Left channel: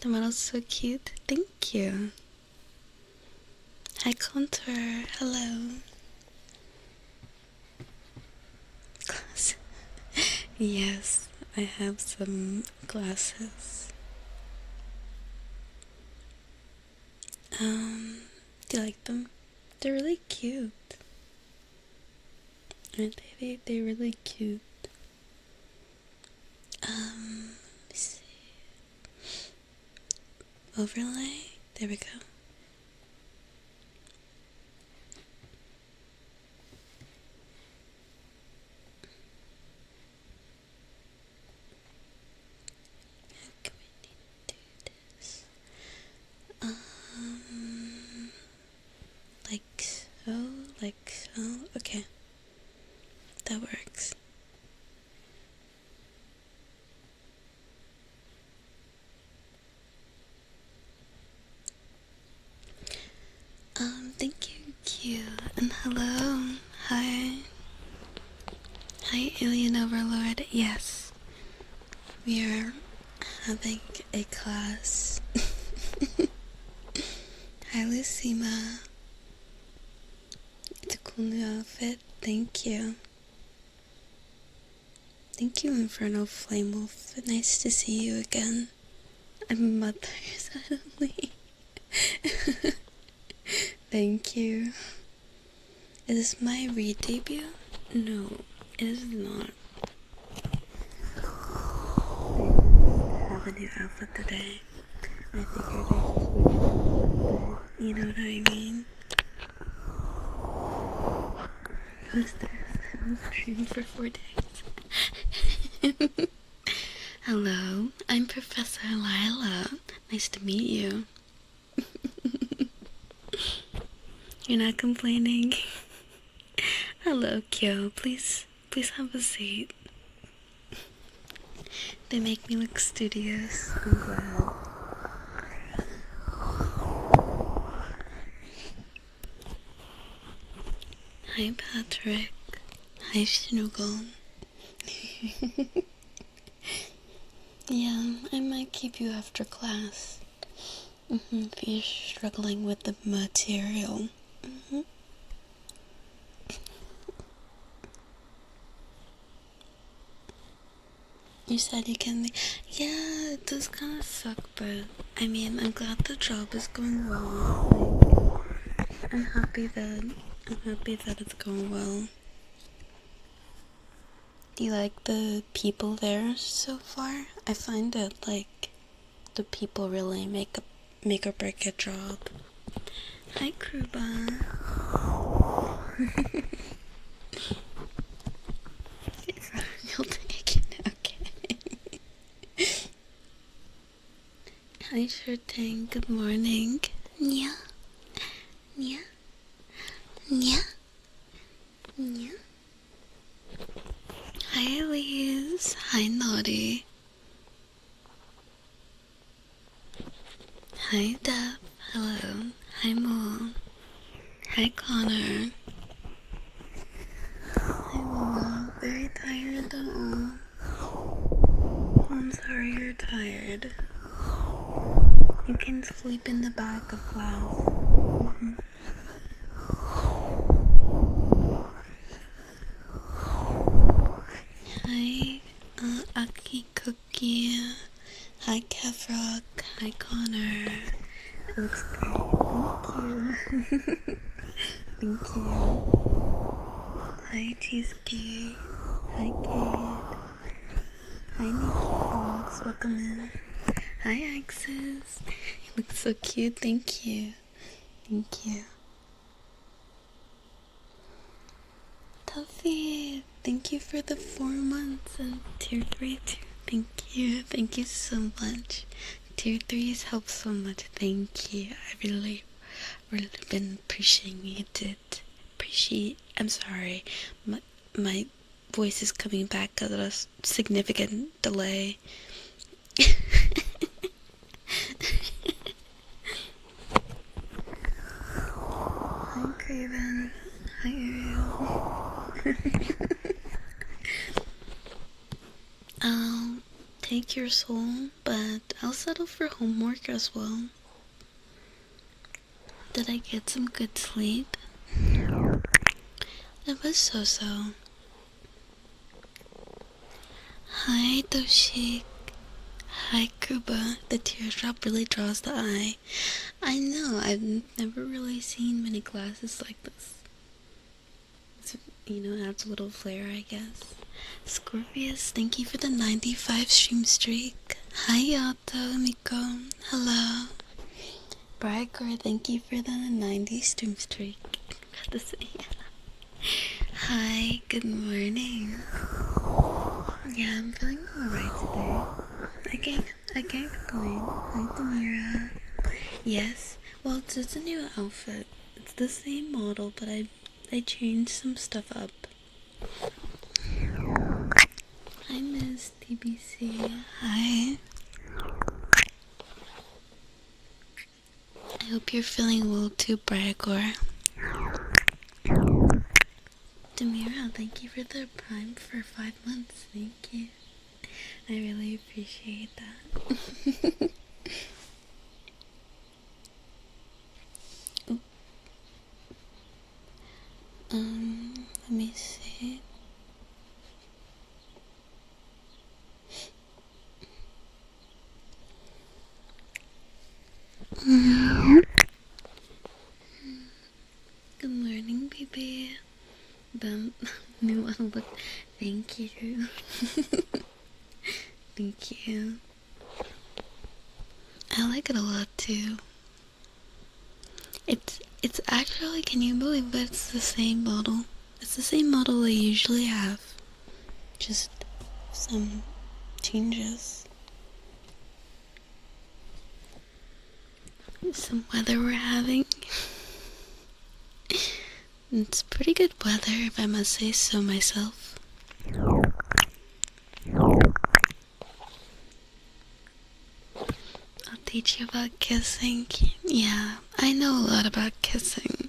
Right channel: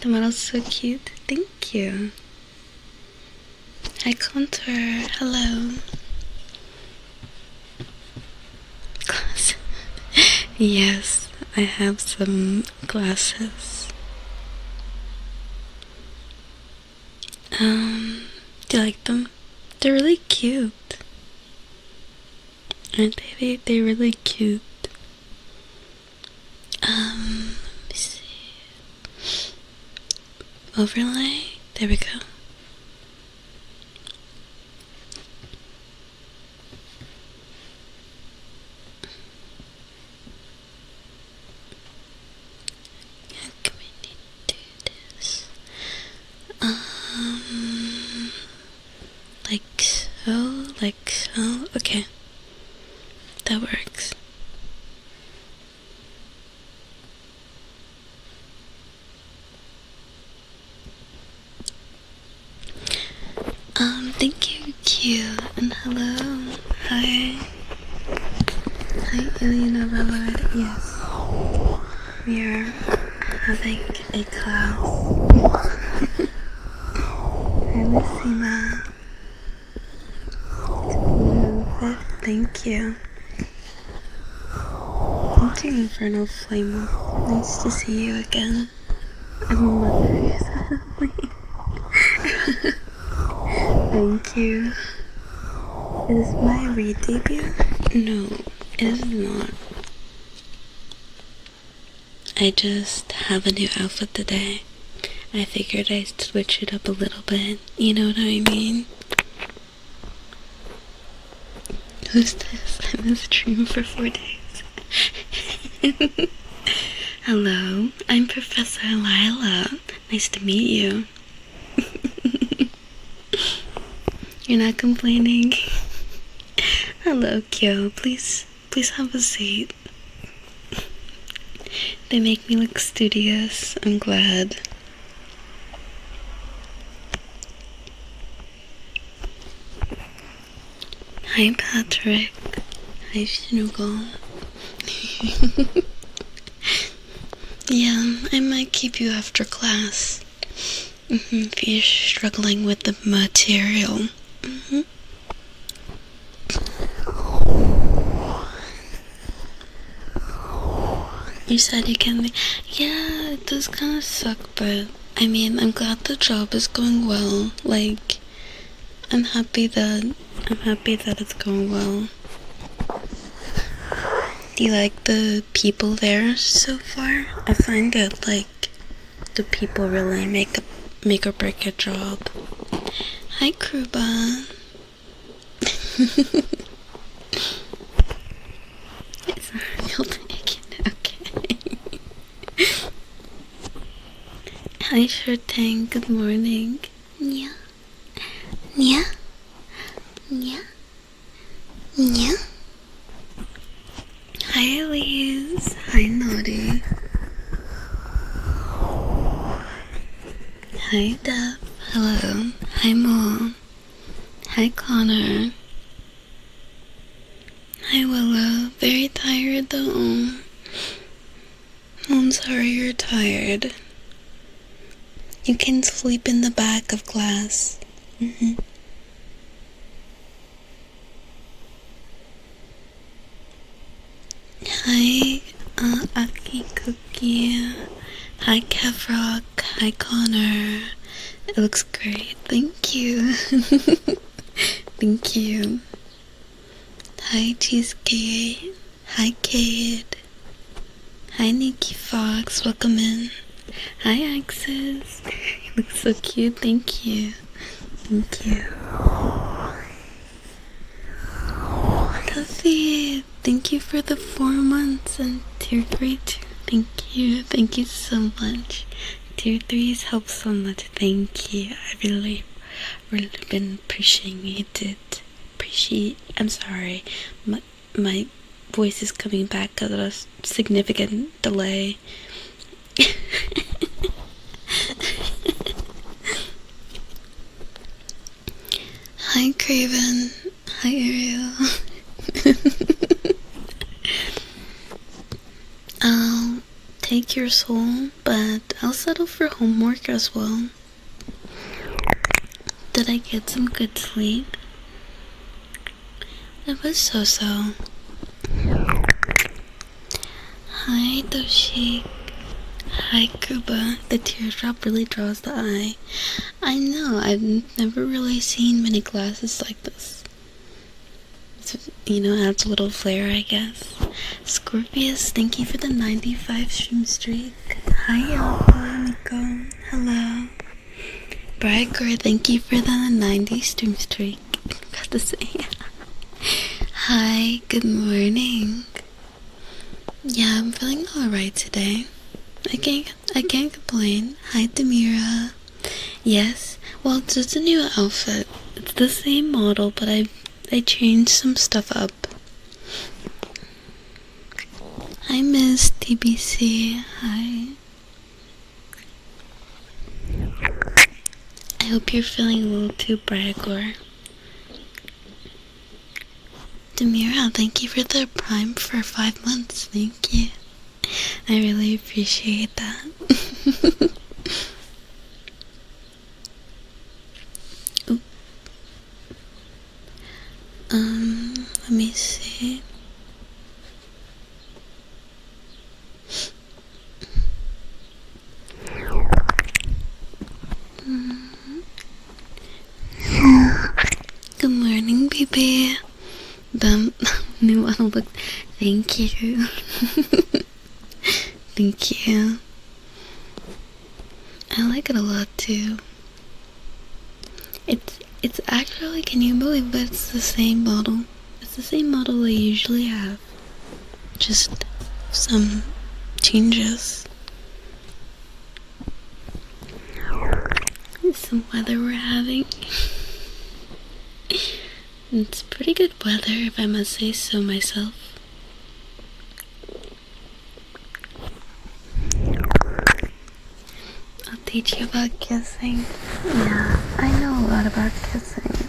The model's so cute. Thank you. Hi, Contour. Hello. Yes, I have some glasses. Do you like them? They're really cute. Aren't they? They're really cute. Let me see. Overlay. There we go. How can we do this? Like so. Okay, that works. Thank you, Q, and hello. Hi. Hi, Ileana Lord. Yes, we are having a class. Hi, Lucima. It's a cool outfit. Thank you. Thank you, Inferno Flame. Nice to see you again. I'm a mother suddenly. Thank you. Is this my read debut? No, it is not. I just have a new outfit today. I figured I'd switch it up a little bit. You know what I mean? Who's this? I'm in stream for 4 days. Hello, I'm Professor Lila. Nice to meet you. You're not complaining? Hello, Kyo. Please have a seat. They make me look studious. I'm glad. Hi, Patrick. Hi, Shinugol. Yeah, I might keep you after class. If you're struggling with the material. You said you can. Yeah, it does kind of suck, but I mean, I'm glad the job is going well. Like, I'm happy that it's going well. Do you like the people there so far? I find that like the people really make or break a job. Hi, Kruba. It's not real bacon. Okay. Hi, Shirtang. Good morning. Yeah. Yeah. Yeah. Yeah. Hi, Elise. Hi, Naughty. Hi, Deb. Hello. Hi, Mom. Hi, Connor. Hi, Willow. Very tired though. I'm sorry you're tired. You can sleep in the back of class. Hi, Aki Cookie. Hi, Kevrock. Hi, Connor. It looks great. Thank you. Thank you. Hi, Cheesecake. Hi, Kate. Hi, Nikki Fox. Welcome in. Hi, Axis. You look so cute. Thank you. Thank you. Tuffy, thank you for the 4 months and tier 3 too. Thank you. Thank you so much. Tier 3s help so much. Thank you. I really been appreciating it. I'm sorry. My voice is coming back because of a significant delay. Hi, Craven. Hi, Ariel. I'll take like your soul, but I'll settle for homework as well. Did I get some good sleep? It was so-so. Hi, Doshi. Hi, Kuba. The teardrop really draws the eye. I know, I've never really seen many glasses like this. It's, adds a little flair, I guess. Scorpius, thank you for the 95 stream streak. Hi, Yata, Miko. Hello. Brigor, thank you for the 90 stream streak. Got to say. Hi, good morning. Yeah, I'm feeling alright today. I can't complain. Hi, Demira. Yes, well, it's just a new outfit. It's the same model, but I changed some stuff up. Hi, Miss TBC. Hi. I hope you're feeling well too, Bragor. Demira, thank you for the Prime for 5 months. Thank you. I really appreciate that. Let me see. Good morning, baby. The new one look. Thank you. Thank you. I like it a lot too. It's actually, can you believe that it's the same model? It's the same model I usually have. Just some changes. Some weather we're having. It's pretty good weather, if I must say so myself. I'll teach you about kissing. Yeah, I know a lot about kissing.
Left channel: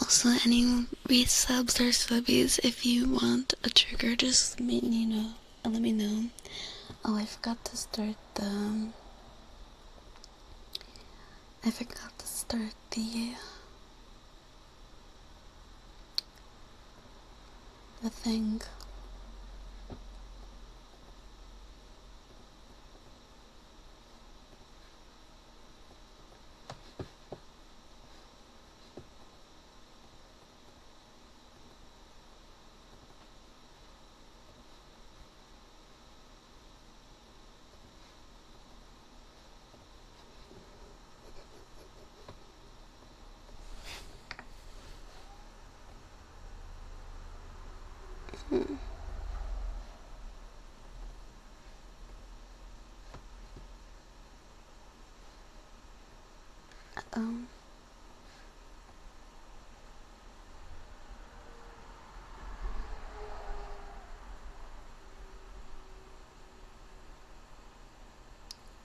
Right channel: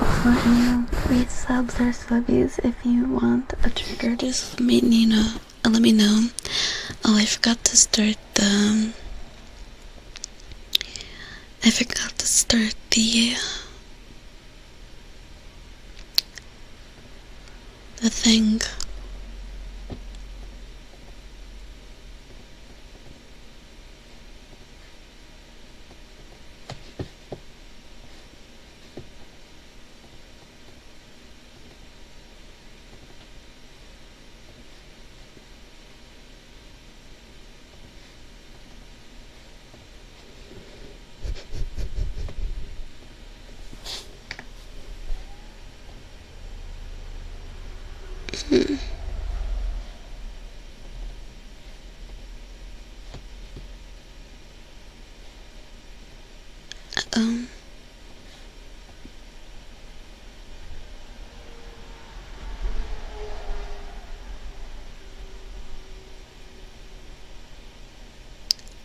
Also, any resubs or subbies, if you want a trigger, just let me know. Oh, I forgot to start the thing.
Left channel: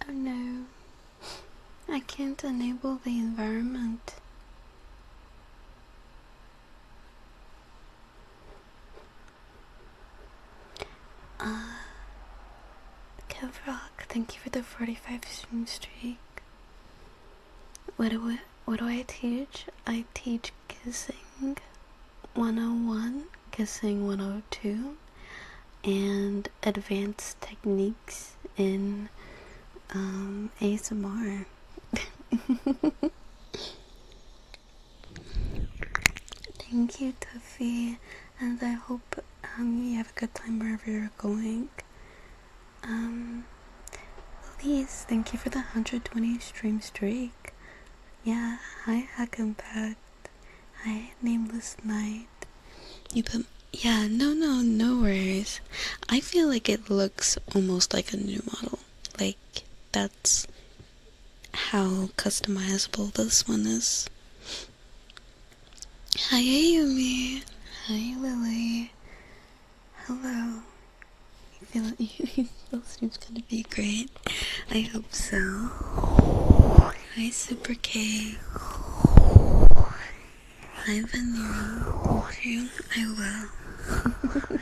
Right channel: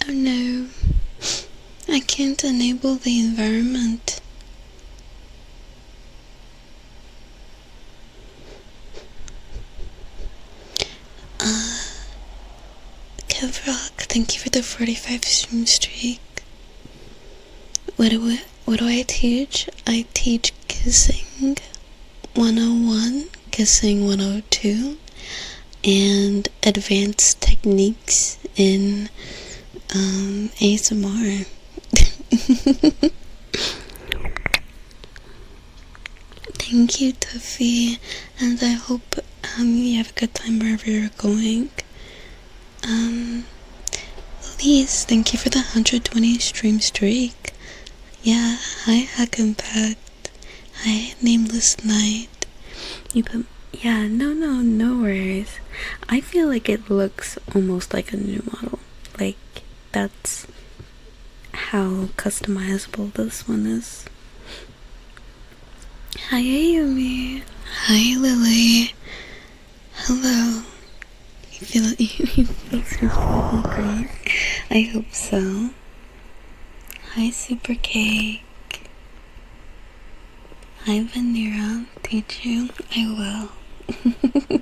Oh no, I can't enable the environment. Kevrock, thank you for the 45 stream streak. What do I teach? I teach kissing 101, kissing 102, and advanced techniques in ASMR. Thank you, Tuffy, and I hope you have a good time wherever you're going. Elise, thank you for the 120 stream streak. Yeah, hi Hackenpact. Hi Nameless Night. No worries. I feel like it looks almost like a new model. Like, that's how customizable this one is. Hi Ayumi. Hi Lily. Hello. You feel it's gonna be great. I hope so. Hi Super Cake. Hi Vanera, teaching, I will.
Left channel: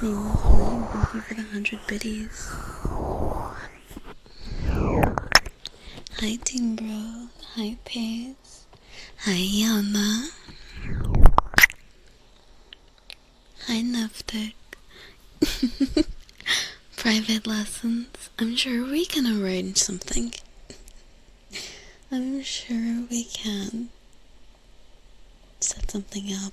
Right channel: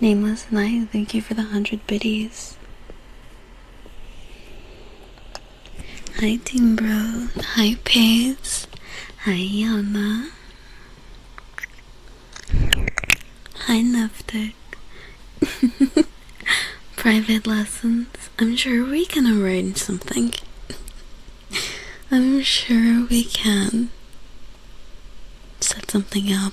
Nameless Night, thank you for the 100 biddies. Hi Team Bro, hi Pace, hi Yana, hi Neftic. Private lessons, I'm sure we can arrange something. I'm sure we can set something up.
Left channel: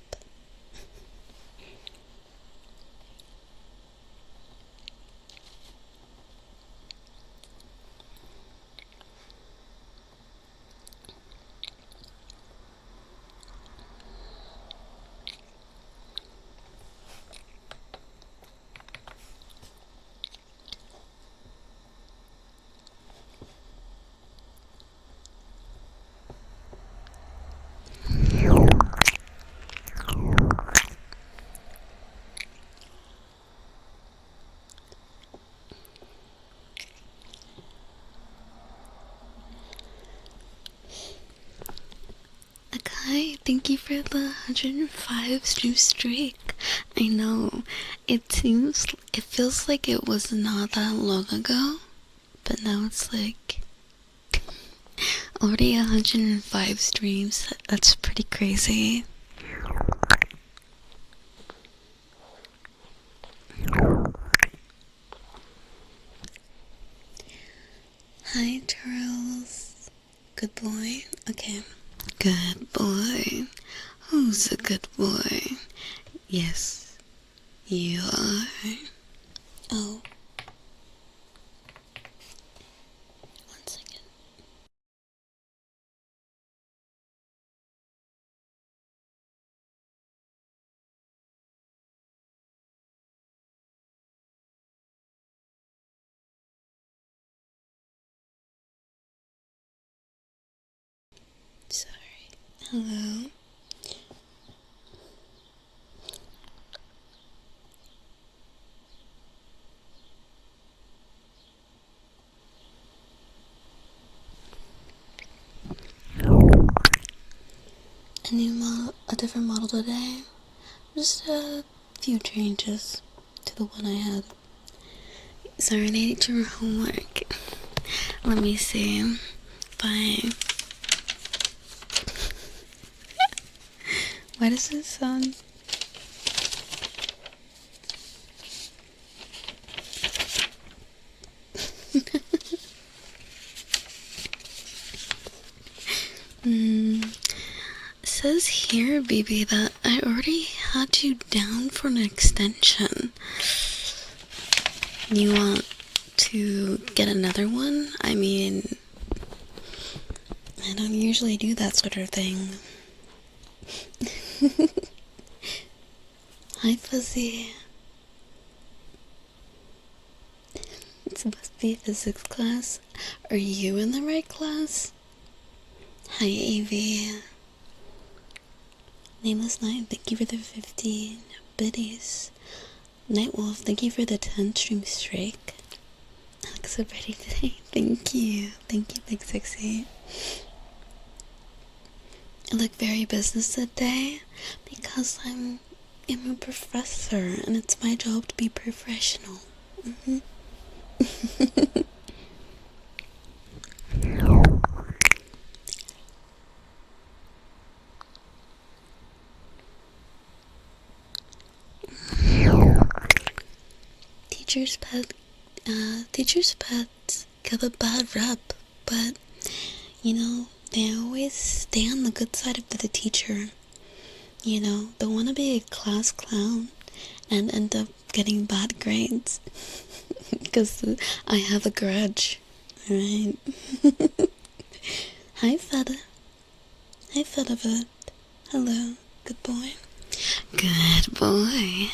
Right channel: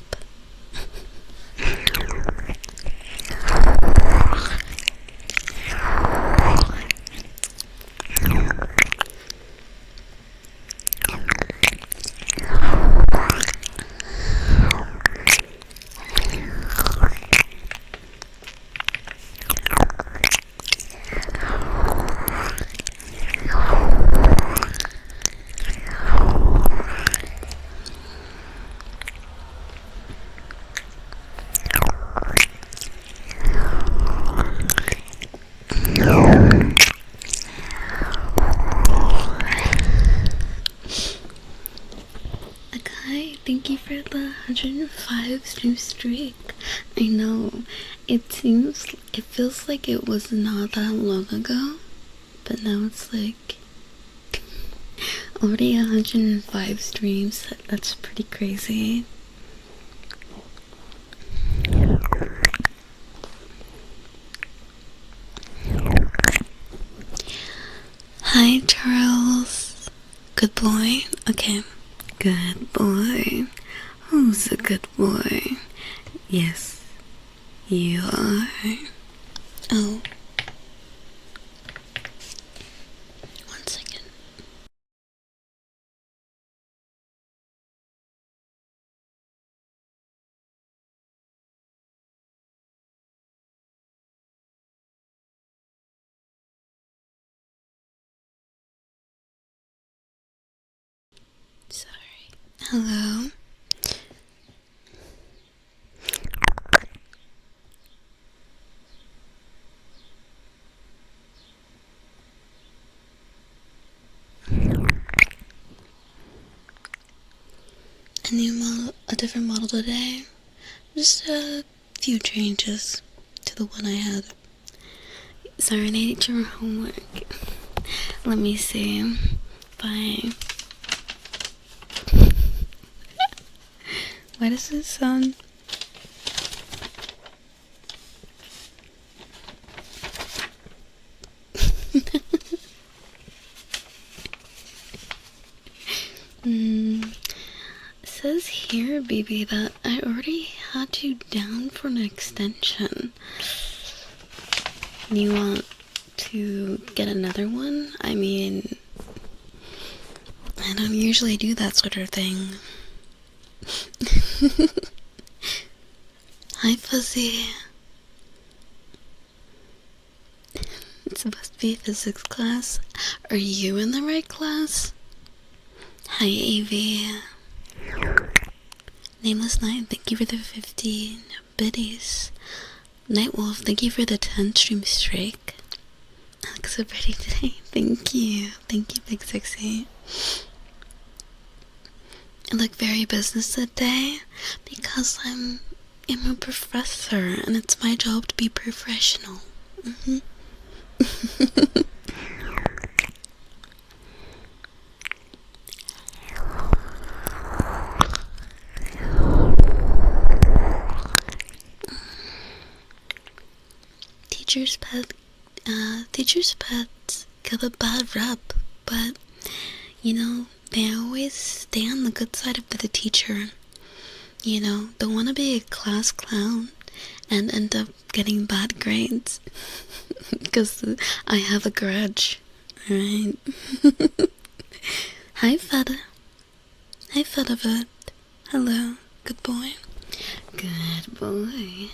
Okay, thank you for the 105 stream streak. I know, it feels like it was not that long ago, but now it's like already 105 streams. That's pretty crazy. Hi Charles. Good boy. Okay. Good boy. Who's a good boy? Yes, you are. Oh. 1 second. Sorry. Hello. A different model today. Just a few changes to the one I had. Sorry, I need your homework. Let me see. Bye. Why does it sound... It says here, baby, that I already had you down for an extension. You want to get another one? I mean, I don't usually do that sort of thing. Hi, Fuzzy. It's supposed to be physics class. Are you in the right class? Hi, AV. Nameless Night, thank you for the 15 biddies. Nightwolf, thank you for the 10 stream streak. I look so pretty today. Thank you. Thank you, Big Sexy. I look very business today because I'm a professor and it's my job to be professional. Teachers' pets get a bad rep, but you know, they always stay on the good side of the teacher. You know, they want to be a class clown and end up getting bad grades because I have a grudge, right? Hi, Feta. Hi, Fetavet. Hello, good boy. Good boy.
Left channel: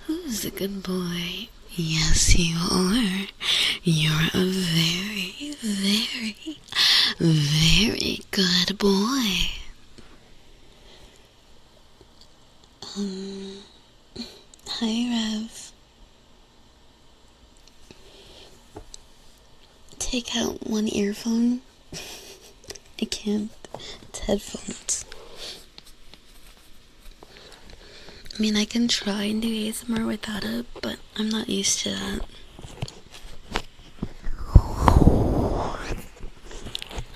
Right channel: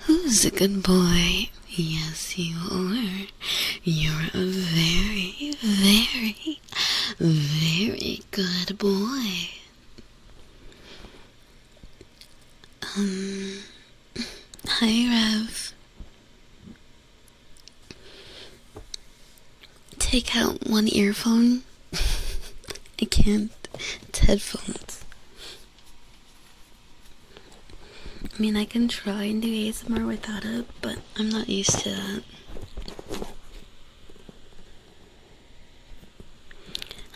Who's a good boy? Yes, you are. You're a very, very, very good boy. Hi, Rev. Take out one earphone. I can't. It's headphones. mean, I can try and do ASMR without it, but I'm not used to that.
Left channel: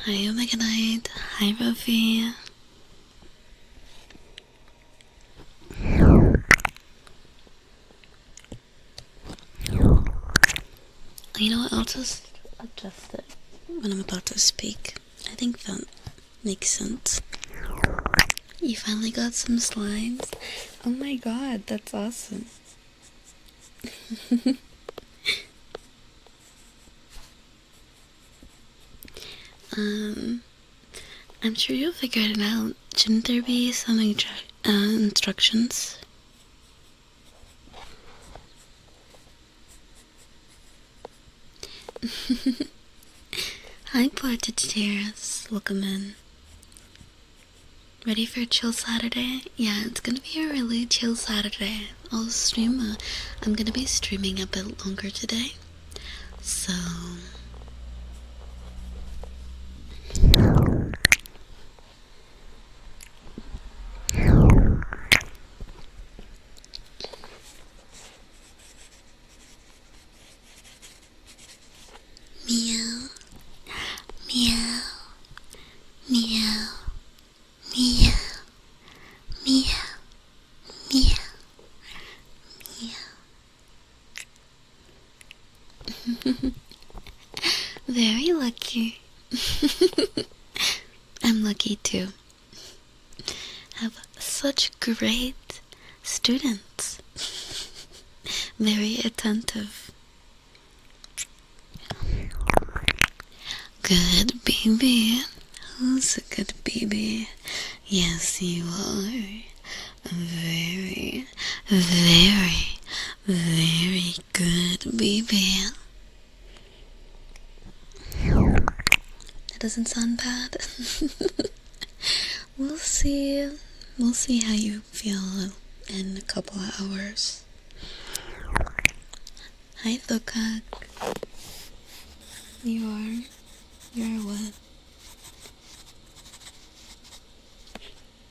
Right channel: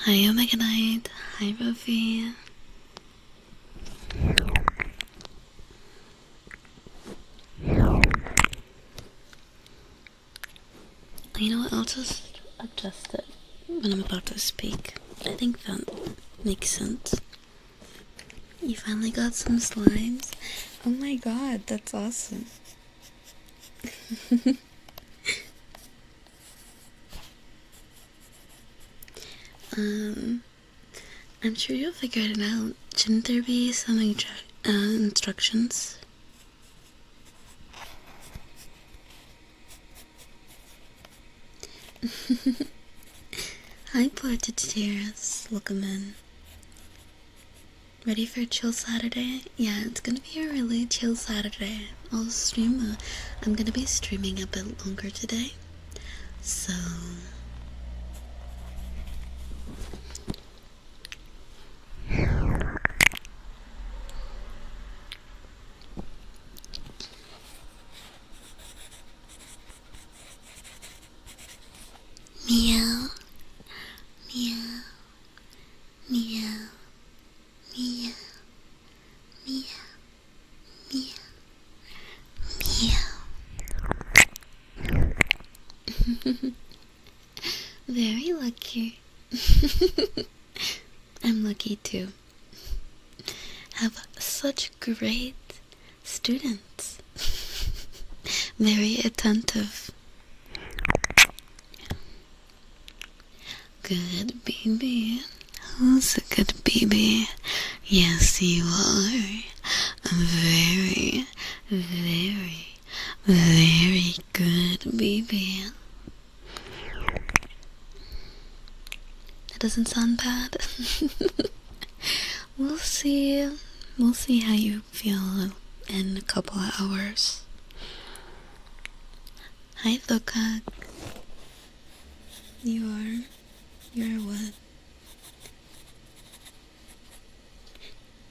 Hi, Omega Knight. Hi, Ruffy. You know what? I'll just adjust it when I'm about to speak. I think that makes sense. You finally got some slimes? Oh my god, that's awesome. I'm sure you'll figure it out. Shouldn't there be some instructions? Hi, Portagears. Welcome in. Ready for a chill Saturday? Yeah, it's gonna be a really chill Saturday. I'm gonna be streaming a bit longer today. So... Meow. Meow. Meow. Meow. Meow. Meow. Meow. Very lucky. I'm lucky too. Have such great students. Very attentive. Good baby. Who's a good baby? Yes, you are. Very, very, very good baby. That doesn't sound bad. We'll see. We'll see how you feel in a couple of hours. Hi, Thokak. You're what?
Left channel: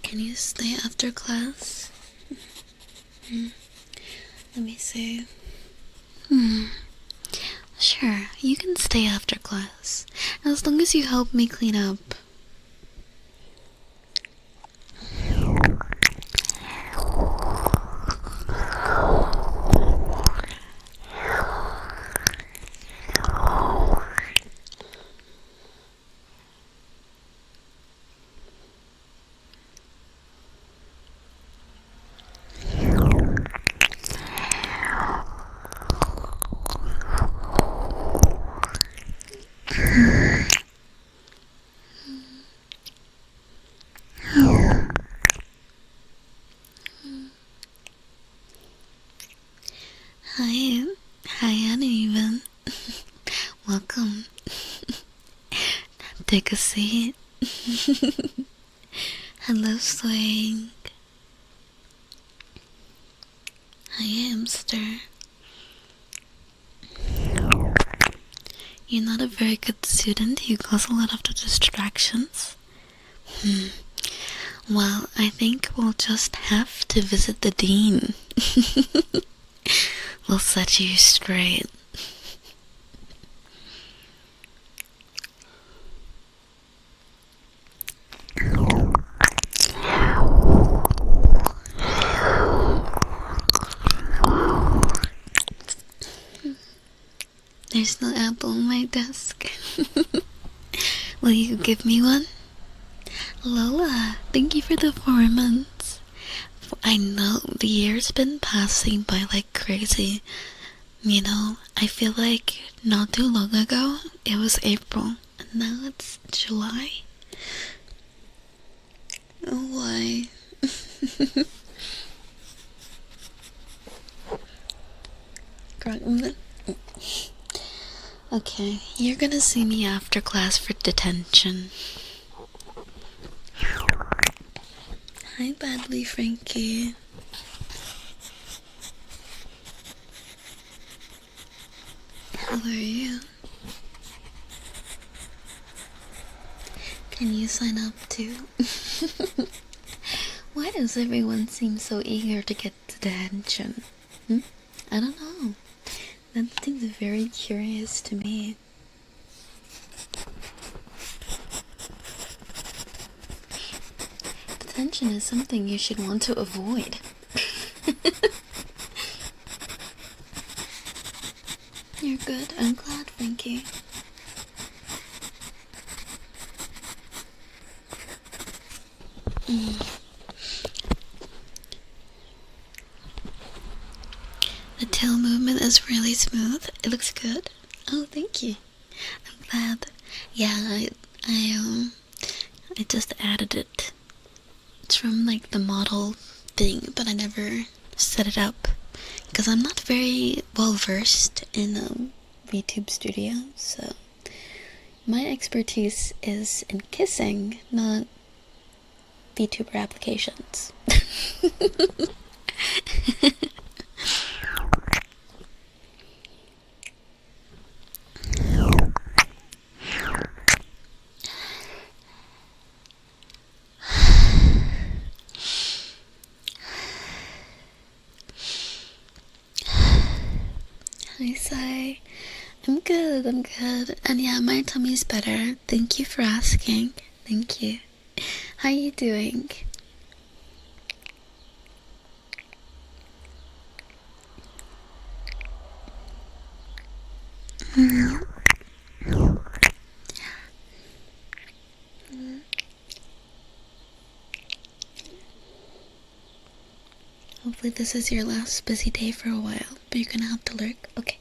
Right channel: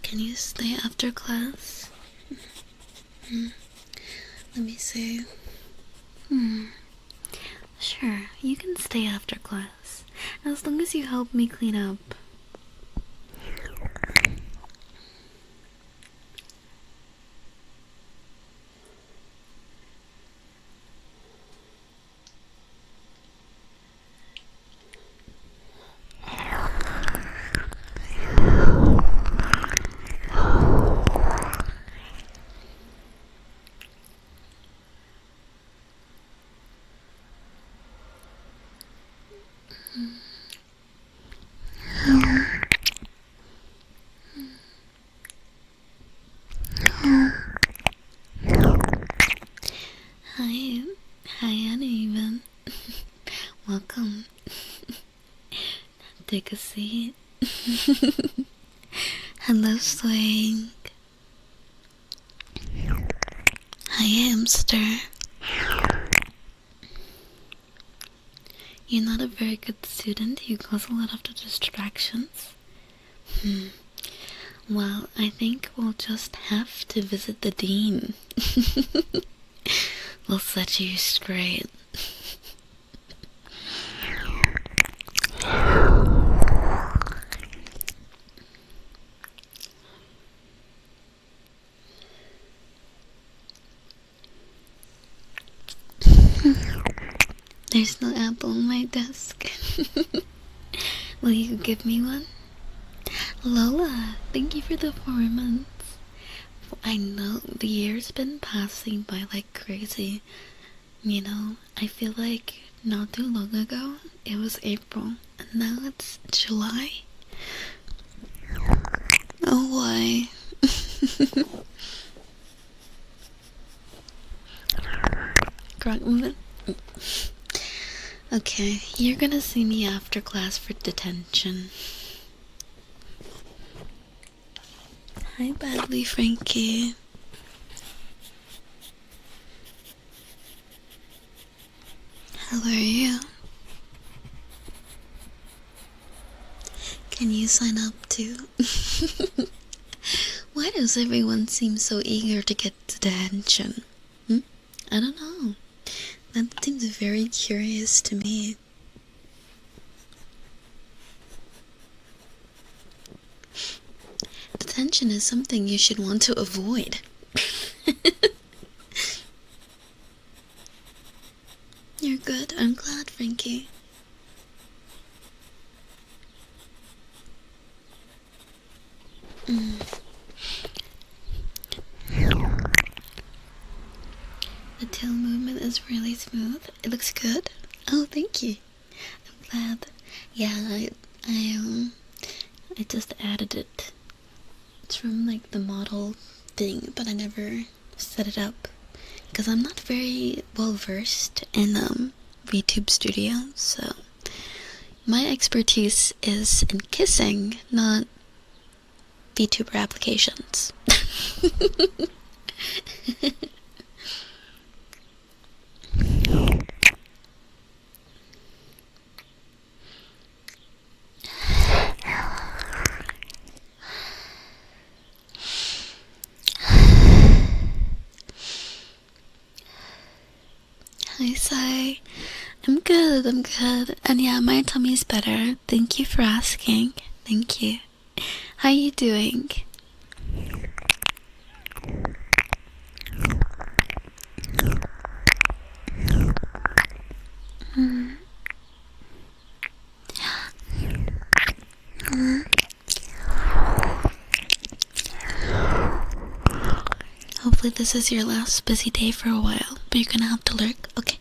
Can you stay after class? Let me see. Sure, you can stay after class, as long as you help me clean up. Hi, uneven. Welcome. Take a seat. Hello, Swing. Hi, hamster. You're not a very good student. You cause a lot of the distractions. Well, I think we'll just have to visit the dean. We'll set you straight. There's no apple on my desk. Will you give me one? Lola, thank you for the 4 months. I know the year's been passing by like crazy. You know, I feel like not too long ago it was April, and now it's July. Oh, why? Okay, you're gonna see me after class for detention. Hi, Badly Frankie. How are you? Can you sign up too? Why does everyone seem so eager to get detention? I don't know. That seems very curious to me. Detention is something you should want to avoid. You're good. I'm glad, Frankie. The tail movement is really smooth. It looks good. Oh, thank you. I'm glad. Yeah, I just added it. It's from like the model thing, but I never set it up because I'm not very well versed in VTube Studio, so my expertise is in kissing, not VTuber applications. Hi, Sai. I'm good, And yeah, my tummy's better. Thank you for asking. Thank you. How you doing? Hopefully this is your last busy day for a while, but you're gonna have to lurk. Okay,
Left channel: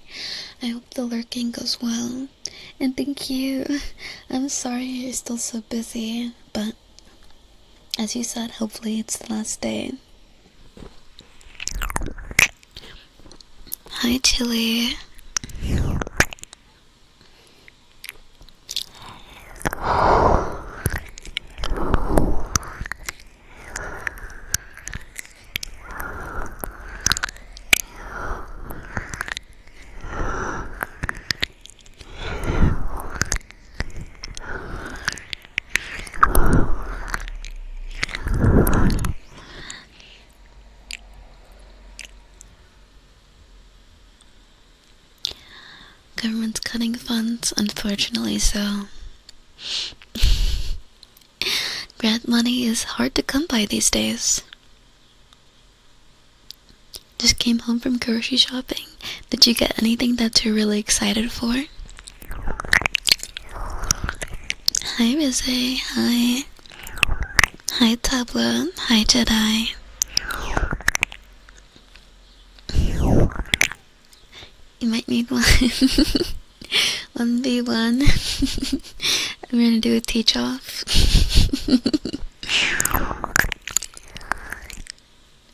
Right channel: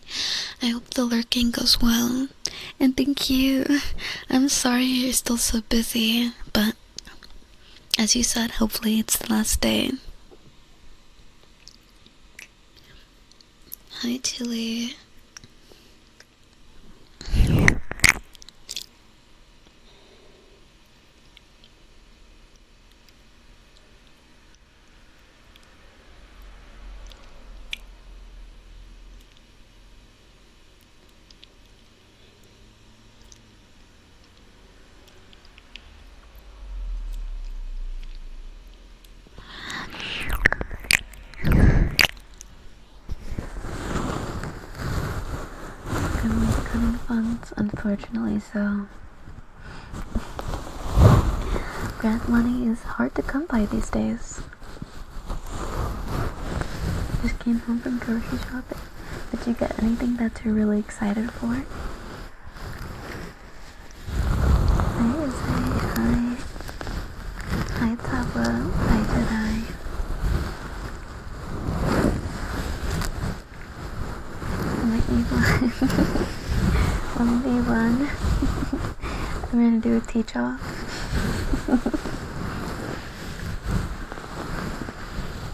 I hope the lurking goes well. And thank you. I'm sorry you're still so busy, but as you said, hopefully it's the last day. Hi, Chili. Government's cutting funds, unfortunately so. Grant money is hard to come by these days. Just came home from grocery shopping. Did you get anything that you're really excited for? Hi, Rizay. Hi. Hi, Tabla. Hi, Jedi. You might need one. 1v1. We're gonna do a teach off.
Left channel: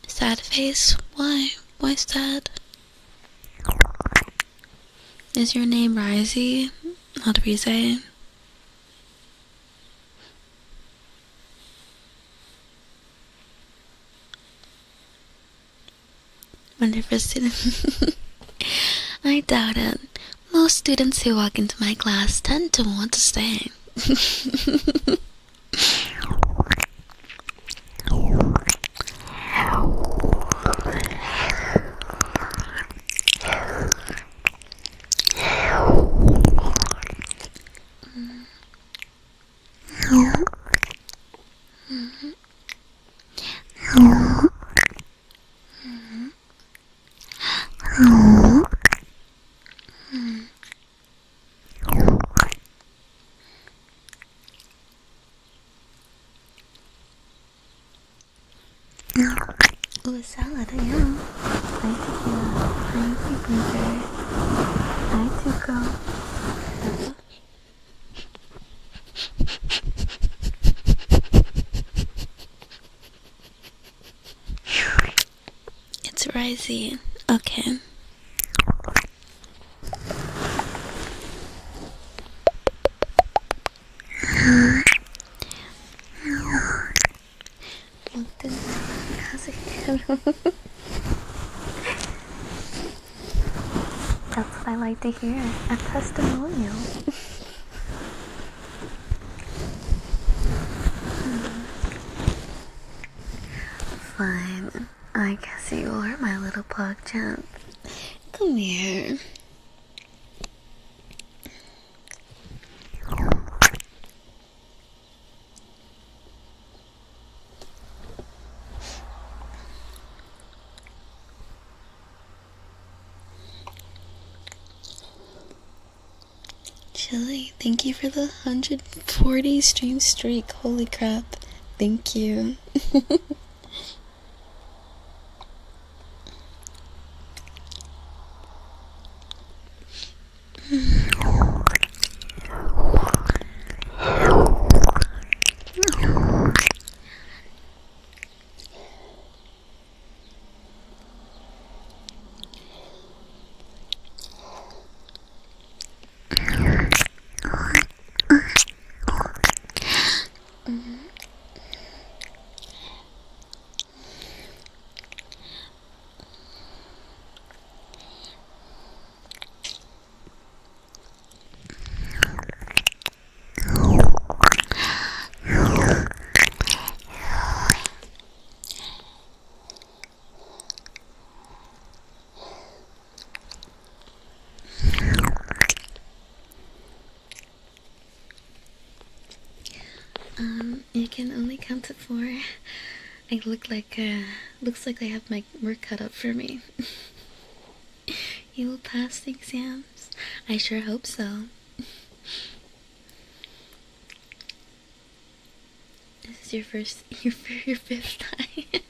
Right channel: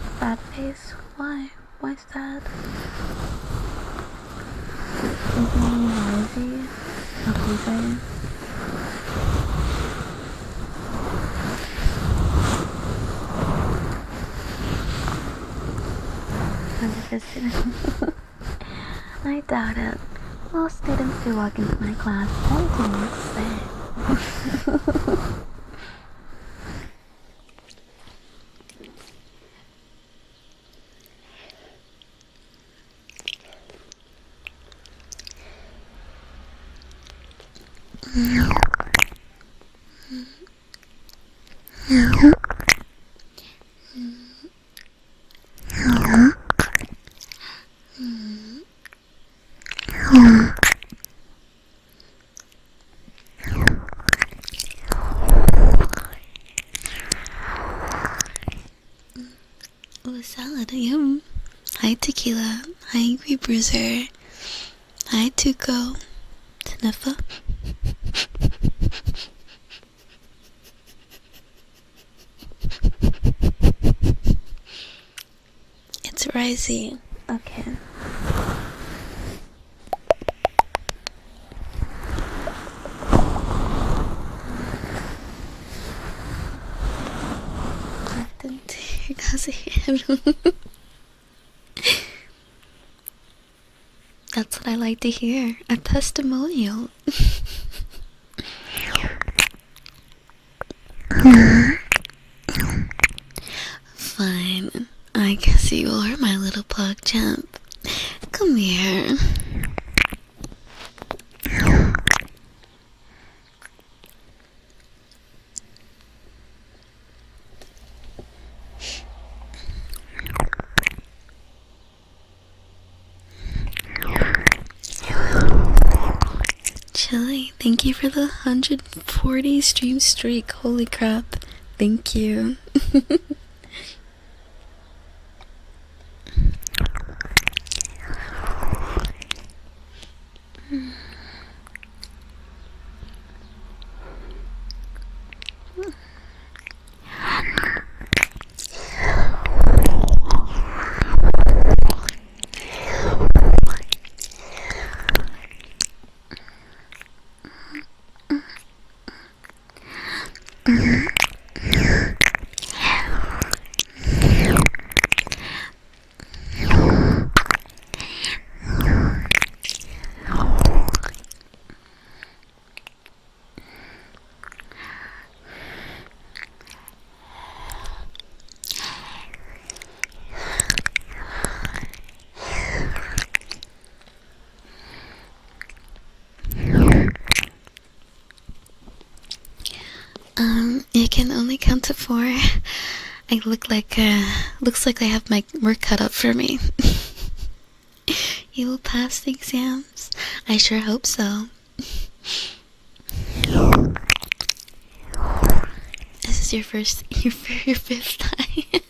Sad face? Why? Why sad? Is your name Rizzy? Not Rizzy. Wonderful student. I doubt it. Most students who walk into my class tend to want to stay. Oh, salad, yeah. Hi, Tequila. Hi, Angry Bruiser. Hi, Tuco. Sniffa. It's Risey. Okay. That's what I like to hear. A testimonial. fine. I guess you are my little pug champ. Come here. Chili, thank you for the 140 stream streak. Holy crap. Thank you. You can only count to 4. I looks like I have my work cut up for me. You will pass the exams. I sure hope so. This is your fifth time.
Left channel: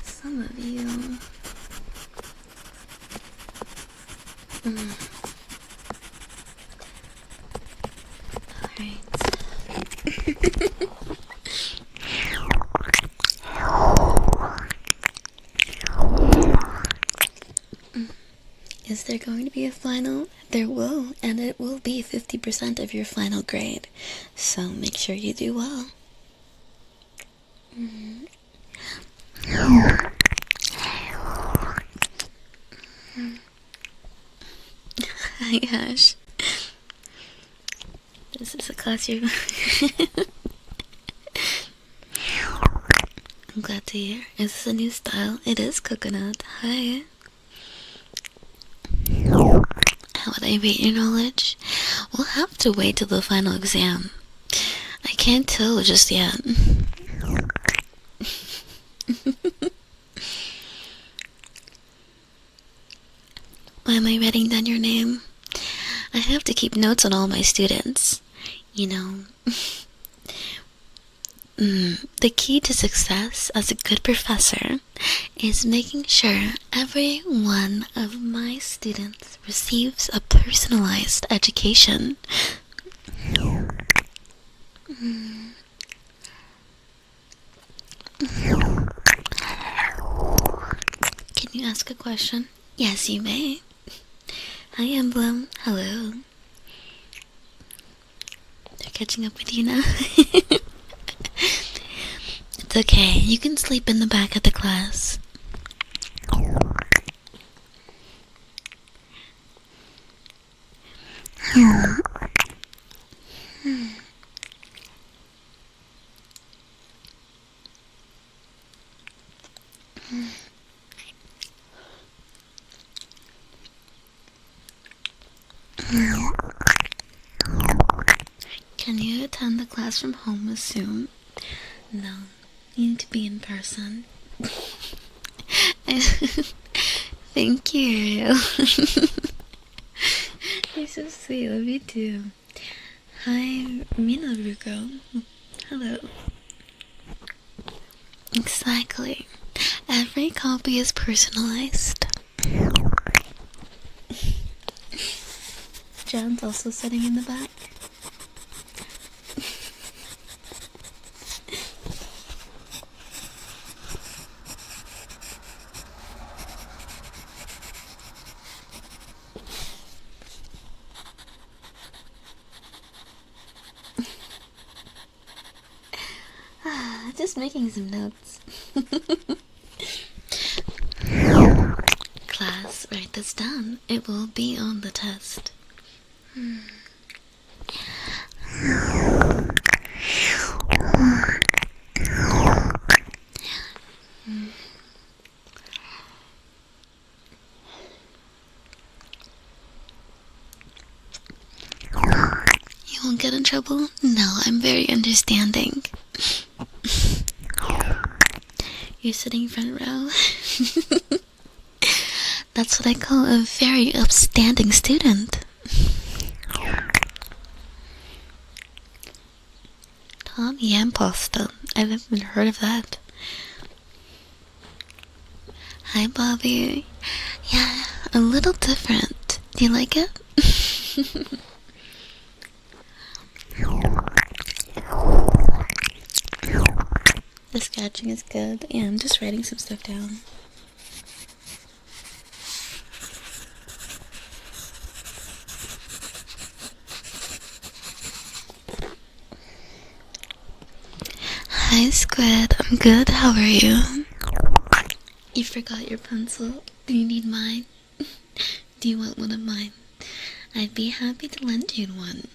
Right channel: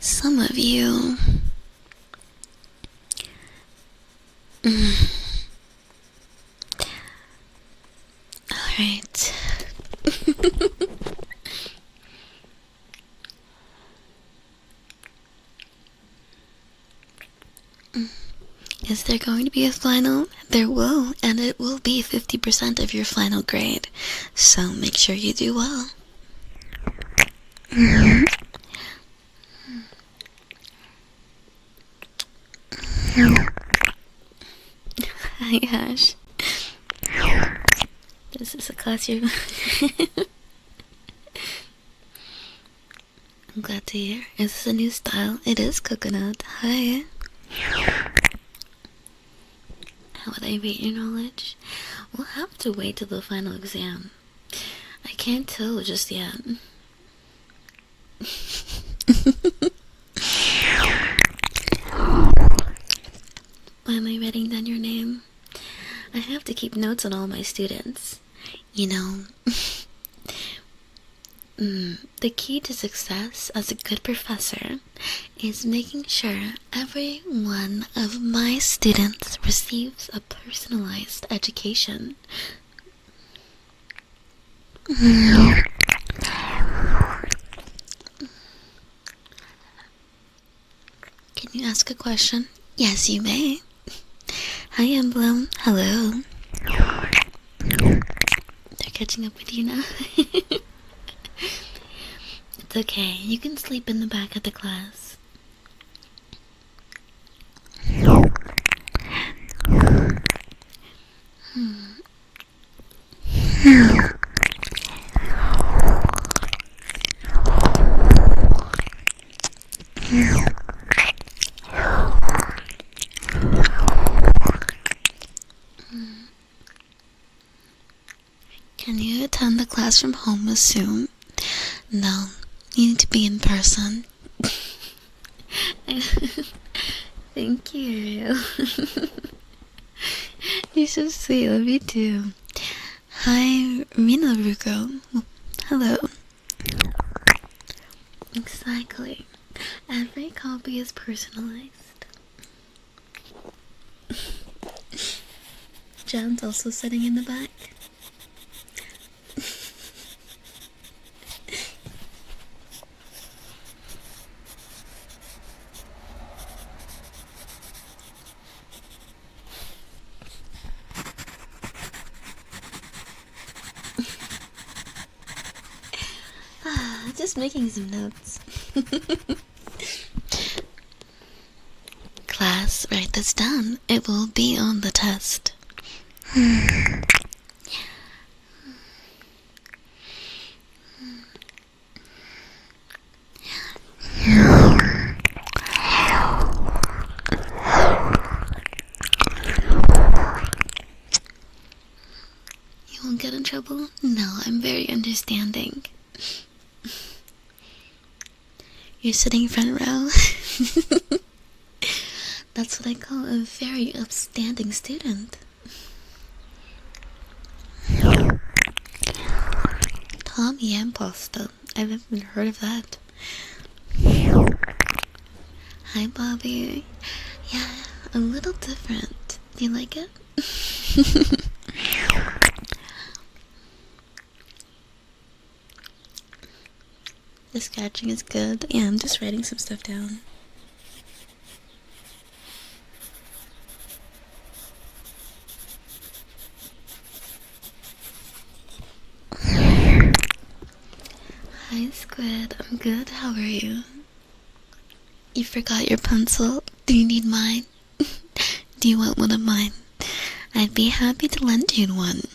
Some of you. Alright. Is there going to be a final? There will, and it will be 50% of your final grade. So make sure you do well. Hi, Ash. This is a class you're... I'm glad to hear. Is this a new style? It is coconut. Hi. How would I rate your knowledge? We'll have to wait till the final exam. I can't tell just yet. Why am I writing down your name? I have to keep notes on all my students. You know, the key to success as a good professor is making sure every one of my students receives a personalized education. Can you ask a question? Yes, you may. Hi, Emblem. Hello. They're catching up with you now. It's okay. You can sleep in the back of the class. Can you attend the class from home soon? No, you need to be in person. Thank you. You're so sweet, love you too. Hi, Mina Ruko. Hello. Exactly. Every copy is personalized. John's also sitting in the back. Just making some notes. Class, write this down. It will be on the test. You won't get in trouble? No, I'm very understanding. You're sitting front row. That's what I call a very upstanding student. Tommy and pasta. I've never heard of that. Hi, Bobby. Yeah, a little different. Do you like it? The scratching is good. Yeah, I'm just writing some stuff down. Hi, Squid. I'm good. How are you? You forgot your pencil. Do you need mine? Do you want one of mine? I'd be happy to lend you one.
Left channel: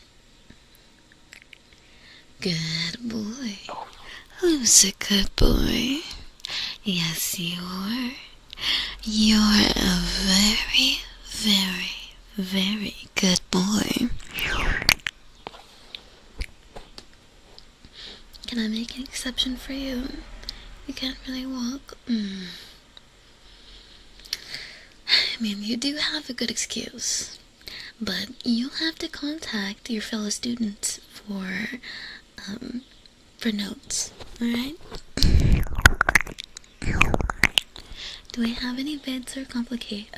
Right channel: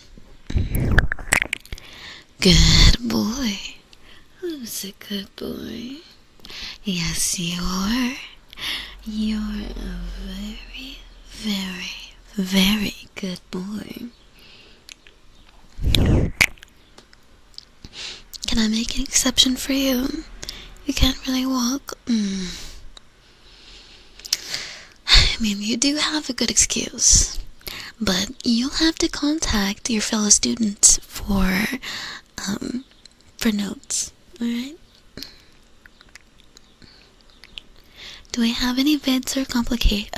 Good boy. Who's a good boy? Yes, you are. You're a very, very, very good boy. Can I make an exception for you? You can't really walk. I mean, you do have a good excuse. But you'll have to contact your fellow students for notes, alright? Do we have any vids or compilations?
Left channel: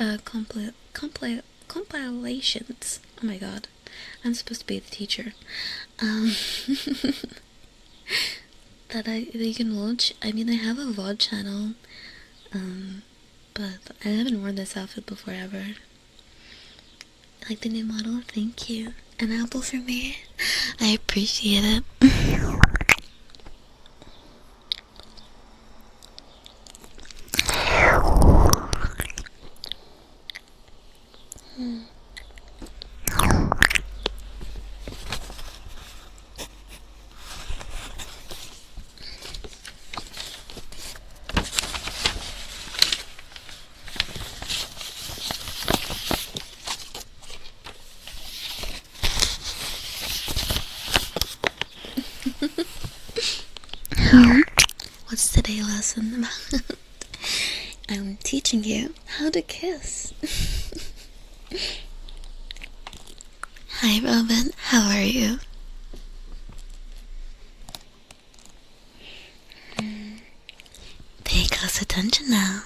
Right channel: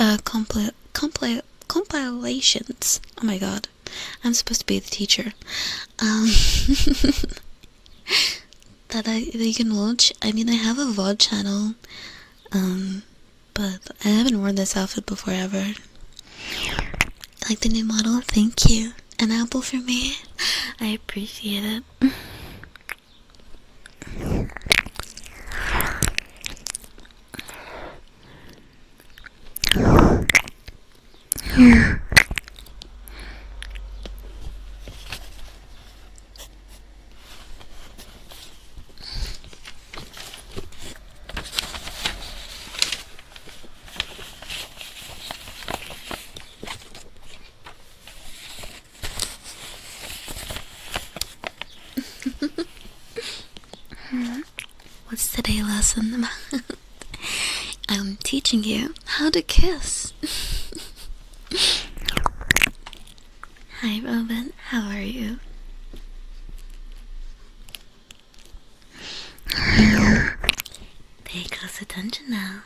Oh my god, I'm supposed to be the teacher. That you can watch. I mean, I have a VOD channel, but I haven't worn this outfit before ever. Like the new model? Thank you. An apple for me? I appreciate it. What's today's lesson about? I'm teaching you how to kiss. Hi, Robin. How are you? Pay close attention now.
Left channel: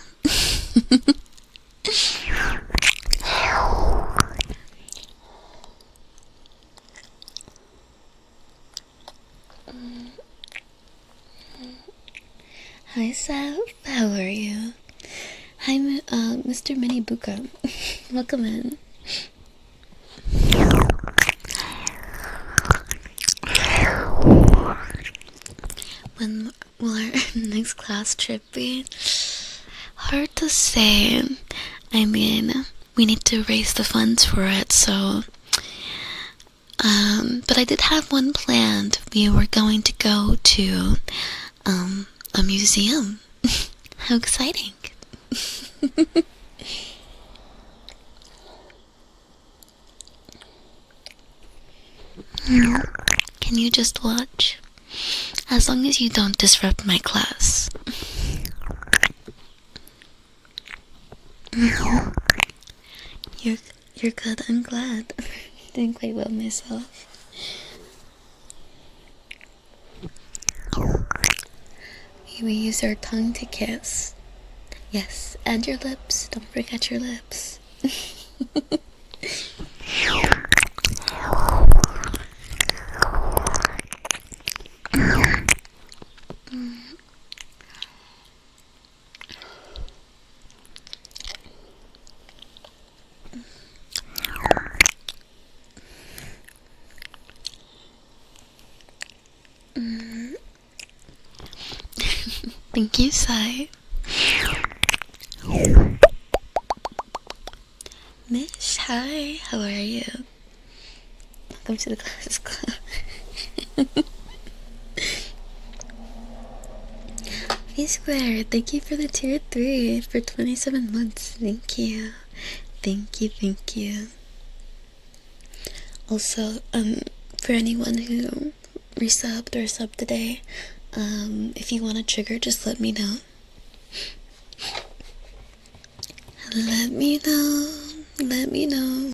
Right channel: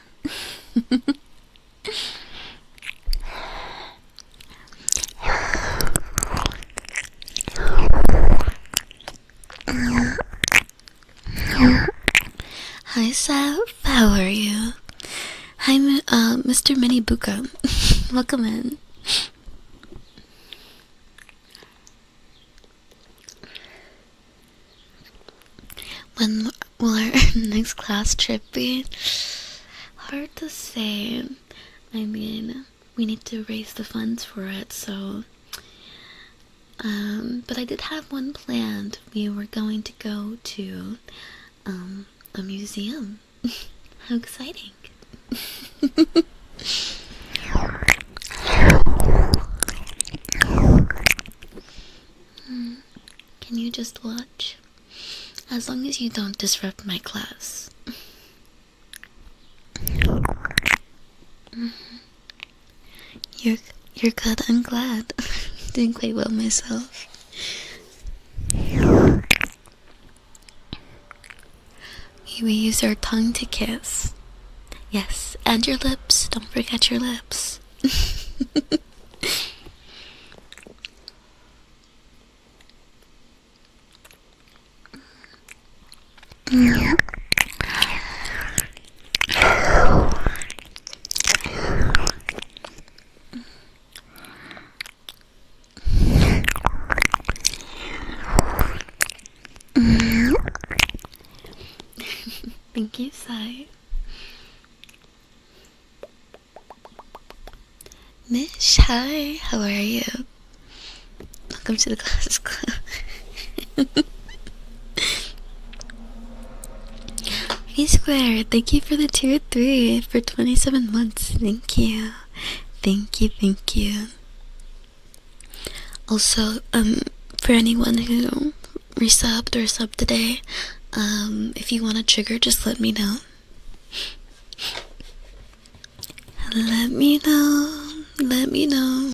Hi, Saf. How are you? Hi, Mr. Minibuka. Welcome in. When will our next class trip be? Hard to say. I mean, we need to raise the funds for it, so... but I did have one planned. We were going to go to, a museum. How exciting. Can you just watch? As long as you don't disrupt my class. You're good, I'm glad. Doing quite well myself. We use our tongue to kiss. Yes, and your lips. Don't forget your lips. Thank you, Sai. Mish, hi. How are you? Welcome to the Class Club. V-Square, thank you for the tier 3 for 27 months. Thank you. Thank you, thank you. Also, for anyone who resubbed or subbed today, if you want a trigger, just let me know. Let me know. Let me know.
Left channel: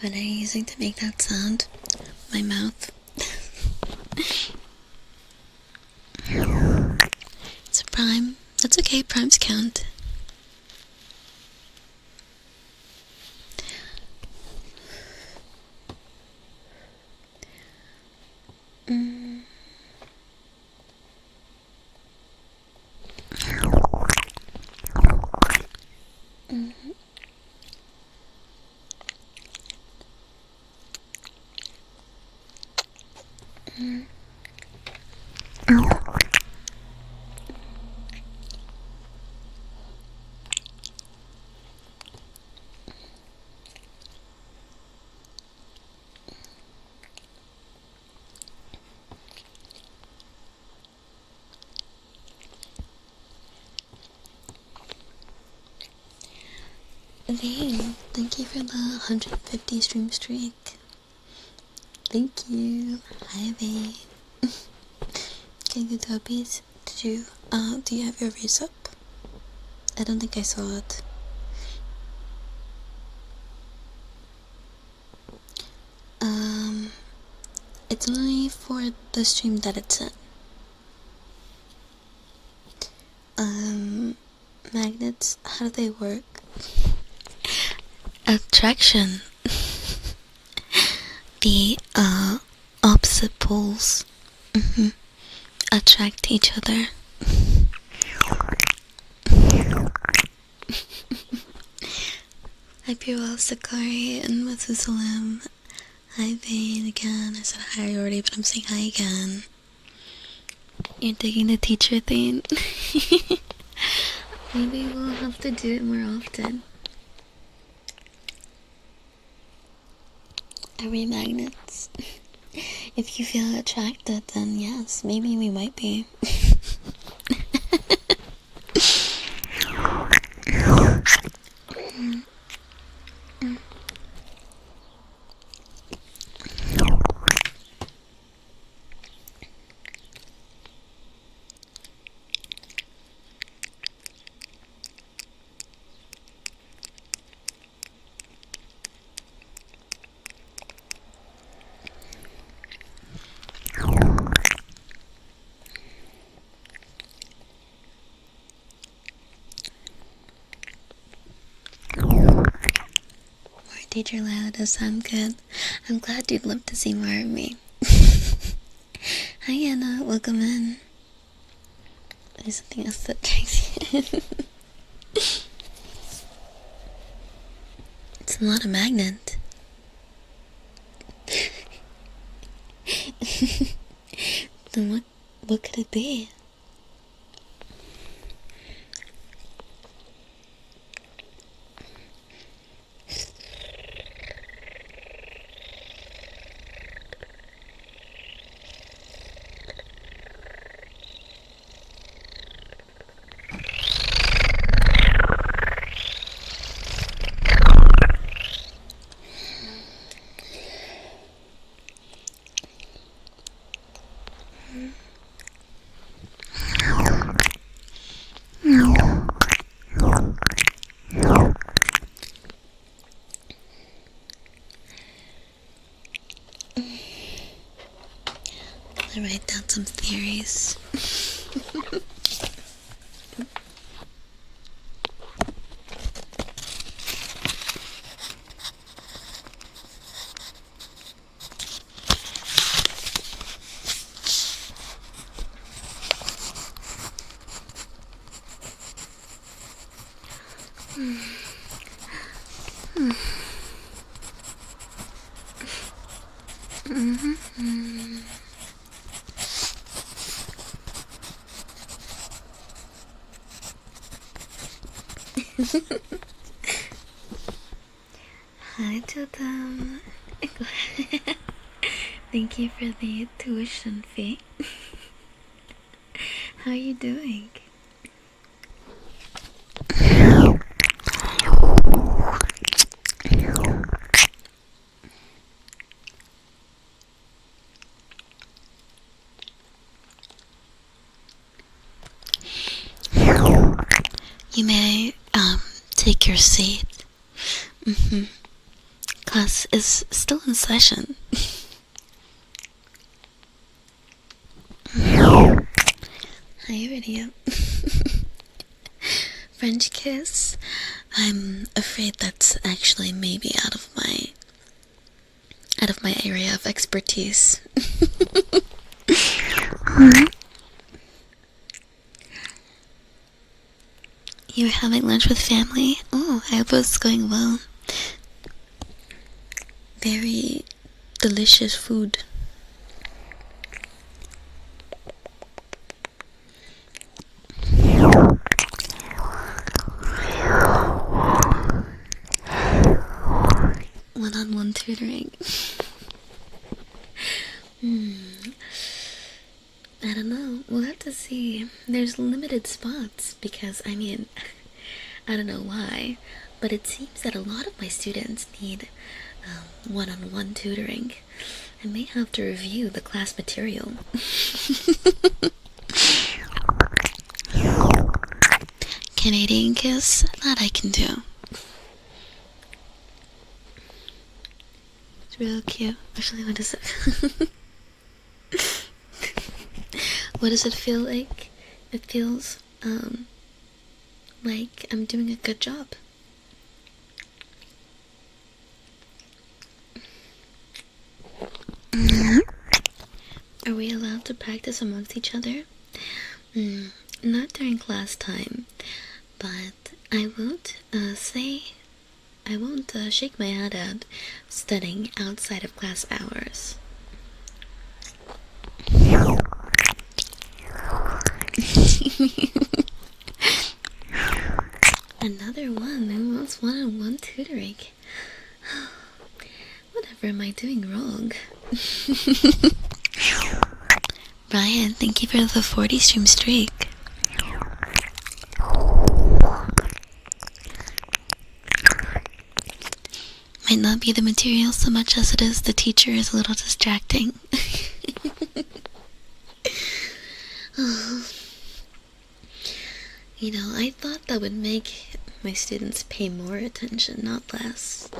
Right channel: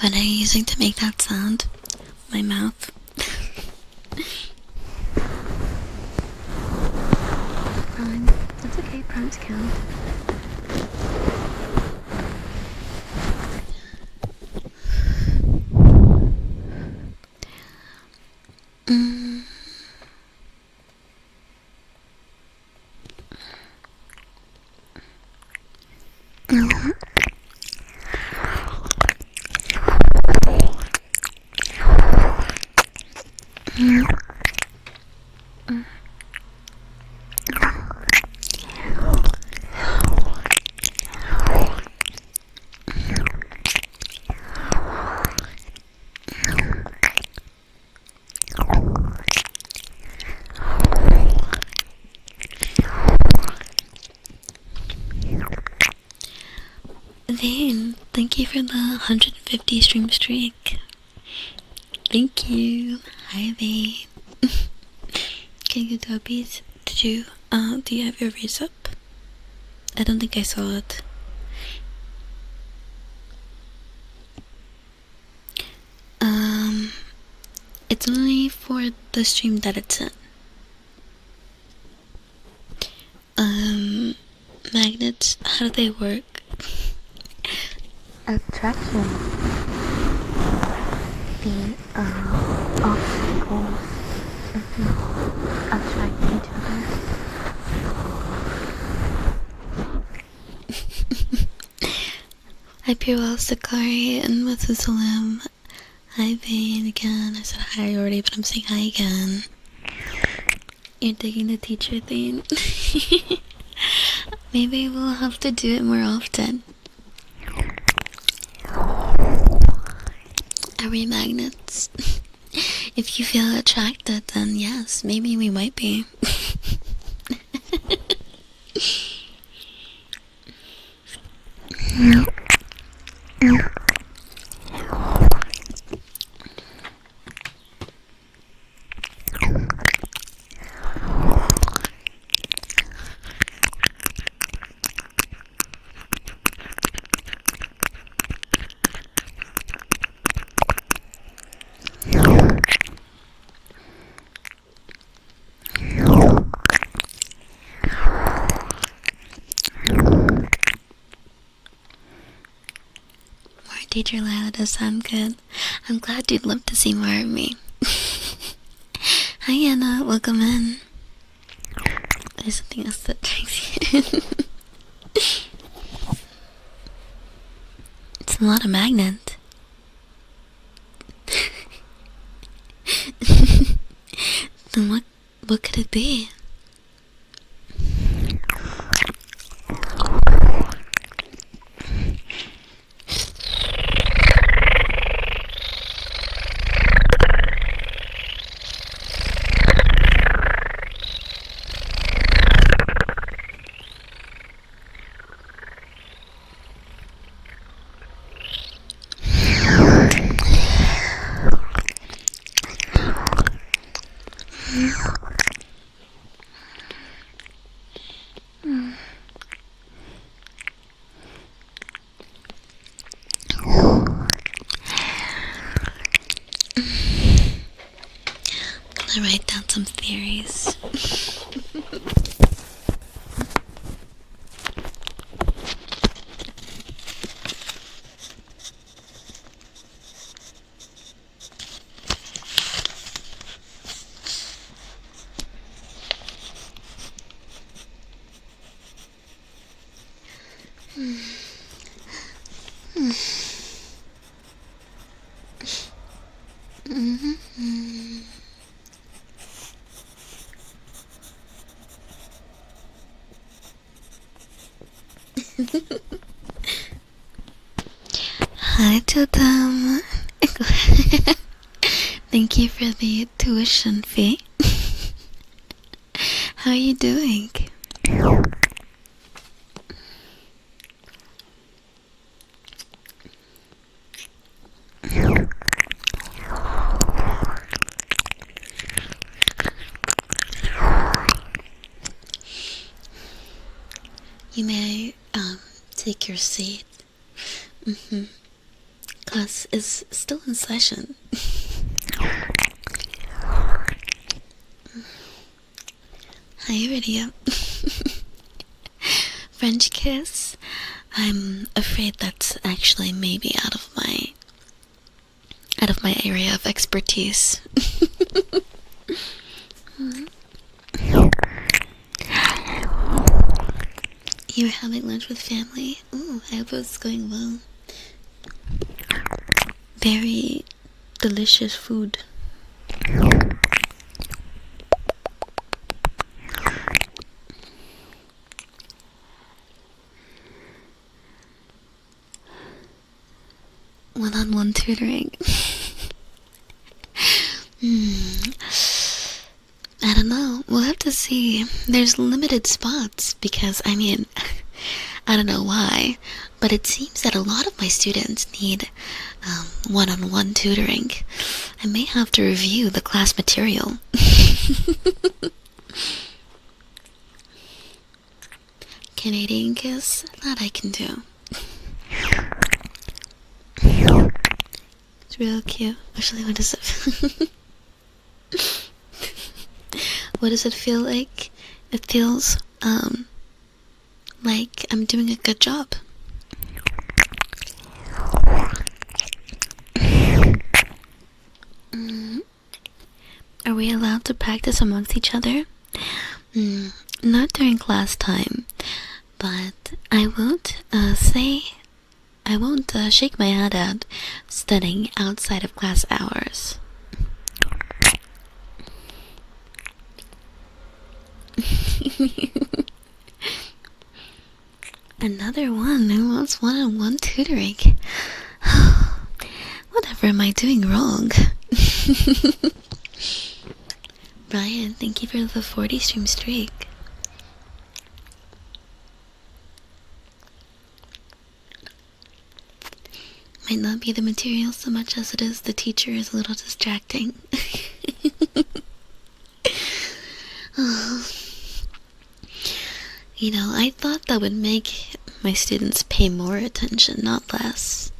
What are you using to make that sound? My mouth. It's a prime. That's okay, primes count. Vane, thank you for the 150 stream streak. Thank you. Hi, Vane. Can you dubbies? Do you have your raise up? I don't think I saw it. It's only for the stream that it's in. Magnets, how do they work? Attraction. The opposite poles attract each other. Hi, Pure Sakari and Methuselam. Hi, Vane again. I said hi already, but I'm saying hi again. You're digging the teacher thing? Maybe we'll have to do it more often. Are we magnets? If you feel attracted, then yes, maybe we might be. Teacher Lila does sound good. I'm glad you'd love to see more of me. Hi Anna, welcome in. There's something else that attracts you. It's a lot of magnet. Then what could it be? to write down some theories. Hi, Totem. Thank you for the tuition fee. How are you doing? You may take your seat. Class is still in session. Hi, Iridia. French kiss? I'm afraid that's actually maybe out of my area of expertise. You're having lunch with family? Oh, I hope it's going well. Very delicious food. One-on-one tutoring. I don't know. We'll have to see. There's limited spots because, I mean, I don't know why, but it seems that a lot of my students need one-on-one tutoring. I may have to review the class material. Canadian kiss? That I can do. It's real cute. Actually, what is it? What does it feel like? It feels, like I'm doing a good job. Are we allowed to practice amongst each other? Not during class time, but I won't shake my head at studying outside of class hours. Another one who wants one-on-one tutoring. Whatever am I doing wrong? Brian, thank you for the 40 stream streak. Might not be the material so much as it is the teacher is a little distracting. You know, I thought that would make my students pay more attention, not less.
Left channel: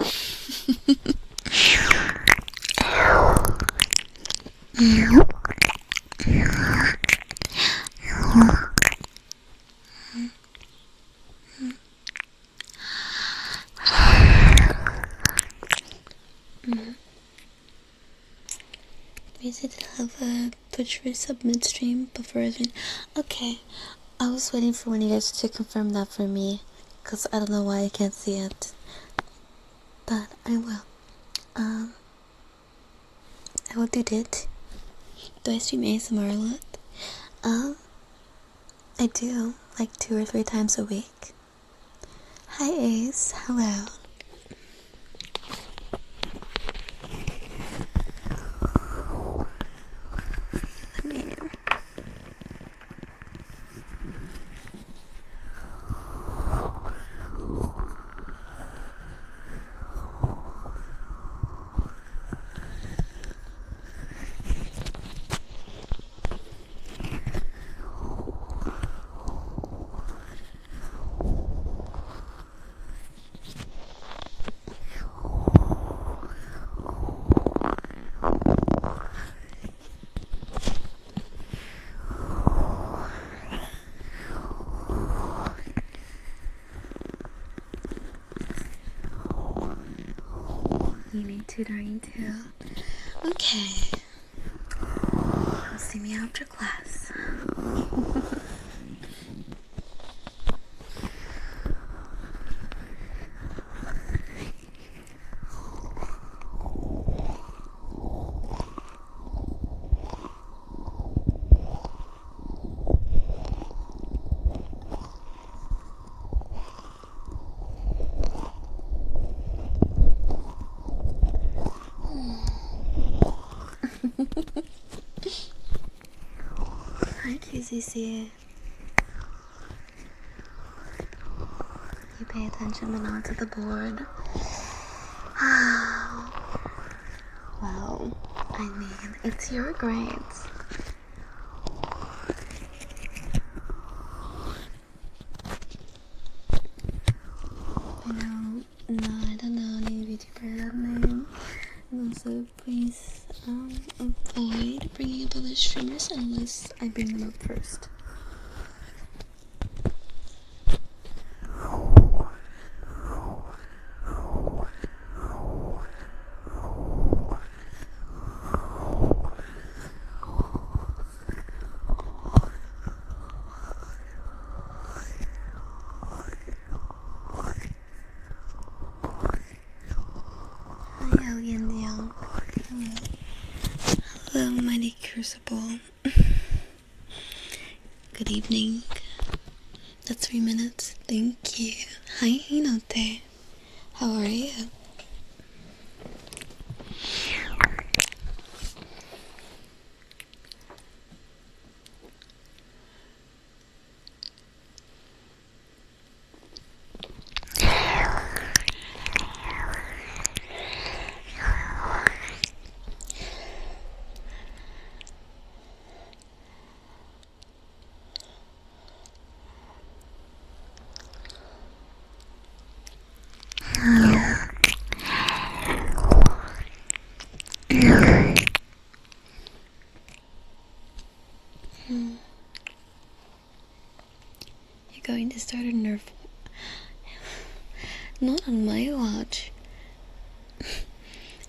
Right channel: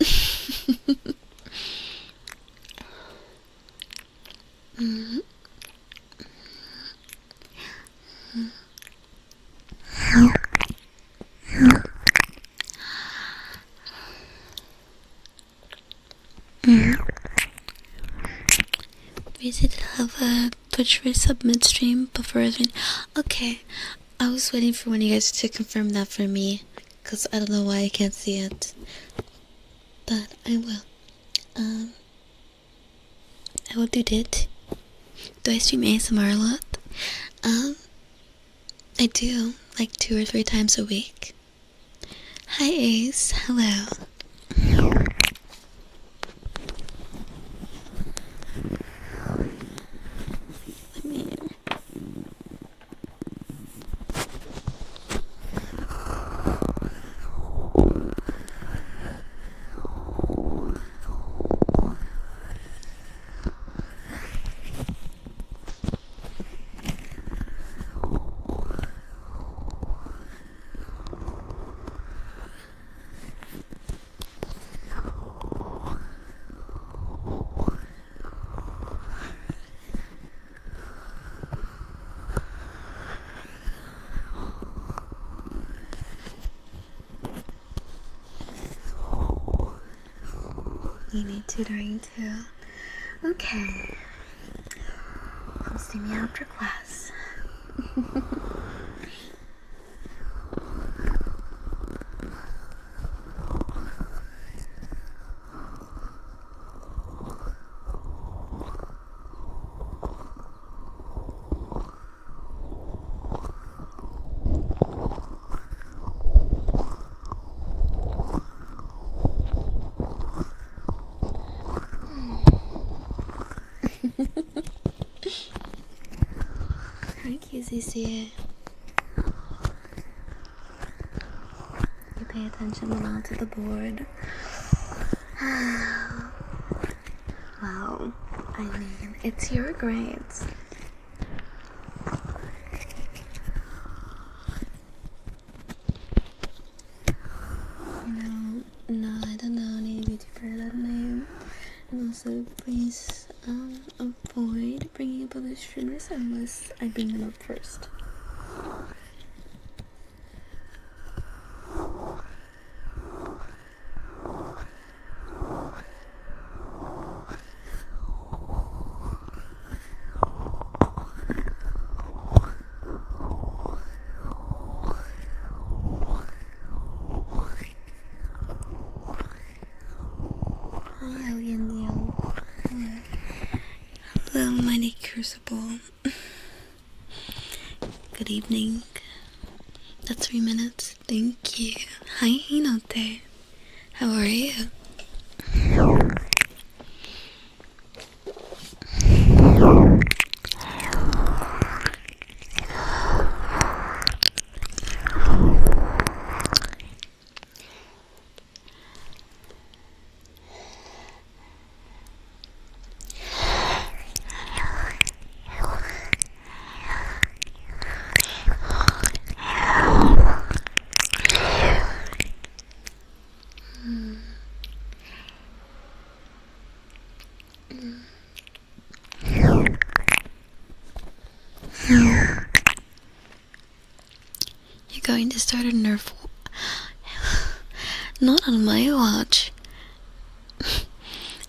We did have a Twitch resub midstream before. Okay, I was waiting for one of you guys to confirm that for me, because I don't know why I can't see it. But I will. I will do it. Do I stream ASMR a lot? I do, like 2 or 3 times a week. Hi Ace, hello. You need tutoring too. Okay. Come see me after class. Hi, QCC. You pay attention but not to the board. Well, I mean, it's your grades. No, I don't know any YouTuber that name. And also, please avoid bringing up other streamers unless I bring them up first. Hi, Alien Young. Hello, Mighty Crucible. Good evening. That's 3 minutes. Thank you. Hi, Hinote. How are you? You're going to start a Nerf war. Not on my watch.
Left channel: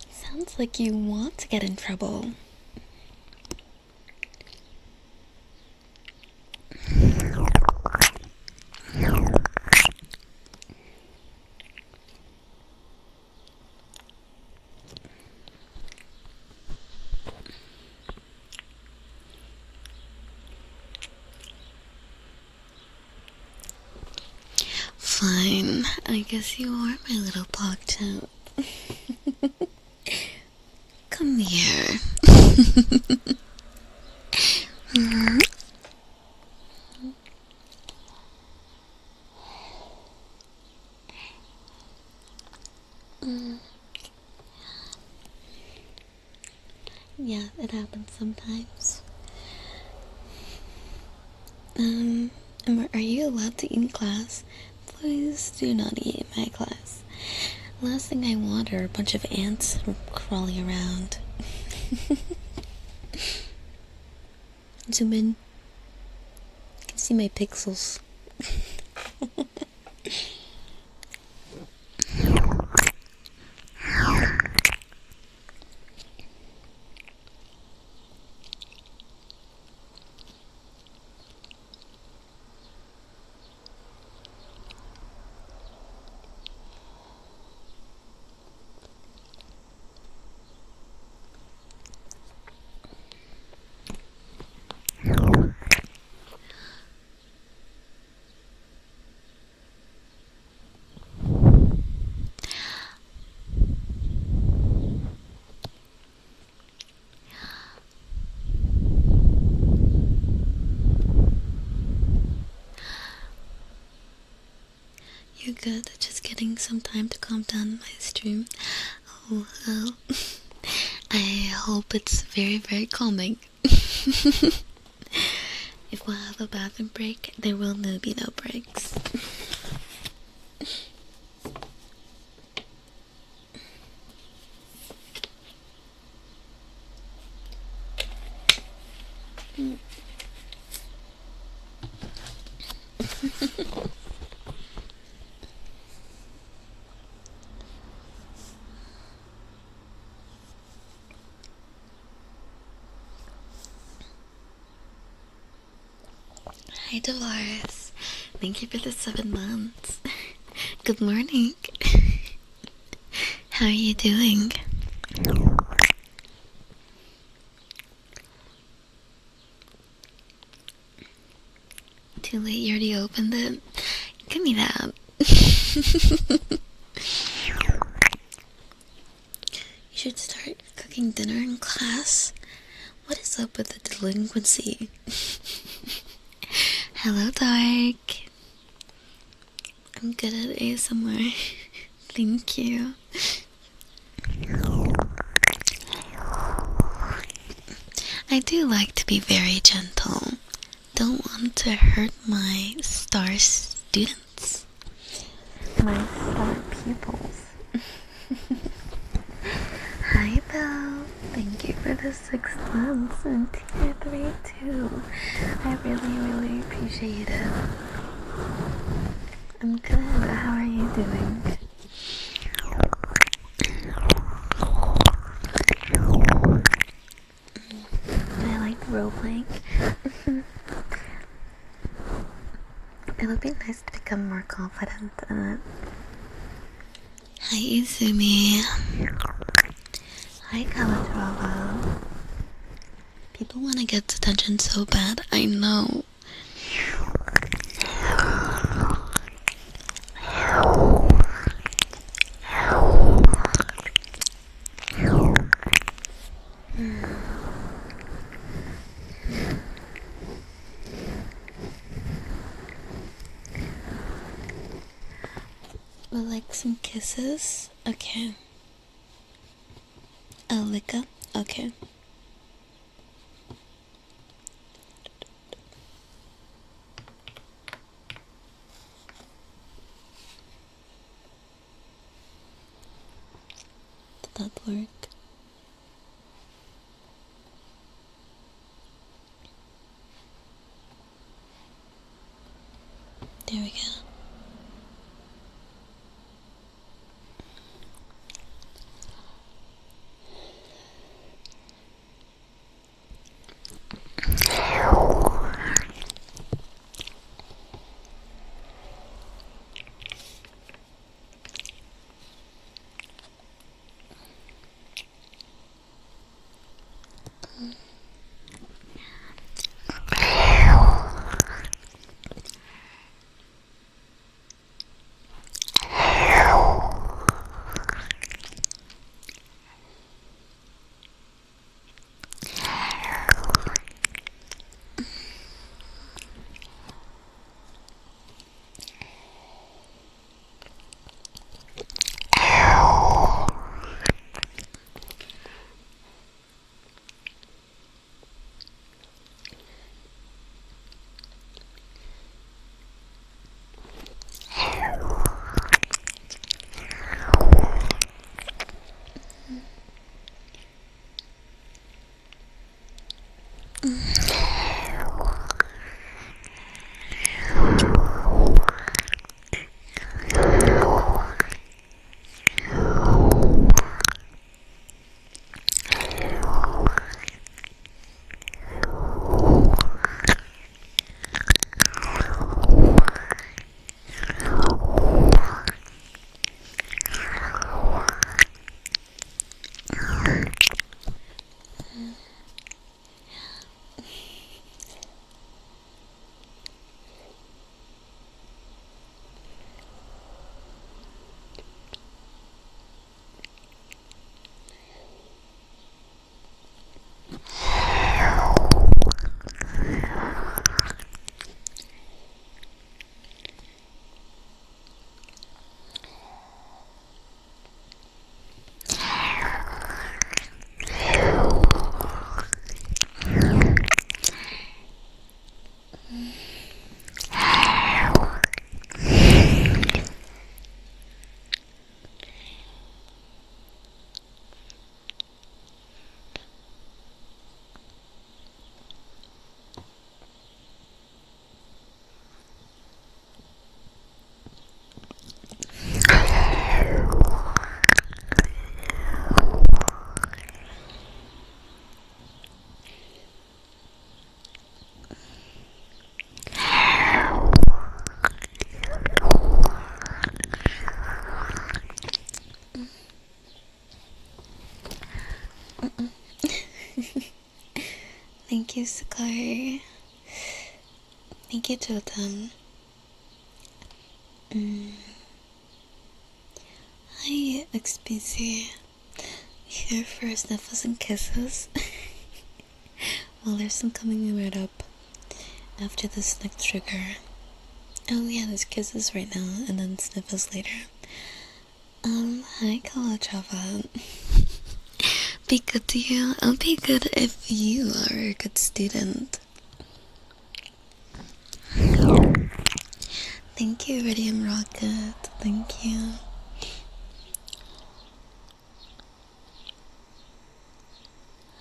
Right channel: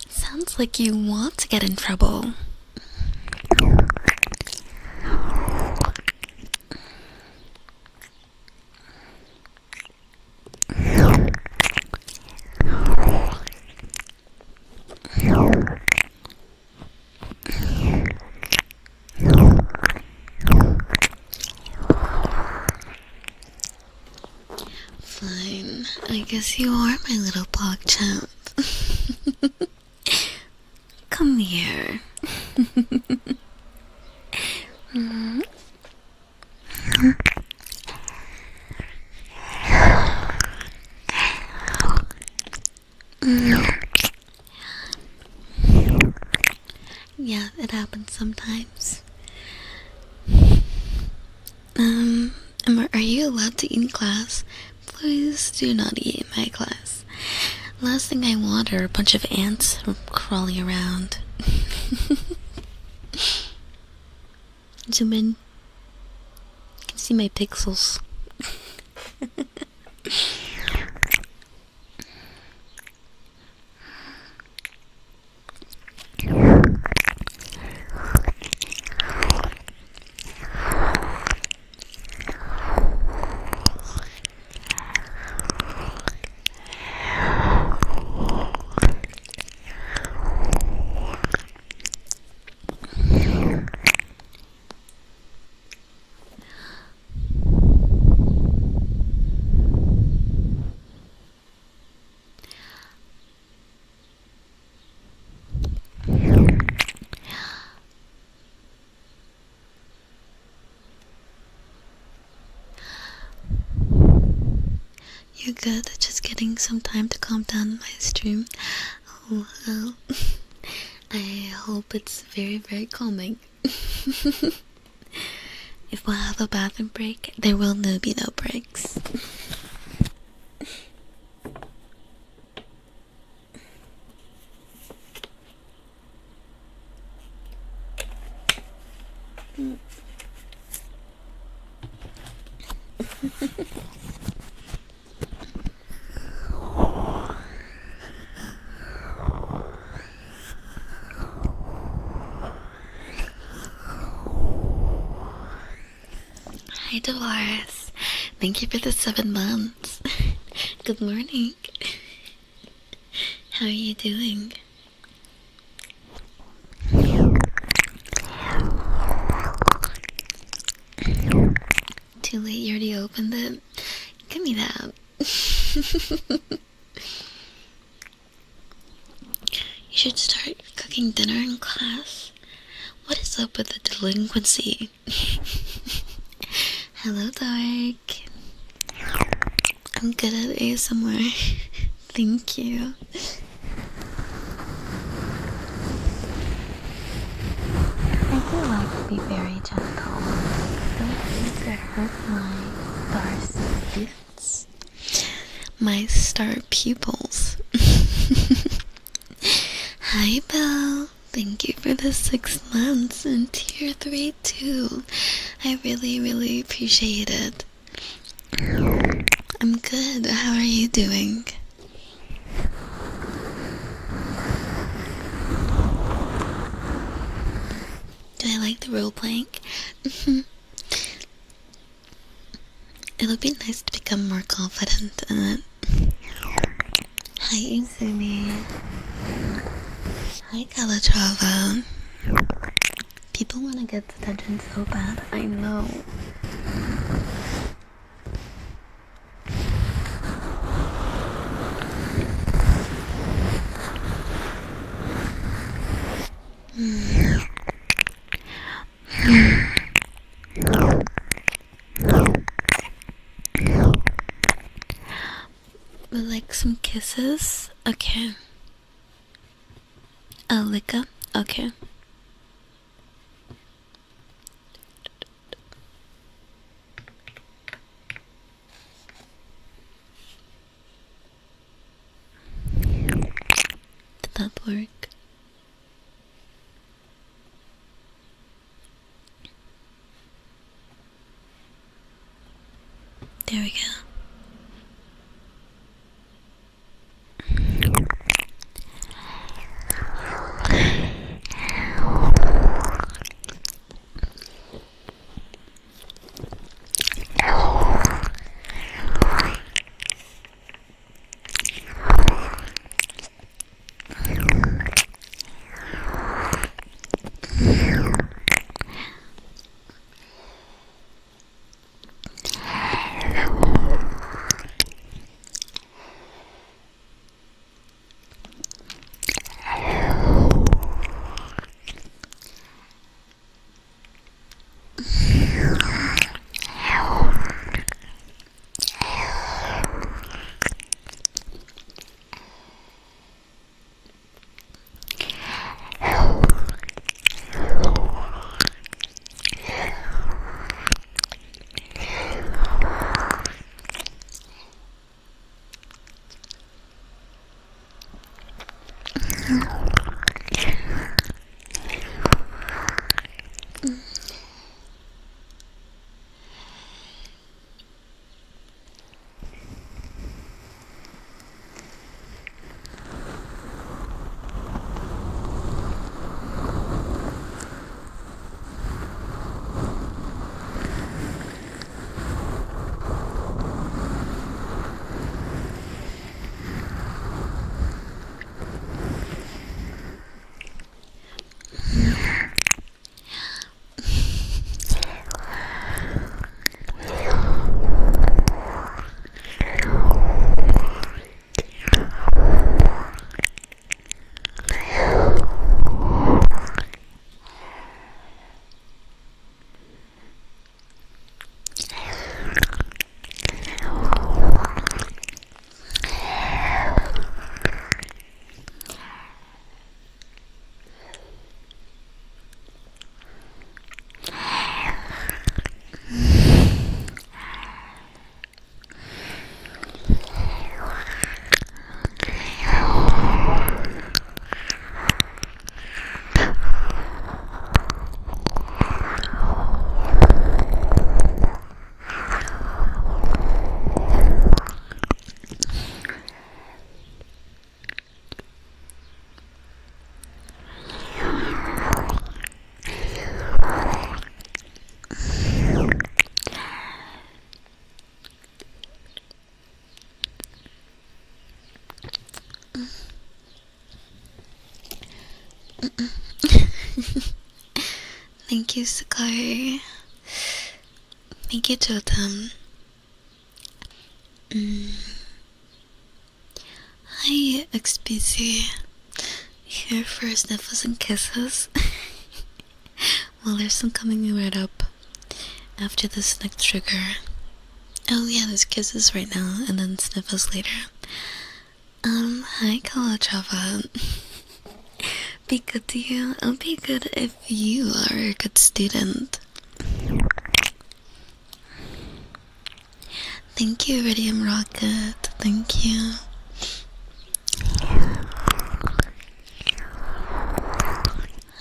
Sounds like you want to get in trouble. Fine, I guess you are my little PogChamp. Come here. Yeah, it happens sometimes. Are you allowed to eat in class? Please do not eat in my class. Last thing I want are a bunch of ants crawling around. Zoom in. You can see my pixels. You're good. Just getting some time to calm down my stream. Oh, well. I hope it's very, very calming. If we'll have a bathroom break, there will be no breaks. Dolores. Thank you for the 7 months. Good morning. How are you doing? Too late, you already opened it. Give me that. You should start cooking dinner in class. What is up with the delinquency? Hello, Dark. I'm good at ASMR. Thank you. I do like to be very gentle. Don't want to hurt my star students. My star pupils. Hi, Belle. Thank you for the 6 months and tier 3 too. I really appreciate it. I'm good. How are you doing? Do I like the role playing? It'll be nice to become more confident in it. Hi, Izumi. Hi, Calatrava. People want to get attention so bad, I know. Would like some kisses? Okay. A lick up? Okay. Did that work? There we go. Thank you, Sakai. Thank you, Jotam. Hi, XBC. Here for sniffles and kisses. Well, there's some coming right up after this next trigger. Oh yeah, there's kisses right now and then sniffles later. Hi, Kalachava. Be good to you. I'll be good if you are a good student. Thank you, Iridium Rocket. Thank you.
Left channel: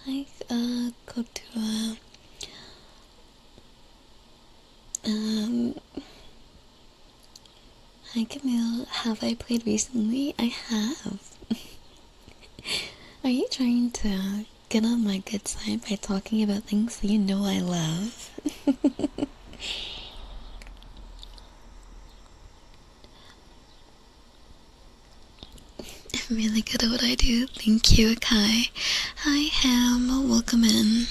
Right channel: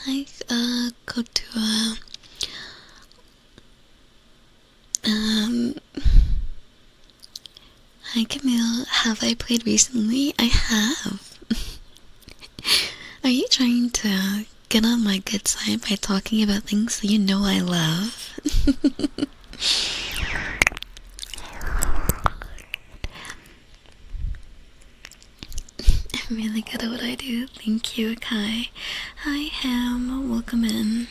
Hi, Kotua. Hi, Camille. Have I played recently? I have. Are you trying to get on my good side by talking about things that you know I love? I'm really good at what I do. Thank you, Akai. Hi, Ham. Welcome in.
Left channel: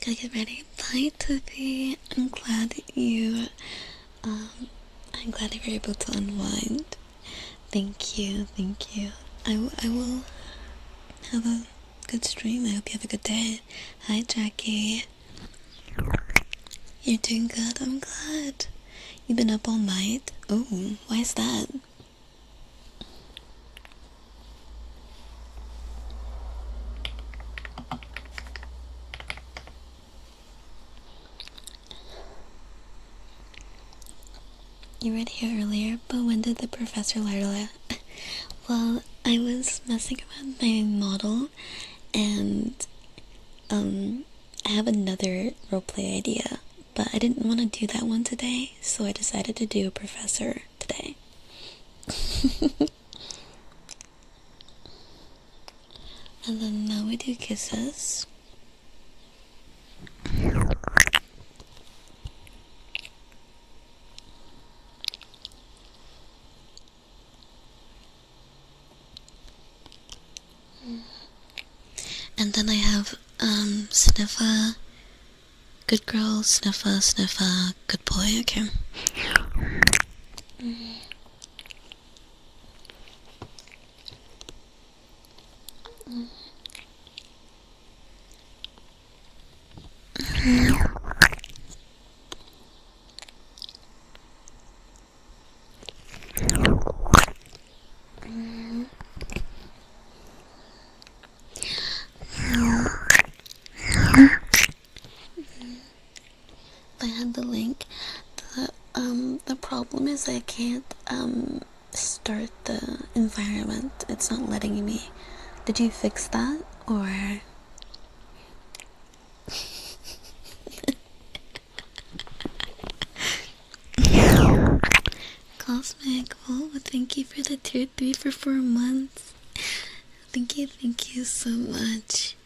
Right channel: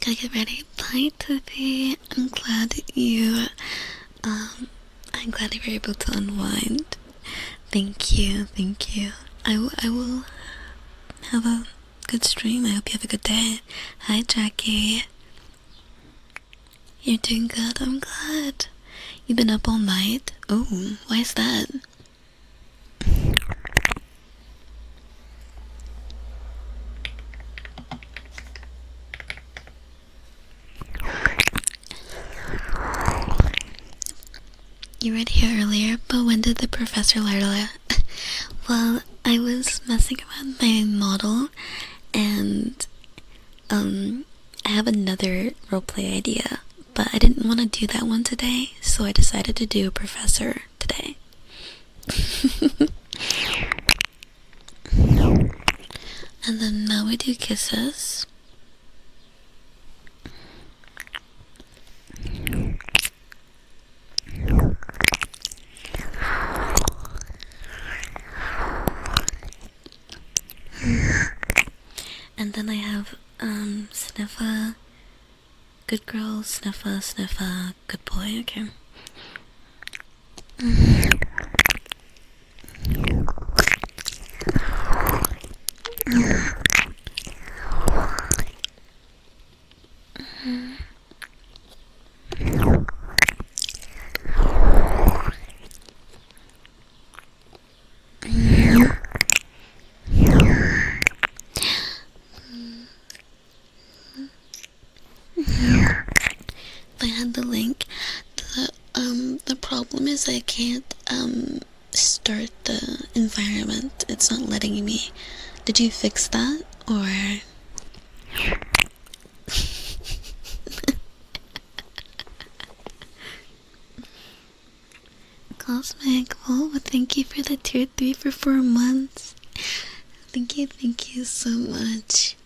Gotta get ready. Bye, Toothy. I'm glad you were able to unwind. Thank you, thank you. I will have a good stream. I hope you have a good day. Hi, Jackie. You're doing good. I'm glad. You've been up all night? Oh, why is that? You read here earlier, but when did the professor learn? Well, I was messing around my model, and I have another roleplay idea, but I didn't want to do that one today, so I decided to do a professor today. And then now we do kisses. And then I have sniffa, good girl, sniffa, sniffa, good boy. Okay. I had the link. The problem is I can't start the environment. It's not letting me. Did you fix that or? Cosmic, oh, thank you for the tier 3 for 4 months. Thank you so much.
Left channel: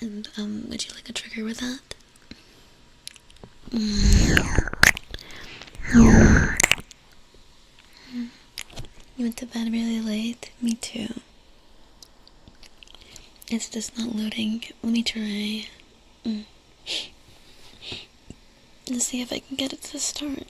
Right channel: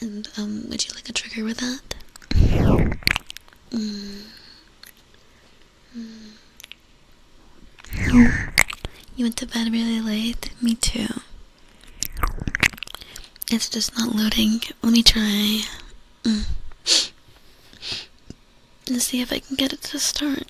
And would you like a trigger with that? You went to bed really late? Me too. It's just not loading. Let me try. Let's see if I can get it to start.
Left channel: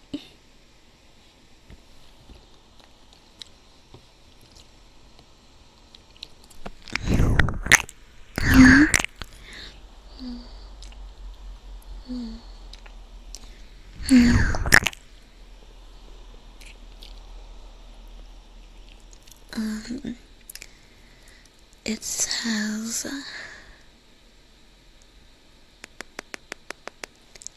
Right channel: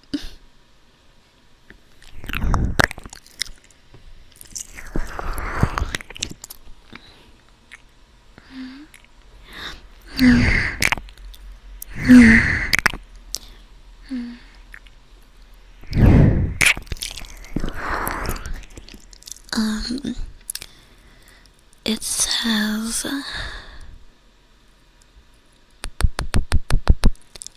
It says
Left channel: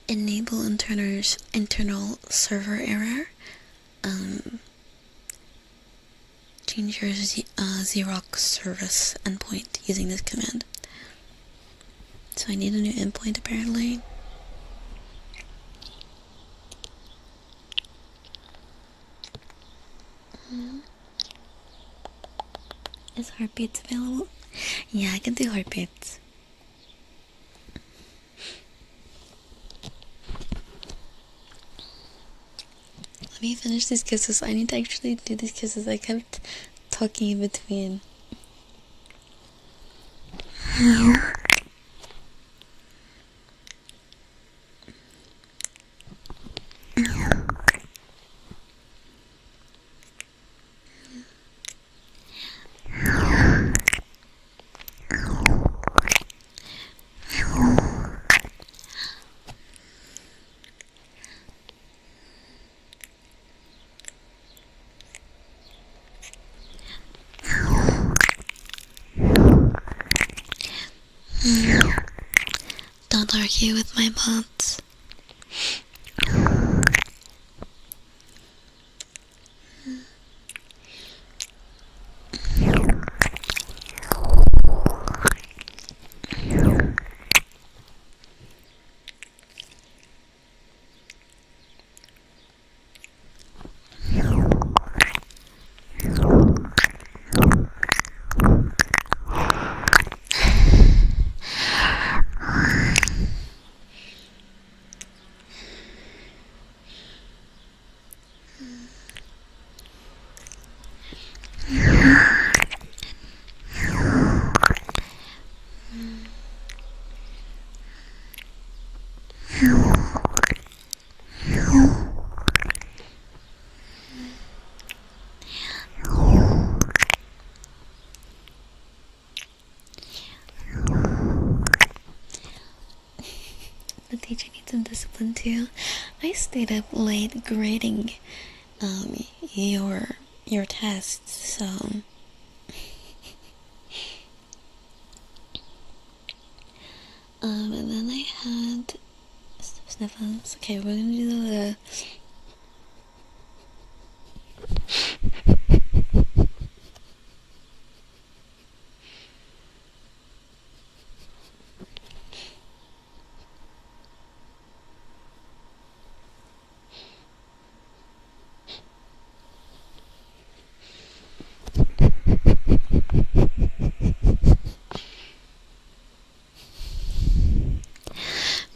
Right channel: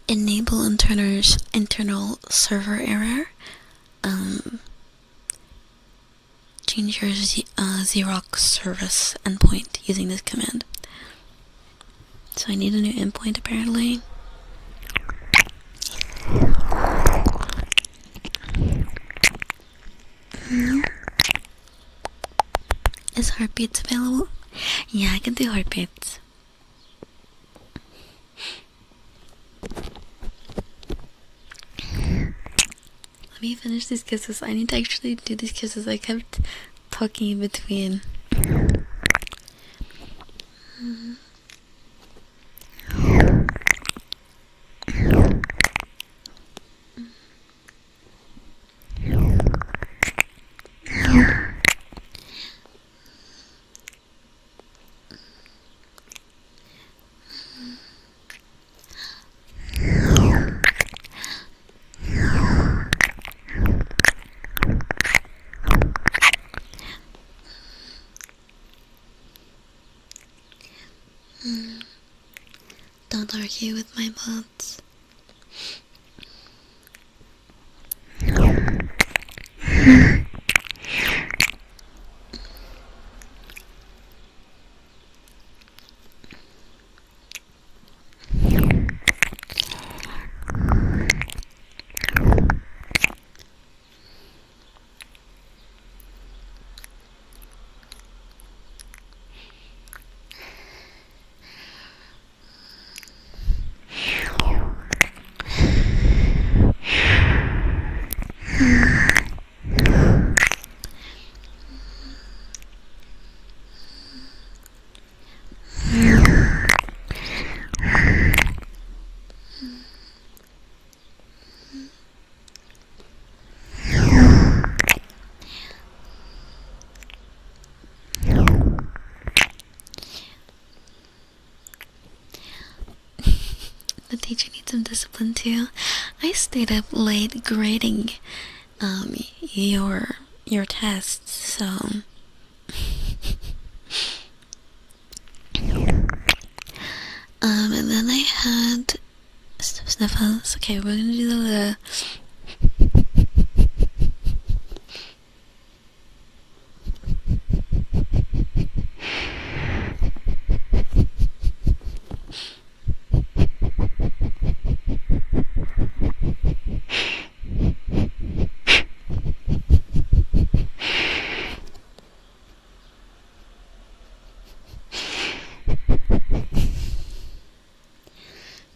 enable internal server error. Change your Xerox service endpoint using this command. So I need a new endpoint apparently. Is heartbeats available? Yeah, I can do heartbeats. Let me finish these kisses. I need to actually do these kisses. I kept talking in between. Don't argue with my bots. The teacher needs some discipline too. I stayed up late grading your tests, so and then I had sniffles. Okay, we're gonna do the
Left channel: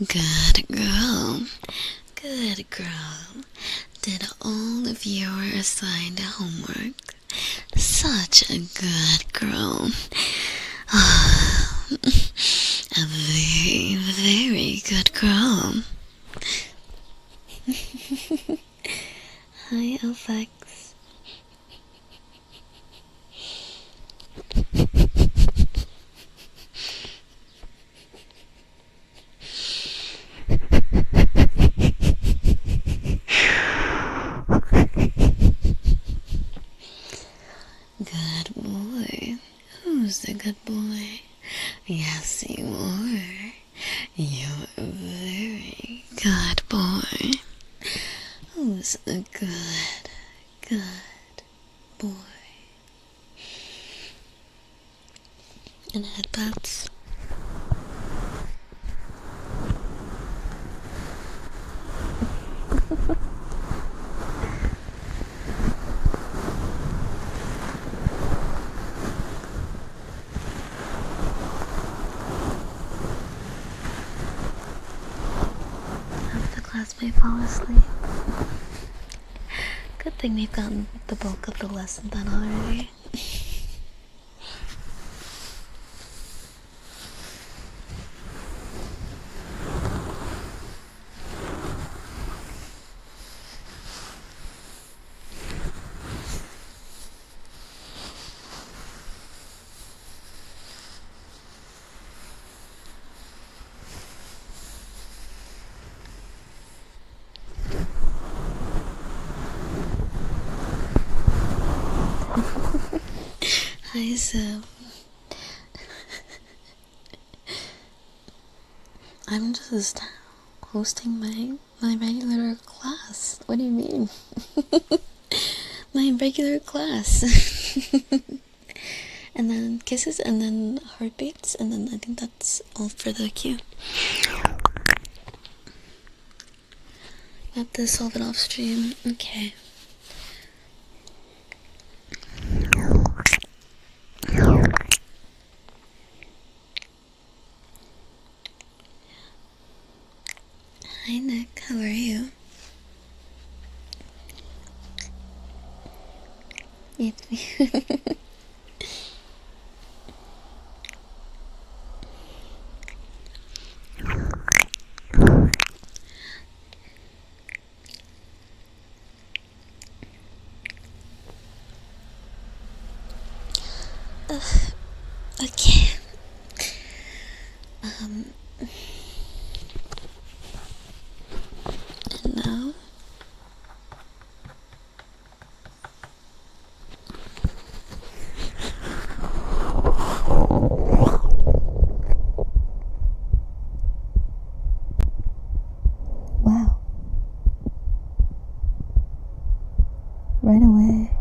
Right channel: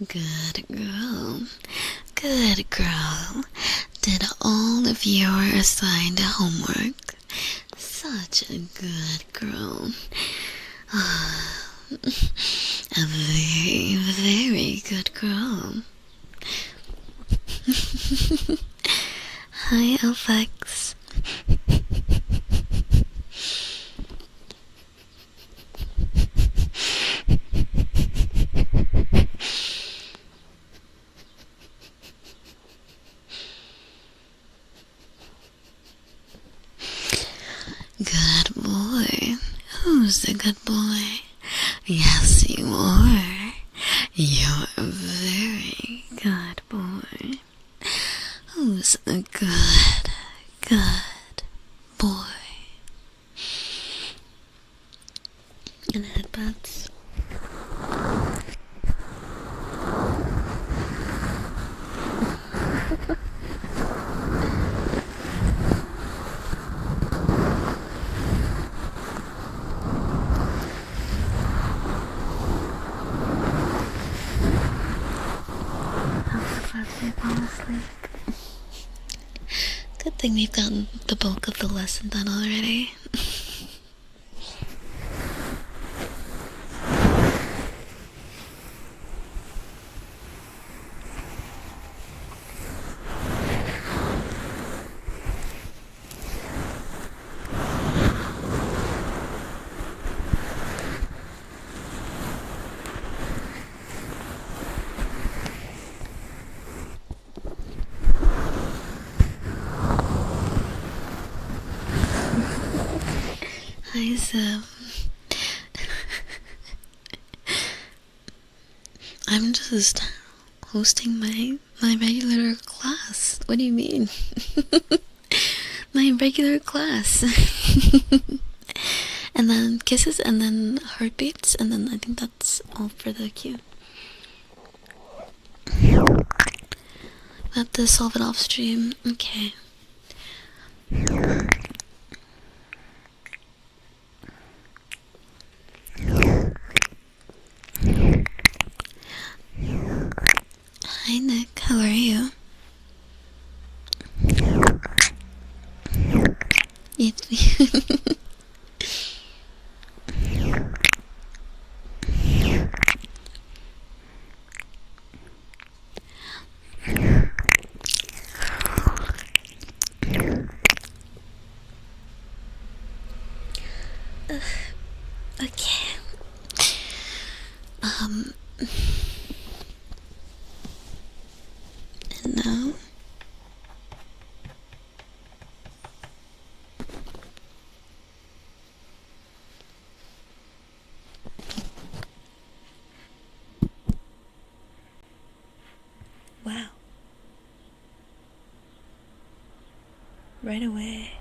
good girl. Good girl. Did all of your assigned homework. Such a good girl. A very, very good girl. Hi, Alphax. Good boy. Who's the good boy? Yes, you are. You're a very good boy. Who's a good boy? And headbutts. Let's fall asleep. Good thing we've gotten the bulk of the lesson done already. Hi, Seb. I'm just hosting my regular class. What do you mean? My regular class. And then kisses, and then heartbeats, and then I think that's all for the cue. have to solve it off stream. Okay. Hi Nick, how are you? Okay. And now wow. Right away.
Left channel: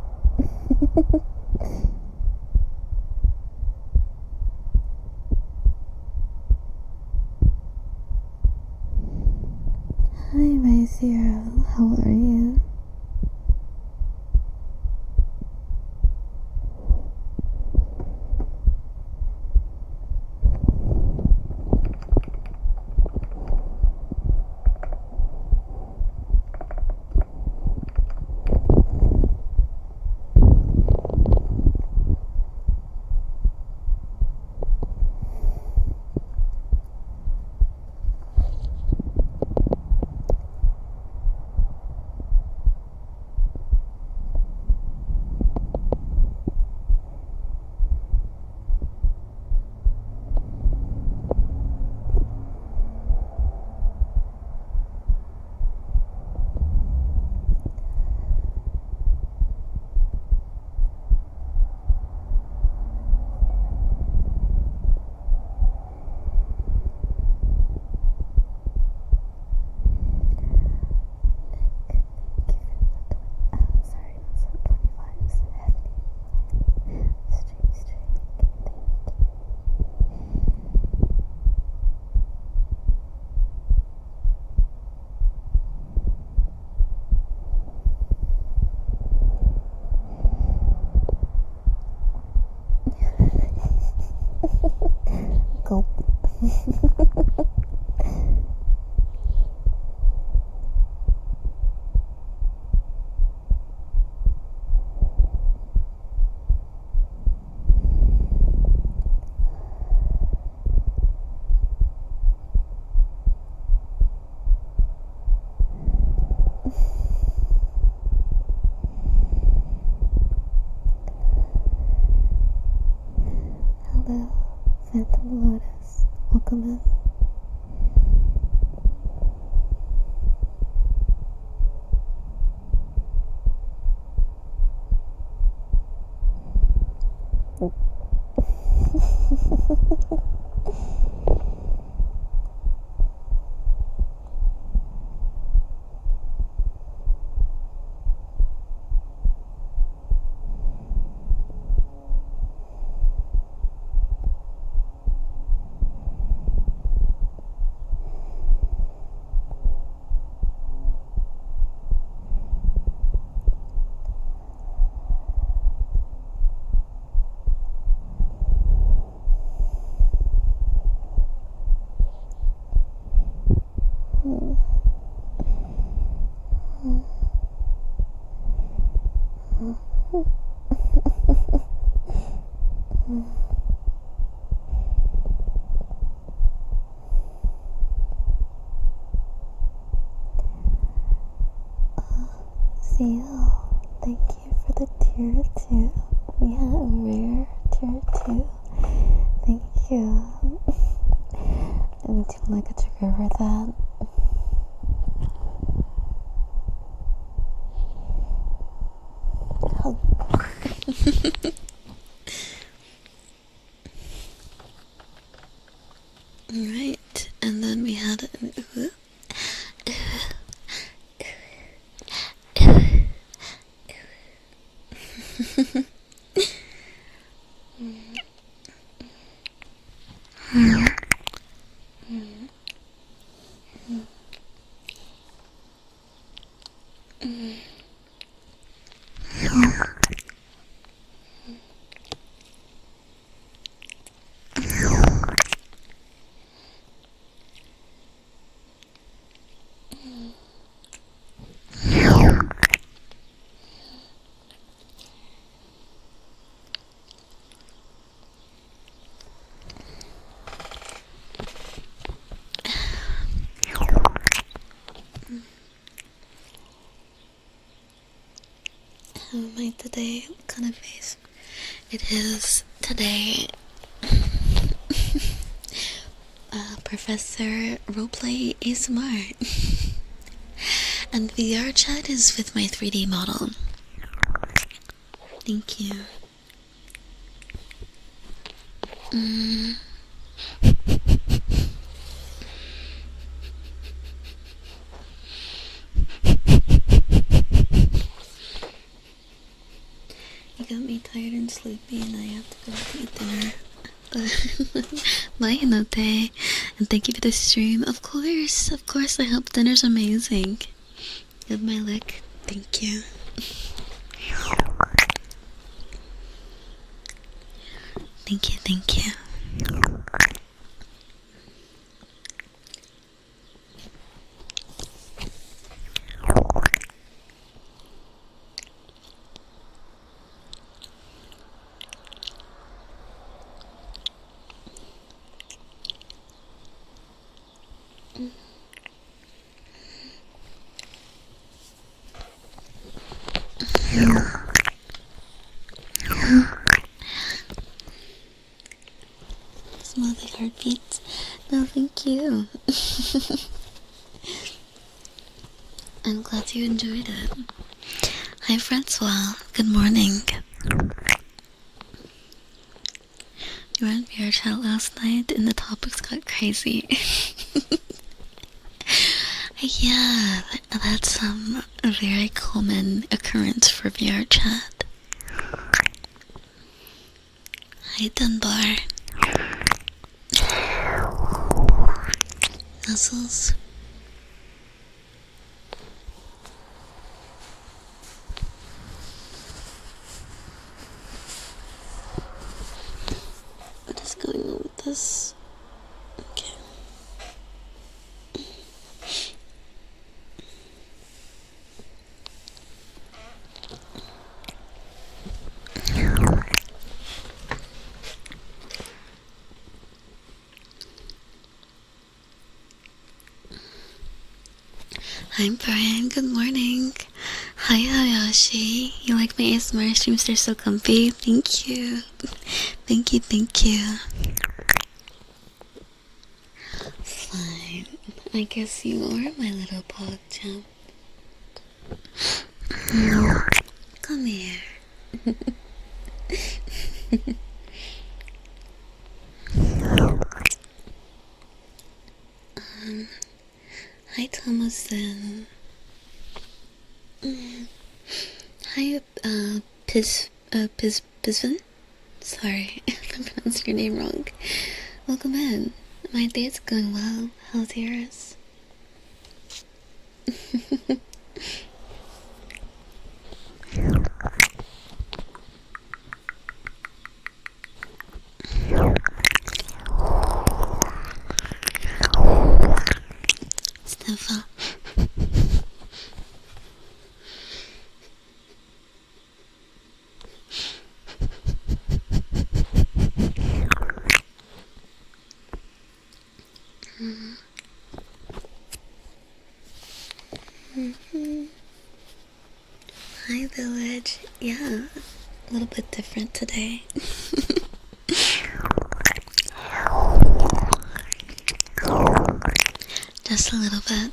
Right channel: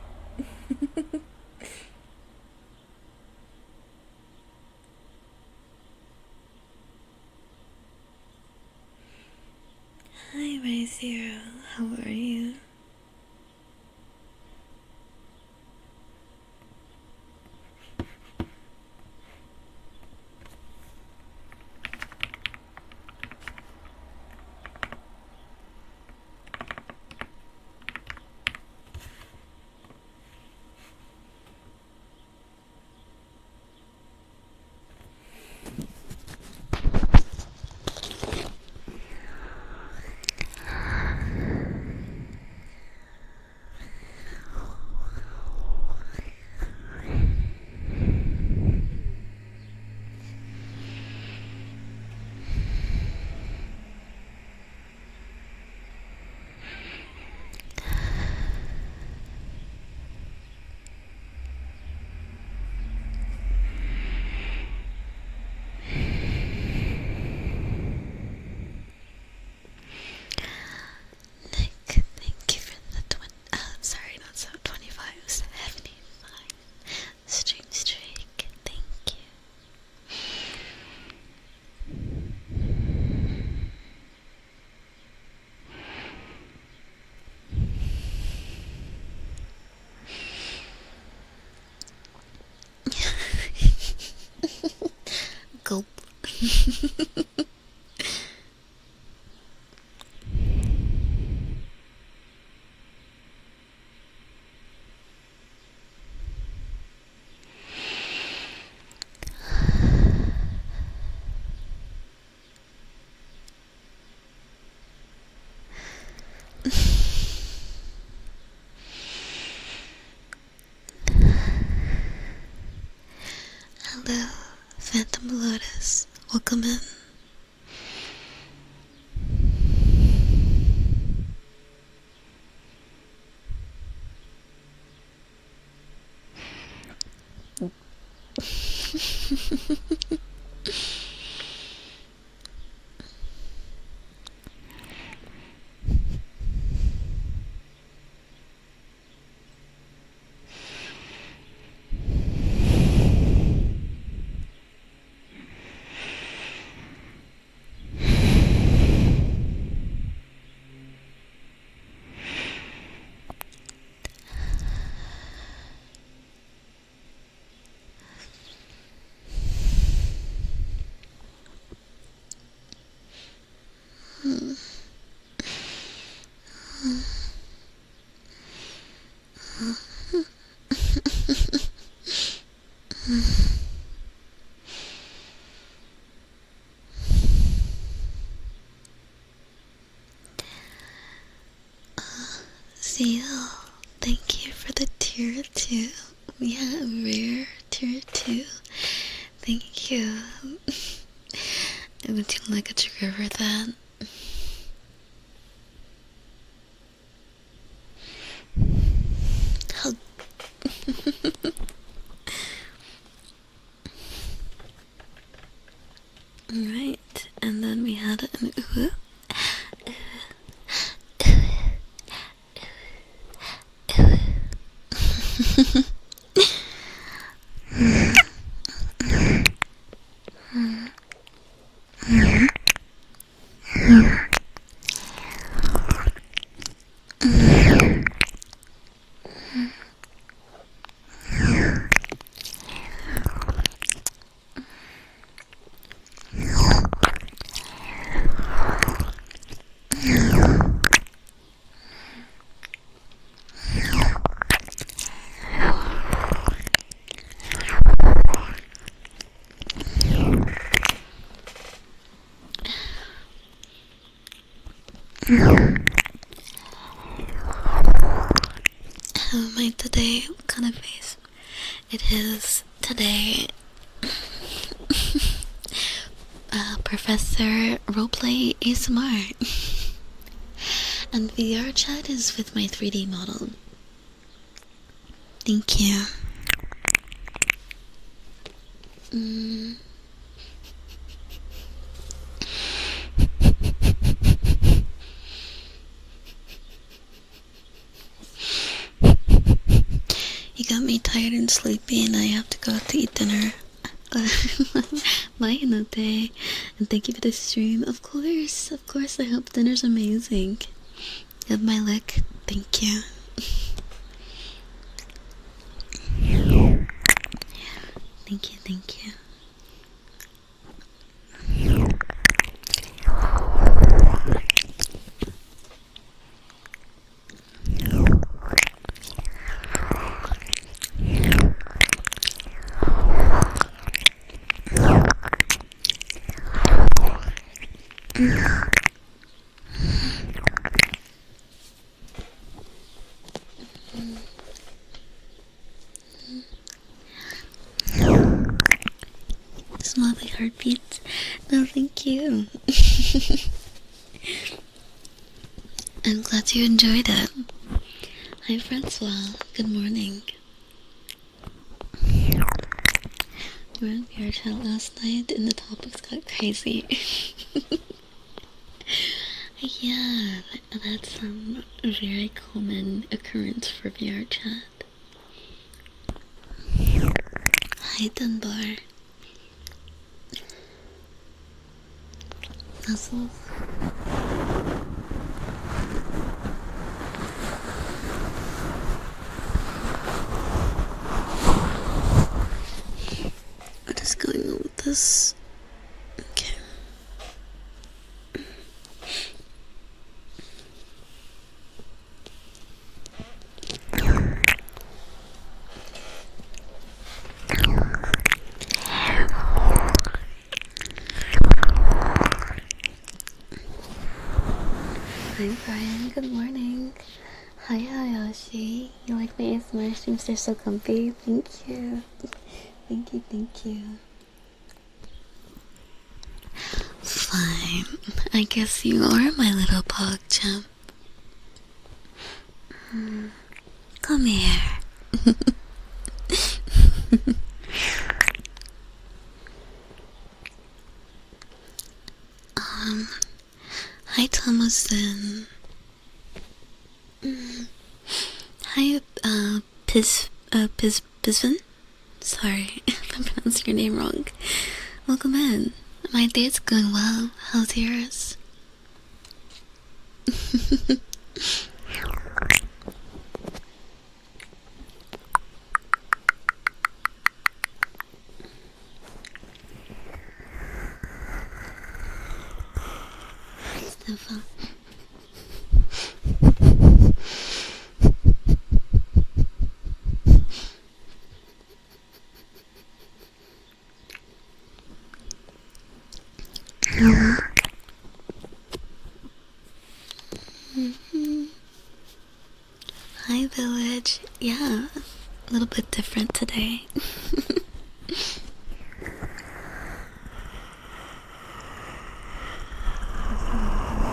Hi, my Zero. How are you? Nick, thank you for the 25, 75 stream streak. Thank you. Gulp. Hello, Phantom Lotus. Welcome in. Seal, thank you for the tier 2. We had a rare tier 2. Thank you. Would you like a trigger for that? Hug. Alright, and then we had an ooh. How am I today? What kind of face? It is today Professor Roleplay ASMR. And VR chat is with my 3D model. Thank you. You got me tired and sleepy, and I have to go out to eat dinner. Bye, Hinote. And thank you for the stream. Of course, I hope dinner's amazing. Give my lick. Thank you. Thank you. Smell like heartbeats. No, thank you. I'm glad you enjoyed it. Hi, Francois. Good morning. You were in VR chat last night and the topics got crazy. Yeah, that's a very common occurrence for VR chat. Hi, Dunbar. Muscles. What is going on with this? Okay. Hi, Brian. Good morning. Hi, Hayashi. You like my ASMR streams? They're so comfy. Thank you. Thank you. Fine. I guess you are my little pog champ. Come here. Hi, Thomason. Hi, Pisvin? Sorry if I'm pronouncing your name wrong. Welcome in. My day's going well. How's yours? Sniffer. Hi, Village. Yeah, a little bit different today. Just a little bit.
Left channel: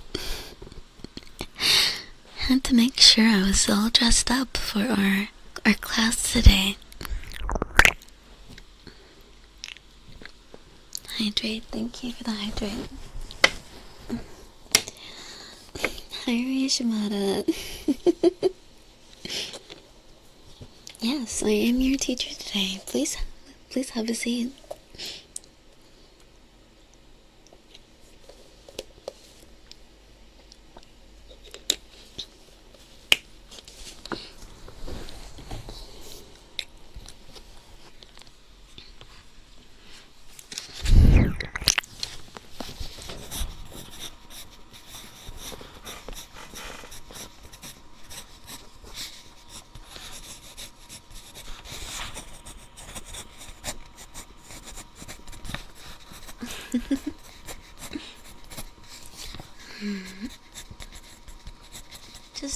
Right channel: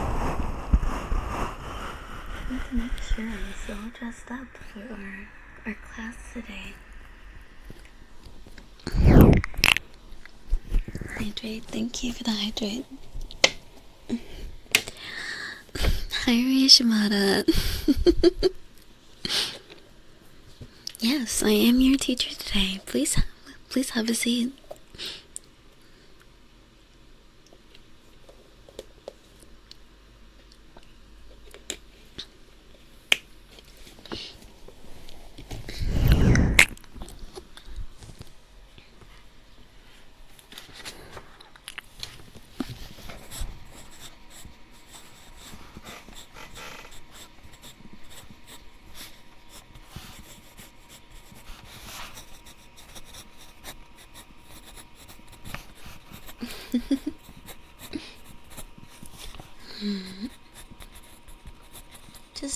Had to make sure I was all dressed up for our class today. Hydrate. Thank you for the hydrate. Hi, Ryushimada. Yes, I am your teacher today. Please have a seat.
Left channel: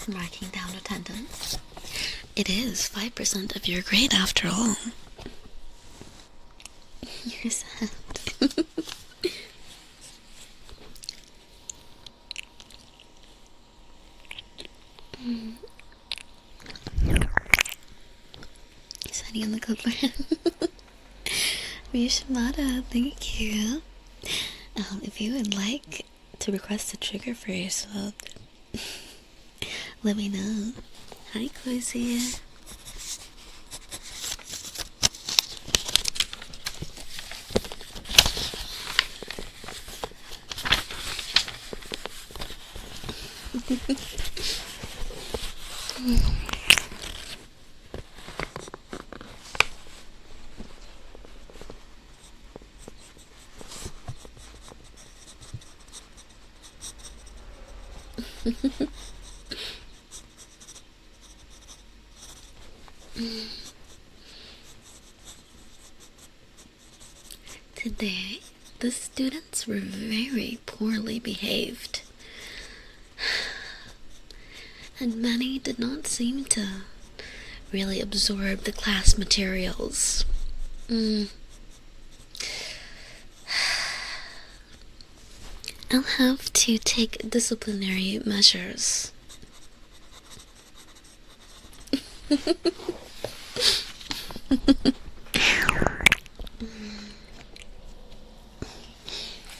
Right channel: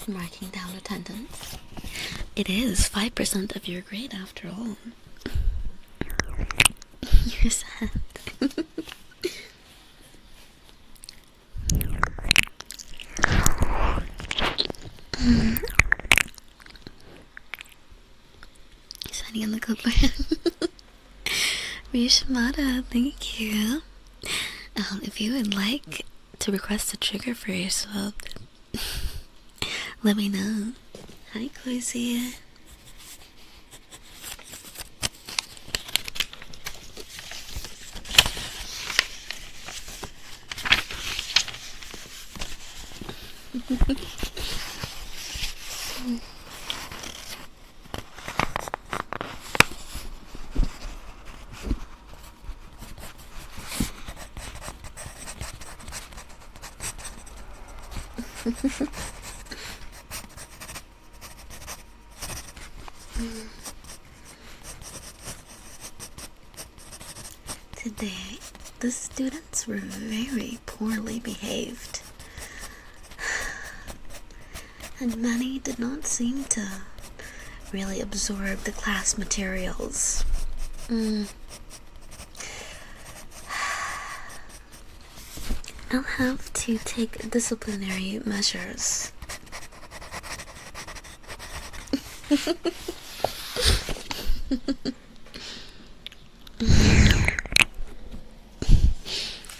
marking down attendance. It is 5% of your grade after all. You're sad. Sitting on the cookware. Mishimata, thank you. If you would like to request a trigger for yourself, let me know. Hi, Cozy. Today, the students were very poorly behaved, and many did not seem to really absorb the class materials. I'll have to take disciplinary measures.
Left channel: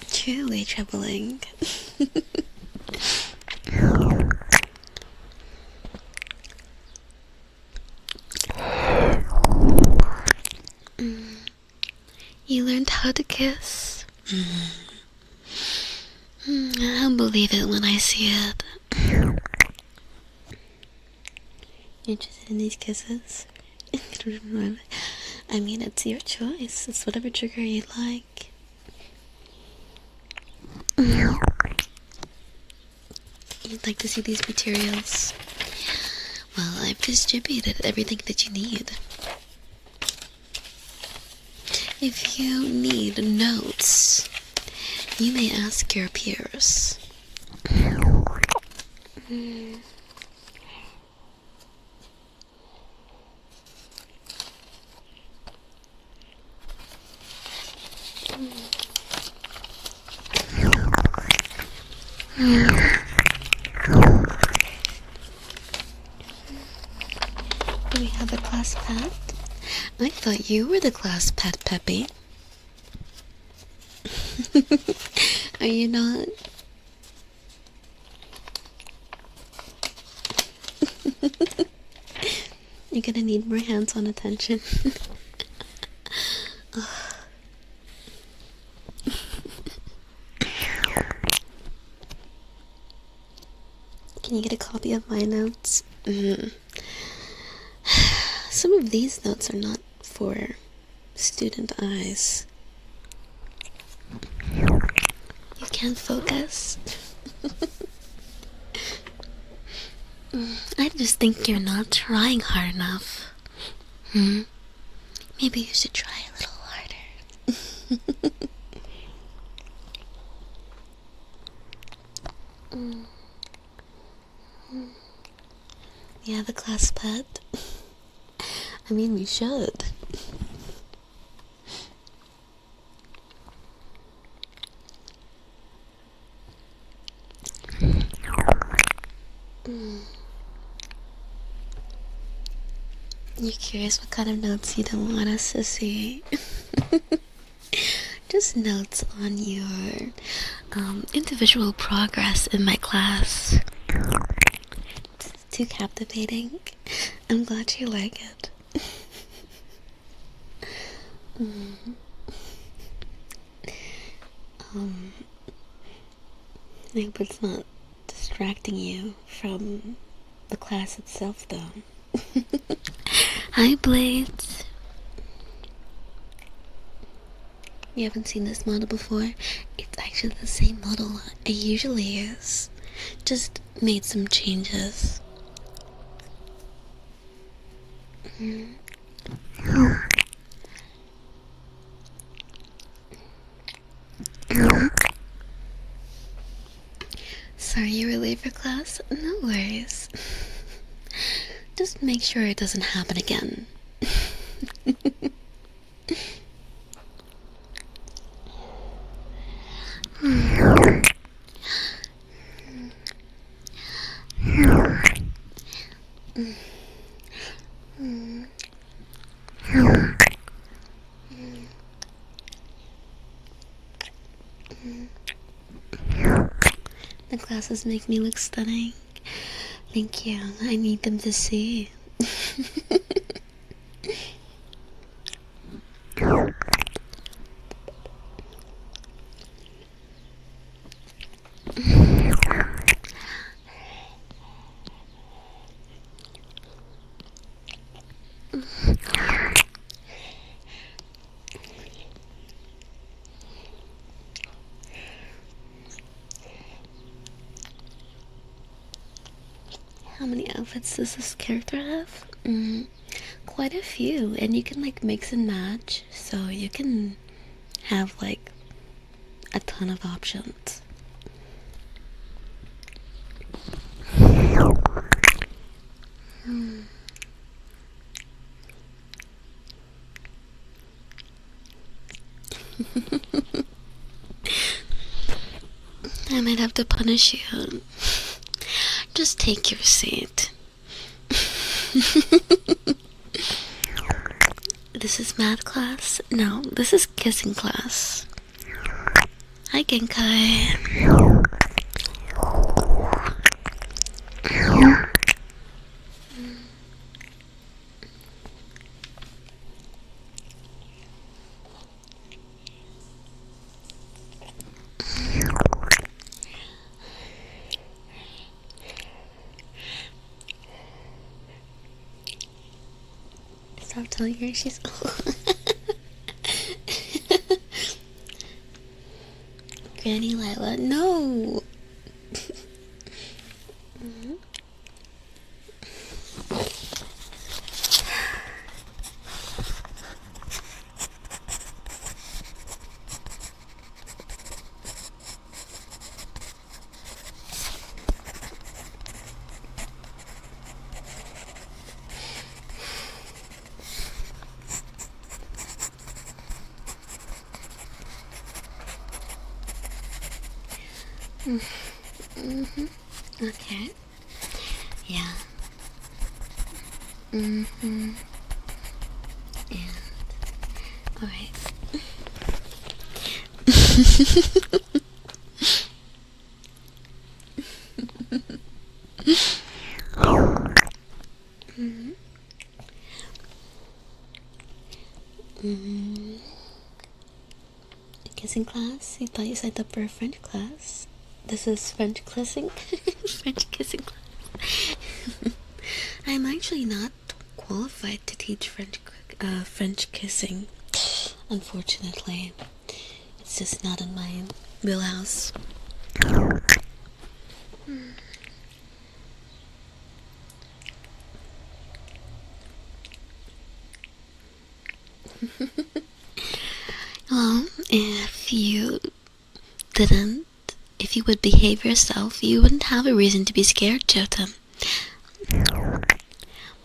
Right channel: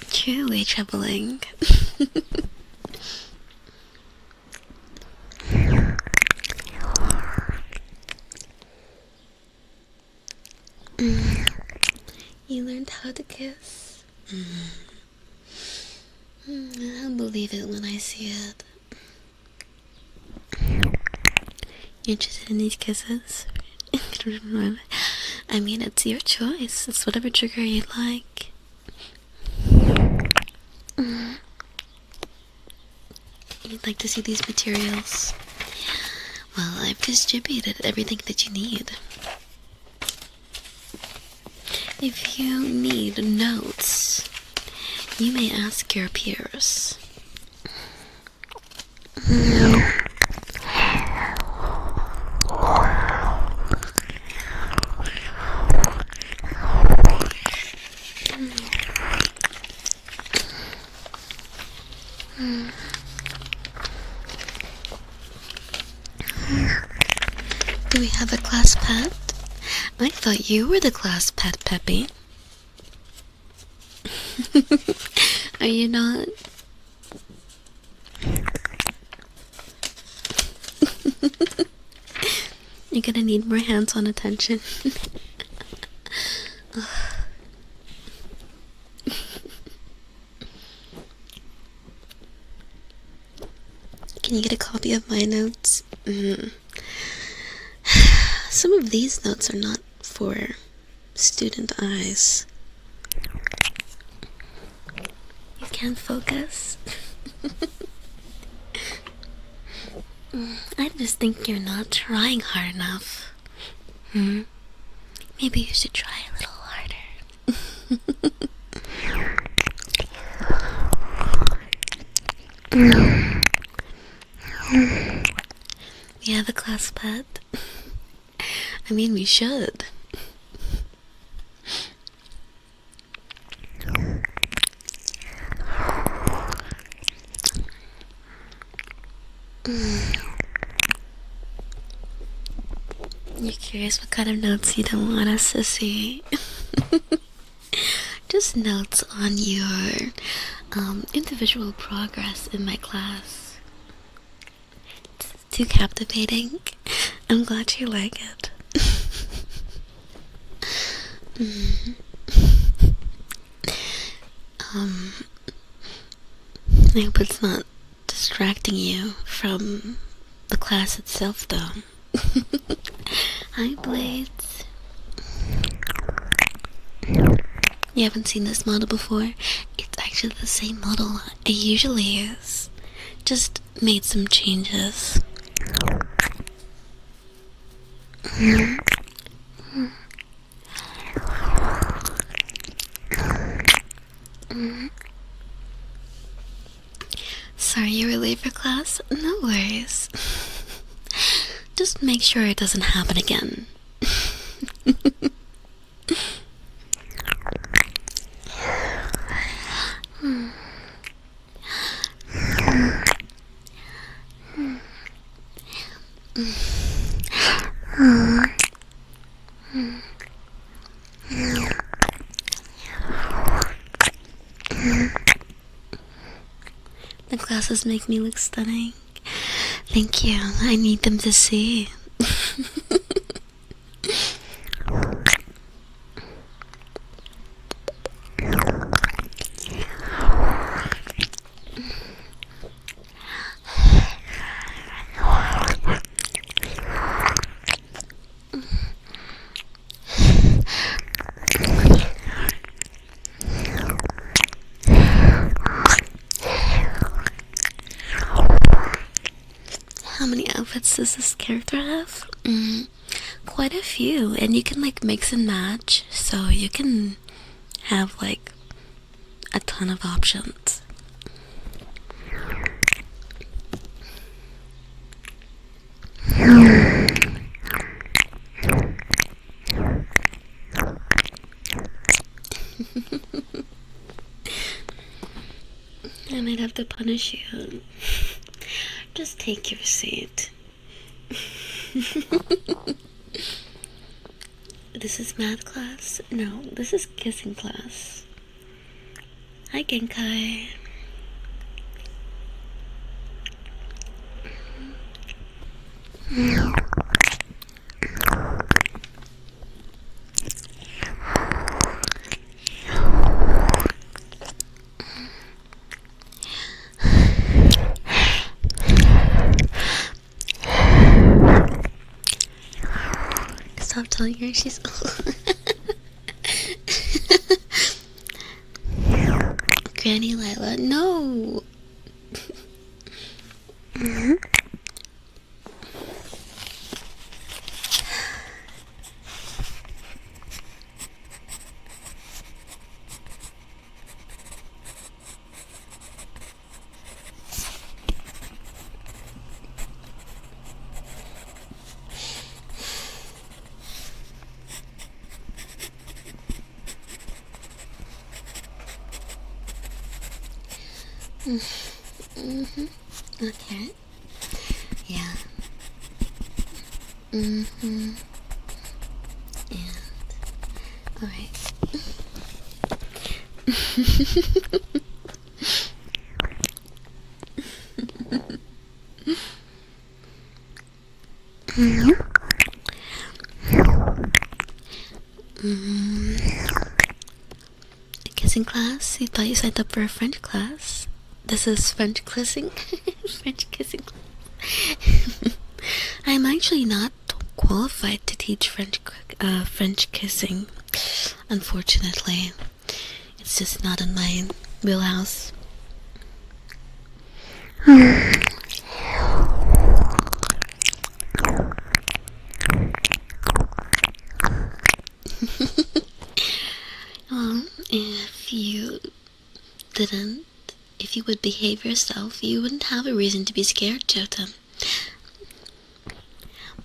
Truly troubling. You learned how to kiss? I'll believe it when I see it. You interested in these kisses? I mean, it's your choice. It's whatever trigger you like. You'd like to see these materials? Well, I've distributed everything that you need. If you need notes, you may ask your peers. Do we have a class pet? I thought you were the class pet, Peppy. Are you not? You're gonna need more hands-on attention. Can you get a copy of my notes? Some of these notes are not for student eyes. You can't focus. I just think you're not trying hard enough. Maybe you should try a little harder. You have a class pet? I mean, we should. You're curious what kind of notes you don't want us to see? Just notes on your individual progress in my class. It's too captivating. I'm glad you like it. I hope it's not distracting you from the class itself, though. Hi, Blades. You haven't seen this model before? It's actually the same model it usually is. Just made some changes. Sorry you were late for class? No worries. just make sure it doesn't happen again. The glasses make me look stunning. Thank you. I need them to see. How many outfits does this character have? Quite a few, and you can like mix and match, so you can have like a ton of options. I might have to punish you. Just take your seat. This is math class? No, this is kissing class. Hi, Genkai. Stop telling her she's Granny Lila, no. Okay. Yeah. And alright. Kissing class? You thought you signed up for a French class? This is French kissing? French kissing class. I'm actually not qualified to teach French kissing. Unfortunately. It's just not in my wheelhouse. Well, if you would behave yourself, you wouldn't have a reason to be scared, Jota.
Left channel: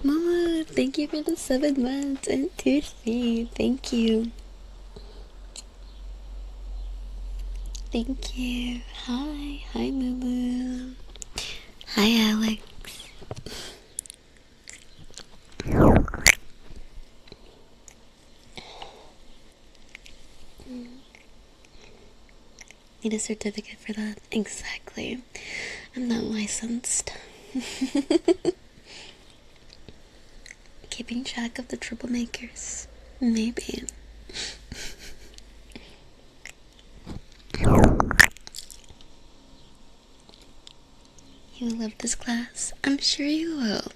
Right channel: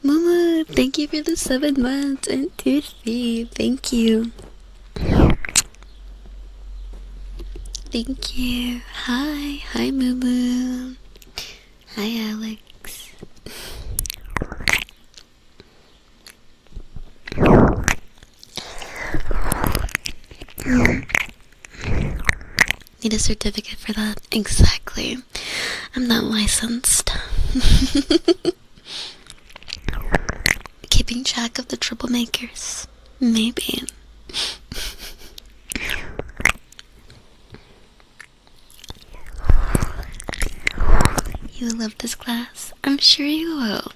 Mama, thank you for the 7 months and tier 3. Thank you. Thank you. Hi. Hi, Moo. Hi, Alex. Need a certificate for that? Exactly. I'm not licensed. Keeping track of the troublemakers. Maybe. You love this class? I'm sure you will.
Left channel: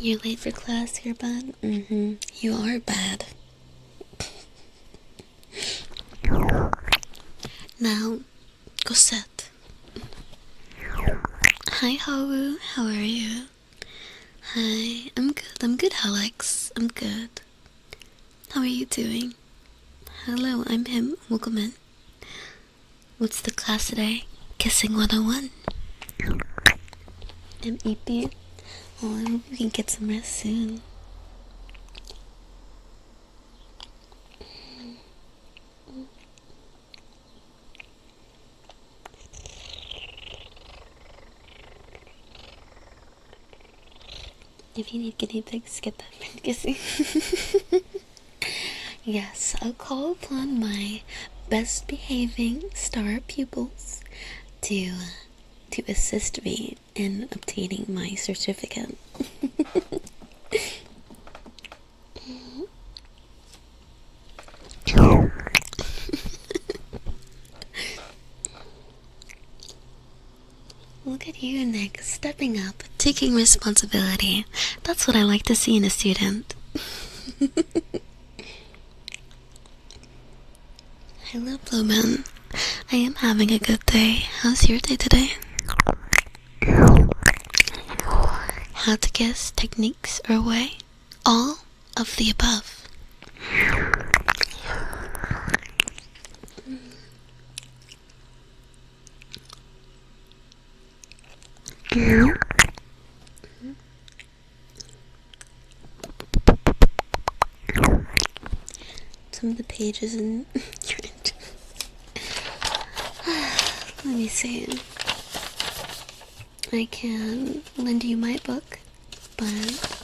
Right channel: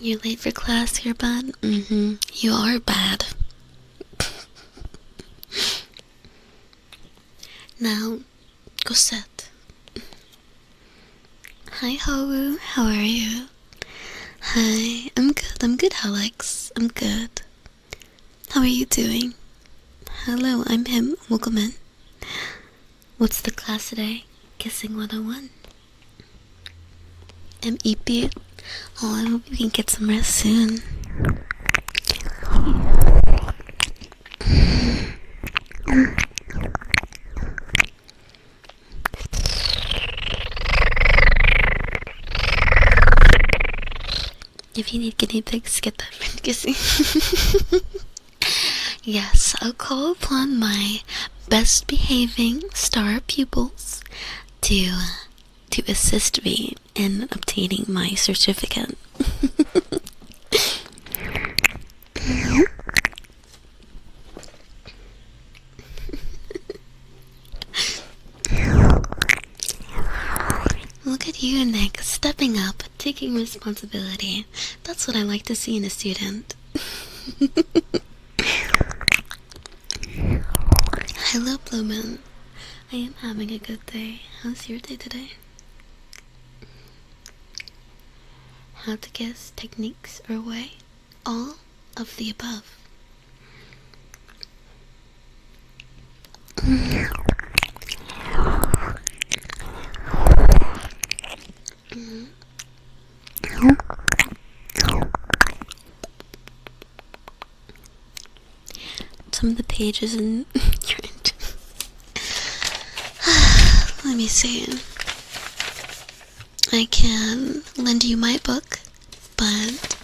You're late for class, you're bad? You are bad. Now, go sit. Hi, Haru. How are you? Hi, I'm good, Alex. I'm good. How are you doing? Hello, I'm him. Welcome in. What's the class today? Kissing 101. MEP. Oh, I hope you can get some rest soon. If you need guinea pigs, get that friend kissing. Yes, I'll call upon my best behaving star pupils to assist me in obtaining my certificate. Look at you, Nick, stepping up, taking responsibility. That's what I like to see in a student. Hello, Blueman. I am having a good day. How's your day today? How to kiss, techniques, or way? All of the above. Some of the pages in your engine. Let me see. I can lend you my book, but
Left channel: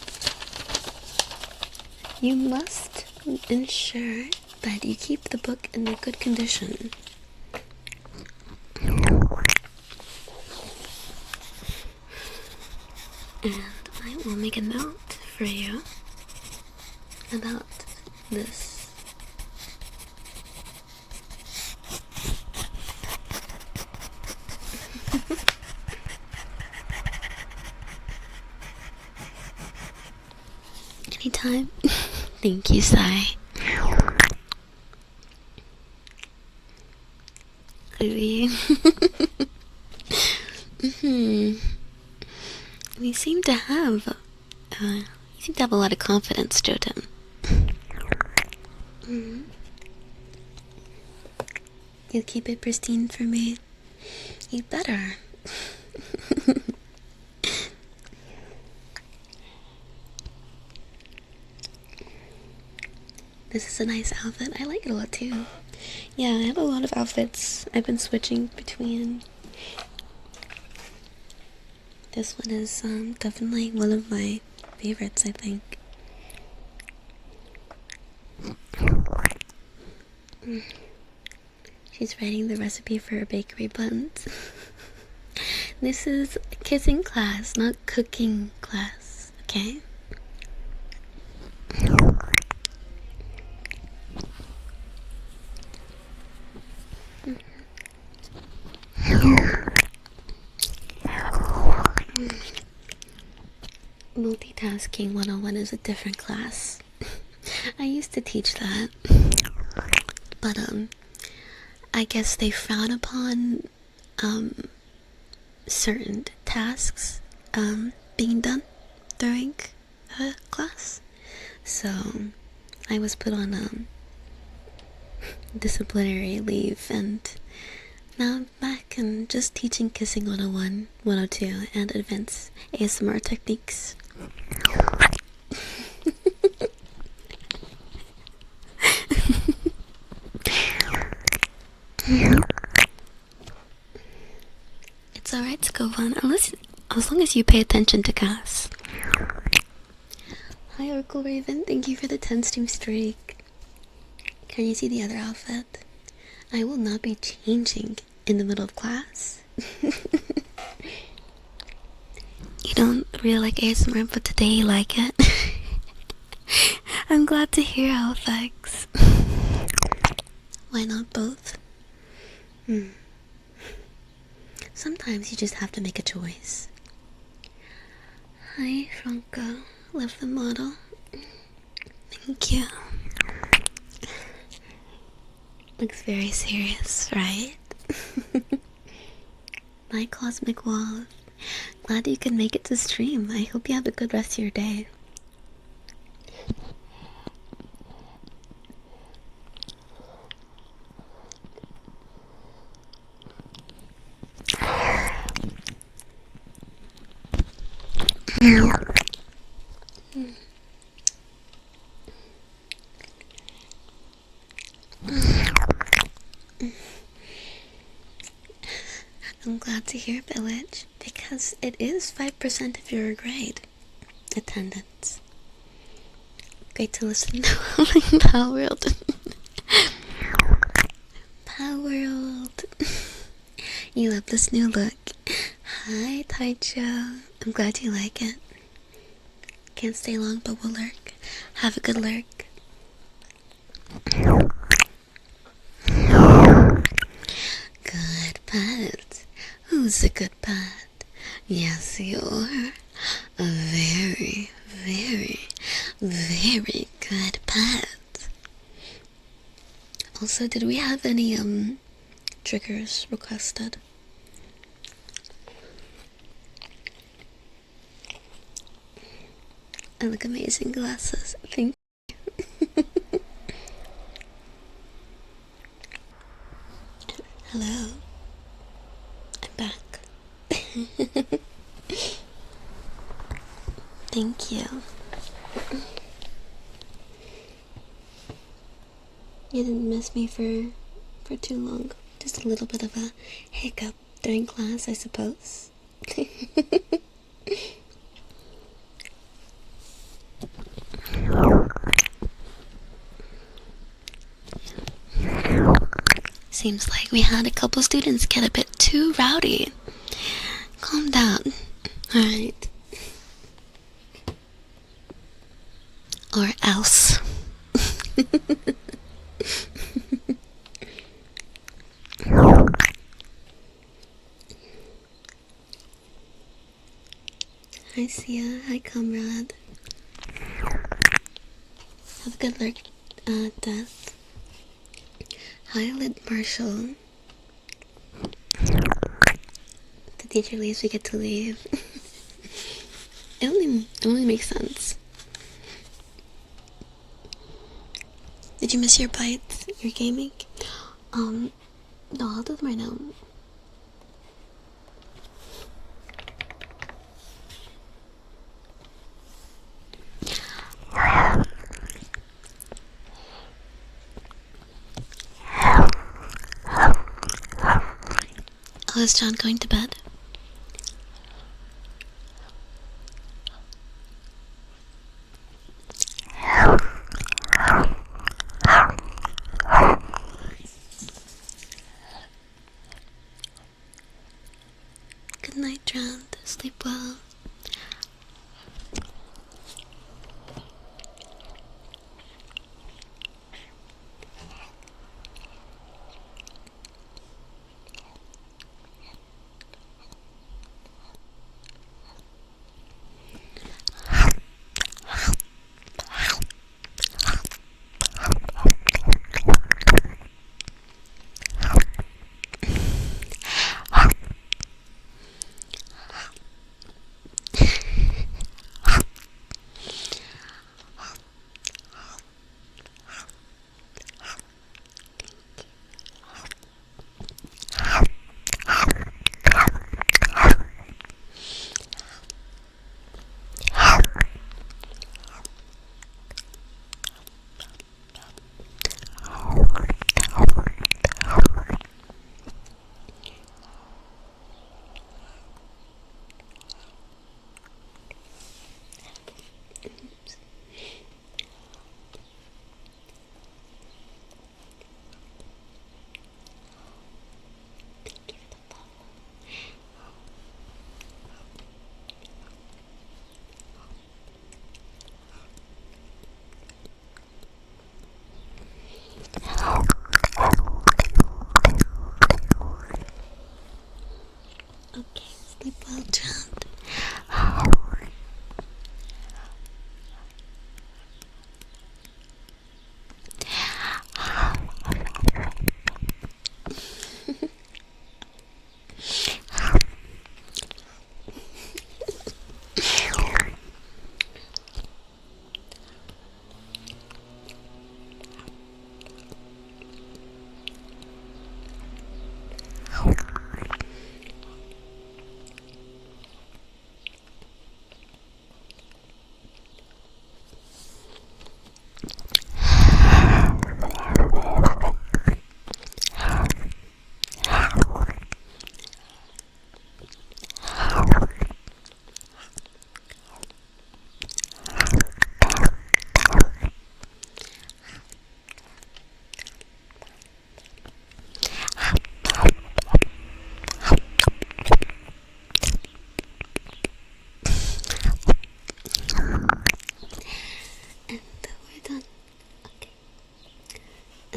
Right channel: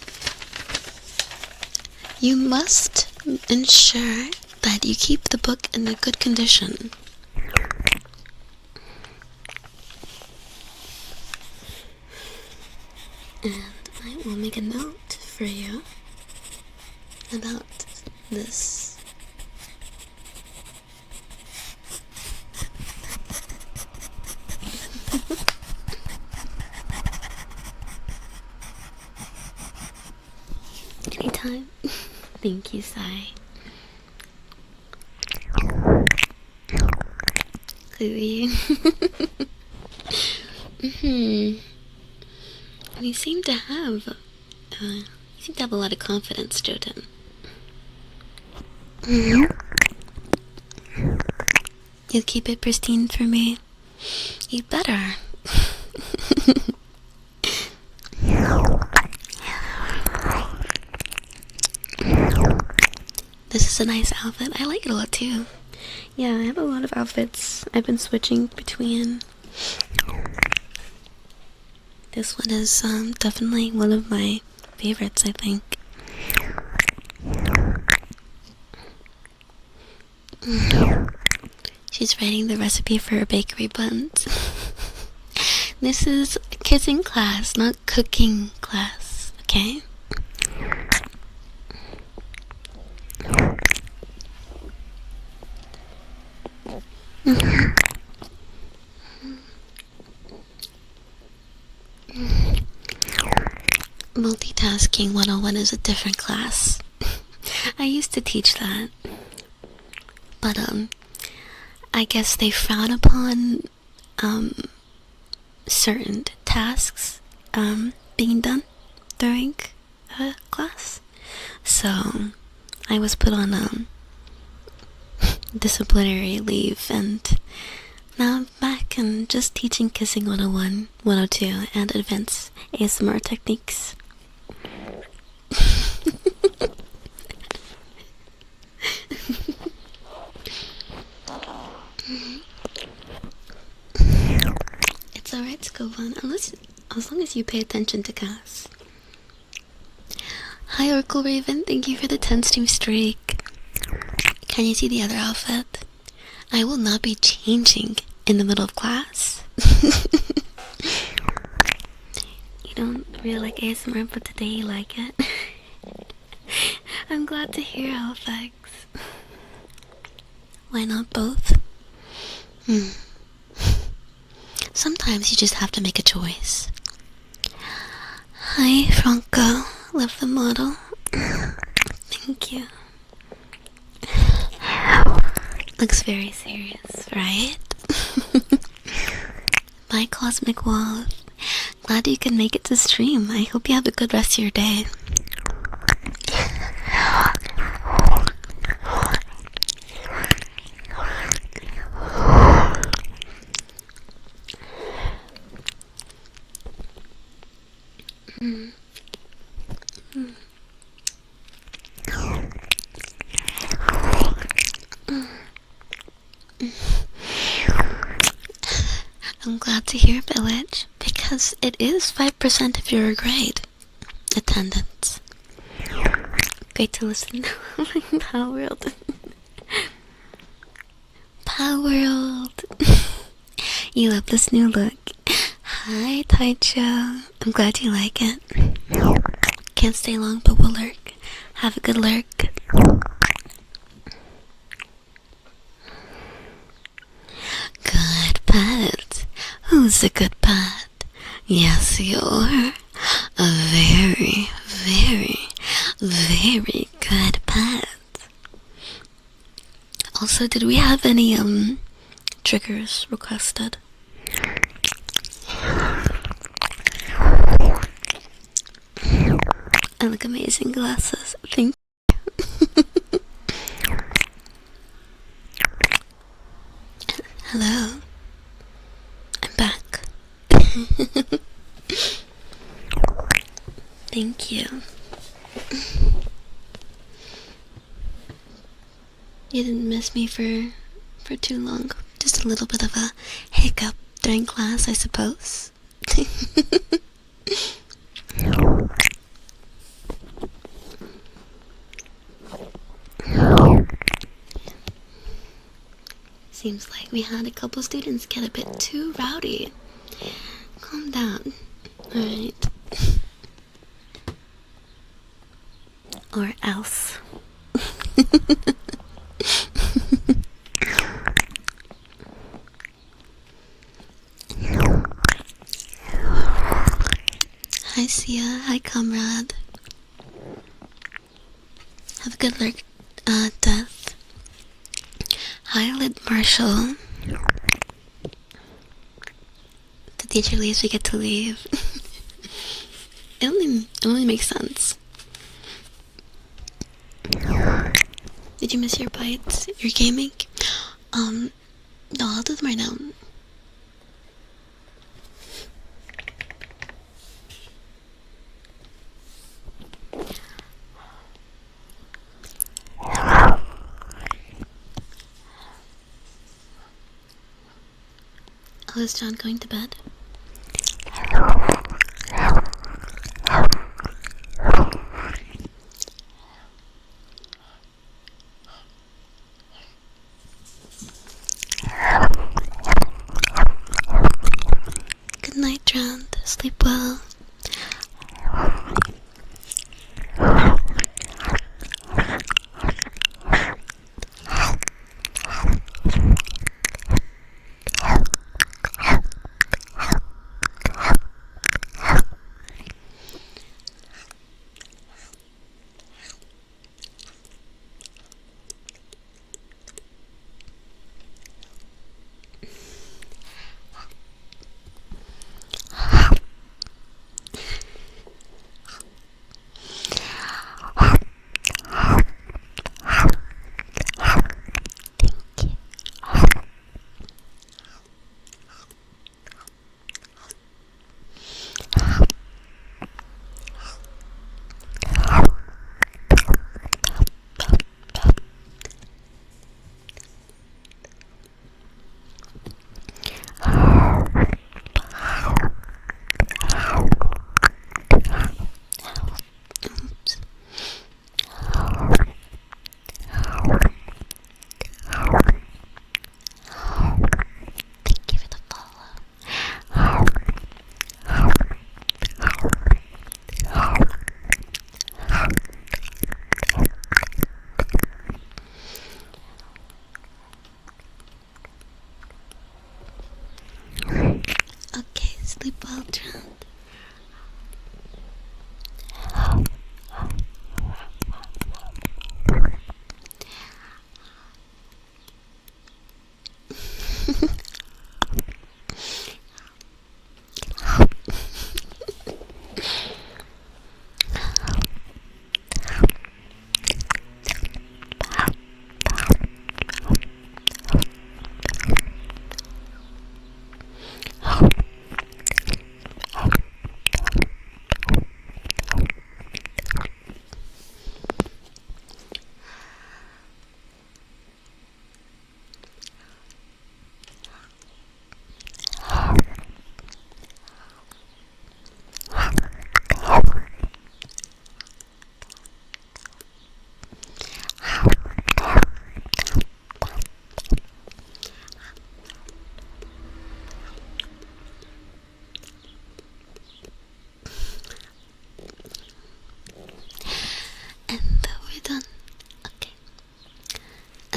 you must ensure that you keep the book in a good condition. And I will make a note for you about this. Anytime. Thank you, Sai. You seem to have a lot of confidence, Joten. You keep it pristine for me. You better. This is a nice outfit. I like it a lot too. Yeah, I have a lot of outfits. I've been switching between. This one is definitely one of my favorites, I think. She's writing the recipe for her bakery buns. This is kissing class, not cooking class, okay? Multitasking 101 is a different class. I used to teach that. But, I guess they frown upon, certain tasks, being done during class. So, I was put on, disciplinary leave, and now I'm back and just teaching Kissing 101, 102, and advanced ASMR techniques. It's alright to go on, as long as you pay attention to class. Hi, Oracle Raven, thank you for the 10-stream streak. Can you see the other outfit? I will not be changing in the middle of class. You don't really like ASMR, but today you like it. I'm glad to hear, Halifax. Why not both? Sometimes you just have to make a choice. Hi, Franco. Love the model. Thank you. Looks very serious, right? Bye, Cosmic Wolf. Glad you can make it to stream. I hope you have a good rest of your day. I'm glad to hear, Village, because it is 5% of your grade attendance. Great to listen to Power World. Power World. You love this new look. Hi, Taicho. I'm glad you like it. Can't stay long, but we'll lurk. Have a good lurk. Good pet. Who's a good pet? Yes, you're a very, very, very good pet. Also, did we have any triggers requested? I look amazing, glasses. Thank you. Hello. I'm back. Thank you. You didn't miss me for too long. Just a little bit of a hiccup during class, I suppose. Seems like we had a couple students get a bit too rowdy. Calm down. Alright. Or else. Hi Sia, hi comrade. Have a good lurk, Death. Hi Lid Marshall. The teacher leaves, we get to leave. It only makes sense. Did you miss your bites? Your gaming? No, I'll do them right now. Oh, is John going to bed? Good night, John. Sleep well.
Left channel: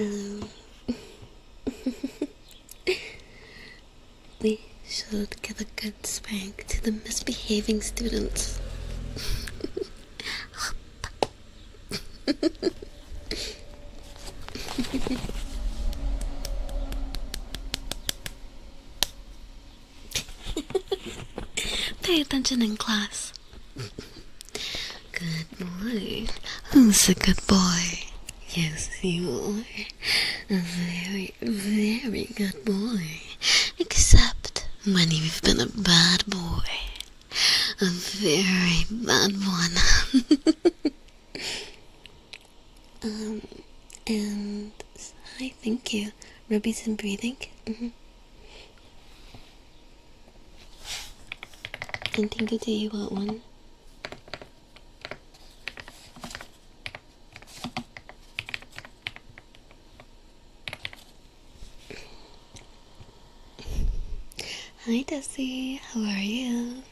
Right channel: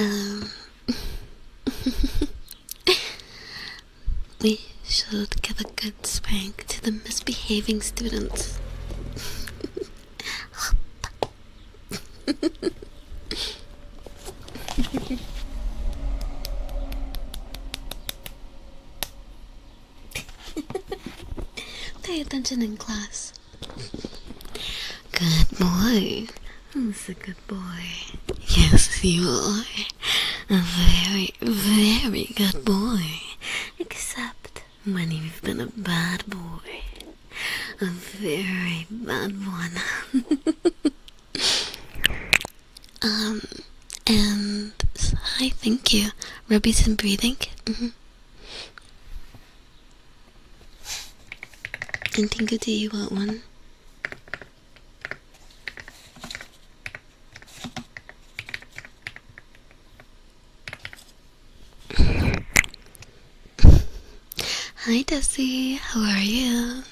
Um, we should give a good spank to the misbehaving students. Pay attention in class. Good boy. Who's a good boy? Yes, you are. A very, very good boy. Except when you've been a bad boy. A very bad one. And hi, thank you. Rubies and breathing. And Tingu, do you want one? Hi, Desi. How are you?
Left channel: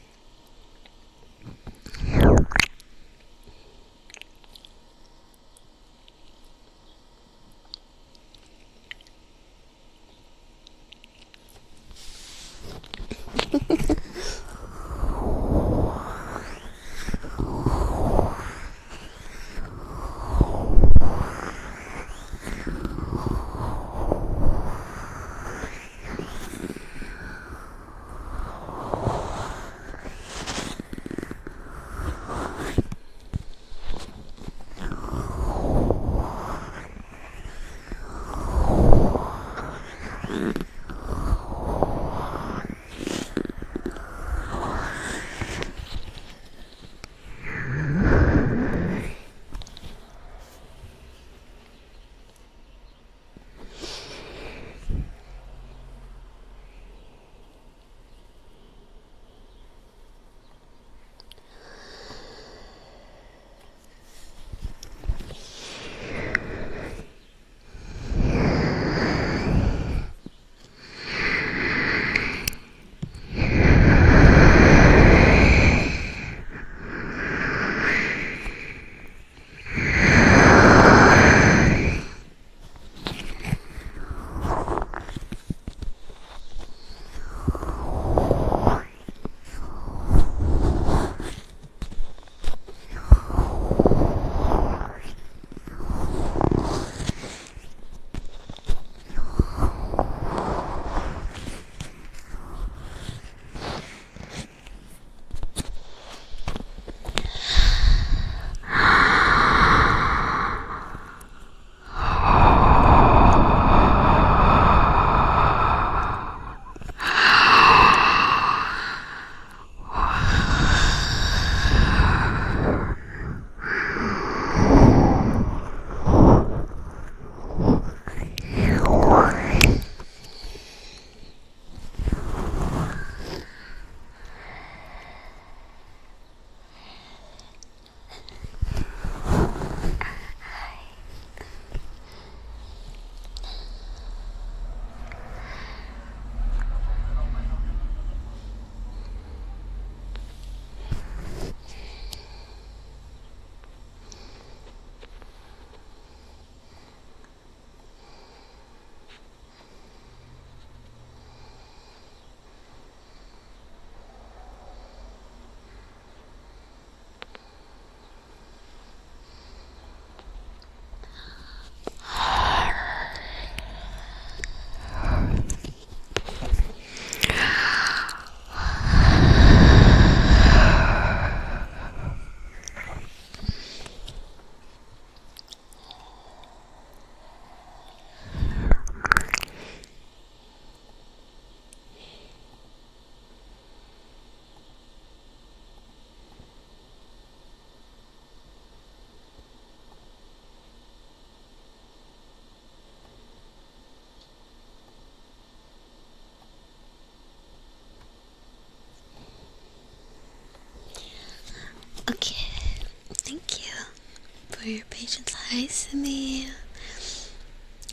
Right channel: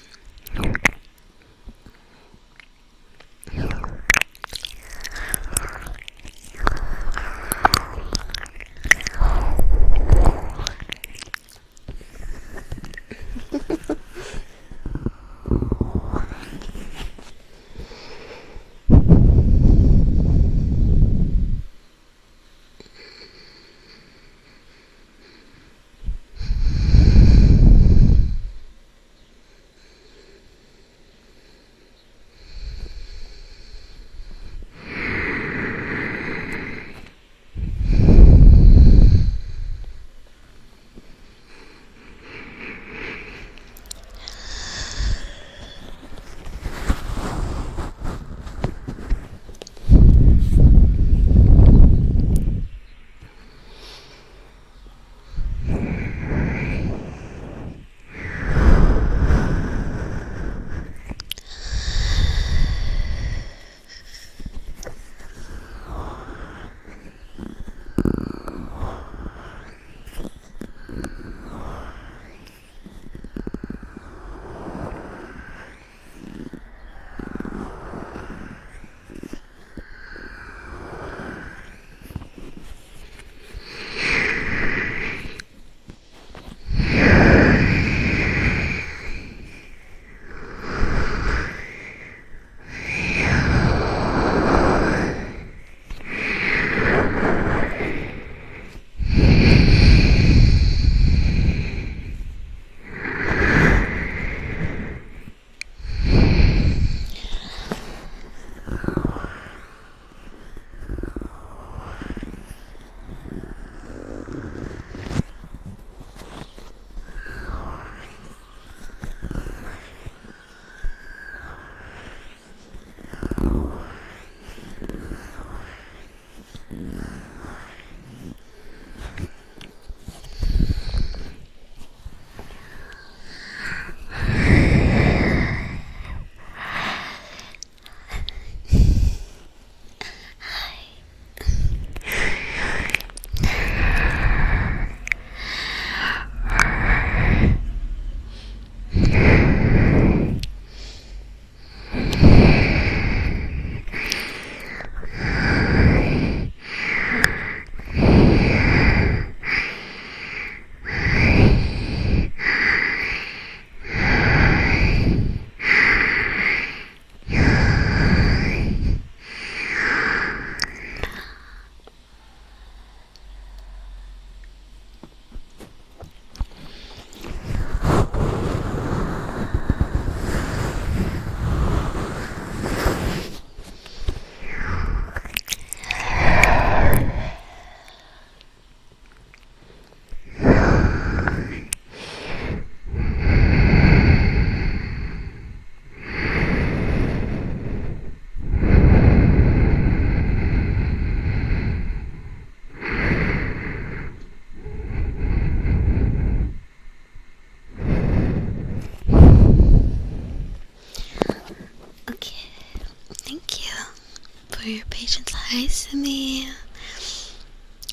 For your patience. Hi, Simi.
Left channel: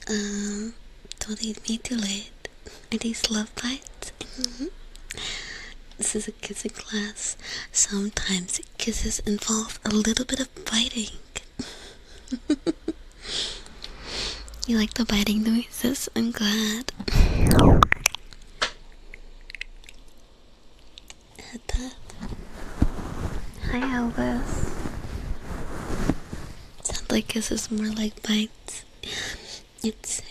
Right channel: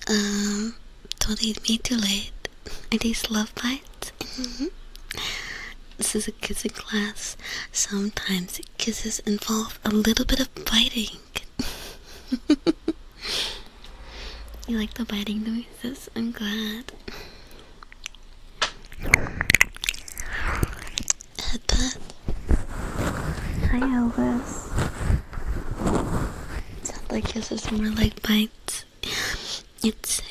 Don't leave me too late. Are these love bites? This is a kissing class. Sometimes kisses involve a little bit of biting. You like the biting noises? I'm glad. Headbutt. Hi, Elvis. Sounds like this is more like bites. It's,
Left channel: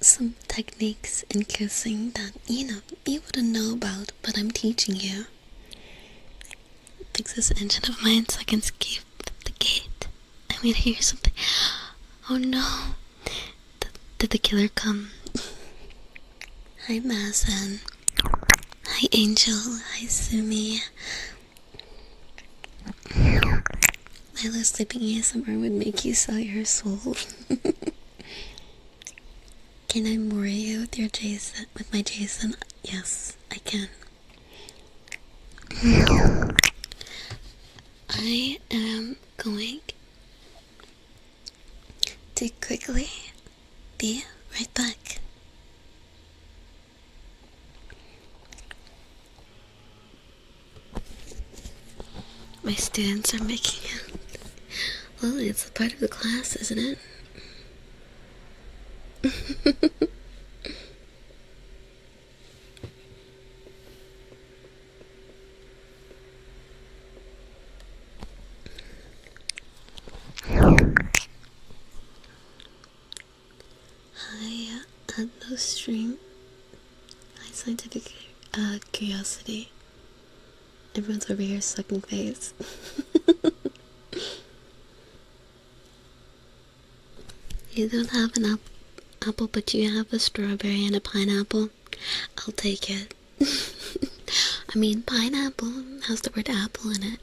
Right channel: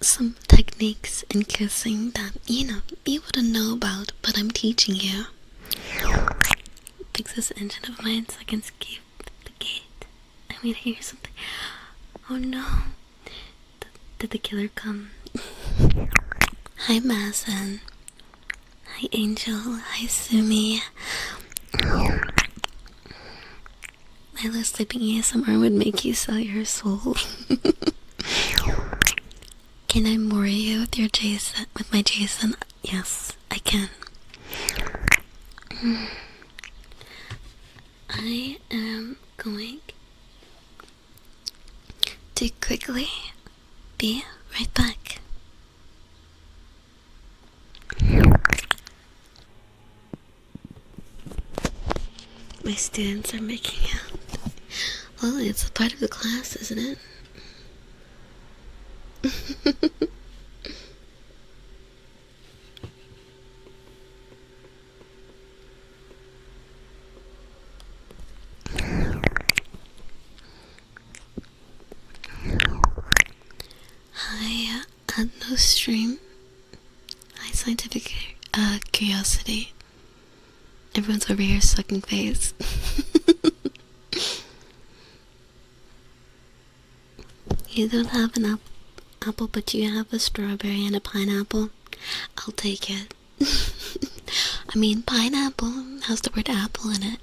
some techniques in kissing that, you wouldn't know about, but I'm teaching you. Fix this engine of mine so I can escape the gate. I'm gonna hear something. Oh no. Did the killer come? Hi, Mazen. Hi, Angel. Hi, Sumi. My little sleeping ASMR would make you sell your soul. Can I more you with your Jason? With my Jason? Yes, I can. I am going to quickly be right back. My students are making out. Well, it's a part of the class, isn't it? Hi, no stream. Hi, scientific curiosity. Everyone's over here sucking face. You don't have an apple, but you have a strawberry and a pineapple. I'll take it. I mean, pineapple has the word apple in it.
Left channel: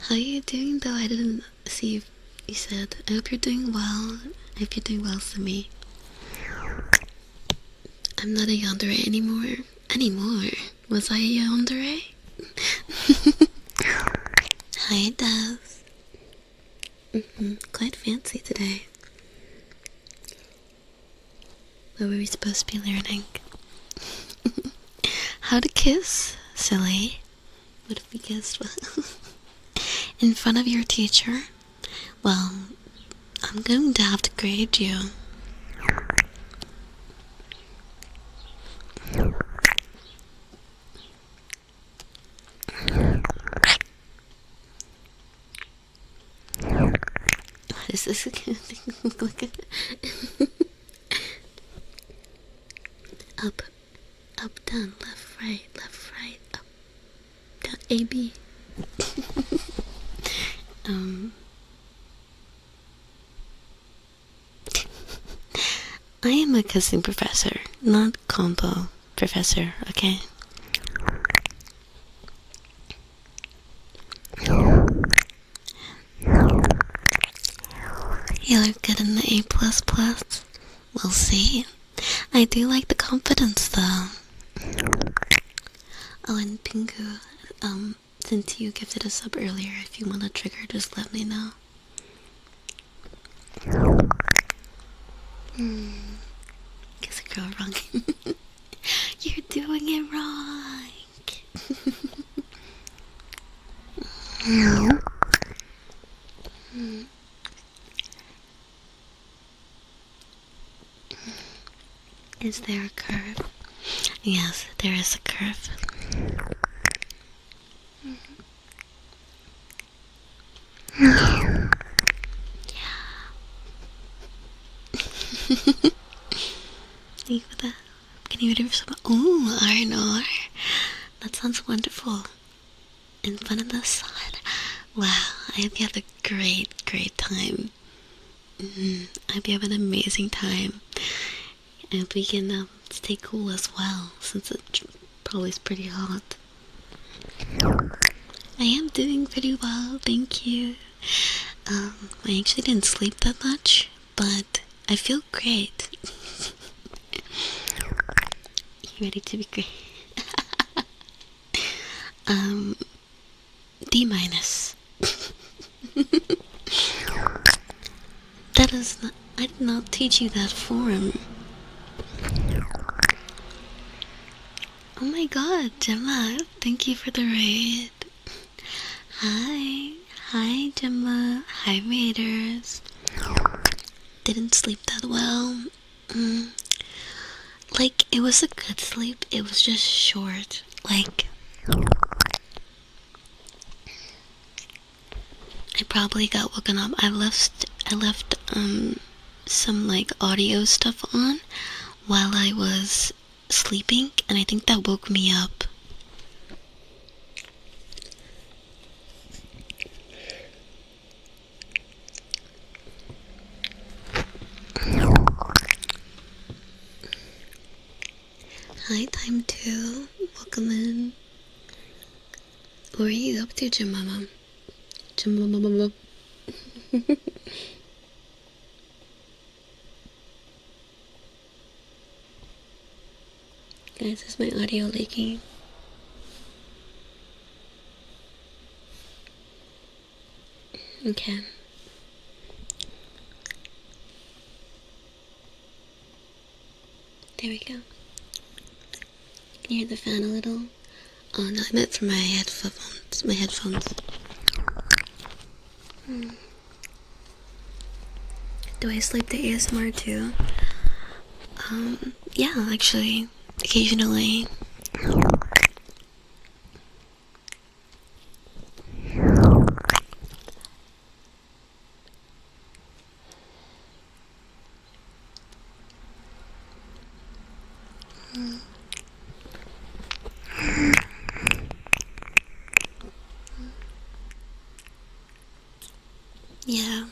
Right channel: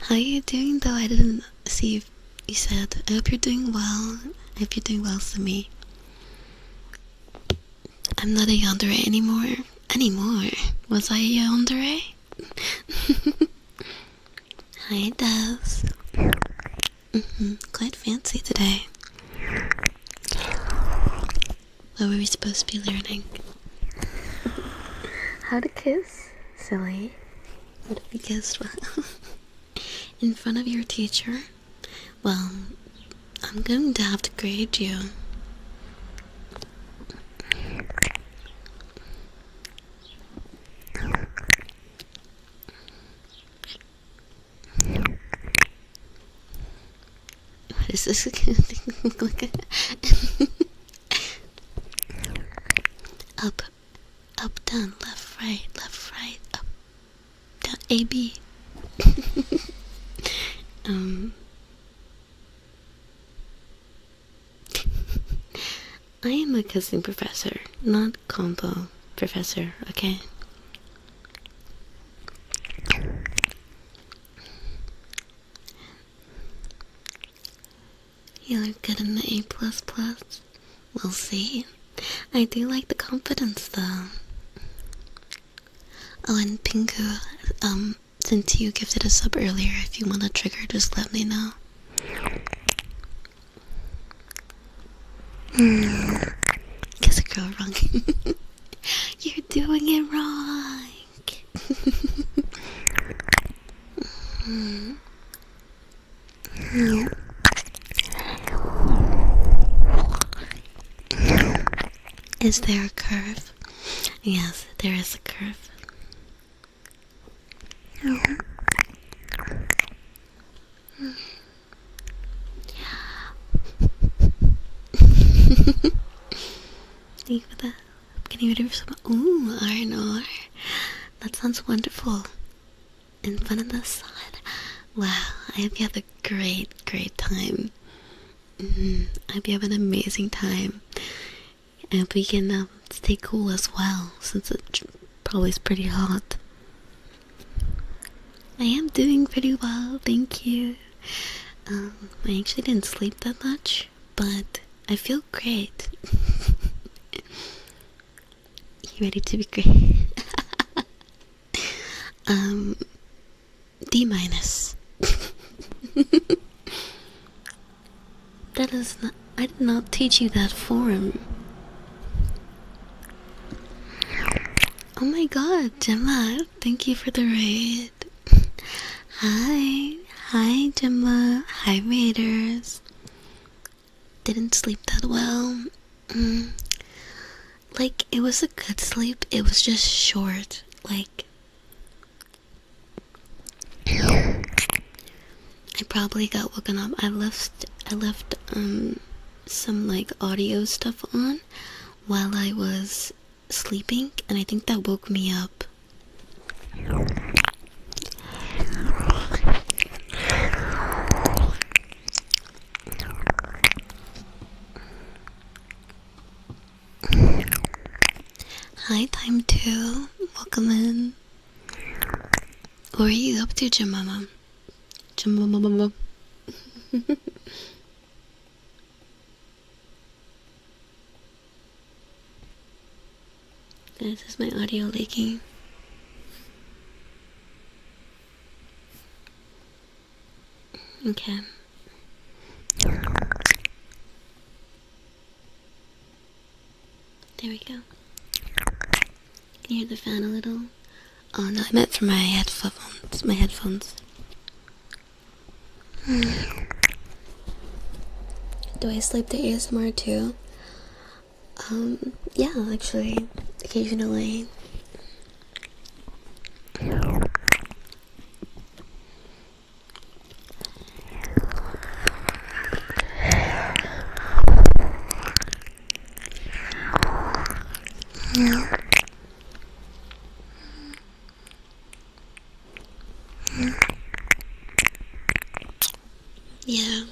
How are you doing though? I didn't see if you said. I hope you're doing well. I hope you're doing well for me. I'm not a yandere anymore. Was I a yandere? Hi, Daz. Quite fancy today. What were we supposed to be learning? How to kiss? Silly. What if we kissed in front of your teacher? Well, I'm going to have to grade you. What is this look like? Up, down, left, right, up, down, A, B. I am a kissing professor, not combo professor, okay? You look good in the A++. We'll see. I do like the confidence though. Oh, and Pingu, since you gifted a sub earlier, if you want to trigger, just let me know. Kiss a girl wrong. You're doing it wrong. Is there a curve? Yes, there is a curve. Thank you for that. Can you ready for some? Ooh, R&R. That sounds wonderful. In front of the sun. Wow, I hope you have a great time. I hope you have an amazing time. I hope we can stay cool as well, since it probably is pretty hot. I am doing pretty well, thank you. I actually didn't sleep that much, but I feel great. You ready to be great? D-. That is not, I did not teach you that form. Oh my god, Gemma, thank you for the raid. Hi. Hi, Gemma. Hi, Raiders. Didn't sleep that well. Like, it was a good sleep. It was just short. Like, I probably got woken up. I left some like audio stuff on while I was sleeping, and I think that woke me up. Hi, time 2. Welcome in. What are you up to, Jemima? Jemima. Guys, is my audio leaking? Okay. There we go. Can you hear the fan a little? Oh no, I meant for my headphones. My headphones. Do I sleep to ASMR too? Yeah, actually, occasionally. Yeah,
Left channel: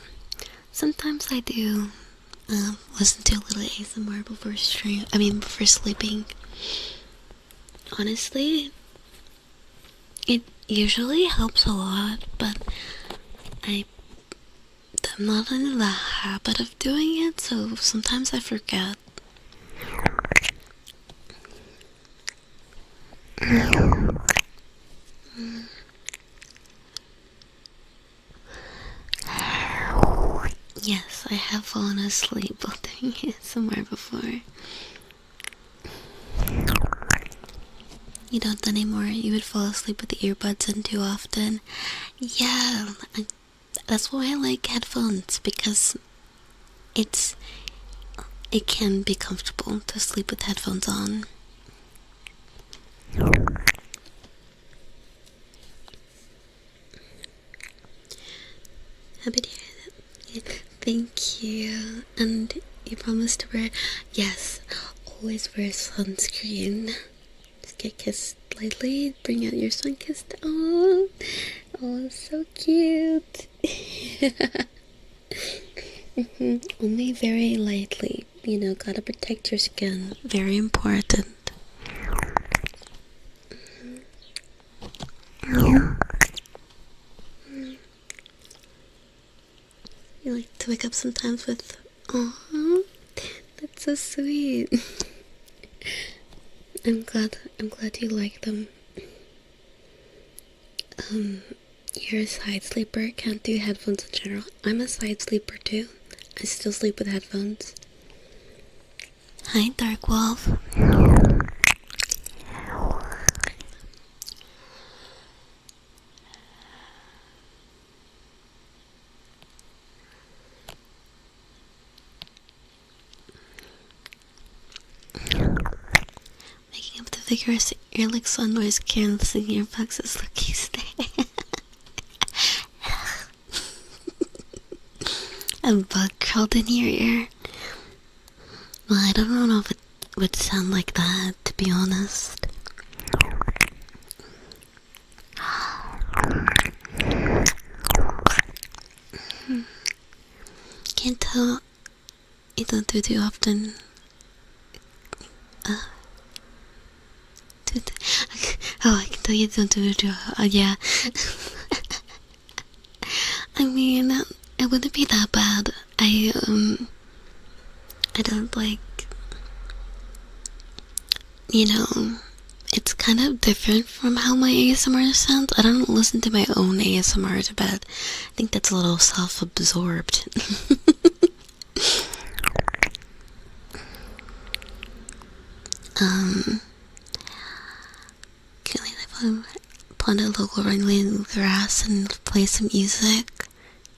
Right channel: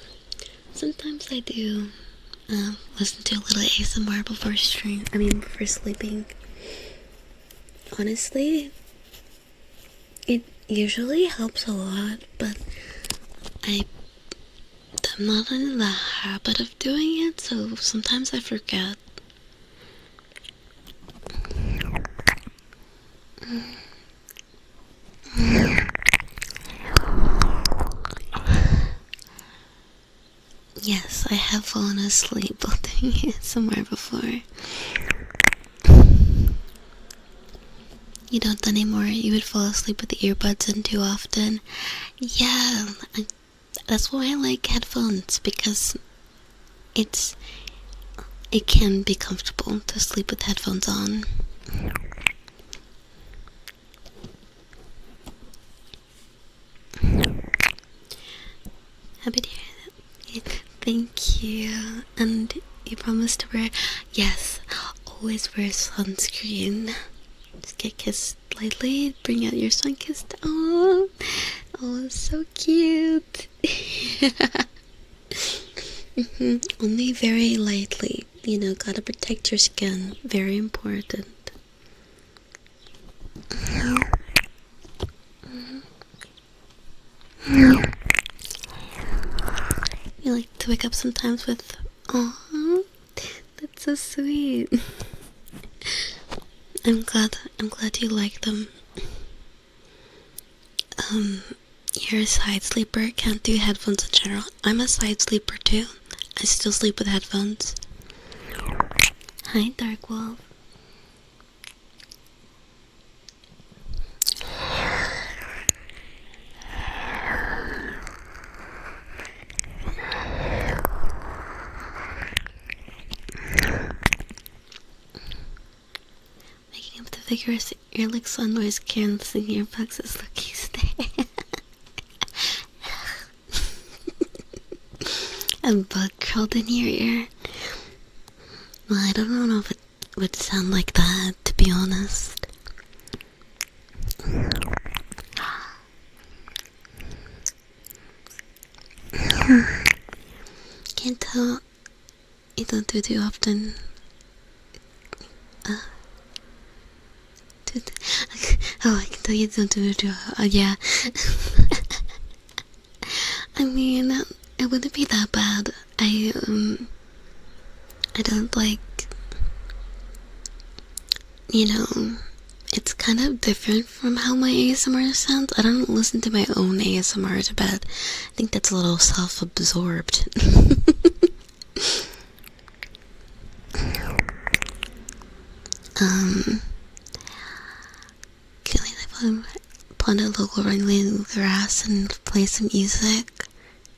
sometimes I do listen to a little ASMR before sleeping. Honestly, it usually helps a lot, but I'm not in the habit of doing it, so sometimes I forget. Yes, I have fallen asleep while doing ASMR before. You don't anymore. You would fall asleep with the earbuds in too often. Yeah, that's why I like headphones, because it can be comfortable to sleep with headphones on. Happy to hear that. Thank you. And you promised to wear. Yes, always wear sunscreen. Just get kissed lightly. Bring out your sun-kissed. Oh, so cute. Only very lightly. Gotta protect your skin. Very important. You like to wake up sometimes with, "Aw, that's so sweet." I'm glad you like them. You're a side sleeper, can't do headphones in general. I'm a side sleeper too. I still sleep with headphones. Hi, Dark Wolf. Making up the vigorous ear licks on noise canceling earplugs is lucky stay. A bug crawled in your ear. Well, I don't know if it would sound like that, to be honest. Can't tell. You don't do it too often. I can tell you don't do it too often. Yeah. I mean, it wouldn't be that bad. I don't like, it's kind of different from how my ASMR sounds. I don't listen to my own ASMR to bed. I think that's a little self-absorbed. find a local wrangling grass and play some music,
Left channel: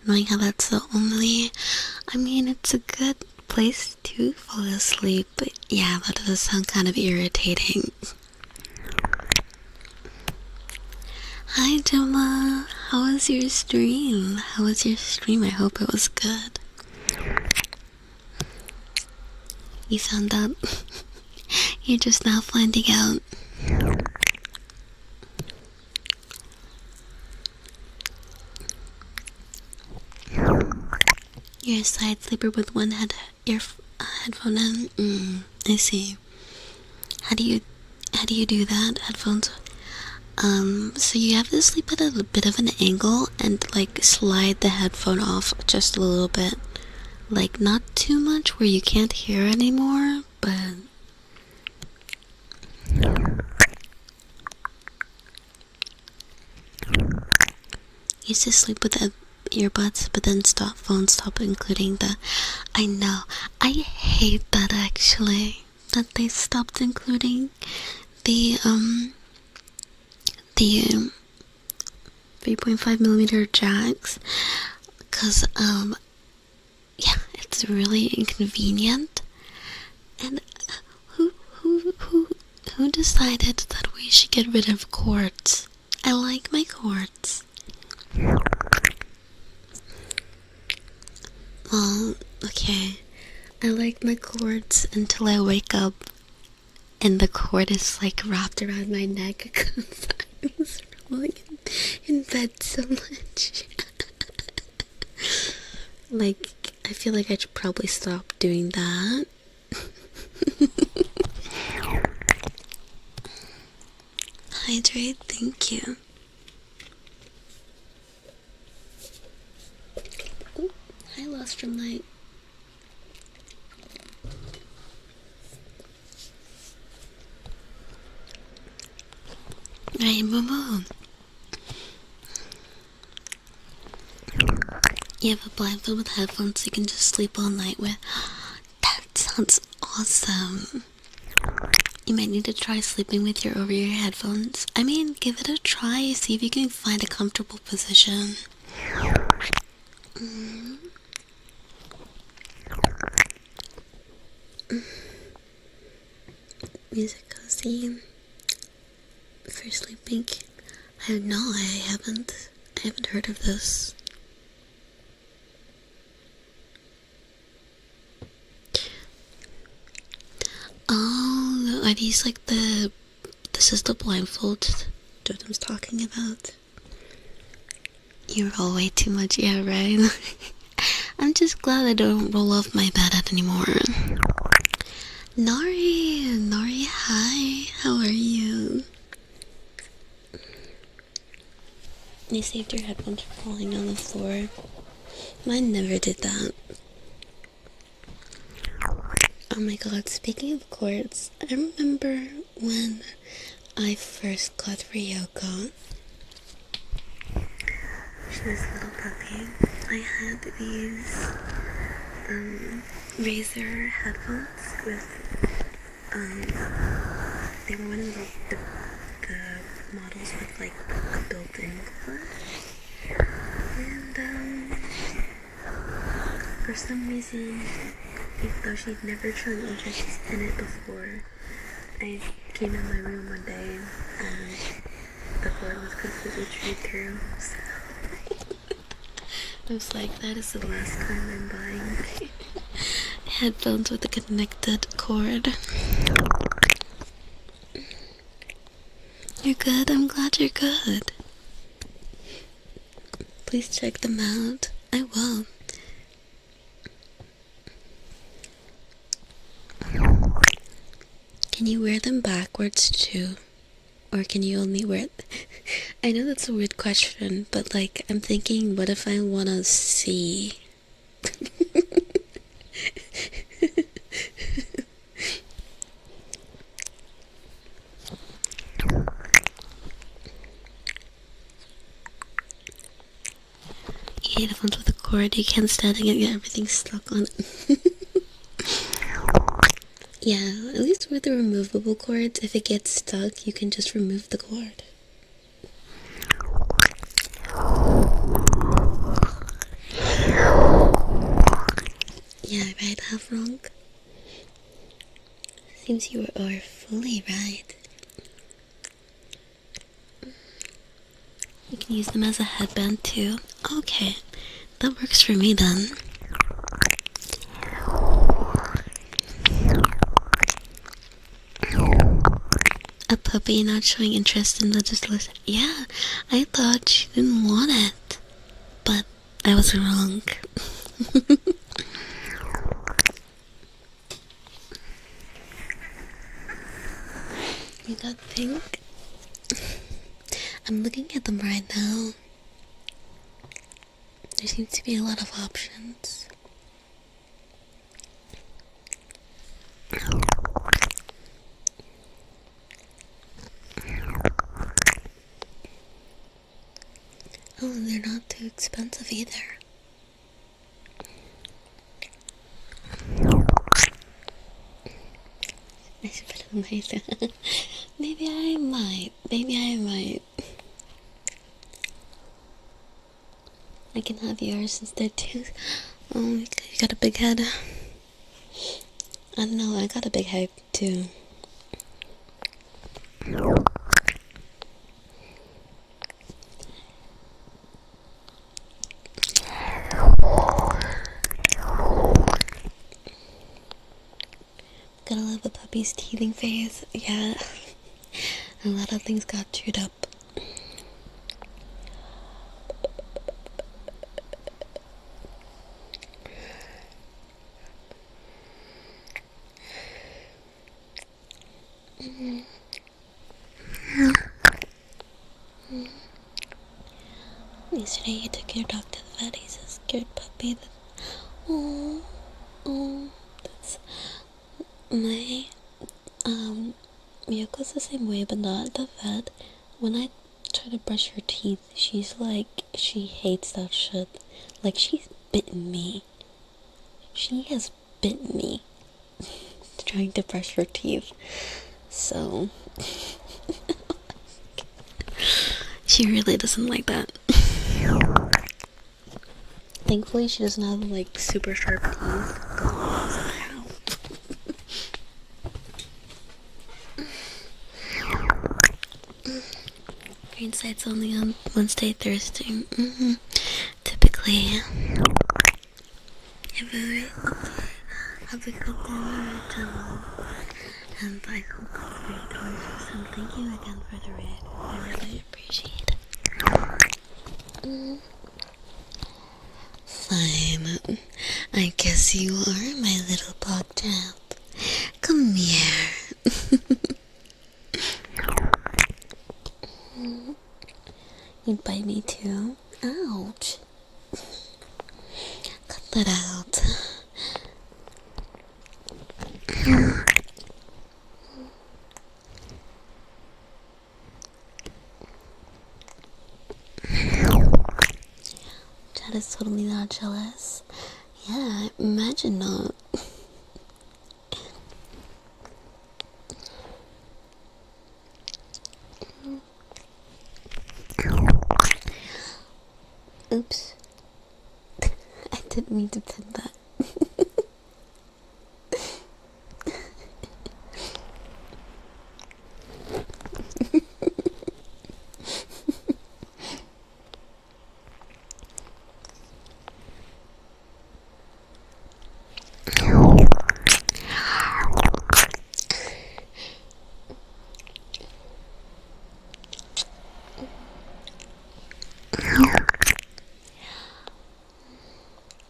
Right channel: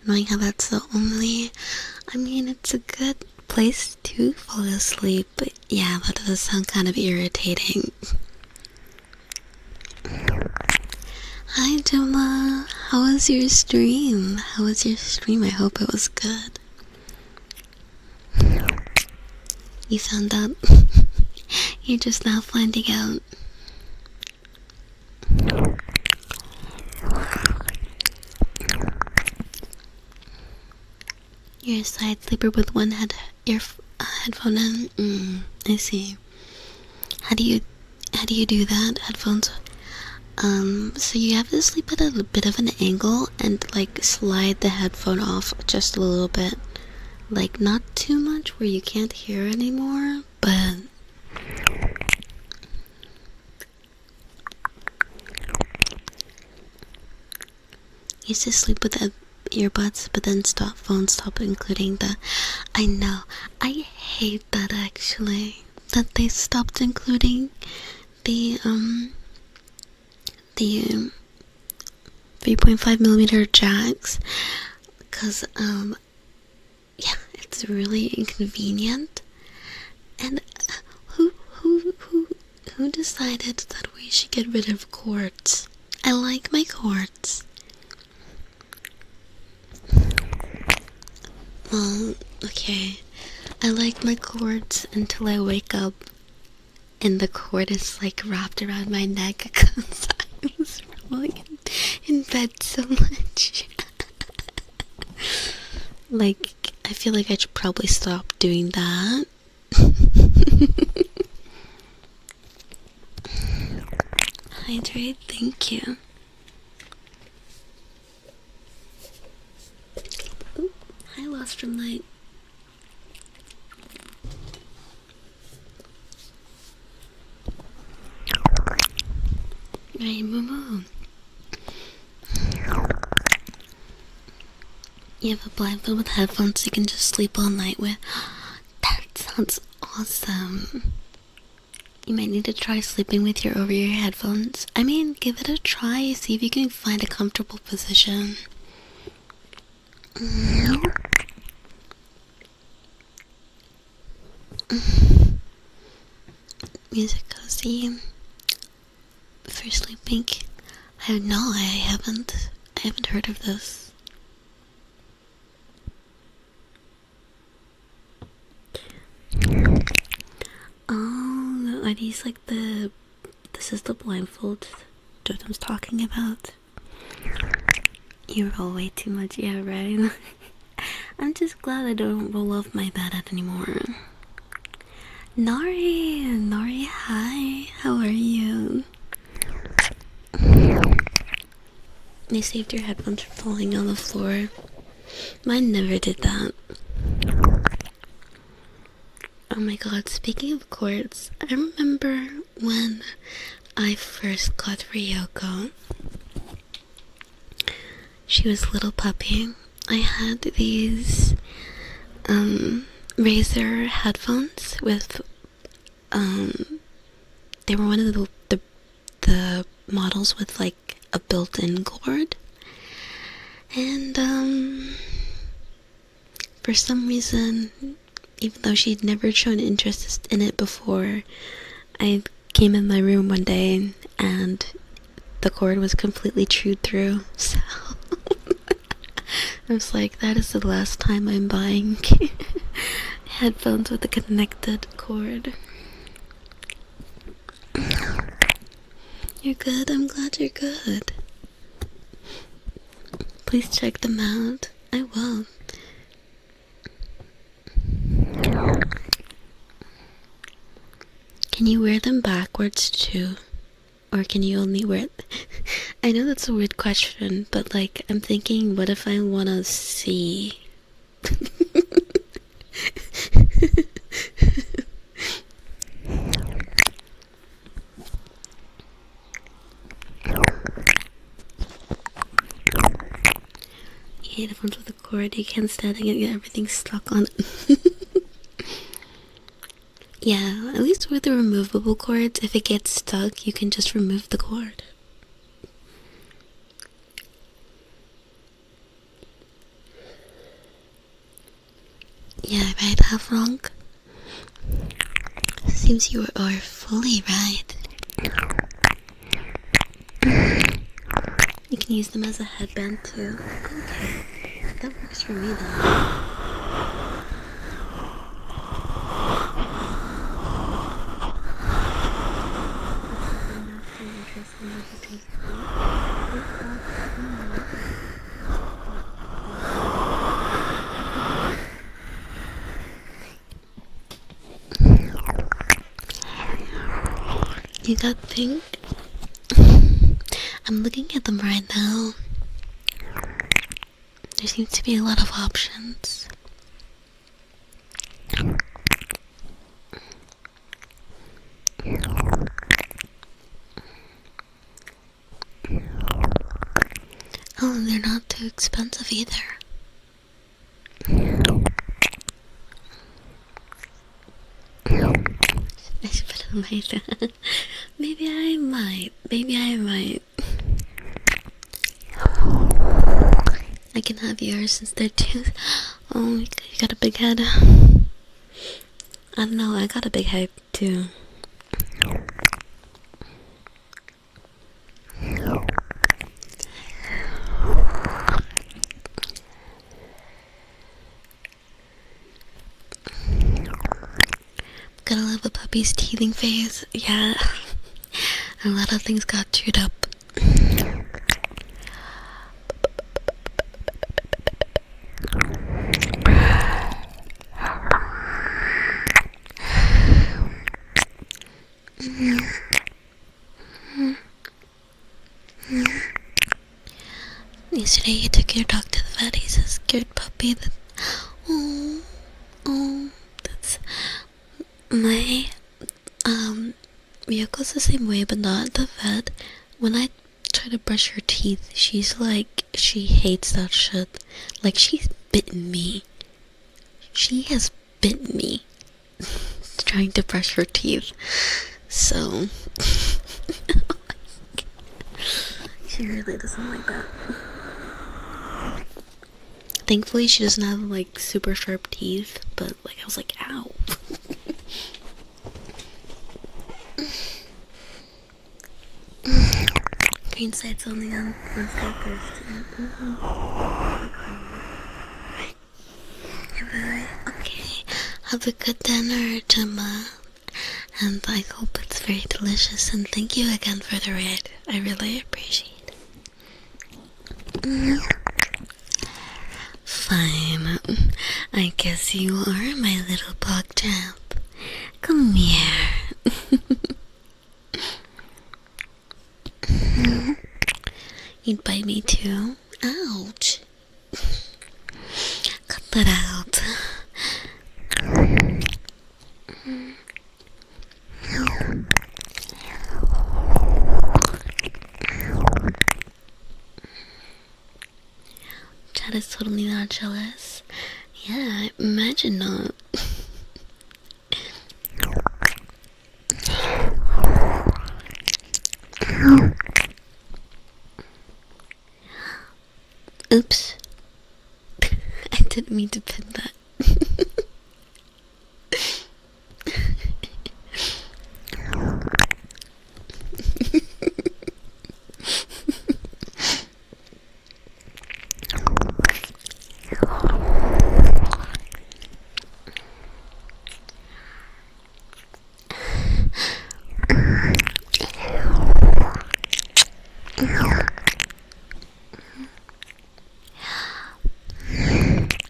knowing how that's the only, I mean, it's a good place to fall asleep, but yeah, that does sound kind of irritating. Hi Gemma, how was your stream? How was your stream? I hope it was good. You found out? You're just now finding out. You're a side sleeper with one headphone in. I see. How do you do that? Headphones. So you have to sleep at a bit of an angle and like slide the headphone off just a little bit. Like not too much where you can't hear anymore, but used to sleep with the earbuds, but then phones stopped including the. I know, I hate that actually, that they stopped including the 3.5mm jacks, cause yeah, it's really inconvenient. And who decided that we should get rid of cords? I like my cords. Well, okay. I like my cords until I wake up and the cord is like wrapped around my neck because I was rolling in bed so much. Like, I feel like I should probably stop doing that. Hydrate, thank you. Ooh, I lost from light. Right, Momo. You have a blindfold with headphones you can just sleep all night with. That sounds awesome. You might need to try sleeping with your over-ear headphones. I mean, give it a try. See if you can find a comfortable position. Music cozy for sleeping. I haven't heard of this. Oh, are these like this is the blindfold Jordan's talking about? You roll way too much, yeah, right? I'm just glad I don't roll off my bed anymore. Nari, hi, how are you? You saved your headphones from falling on the floor. Mine never did that. Oh my god, speaking of cords, I remember when I first got Ryoko. She was a little puppy. I had these Razer headphones with they were one of the models with like a built-in cord, and for some reason, even though she'd never shown interest in it before, I came in my room one day and the cord was completely chewed through, so I was like, that is the last time I'm buying headphones with a connected cord. You're good? I'm glad you're good. Please check them out. I will. Can you wear them backwards too? Or can you only wear it? I know that's a weird question, but like, I'm thinking, what if I wanna see? You hate the ones with a cord, you can't stand it and get everything stuck on it. Yeah, at least with the removable cords, if it gets stuck, you can just remove the cord. Yeah, right, half wrong. Seems you are fully right. You can use them as a headband too. Okay, that works for me then. A puppy not showing interest in legislation. Yeah, I thought she didn't want it, but I was wrong. You got pink? I'm looking at them right now. There seems to be a lot of options. Oh, and they're not too expensive either. I should put it on my head. Maybe I might. I can have yours since they're two. Oh, you got a big head. I don't know, I got a big head too. Gotta love a puppy's teething phase. Yeah. A lot of things got chewed up. Yesterday you took your dog to the vet. He's a scared puppy. Oh, that's my Miyoko's the same way, but not at the vet. When I try to brush her teeth, she's like, she hates that shit. Like, she's bitten me. She has bitten me trying to brush her teeth. So she really doesn't like that. Thankfully, she doesn't have like super sharp teeth, but I was like, ow. Green sites only on Wednesday, Thursday. Typically. Okay. Have a good dinner, Gemma. And I hope it's very delicious. And thank you again for the raid. I really appreciate it. Fine. I guess you are my little pog champ. Come here. You'd bite me too? Ouch. Cut that out. Chad is totally not jealous. Yeah, imagine not. Oops. I didn't mean to pin that.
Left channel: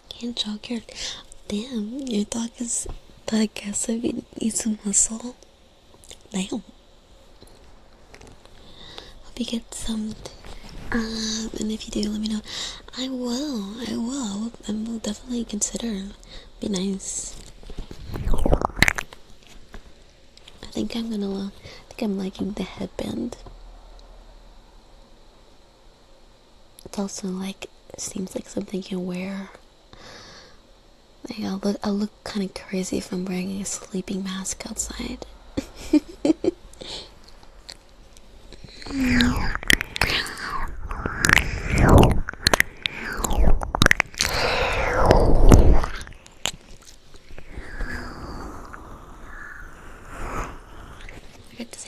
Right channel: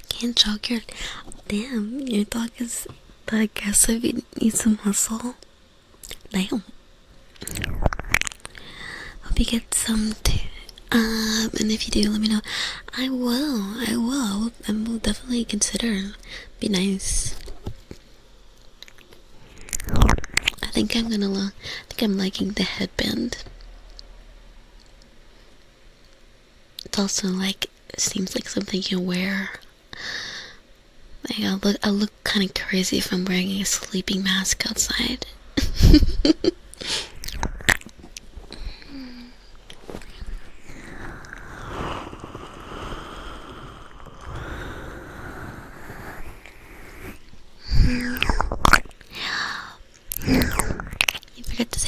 Can't jog your... Damn, your dog is that aggressive. You need some muscle. Damn. Hope you get some too. And if you do, let me know. I will. I will definitely consider. Be nice. I think I'm liking the headband. It's also like, it seems like something you wear. Like, I'll look kind of crazy if I'm wearing a sleeping mask outside.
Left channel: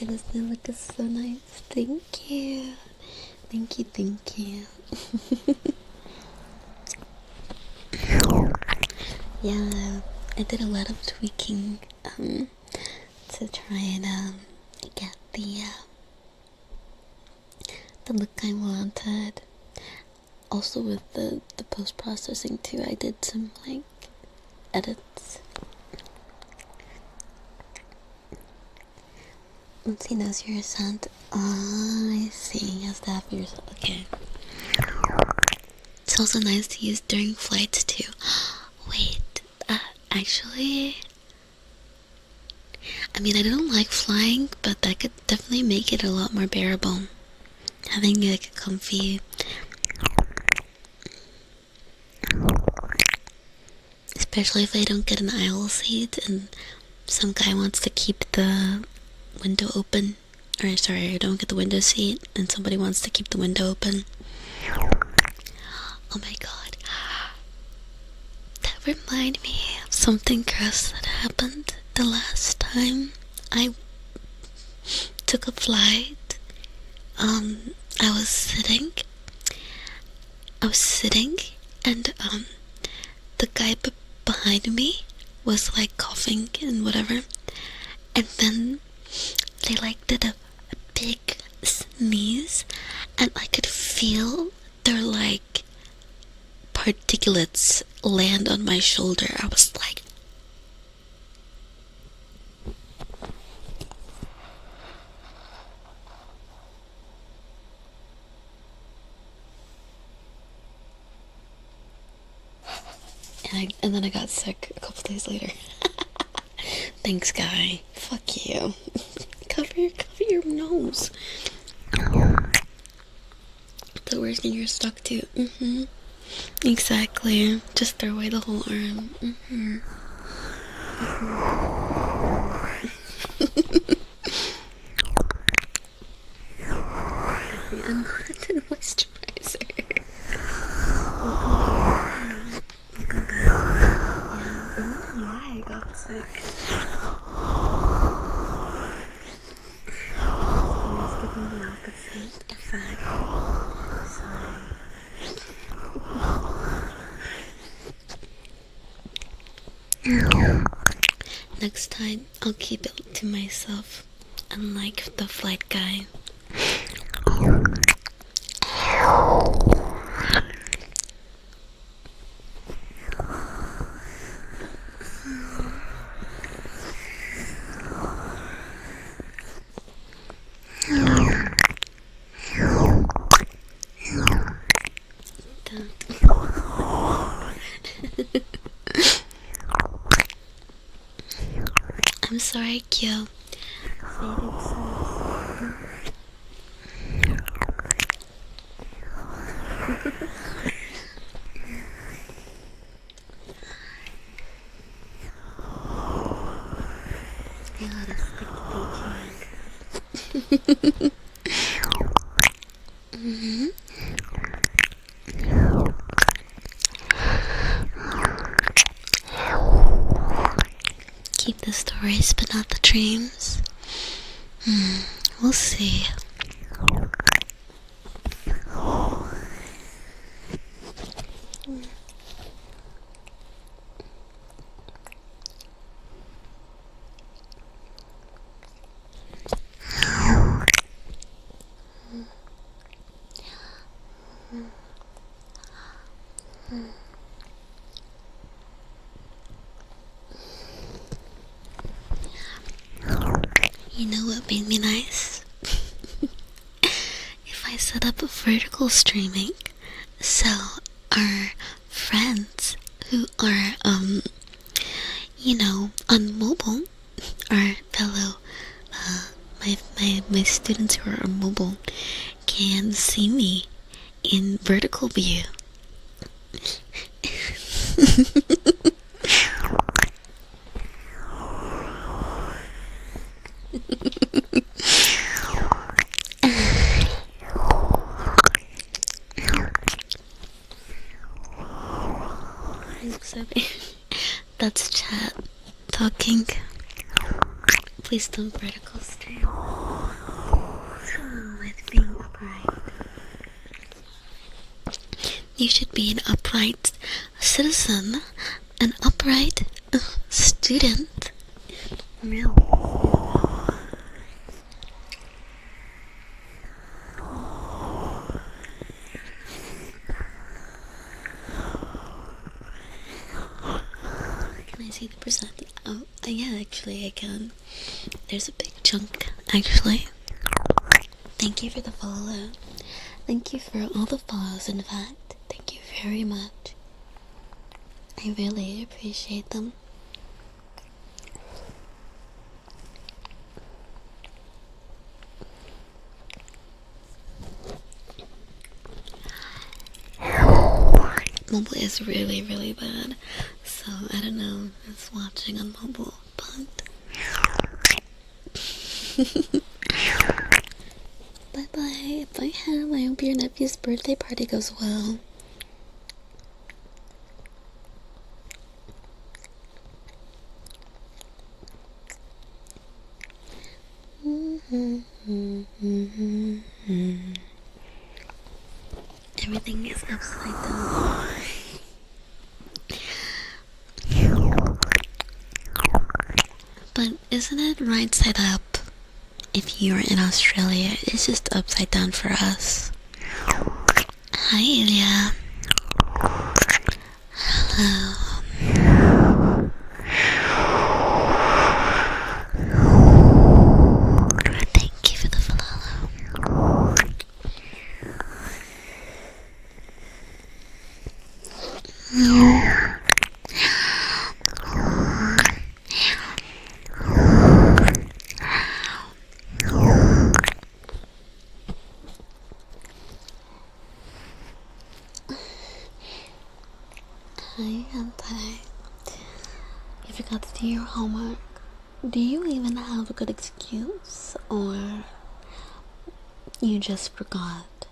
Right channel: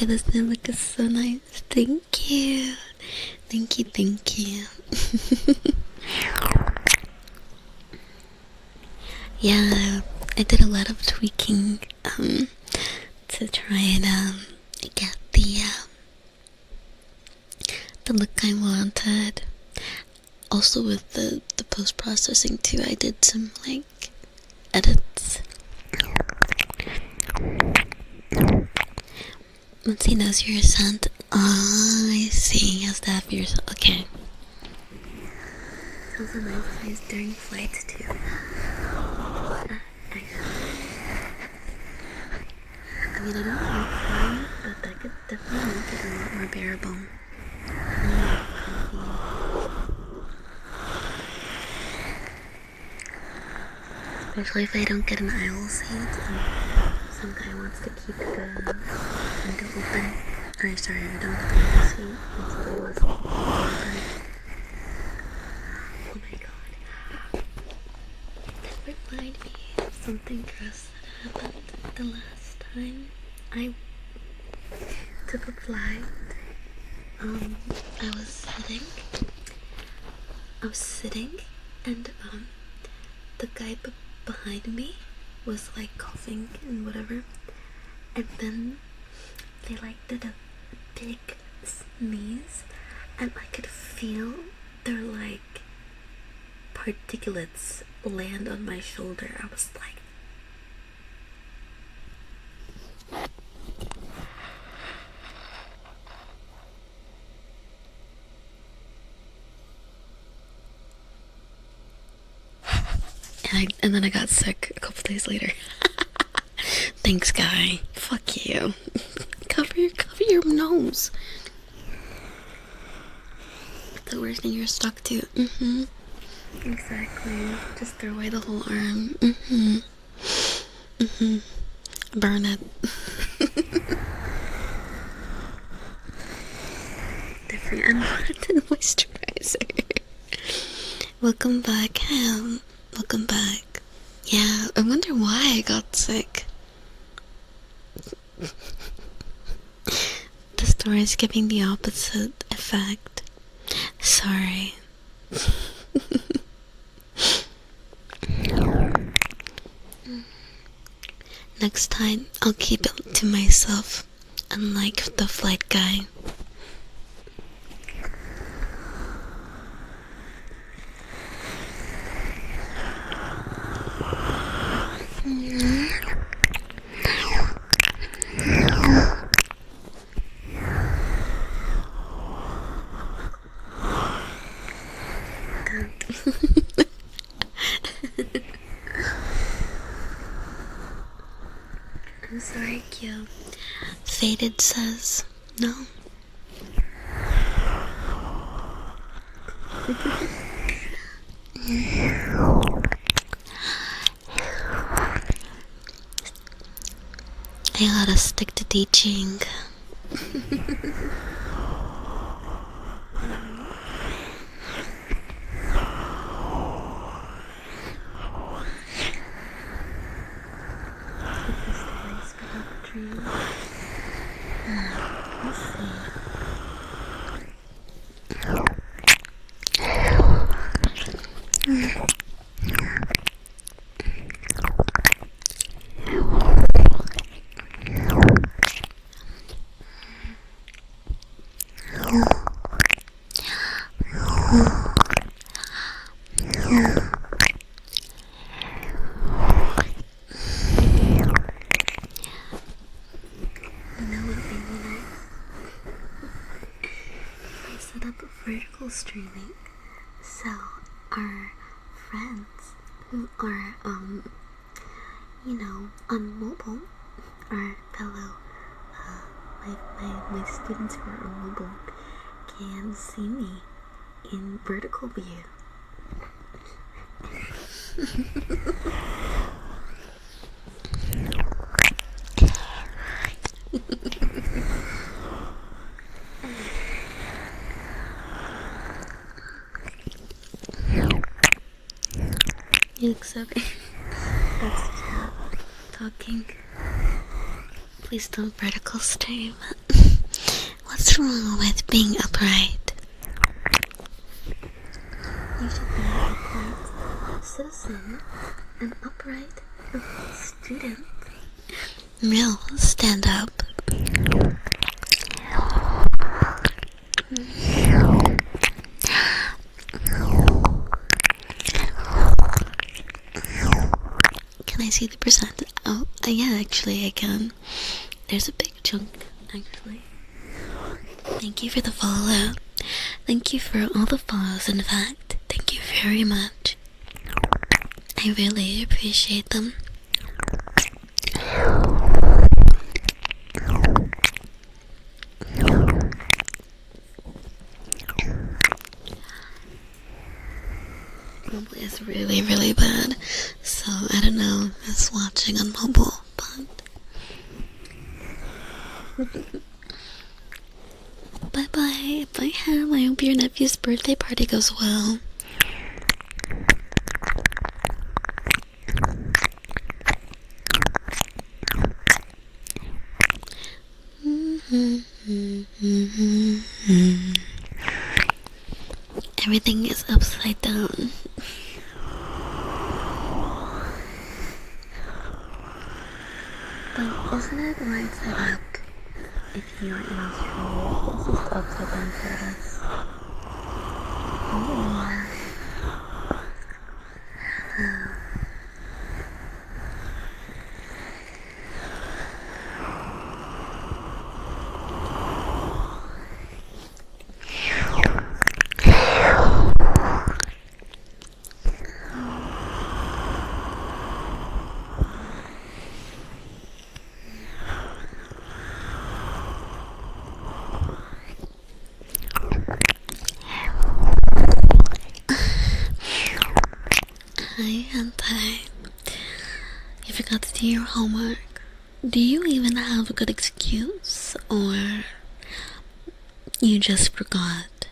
say this new look is so nice. Thank you. Thank you, thank you. Yeah, I did a lot of tweaking to try and get the look I wanted. Also with the post-processing too, I did some like edits. Once he knows you're sent, I see, he has to have yours. Okay. It's also nice to use during flights too. Wait, actually, I mean, I don't like flying, but that could definitely make it a lot more bearable. Having like a comfy, especially if I don't get an aisle seat and some guy wants to keep the window open. Or sorry, I don't get the window seat and somebody wants to keep the window open. Oh my god. That reminded me of something gross that happened the last time I took a flight. I was sitting and the guy behind me was like coughing and whatever, and then they like did a big sneeze and I could feel their like particulates land on my shoulder. I was like, and then I got sick a couple days later. Thanks, guy. Fuck you. cover your nose. The worst when you're stuck too. Exactly. Just throw away the whole arm. Burn it. Different unwanted moisturizer. Welcome back. Welcome back. Yeah, I wonder why I got sick. The story's giving the opposite effect. Sorry. Next time, I'll keep it to myself, unlike the flight guy. I'm sorry, Kyo. Faded says no. I gotta stick to teaching. Keep the stories but not the dreams. We'll see. You know what made me nice? If I set up a vertical streaming, so our friends who are, on mobile, our fellow, my students who are on mobile can see me in vertical view. That's chat talking. please don't vertical stay. What's wrong with being upright? You should be an upright citizen, an upright student. Real stand up. Can I see the percent? Oh, yeah, actually I can. There's a big chunk, actually. Thank you for the follow. Thank you for all the follows, in fact. Thank you very much. I really appreciate them. Mobile is really, really bad, so I don't know if it's watching on mobile, but bye bye. Bye, Ham. I hope your nephew's birthday party goes well. Everything is upside down. But isn't it right side up? If you're in Australia, it's just upside down for us. Hi, Ilya. Hello. Thank you for the follow. Hi, Hentai. You forgot to do your homework. Do you even have a good excuse, or you just forgot?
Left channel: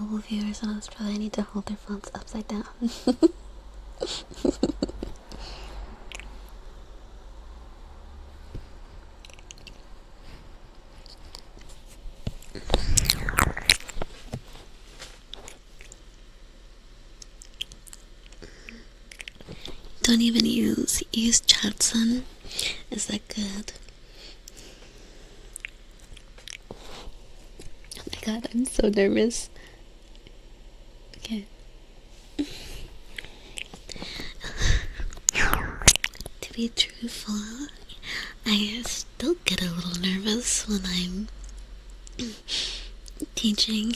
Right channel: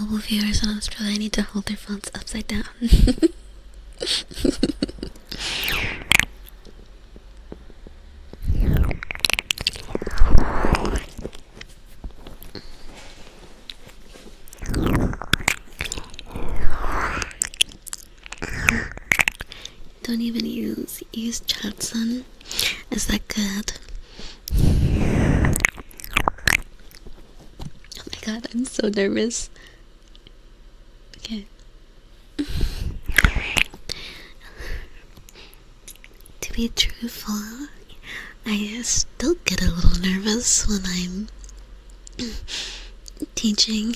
Mobile viewers in Australia need to hold their phones upside down. Don't even use Chatson. Is that good? Oh my god, I'm so nervous. Okay. To be truthful, I still get a little nervous when I'm teaching.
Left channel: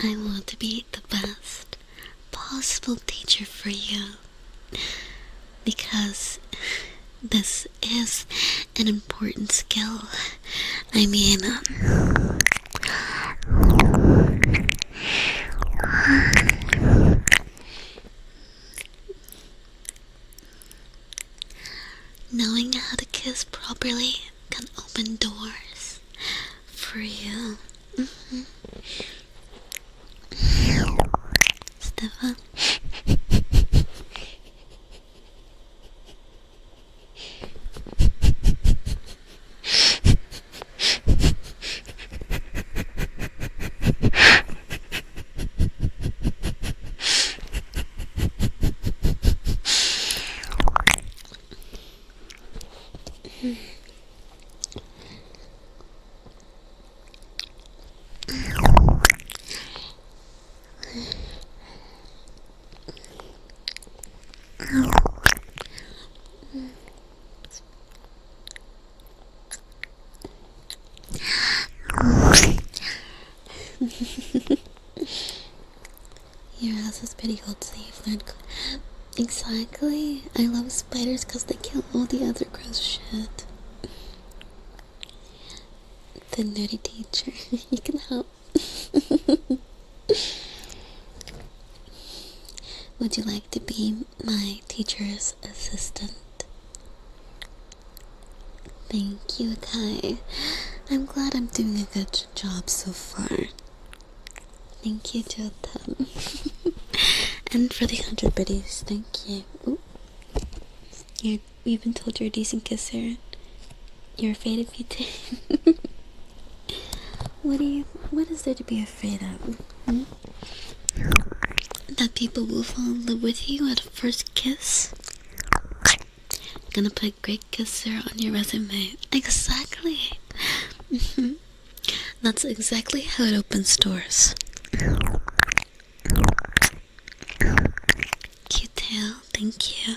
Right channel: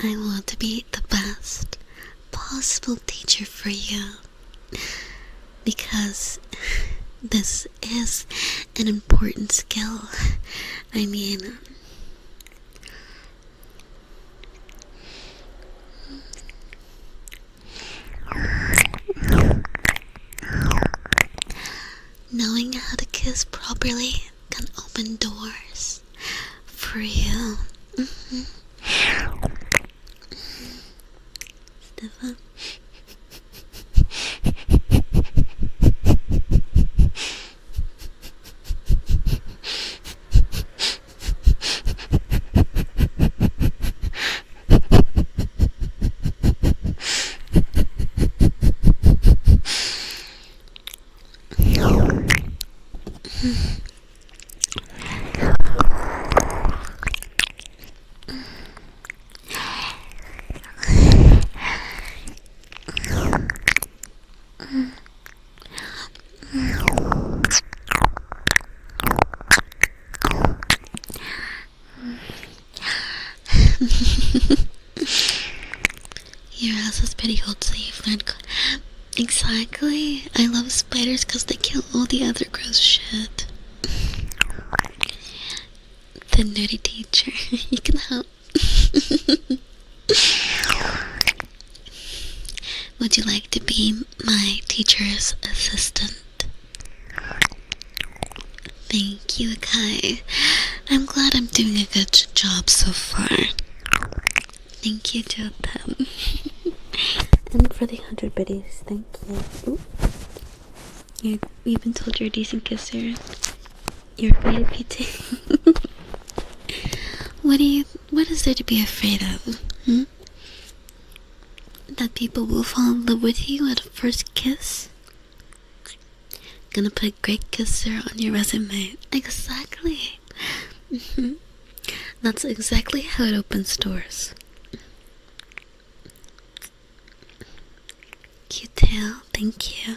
I want to be the best possible teacher for you, because this is an important skill. I mean, knowing how to kiss properly can open doors for you. Stefan. Your ass is pretty old, so you've learned. Exactly. I love spiders because they kill all the other gross shit. The nerdy teacher. You can help. Would you like to be my teacher's assistant? Thank you, Kai. I'm glad I'm doing a good job so far. Thank you, JUL. And for the 100 biddies, thank you. Ooh. You've been told you're a decent kisser. You're afraid of PT. What is there to be afraid of? Hmm? That people will fall in love with you at a first kiss? Gonna put great kisser on your resume. Exactly. That's exactly how it opens doors. Cute tail, thank you.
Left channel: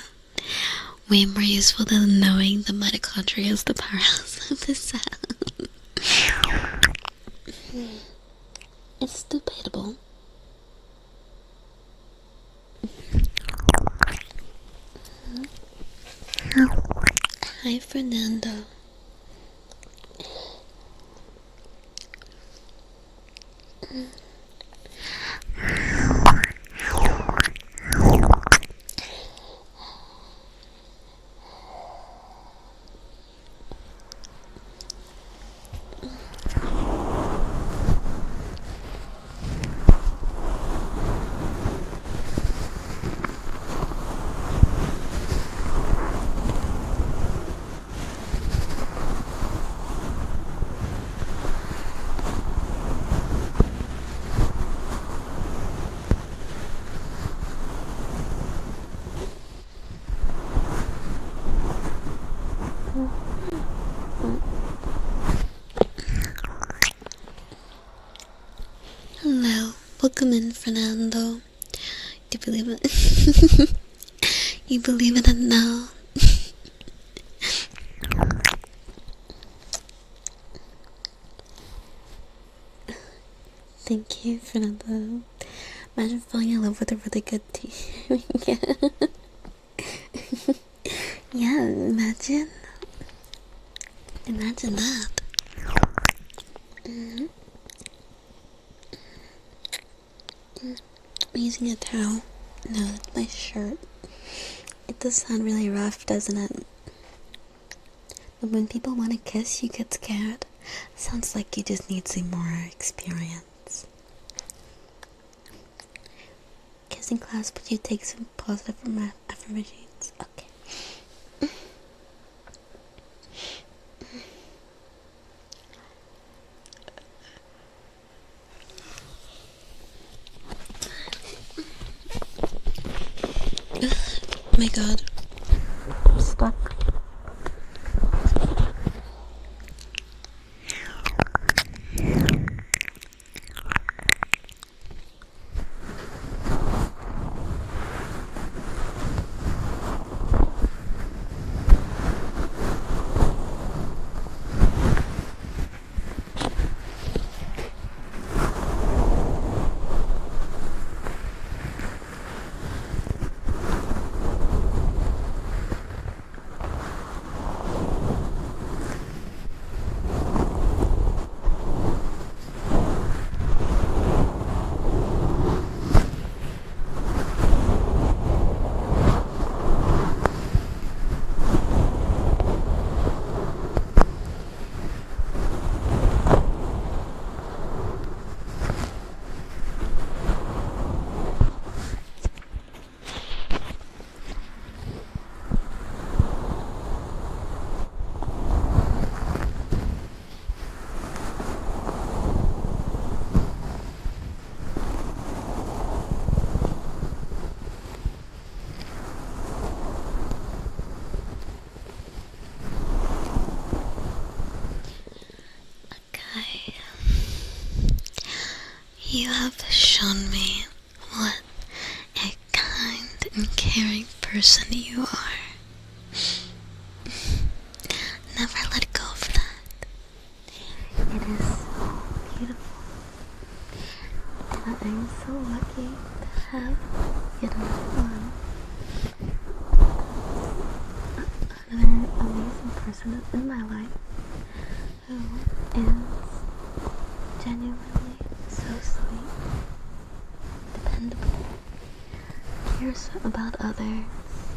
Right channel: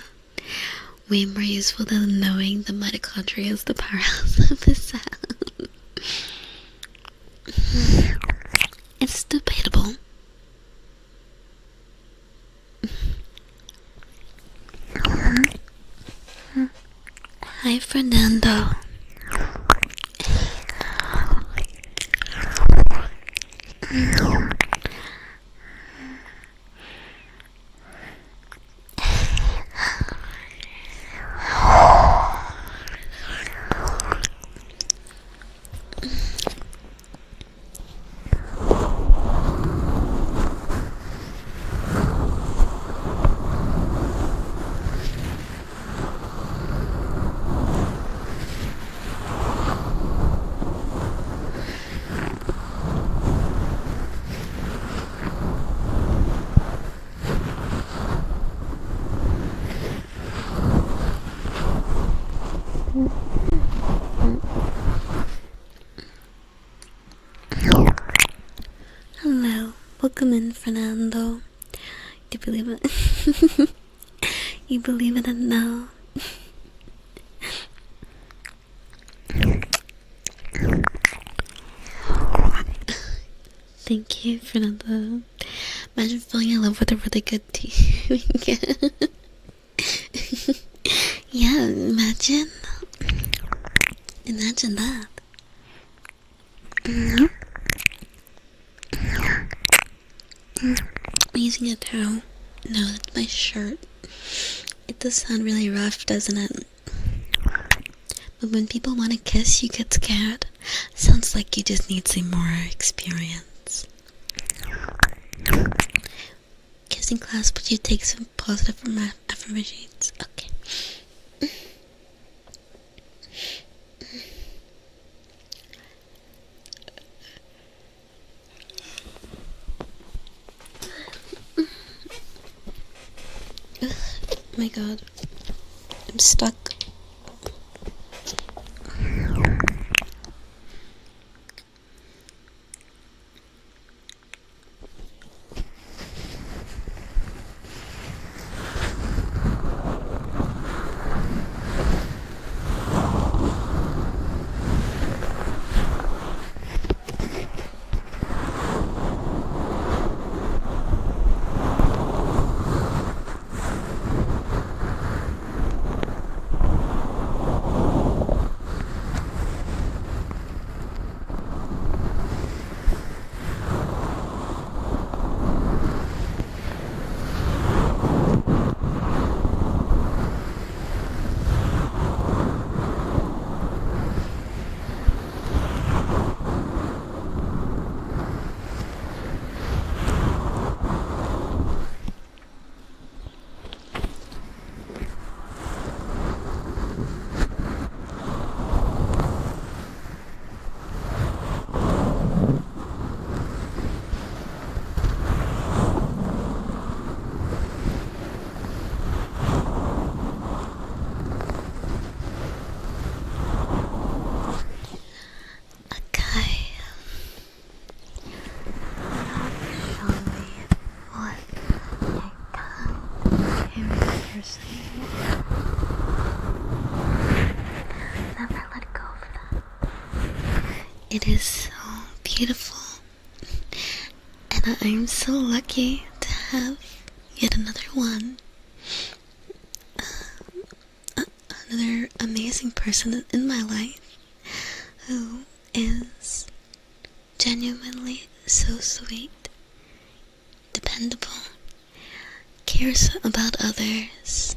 Way more useful than knowing the mitochondria is the powerhouse of the cell. It's debatable. Hi, Fernando. Hello, welcome in, Fernando. Do you believe it? You believe it and now? Thank you, Fernando. Imagine falling in love with a really good tea. Yeah, imagine. Imagine that. I'm using a towel. No, that's my shirt. It does sound really rough, doesn't it? But when people want to kiss, you get scared. Sounds like you just need some more experience. Kissing class, would you take some positive affirmations? Okay. Oh my god. I'm stuck. You have shown me what a kind and caring person you are. Never let go of that. It is so beautiful. And I'm so lucky to have yet another one. Another amazing person in my life who is genuinely so sweet, dependable, cares about others.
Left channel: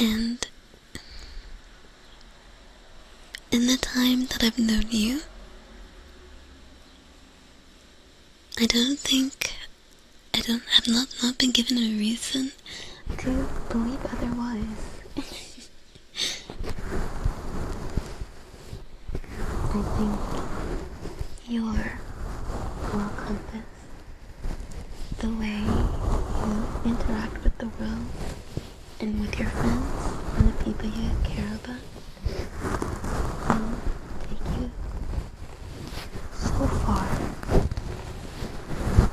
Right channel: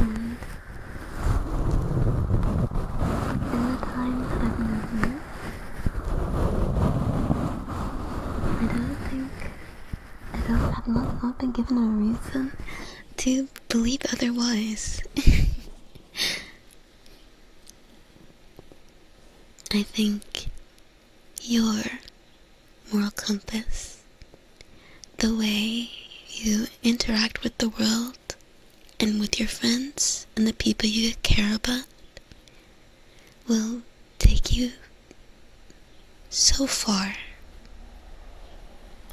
And in the time that I've known you, I've not been given a reason to believe otherwise. I think your moral compass, the way you interact with the world and with your friends and the people you care about, will take you so far.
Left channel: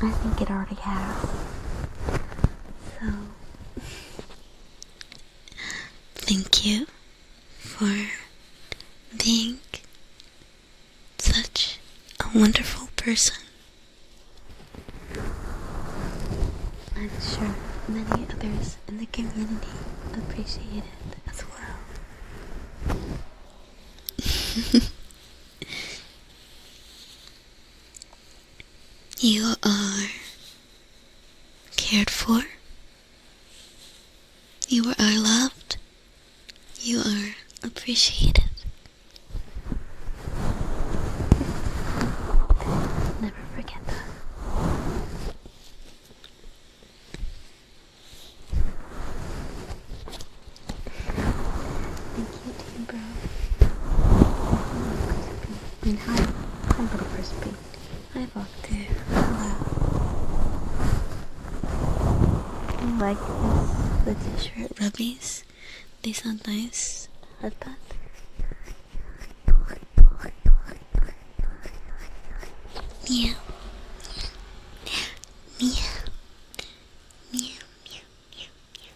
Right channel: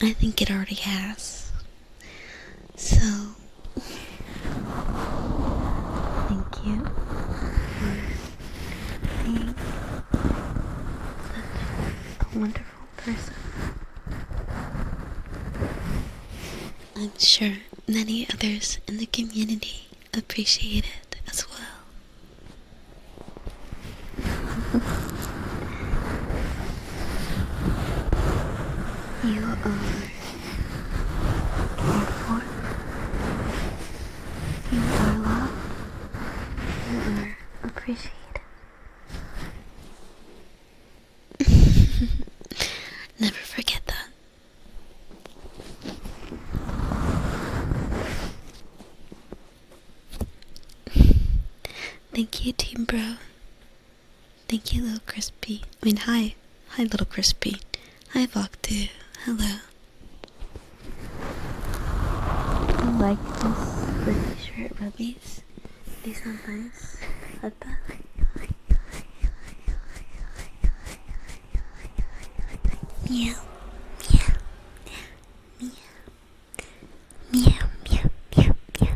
I think it already has. So, thank you for being such a wonderful person. I'm sure many others in the community appreciate it as well. You are cared for. You are loved. You are appreciated. Never forget that. Thank you, Team Bro. Thank you, Little Crispy. Hi. Hi, Little Crispy. Hi, Voktu. Hello. I like the t-shirt rubbies. They sound nice. Like that. Meow. Meow. Meow. Meow. Meow. Meow. Meow.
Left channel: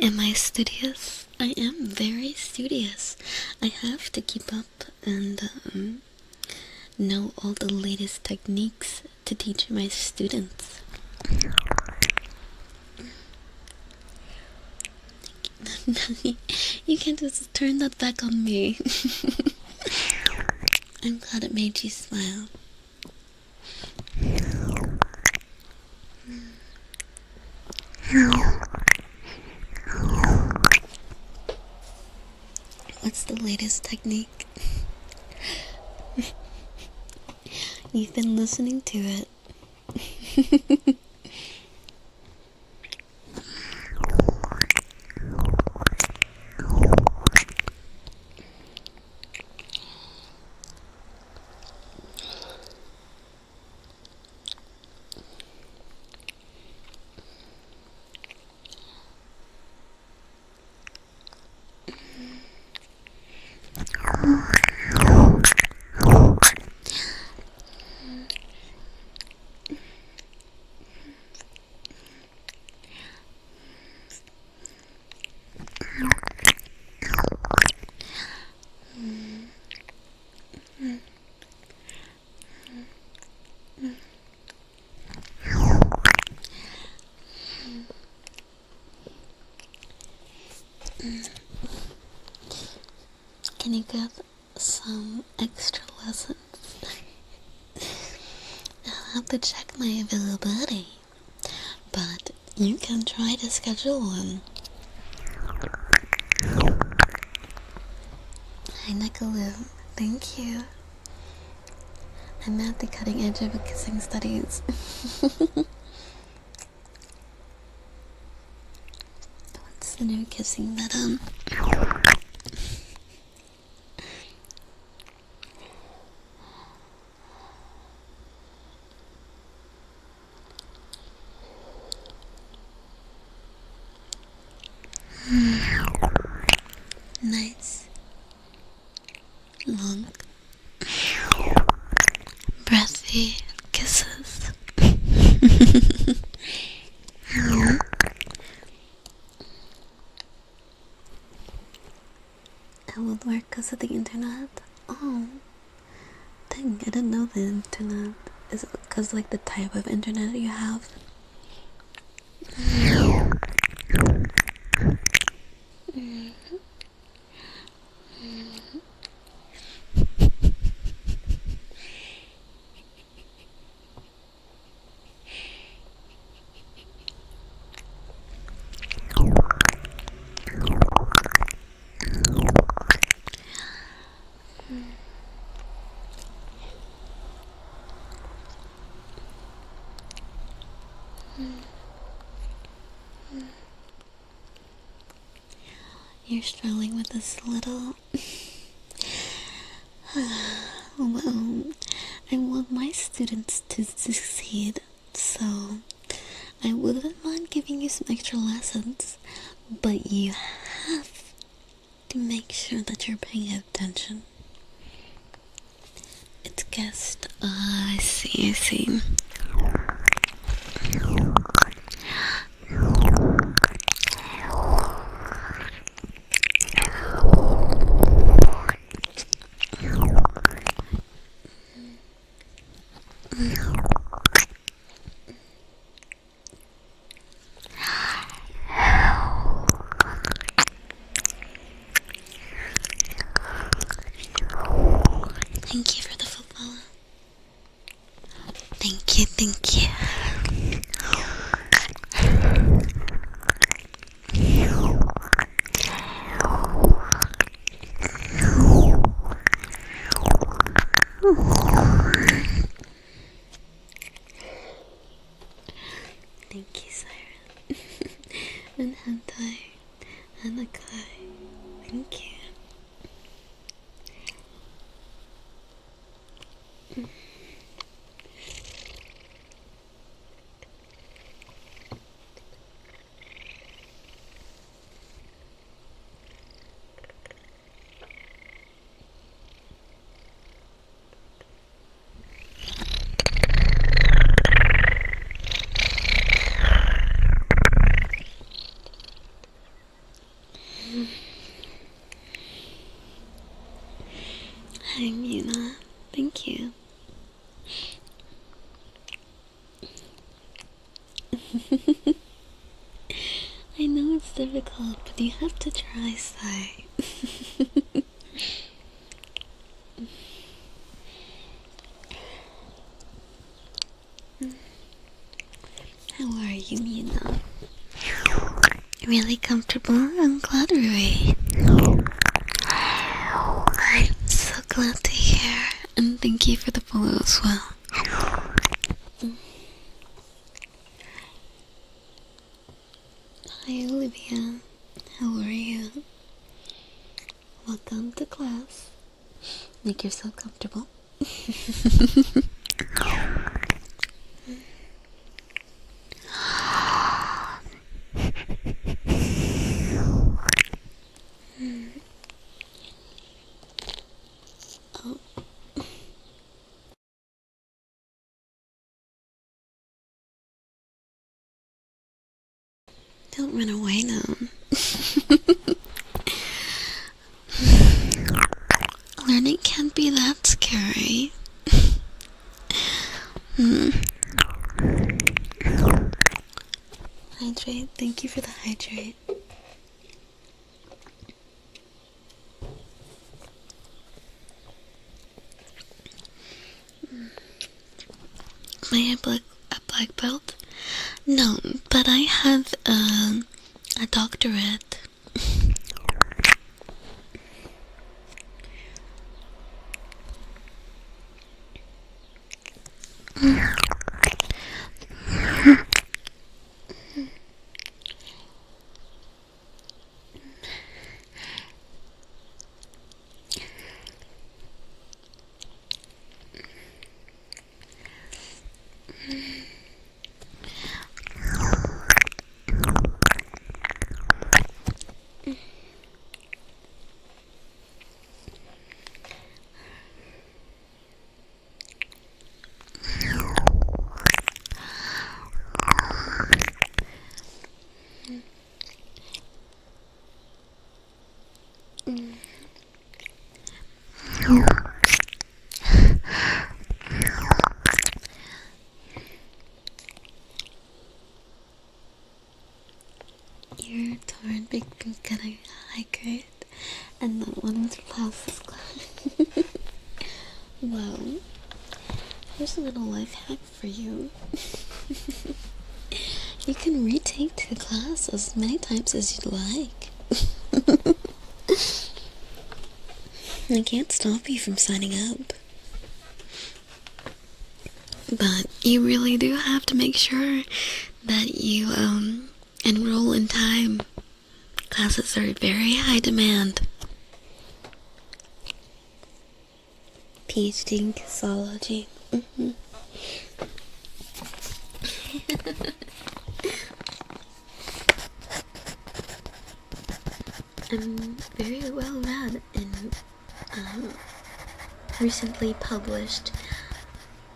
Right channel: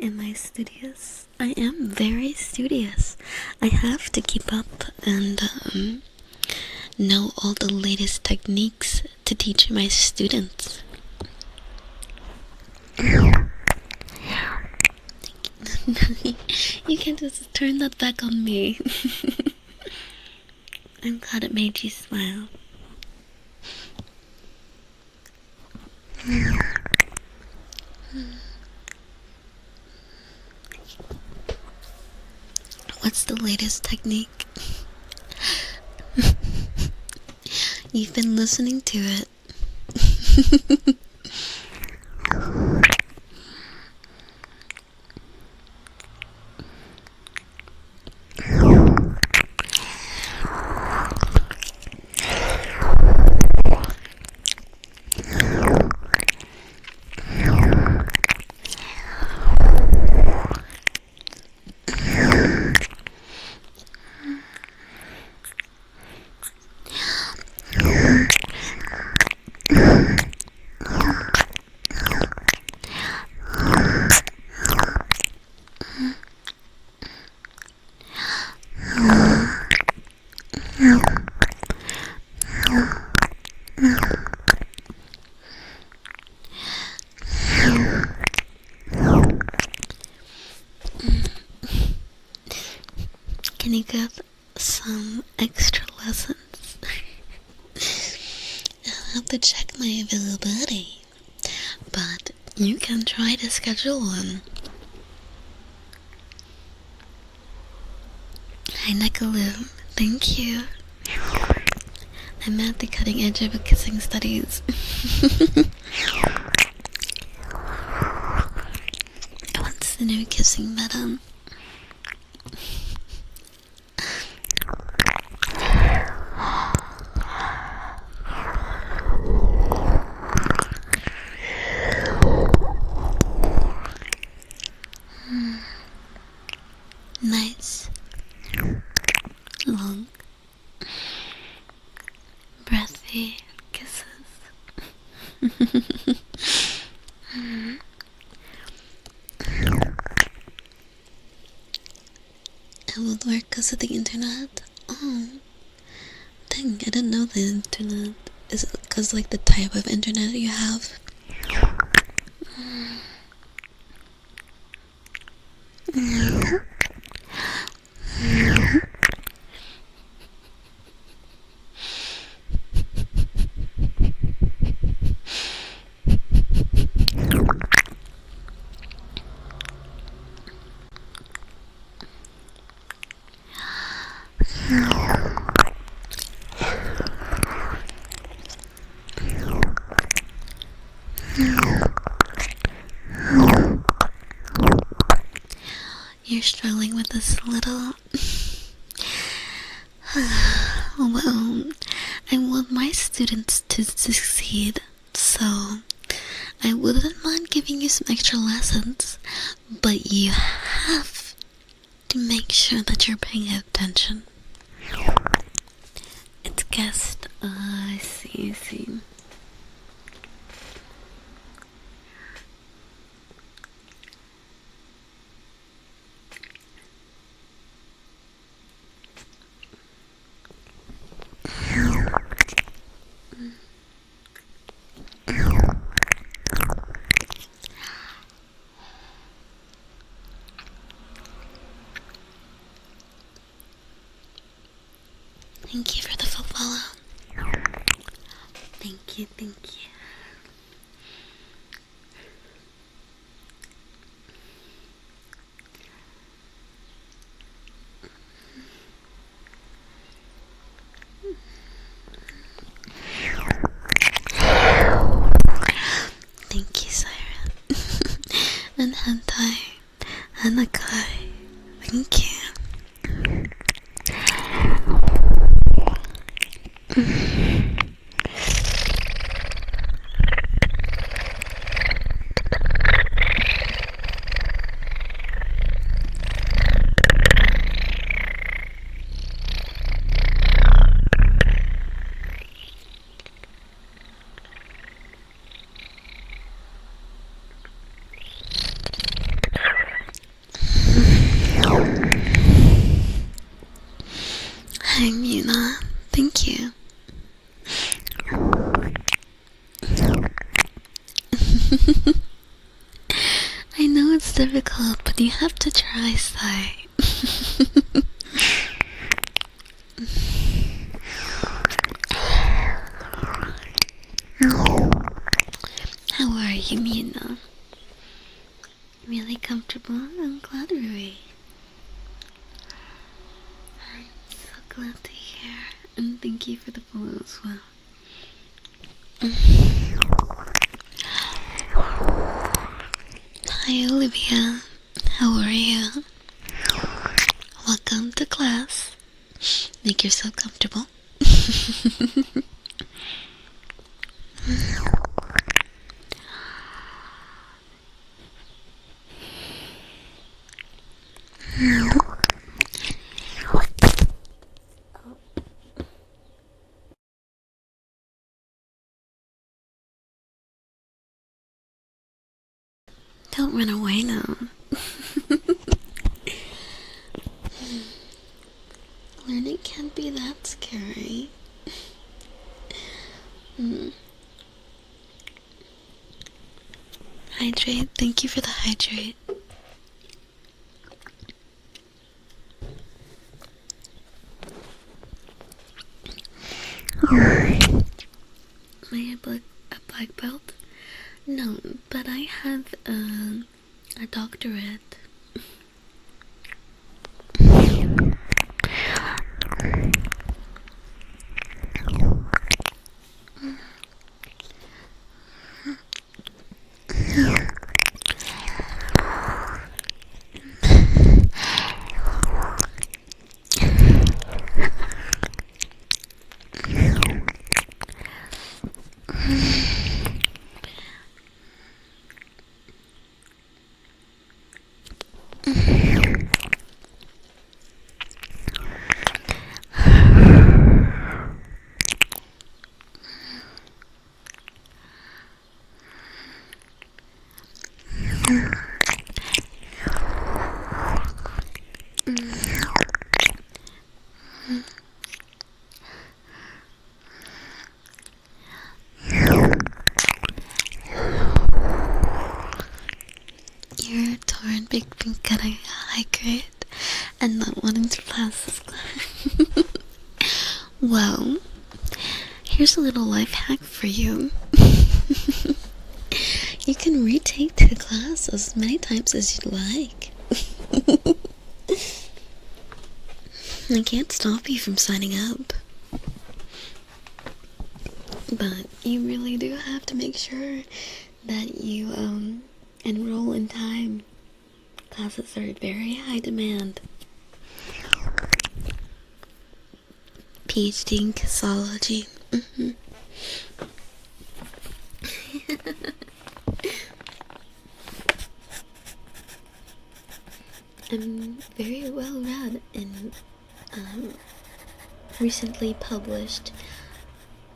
Am I studious? I am very studious. I have to keep up and know all the latest techniques to teach my students. You can just turn that back on me. I'm glad it made you smile. What's the latest technique? You've been listening to it. Can you give some extra lessons? I'll have to check my availability, but you can try to schedule one. Hi, Nicoloo. Thank you. I'm at the cutting edge of kissing studies. What's the new kissing meta? Nice, long, breathy kisses. It would work because of the internet. Oh, dang, I didn't know the internet. Is it because like the type of internet you have? You're struggling with this a little. Well, I want my students to succeed, so I wouldn't mind giving you some extra lessons, but you have to make sure that you're paying attention. It's guessed. I see. Thank you for the full follow. Thank you. Thank you, Siren. And Hentai. And Akai. Thank you. Hi, Mina. Thank you. I know it's difficult, but you have to try, Sai. How are you, Mina? Really comfortable? I'm glad, Rui. I'm so glad to hear, and thank you for the follow as well. Hi, Olivia. How are you? Welcome to class. Make yourself comfortable. Don't run away now. Learning can't be that scary. Hydrate. Thank you for the hydrate. Am I a black belt? No, but I have a doctorate. You're torn between getting a high grade and not wanting to pass this class. Well, here's a little life hack for you. You can retake the class as many times as you'd like. I can't stop you from signing up. But you really do have to make sure that you enroll in time. Classes are very high demand. PhD in Kissology. I'm very well read in recently published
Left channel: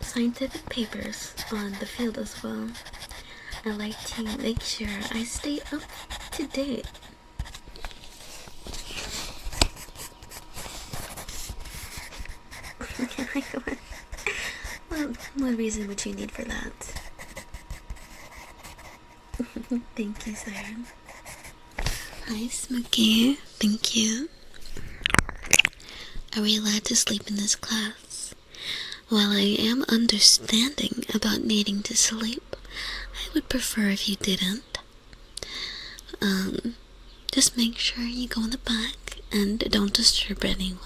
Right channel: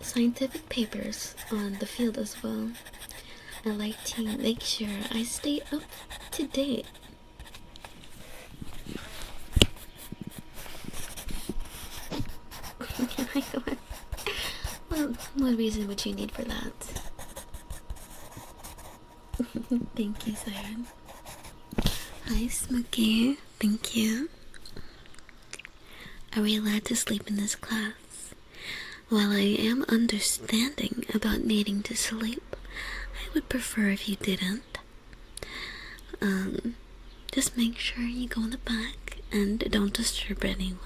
scientific papers on the field as well. I like to make sure I stay up to date. Well, what reason would you need for that? Thank you, Siren. Hi, Smokey. Thank you. Are we allowed to sleep in this class? While I am understanding about needing to sleep, I would prefer if you didn't. Just make sure you go in the back and don't disturb anyone.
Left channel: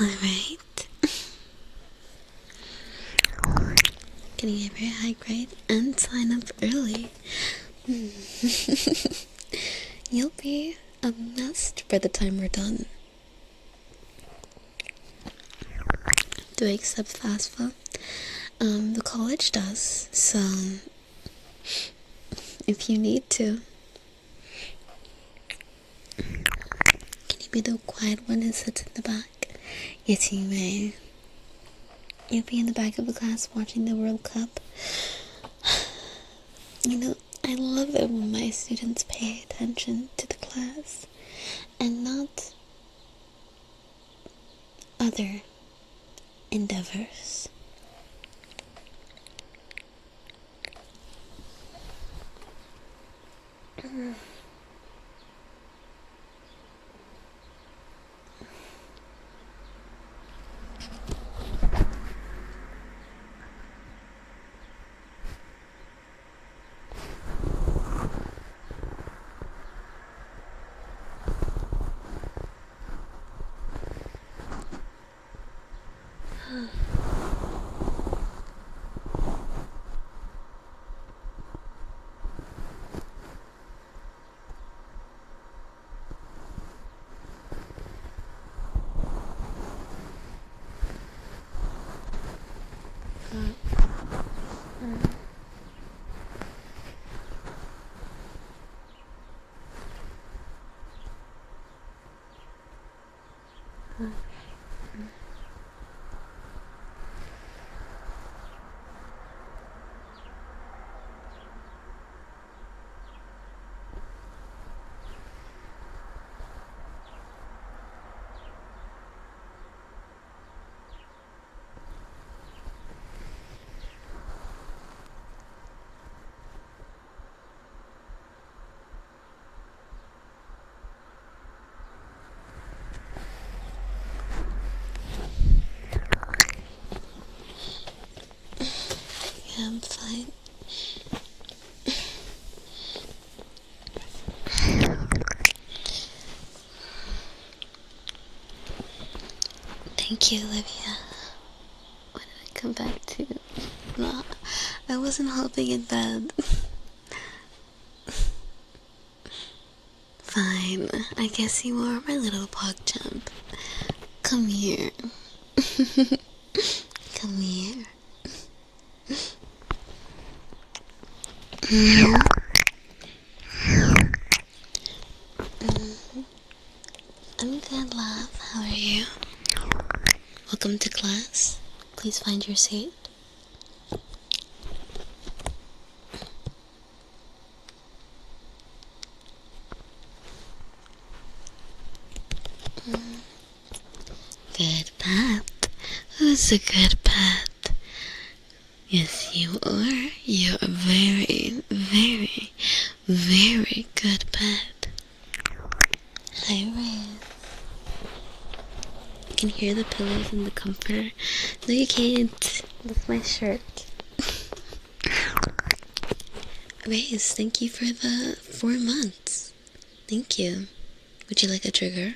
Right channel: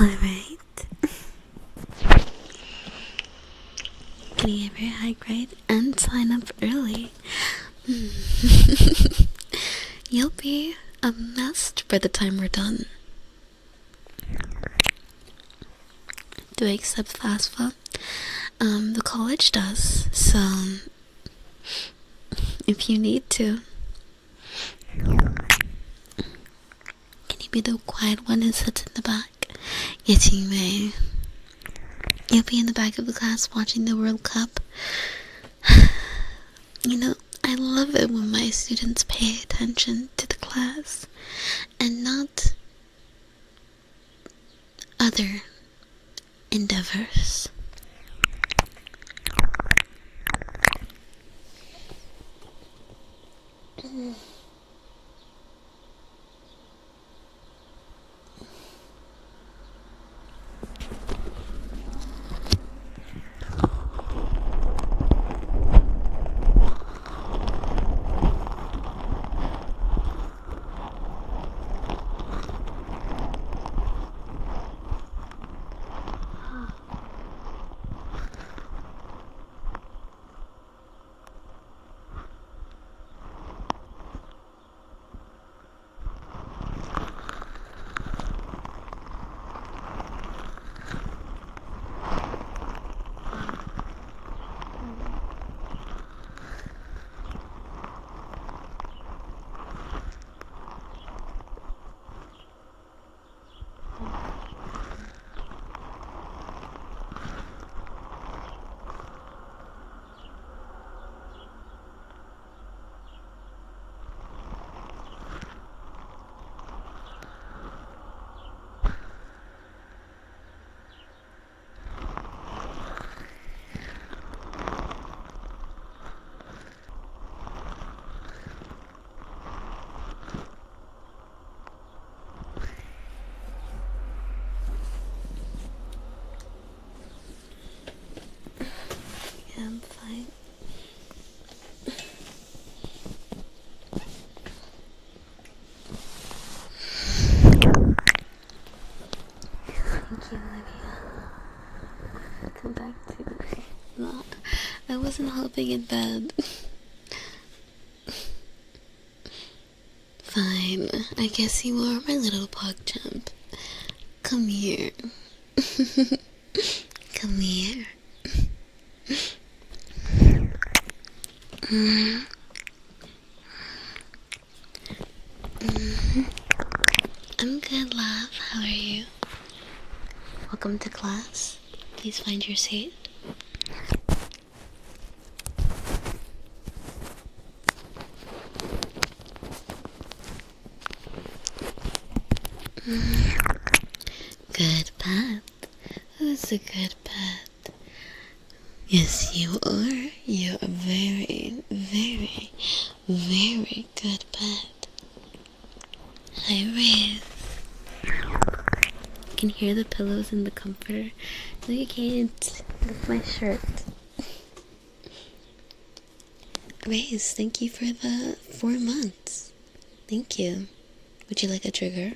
Alright. Can you get very high grade and sign up early? You'll be a master by the time we're done. Do I accept FAFSA? The college does, so if you need to. Can you be the quiet one who sits in the back? Yes, you may. You'll be in the back of the class watching the World Cup. You know, I love it when my students pay attention to the class and not other endeavors. I'm fine. Thank you, Olivia. Come back to me. No, I wasn't helping in bed. Fine, I guess you are my little pog champ. Come here. Come here. I'm good, love. How are you? Welcome to class. Please find your seat. Good, Pat. Who's is a good pet. Yes, you are. You're a very, very, very good pet. Hi, Riz. You can hear the pillows and the comforter. No, you can't. That's my shirt. Riz, thank you for the 4 months. Thank you. Would you like a trigger?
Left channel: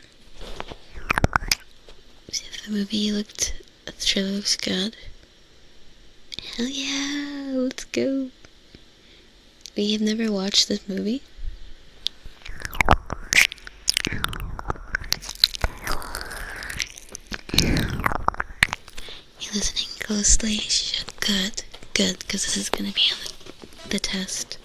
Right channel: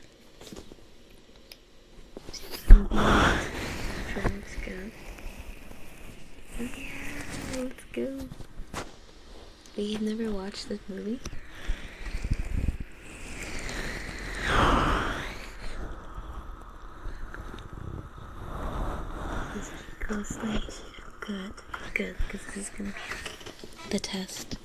See if the movie looked, the trailer looks good. Hell yeah, let's go. We have never watched this movie. You're listening closely. Good, good, because this is gonna be on the test.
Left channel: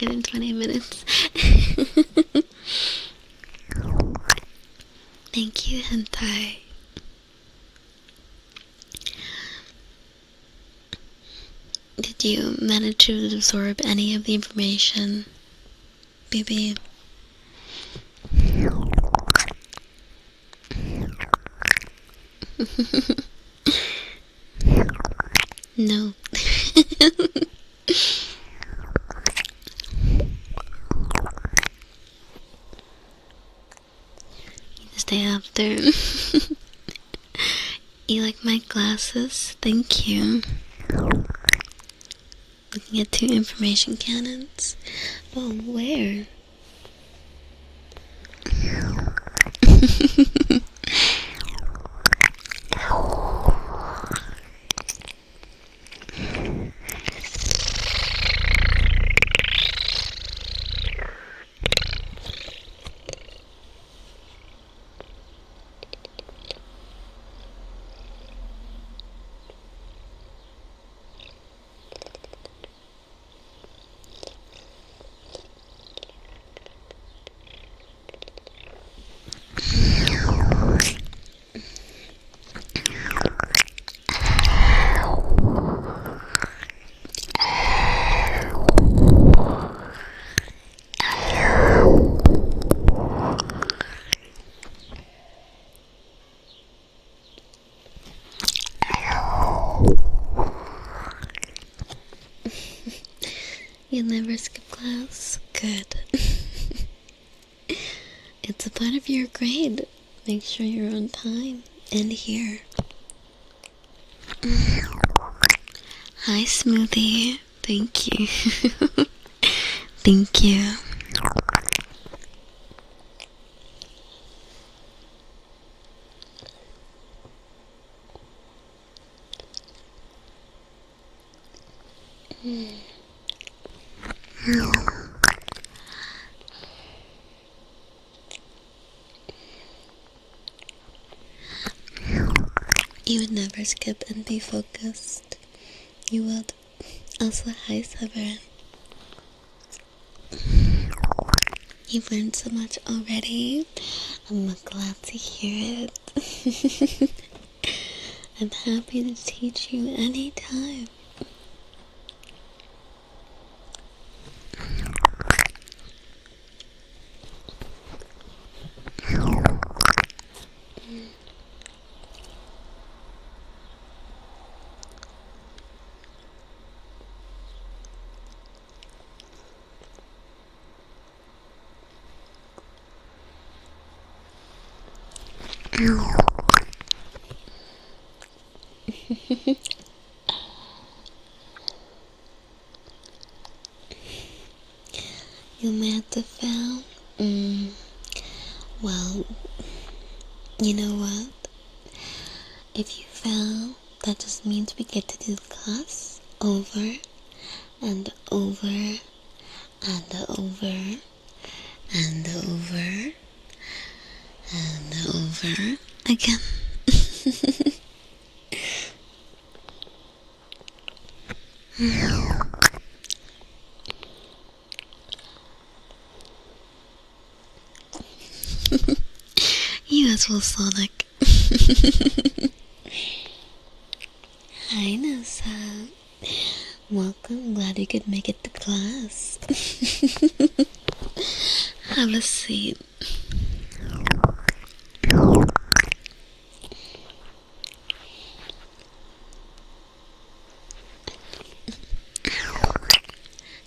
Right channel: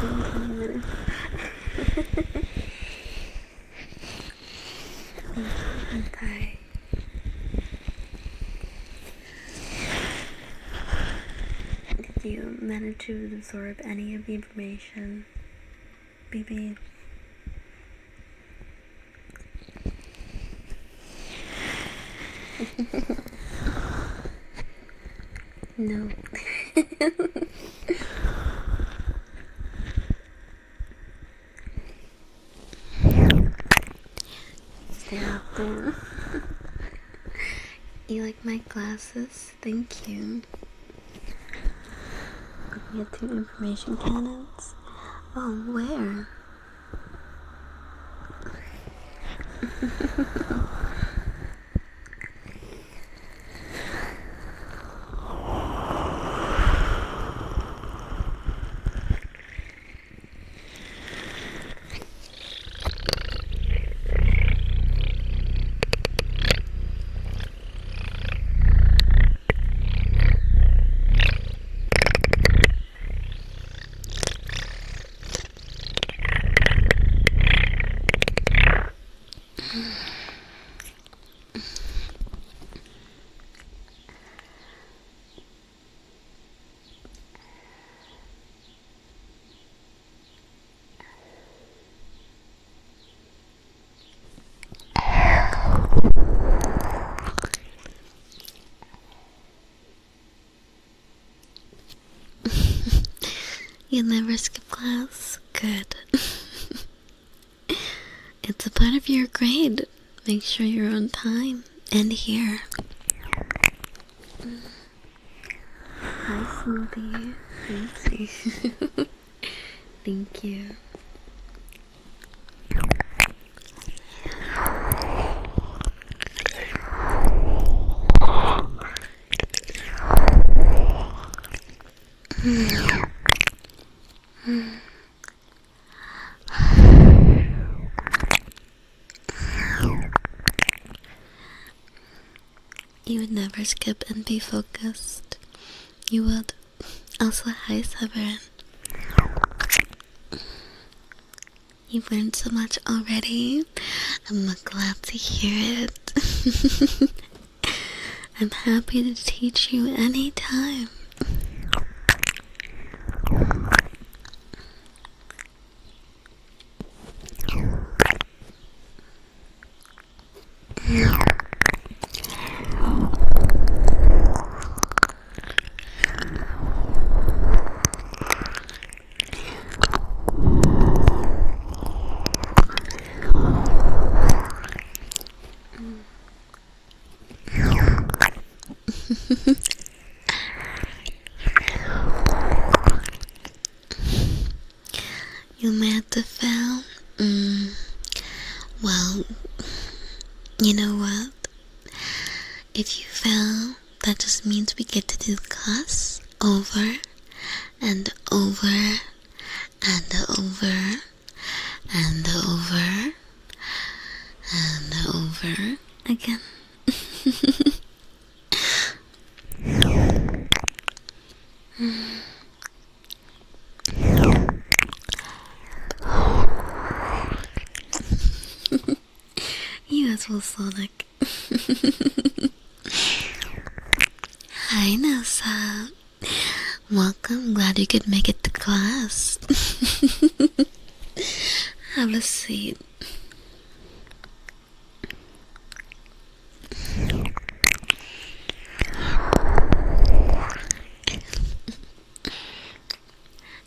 In 20 minutes. Thank you, hentai. Did you manage to absorb any of the information, baby? No. Stay after. You like my glasses? Thank you. Looking at 2 information cannons. Oh, where? You never skip class? good. It's a part of your grade. Make sure you're on time and here. Hi, Smoothie. Thank you. Thank you. You would never skip and be focused. You would. Also, hi, Severin. You've learned so much already. I'm glad to hear it. I'm happy to teach you anytime. You may have to fail. Well, you know what? If you fail, that just means we get to do the class over and over and over and over and over again. You as well, Sonic. Hi, Nessa. Welcome. Glad you could make it to class. Have a seat.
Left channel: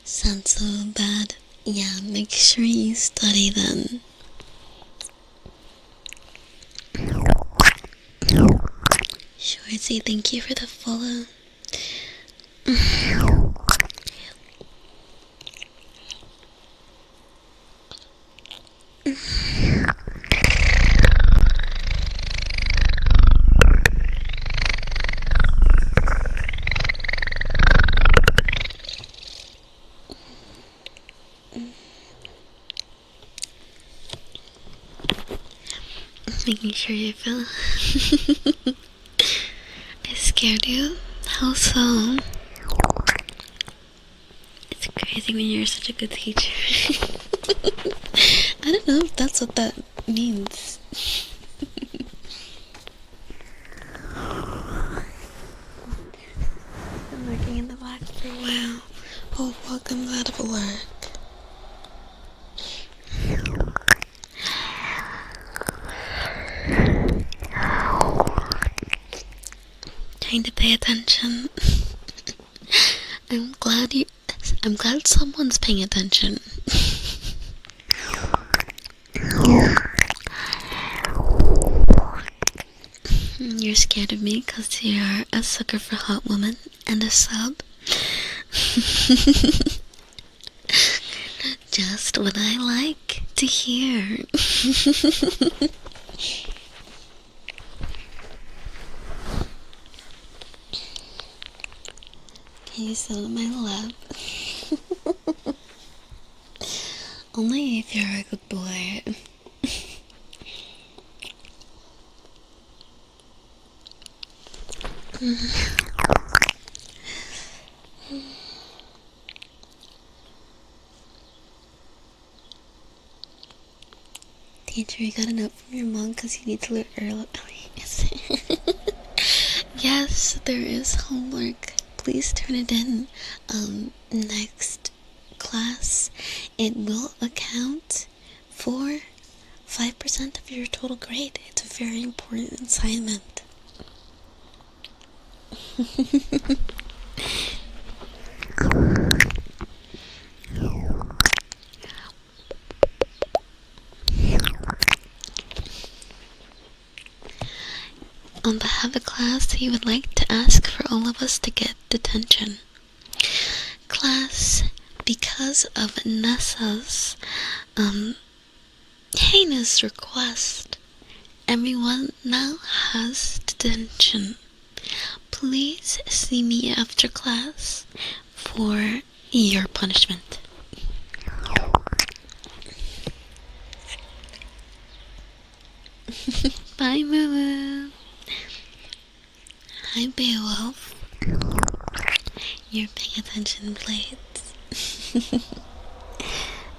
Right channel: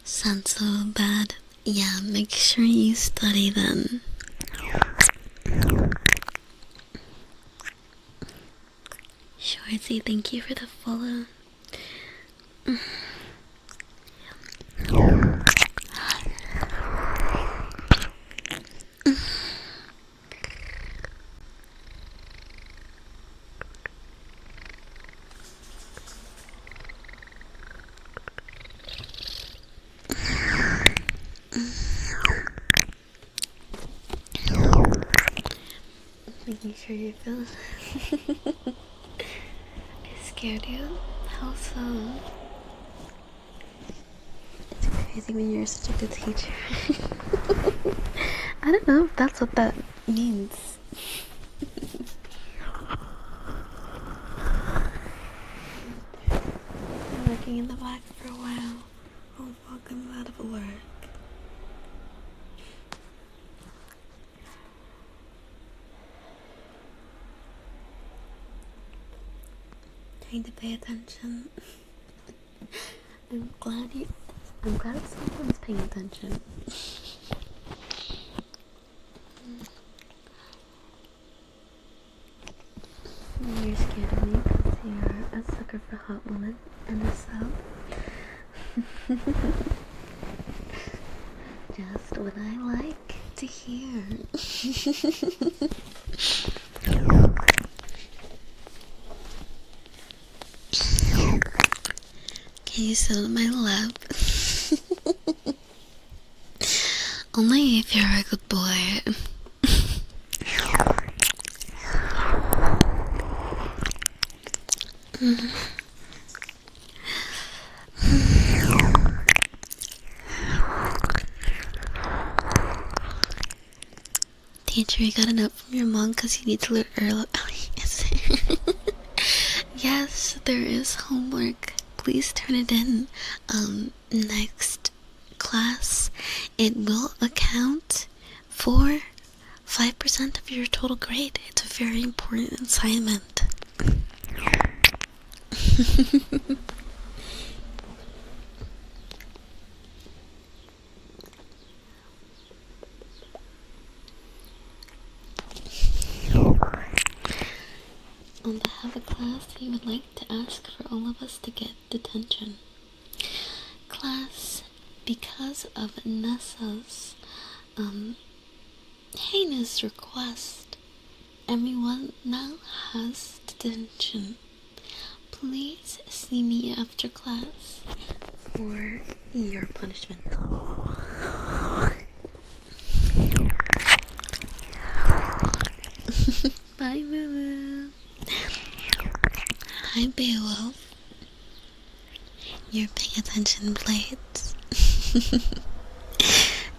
Sounds so bad. Yeah, make sure you study then. Shorty, thank you for the follow. Making sure you feel. I scared you? How so? It's crazy when you're such a good teacher. I don't know if that's what that means. I'm working in the back for a while. Oh, welcome out of work. Trying to pay attention. I'm glad someone's paying attention. You're scared of me because you're a sucker for hot women and a sub. Just what I like to hear. Can you sit on my lap? Only if you're a good boy. Teacher, you got a note from your mom because you need to learn early. Yes, there is homework. Please turn it in. Next class, it will account for 5% of your total grade. It's a very important assignment. on behalf of the class, he would like to ask for all of us to get detention. Class, because of Nessa's heinous request, everyone now has detention. Please see me after class for your punishment. Bye, Moo. Hi, Beowulf. You're paying attention, Blades.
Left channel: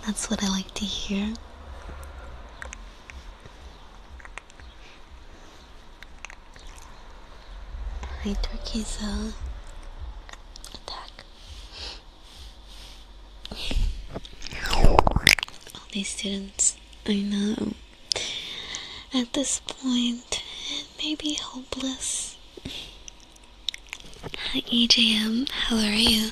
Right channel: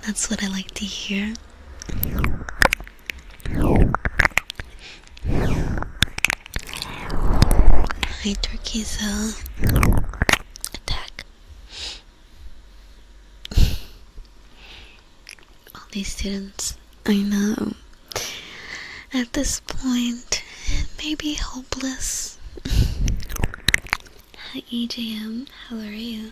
That's what I like to hear. Hi, Turkey's attack. All these students, I know. At this point, it may be hopeless. Hi, EJM. How are you?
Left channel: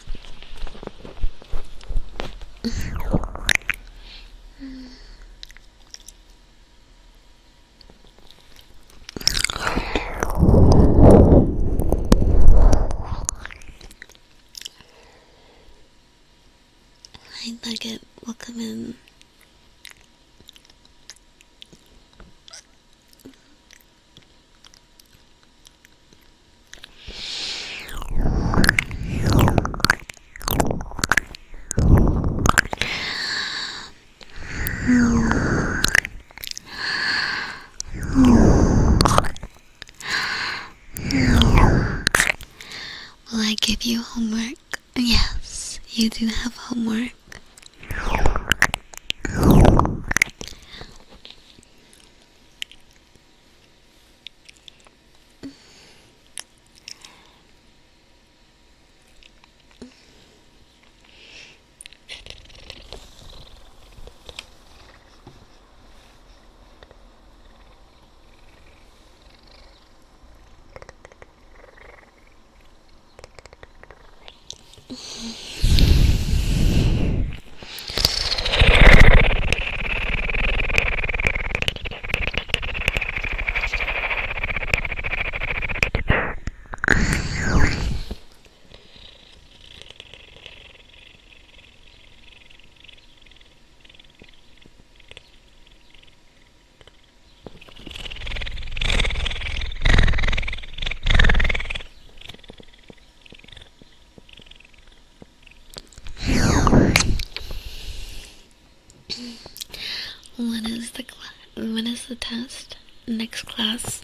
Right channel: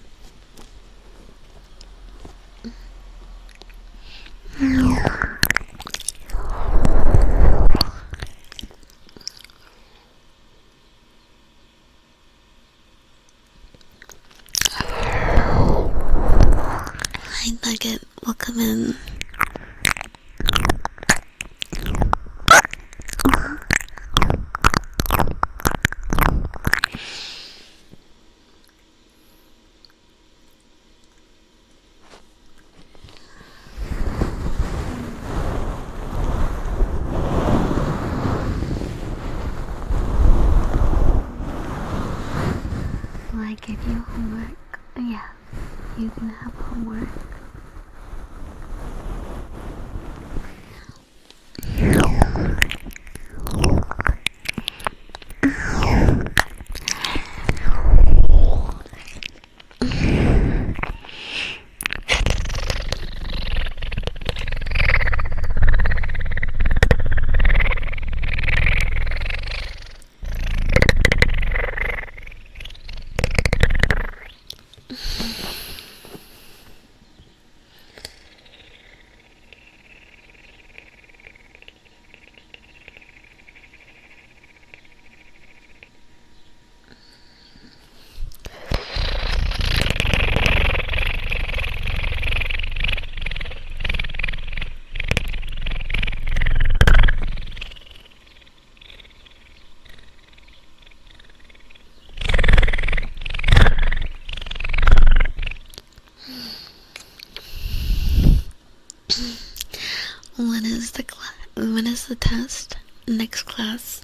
Hi, Nugget. Welcome in. Will I give you homework? Yes, you do have homework. When is the test? Next class.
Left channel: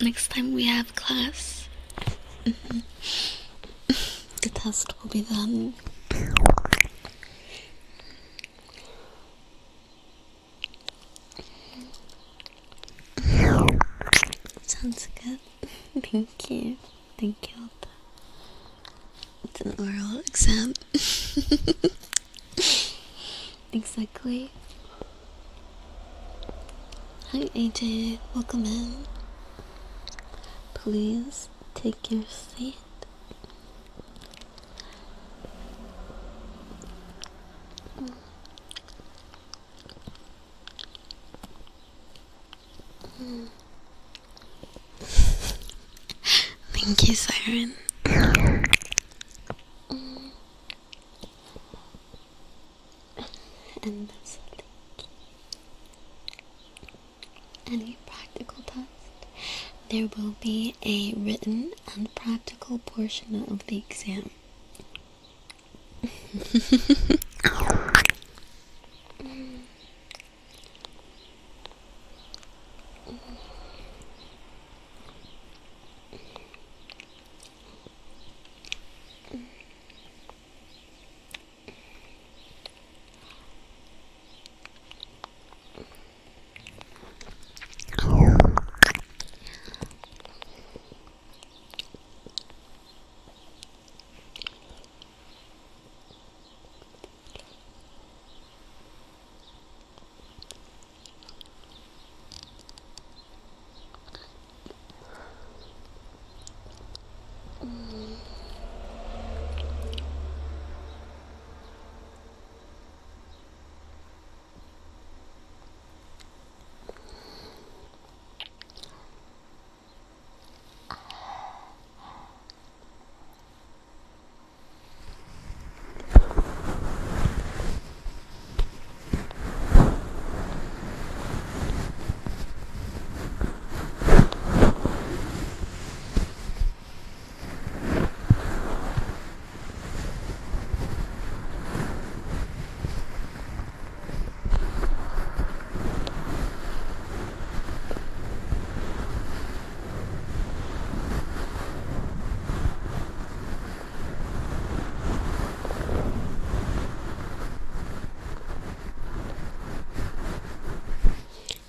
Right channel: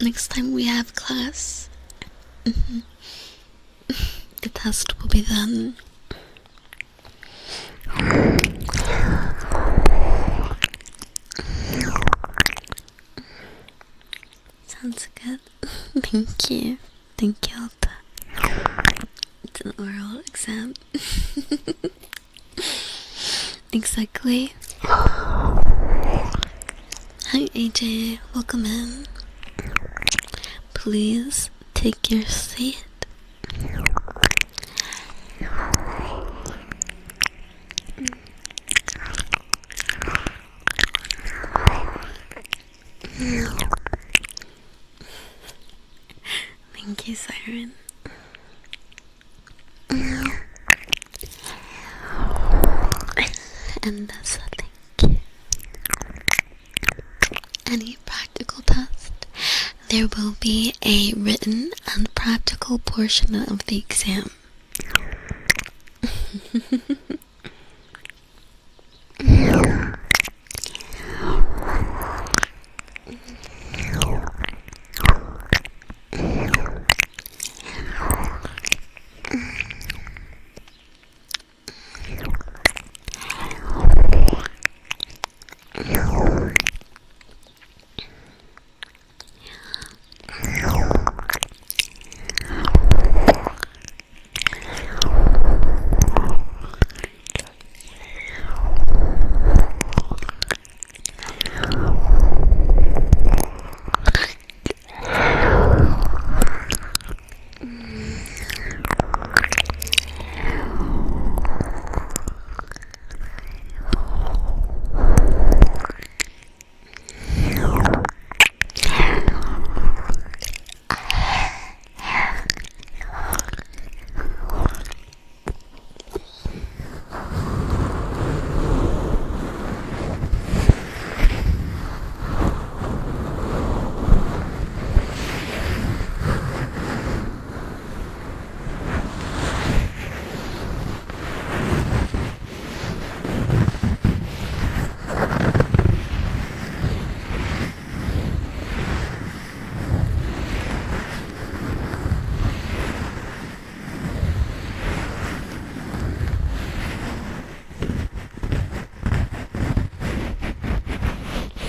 Next time we have class. The test will be then. Sounds good. Thank you. Thank you, Alta. It's an oral exam. Exactly. Hi, AJ. Welcome in. Please take your seat. Thank you, Siren. And that's a thank you. Any practical test, there will be a written and practical portion of the exam.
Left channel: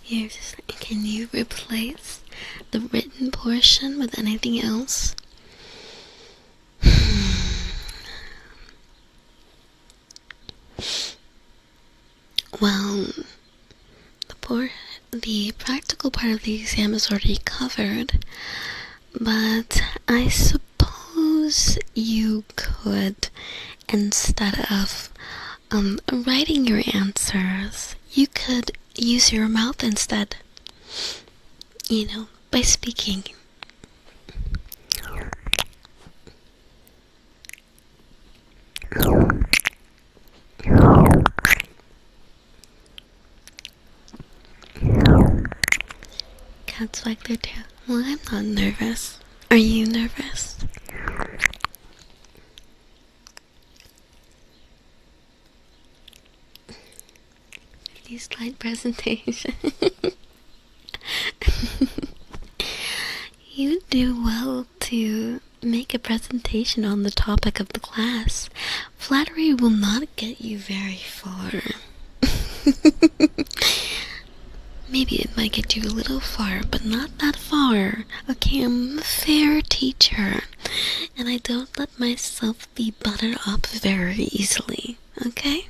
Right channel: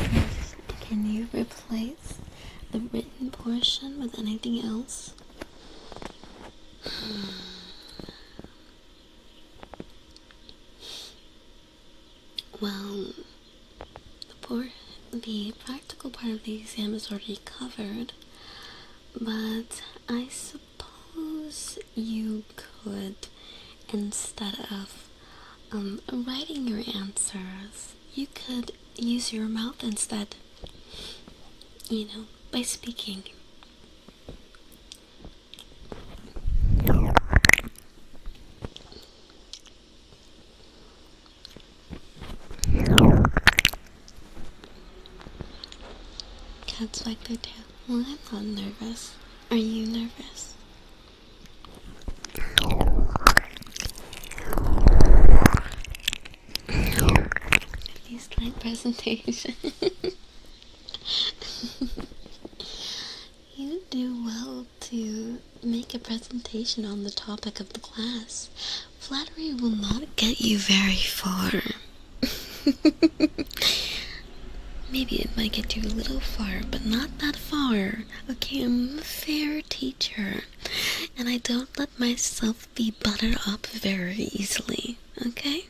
Seriously, can you replace the written portion with anything else? Well, the practical part of the exam is already covered, but I suppose you could, instead of writing your answers, you could use your mouth instead, by speaking. Cats wag their tail. Well, I'm not nervous. Are you nervous? Pretty slight presentation. You do well to make a presentation on the topic of the class. Flattery will not get you very far. Maybe it might get you a little far, but not that far. Okay, I'm a fair teacher, and I don't let myself be buttered up very easily, okay?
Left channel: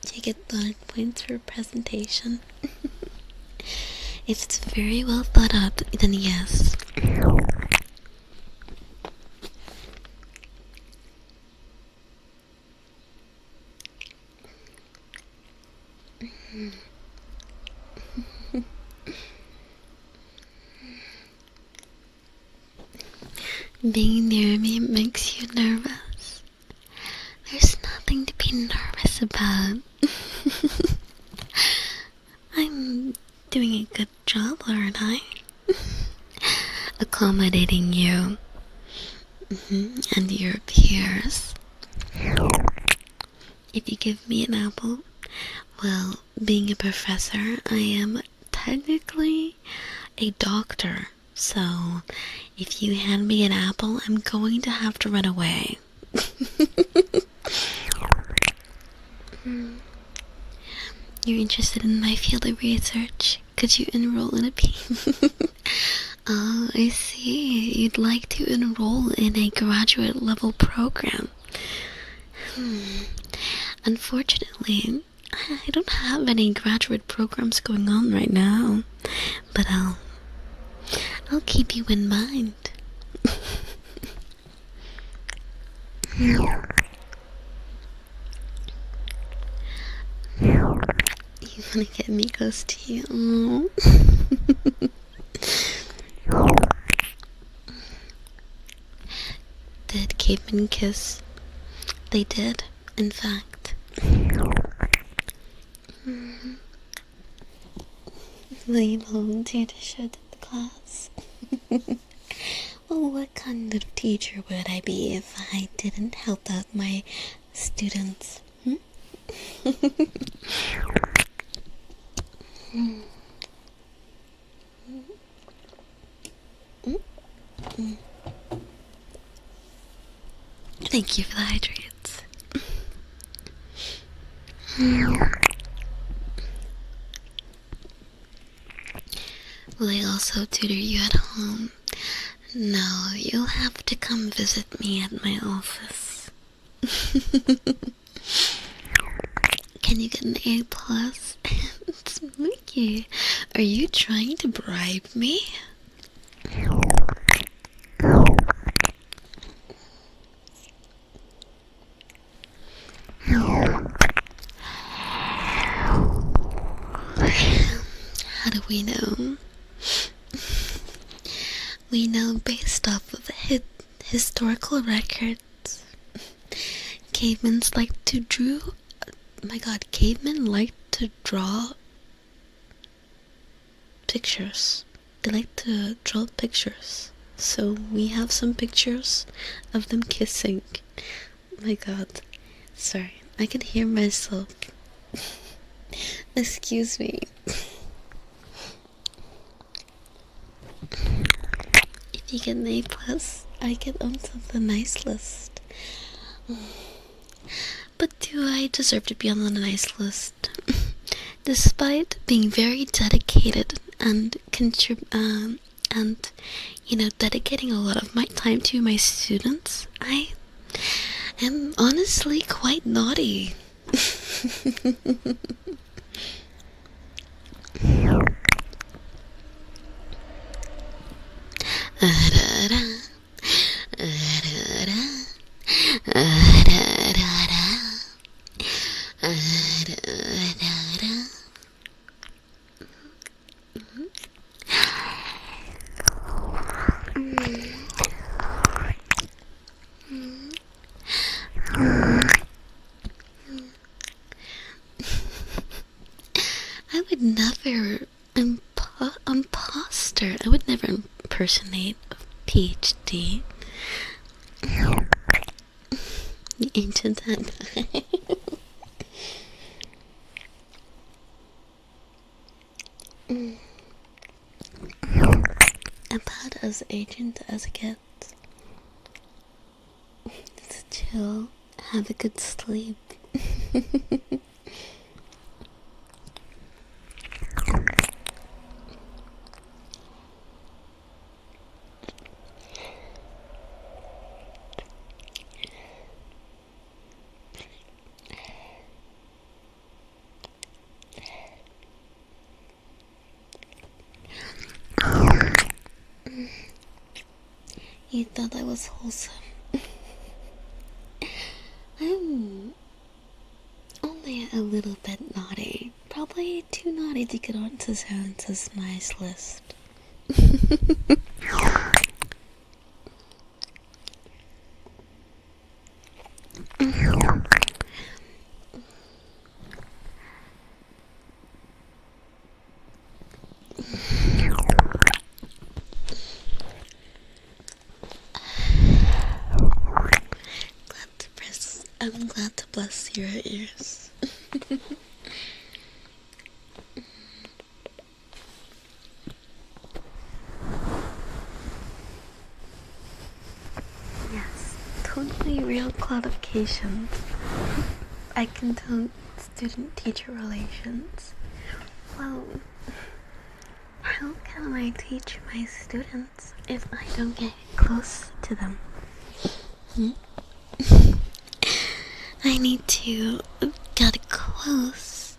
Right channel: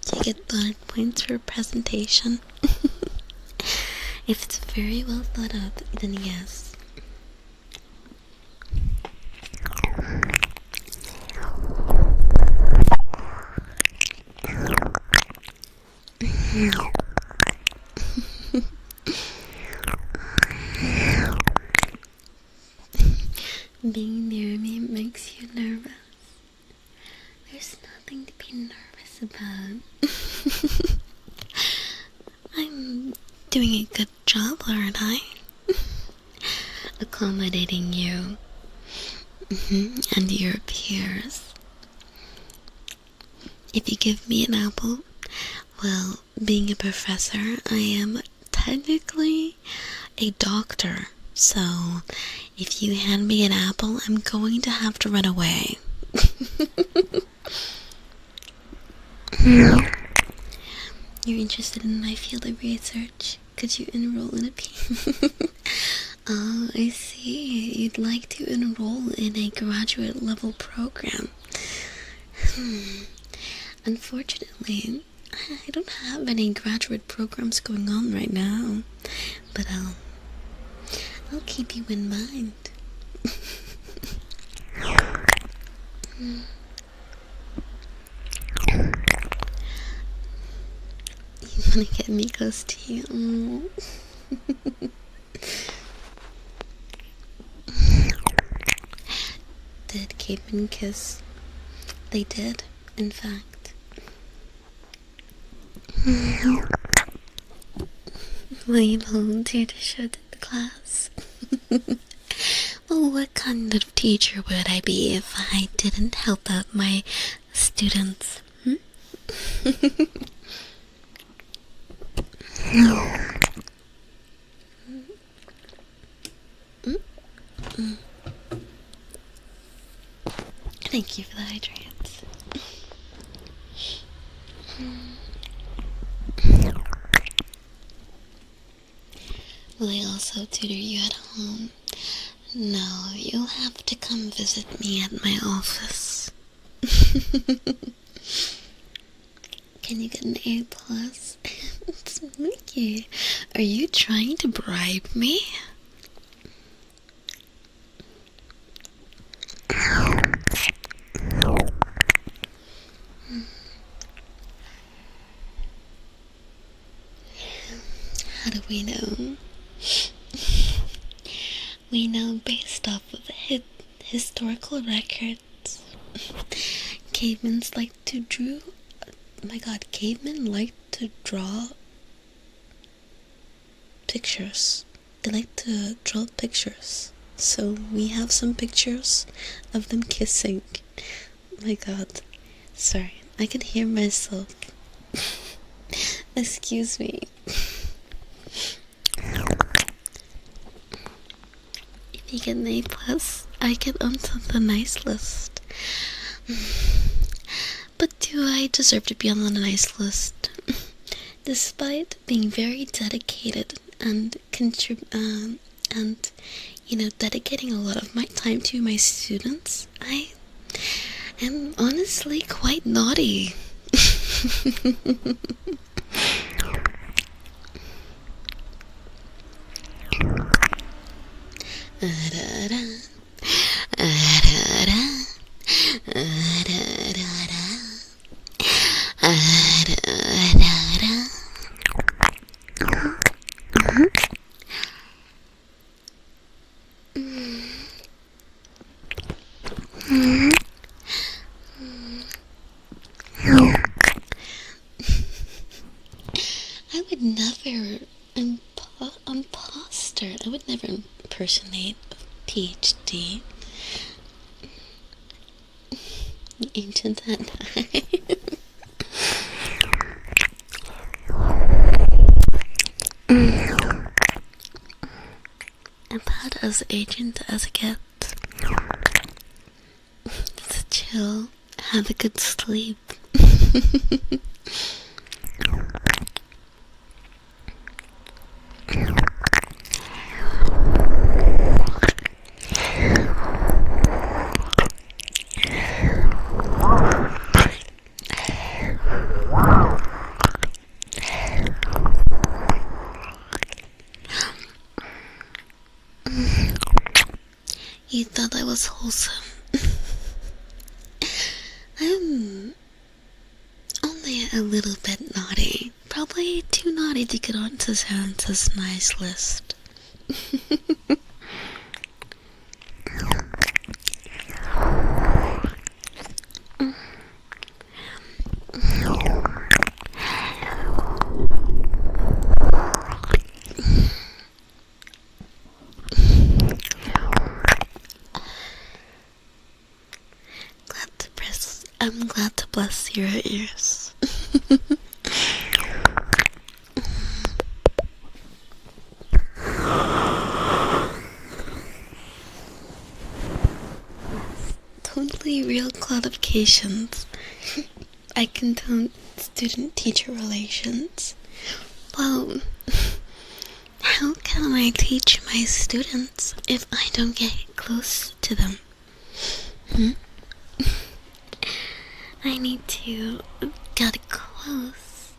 Do you get bonus points for a presentation? If it's very well thought out, then yes. Being near me makes you nervous. There's nothing to be nervous about. I'm doing a good job, aren't I? Accommodating you and your peers. If you give me an apple, well, being a professor, I am technically a doctor. So, if you hand me an apple, I'm going to have to run away. You're interested in my field of research? Could you enroll in a Oh, I see. You'd like to enroll in a graduate level program. Unfortunately, I don't have any graduate programs going on right now, but I'll keep you in mind. You wanna get me close to you? Did cavemen kiss? They did, in fact. Will you volunteer to show to the class? Well, what kind of teacher would I be if I didn't help out my students? Thank you for the hydrates. Will I also tutor you at home? No, you'll have to come visit me at my office. Can you get an A+? Spooky. Are you trying to bribe me? How do we know? We know based off of historical records. Cavemen like to cavemen like to draw pictures. They like to draw pictures. So we have some pictures of them kissing. My god. Sorry, I can hear myself. Excuse me. If You get an A plus. I get onto the nice list. But do I deserve to be on the nice list? Despite being very dedicated and dedicating a lot of my time to my students, I am honestly quite naughty. I would never imposter. I would never impersonate a PhD. The ancient Anti. About as ancient as it gets. Just chill. Have a good sleep. You thought I was wholesome. I'm only a little bit naughty. Probably too naughty to get onto Santa's nice list. I'm glad to bless your ears. Yes, totally real clarifications. I can do student-teacher relations. Well, how can I teach my students if I don't get close to them? I need to get close,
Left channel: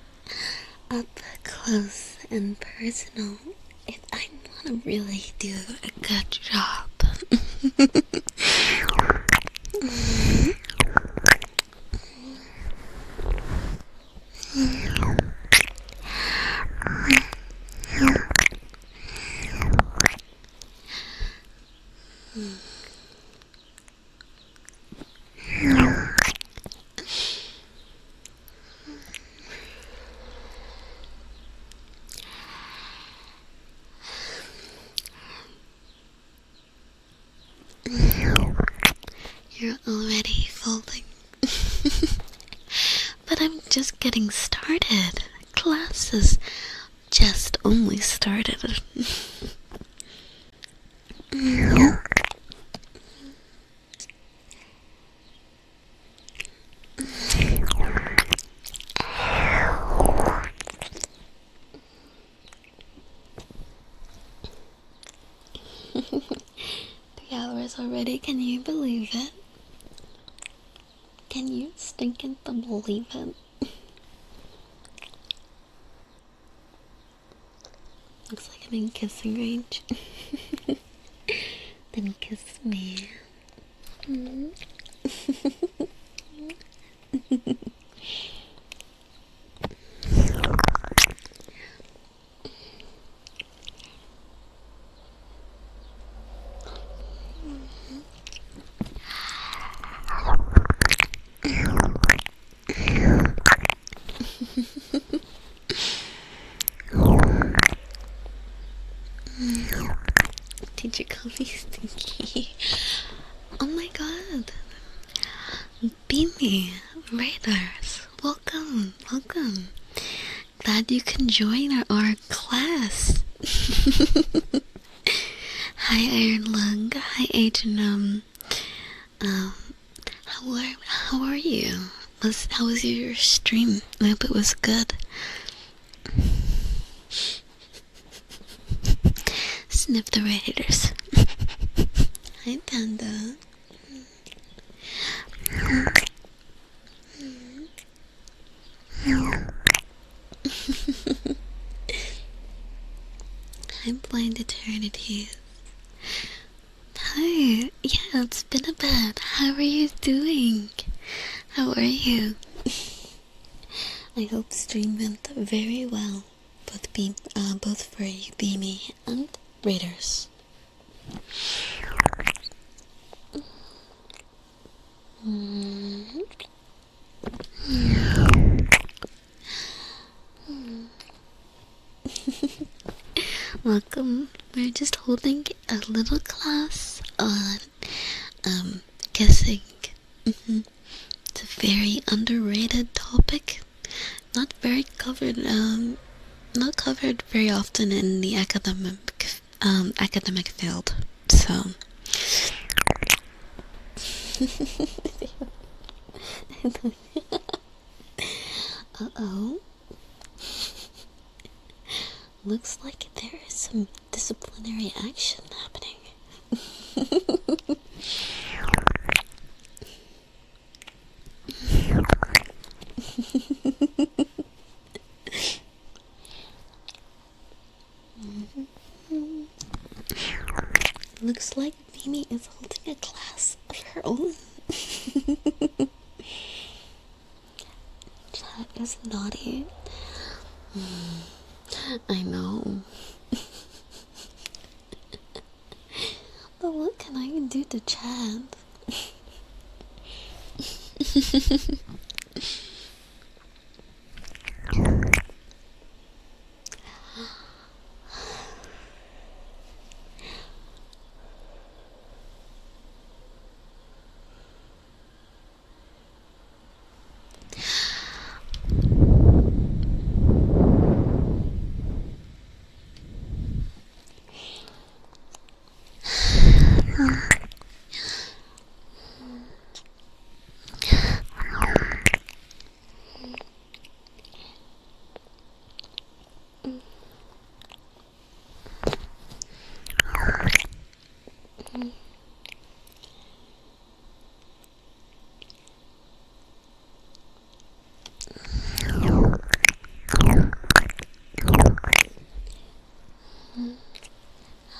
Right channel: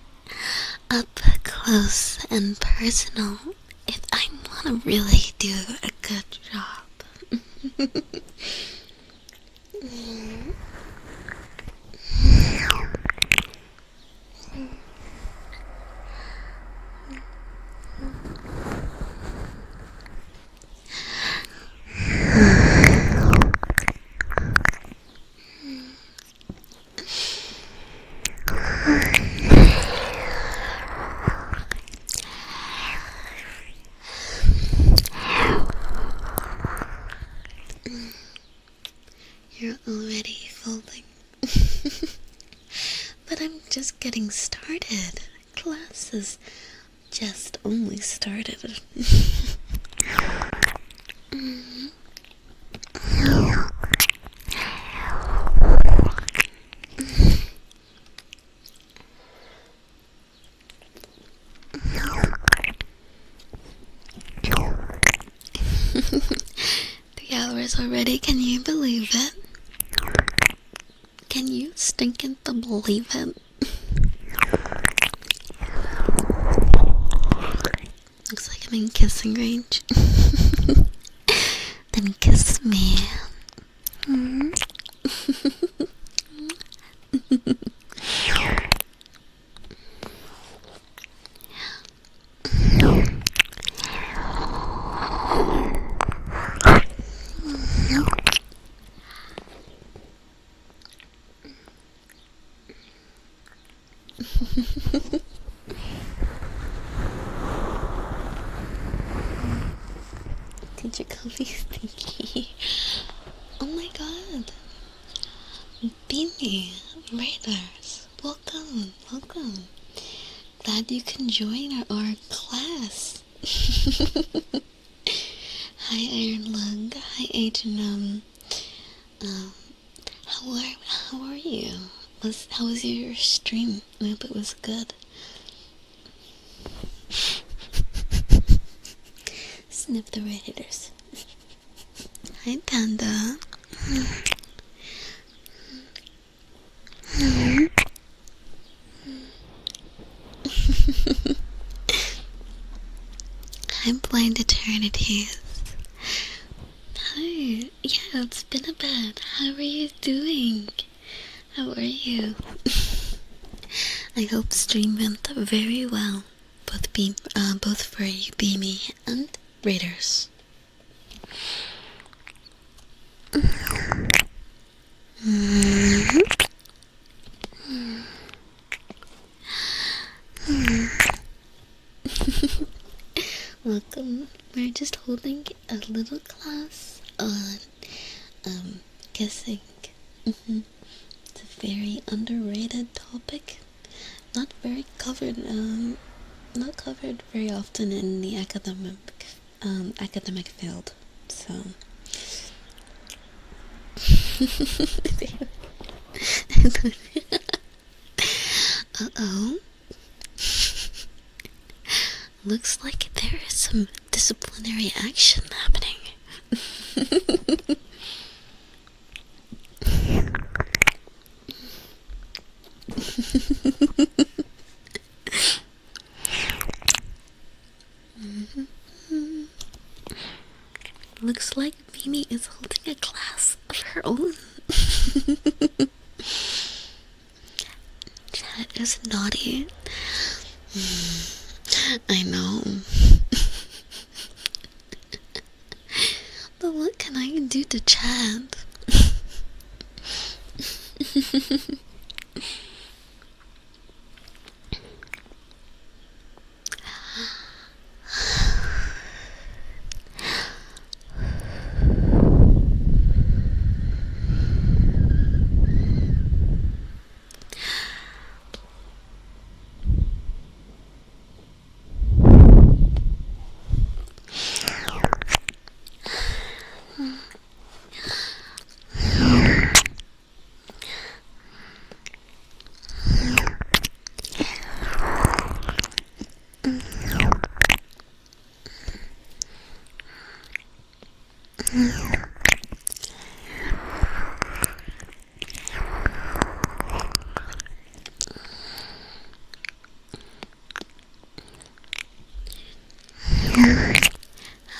up close and personal if I want to really do a good job. You're already folding. But I'm just getting started. Class is just only started. Already, can you believe it? Can you stinking believe it? Looks like I'm in kissing range. Then kiss me. Teacher call me stinky. Oh my god. Beanie Raiders. Welcome. Glad you can join our class. Hi Iron Lung. Hi Agent. Um, how are you? How was your stream? I hope it was good. Sniff the Raiders. Hi Panda. Hi Blind Eternities. Hi. Yeah, it's been a bit. How are you doing? How are you? I hope stream went very well. Both for you, Beamy, and Raiders. Welcome. We're just holding a little class on guessing. It's a very underrated topic. Not very covered. Not covered very often in the academic field. So. Uh-oh. Looks like there is some disciplinary action happening. Looks like Mimi is holding a class of her own. Chat is naughty. I know. But what can I do to chat?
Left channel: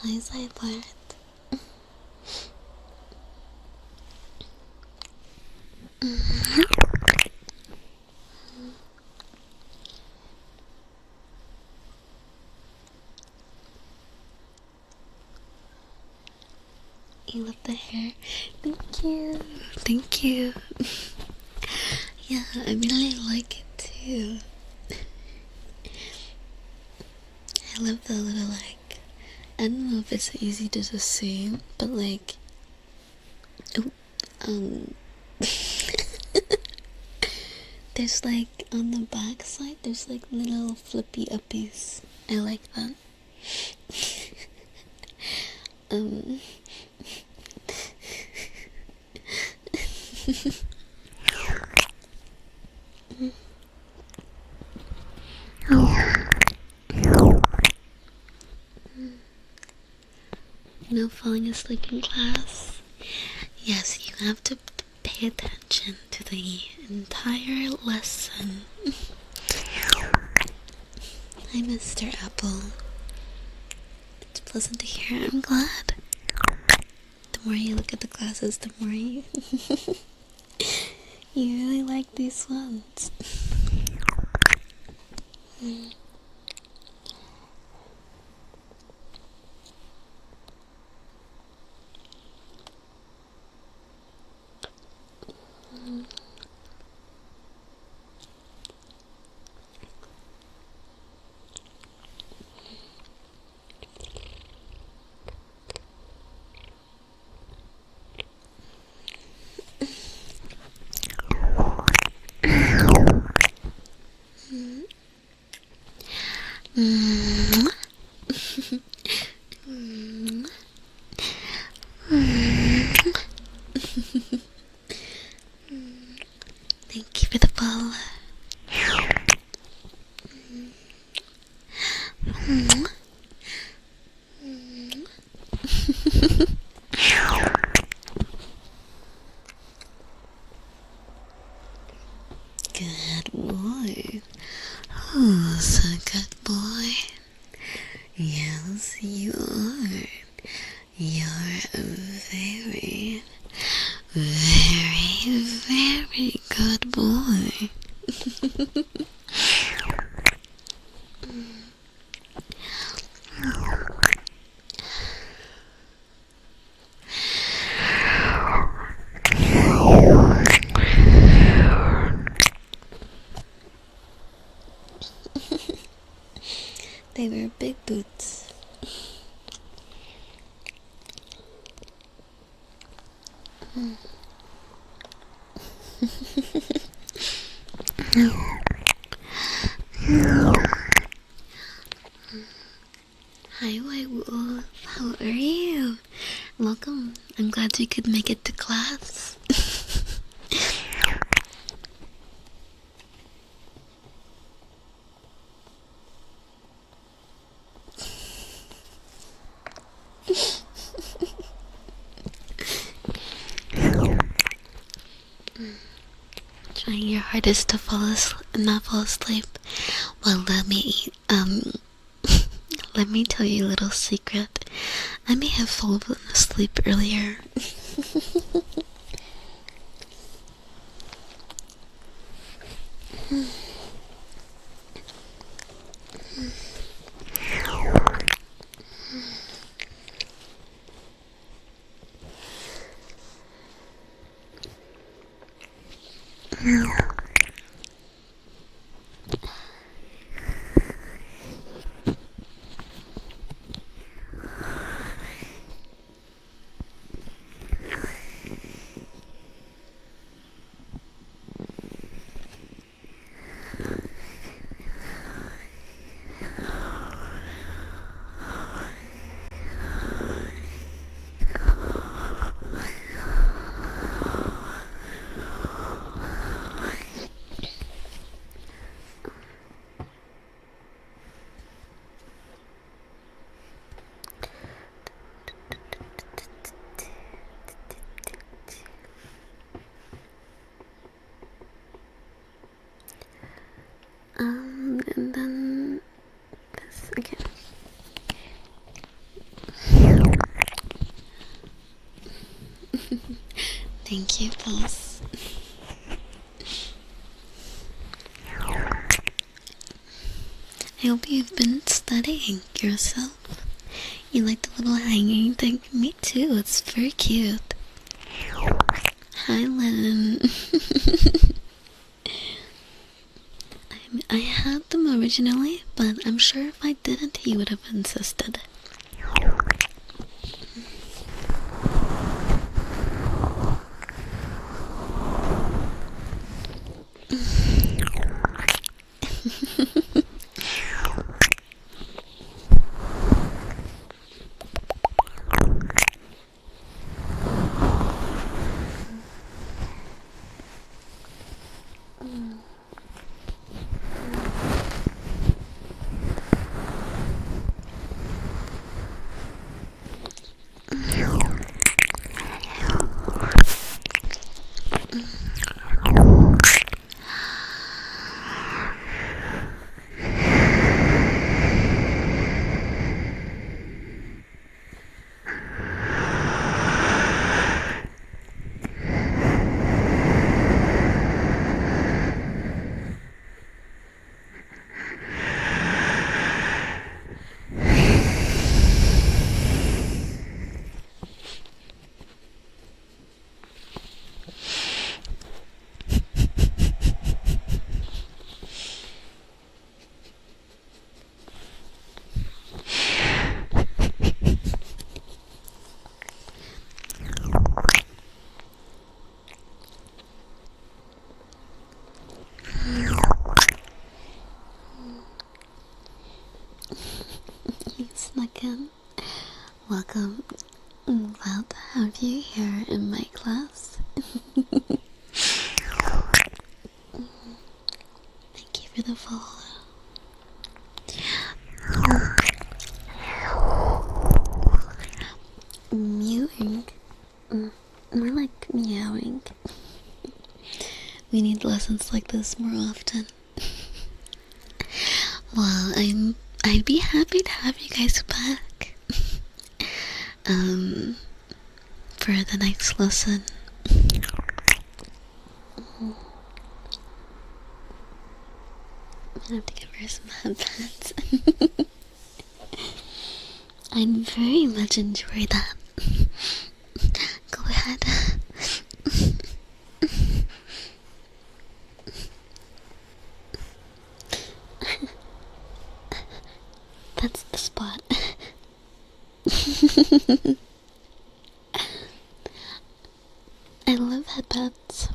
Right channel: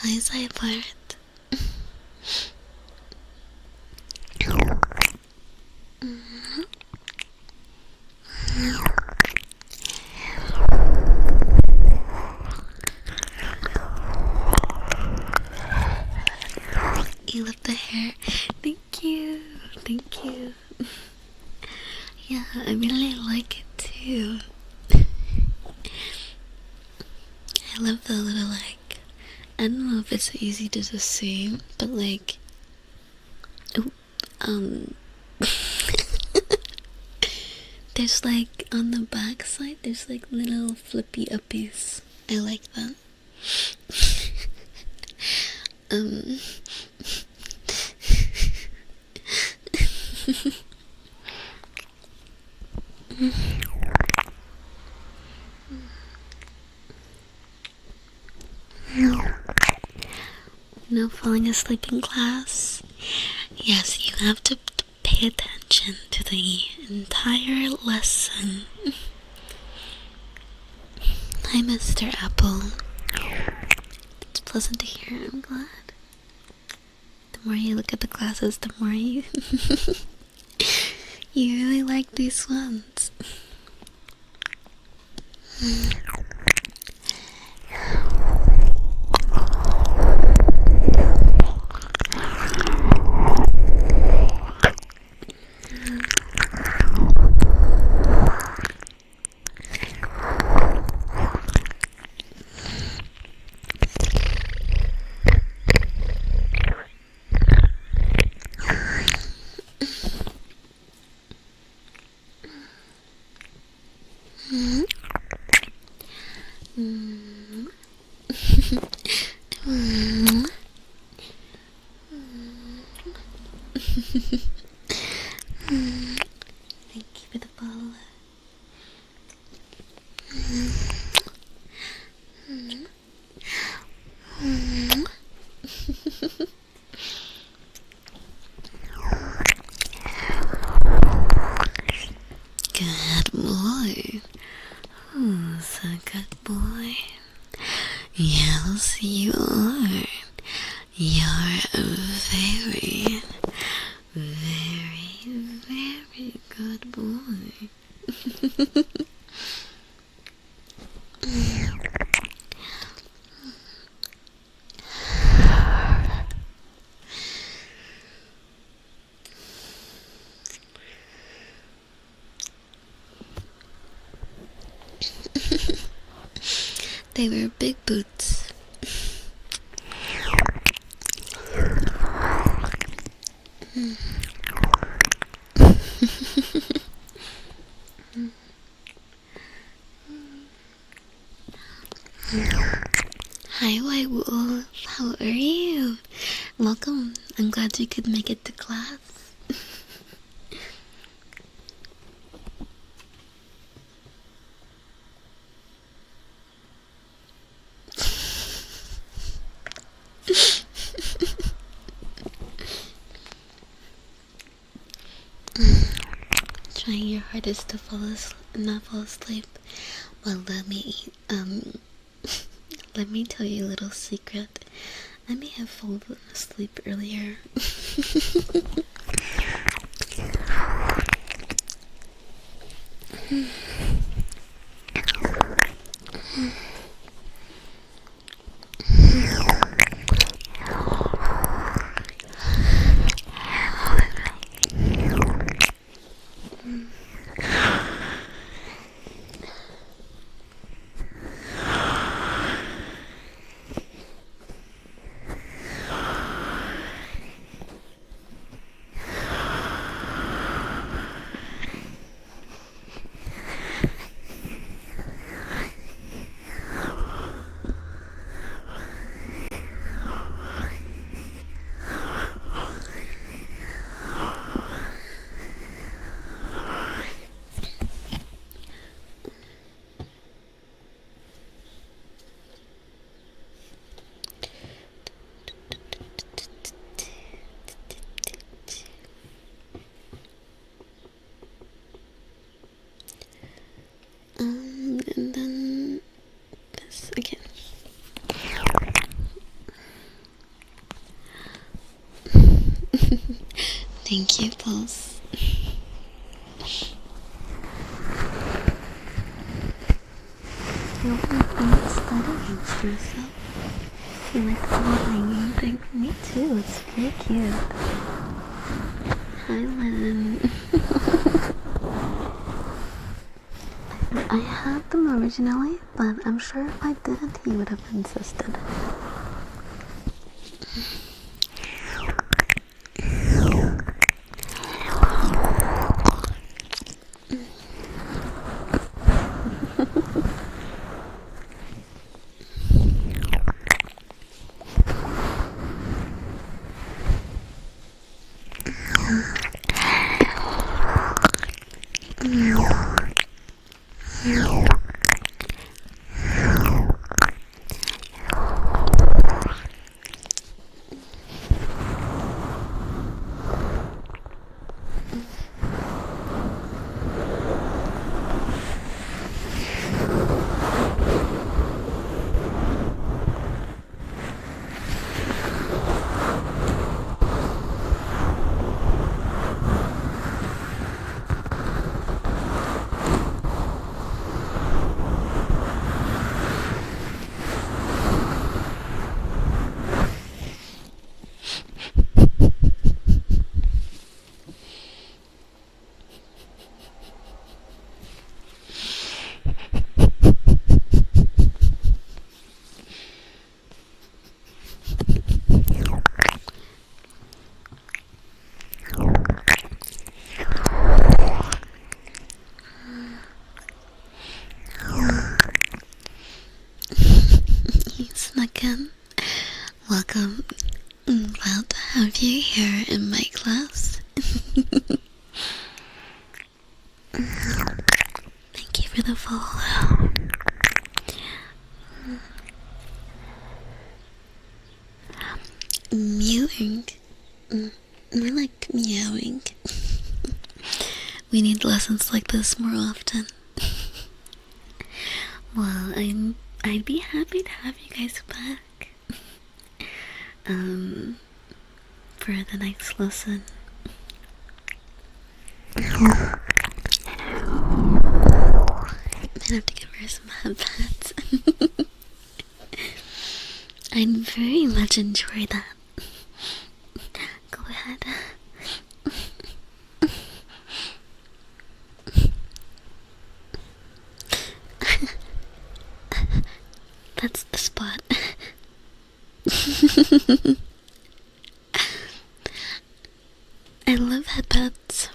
Hi, Zypart. You love the hair. Thank you. Thank you. Yeah, I really like it too. I love the little I don't know if it's easy to just say, but there's on the back side, there's little flippy uppies. I like that. No falling asleep in class. Yes, you have to pay attention to the entire lesson. Hi, Mr. Apple. It's pleasant to hear. I'm glad. The more you look at the classes, the more you you really like these ones. You're a very, very, very good boy. They were big boots. Hi, White Wolf. How are you? Welcome. I'm glad you could make it to class. Trying your hardest to not fall asleep. Well, let me tell you a little secret. I may have fallen asleep earlier. And then this again. Thank you, boss. I hope you've been studying yourself. You like the little hanging thing? Me too, it's very cute. Hi, Lynn. I had them originally, but I'm sure if I didn't, he would have insisted. Again, welcome. I'm glad to have you here in my class. Thank you for the follow. Mewing. More like meowing. We need lessons like this more often. Well, I'd be happy to have you guys back. for the next lesson. I have to give her some headpats. I'd very much enjoy that. Go ahead. That's the spot. I love headpats,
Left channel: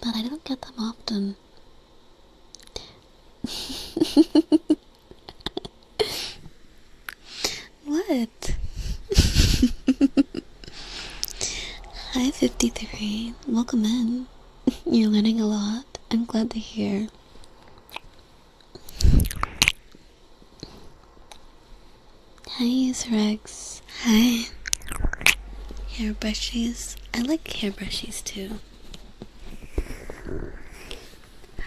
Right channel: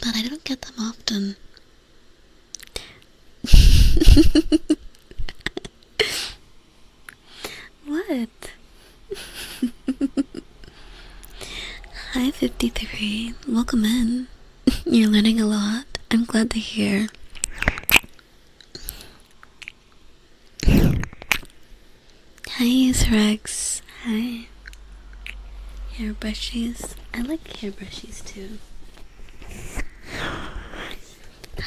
but I don't get them often. What? Hi 53, welcome in. You're learning a lot. I'm glad to hear. Hi Rex. Hi. Hair brushies. I like hair brushies too.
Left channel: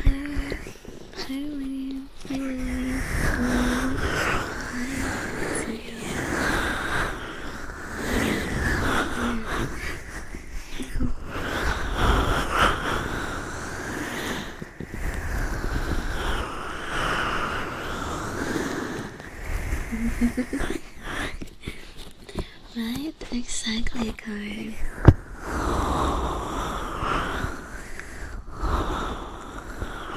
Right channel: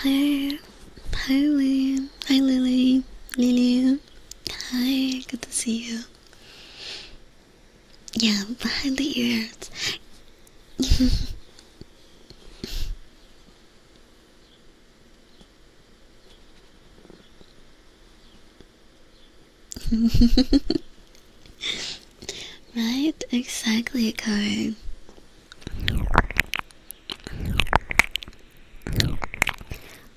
Hi. Hi Lily. Hi Lily. Lily. Hi, good to see you. Yeah, behind the ears. Right? Exactly, Kai.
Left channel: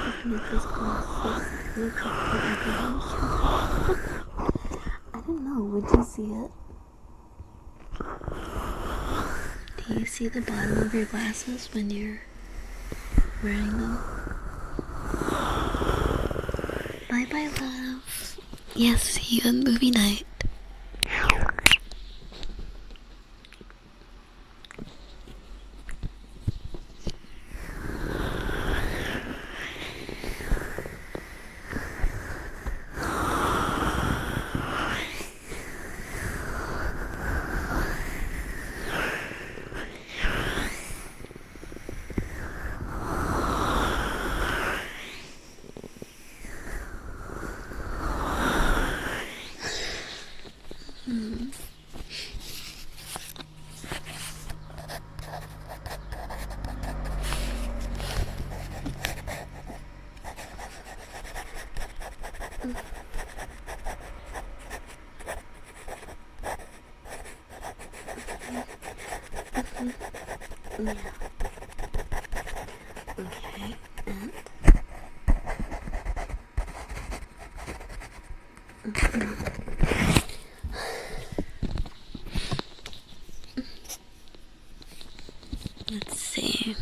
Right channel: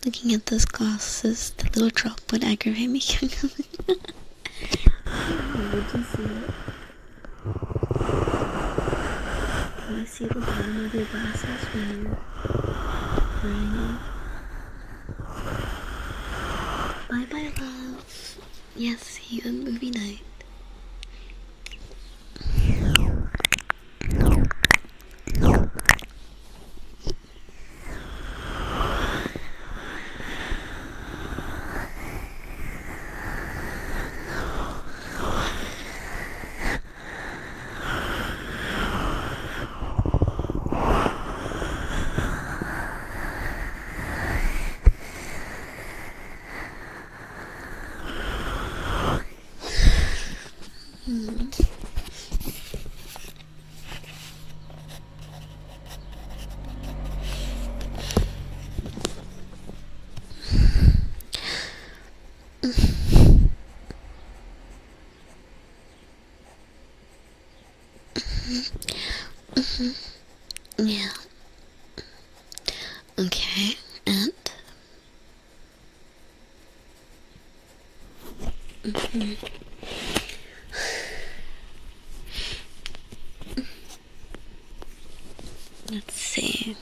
Looking at those glasses, the little drop would aggravate me. Oh, would you see it? Do you see the bottom of your glasses when you're wearing them? Bye bye, love. Yes, see you on movie night. Yeah. Okay, and let's see.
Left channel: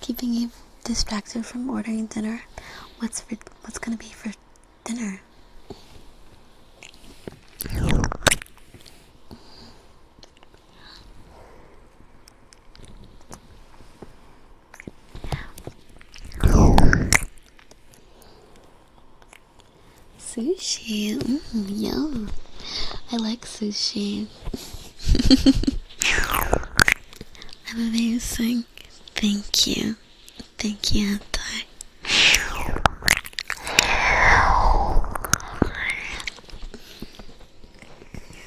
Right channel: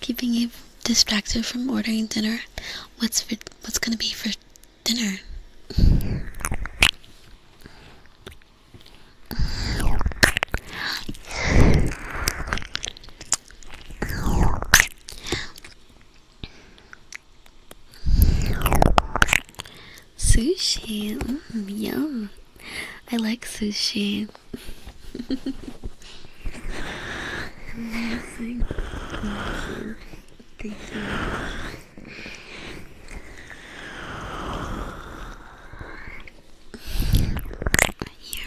Keeping you distracted from ordering dinner. What's gonna be for dinner? Sushi. Yum. I like sushi. Amazing. Thank you. Thank you, Anti.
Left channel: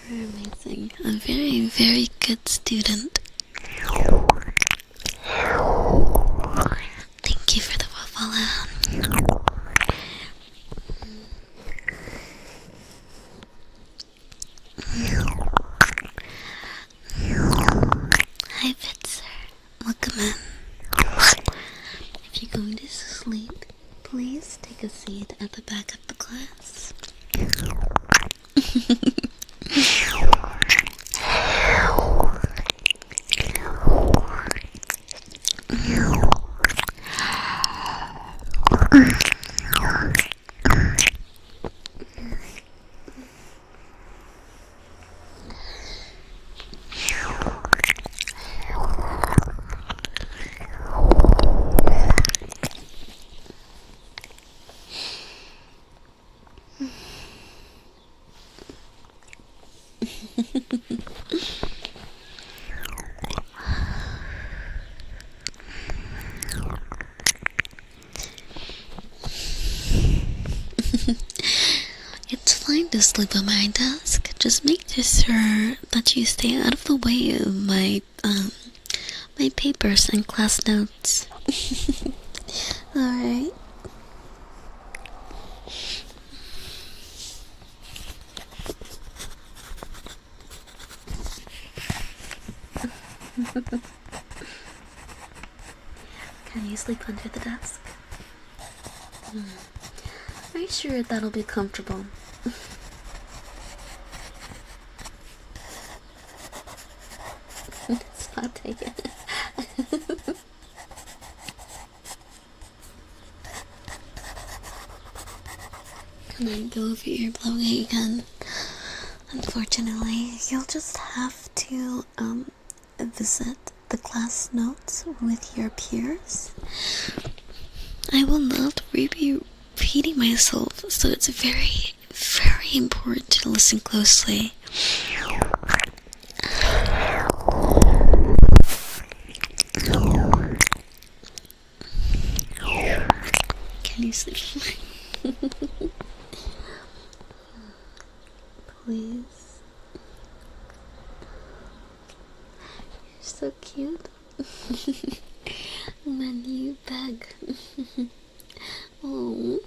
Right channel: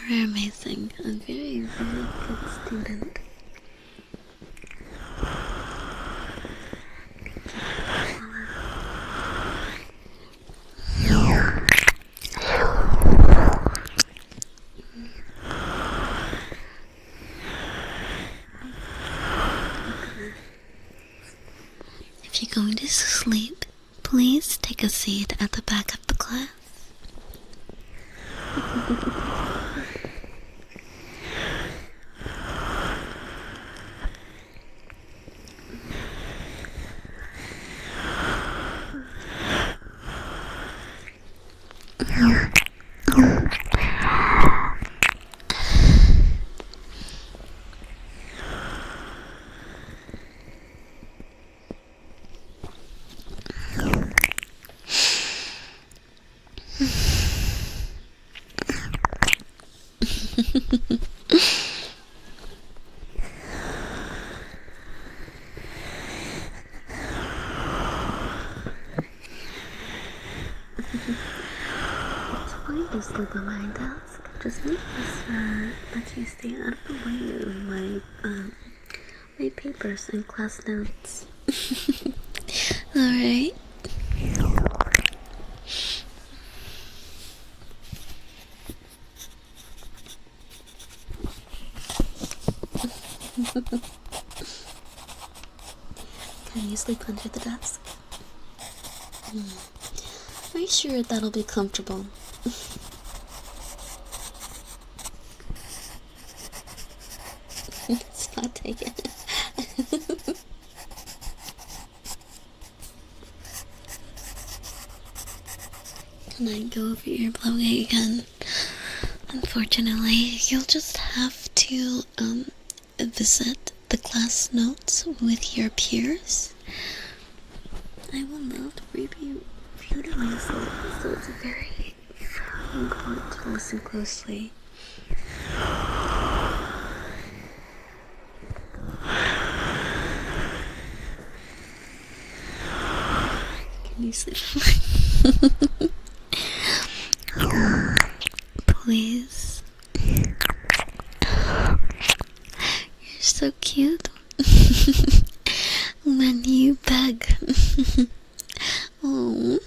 You're amazing. A very, very good student. Thank you for the follow. Hi, Fitz. Welcome in. If you're going to sleep, please take a seat at the back of the class. sleep on my desk. Just make sure that you stay out of the way of my papers and class notes. Alright? Can you sleep under the desk? Are you sure that'll be comfortable? It's not taken. Can I go over your blowout again? Unfortunately, you'll just have to visit the class notes with your peers. I will not be repeating myself, so it's very, very important to listen closely. Can you sleep? Please. You're so cute. When you beg. Oh.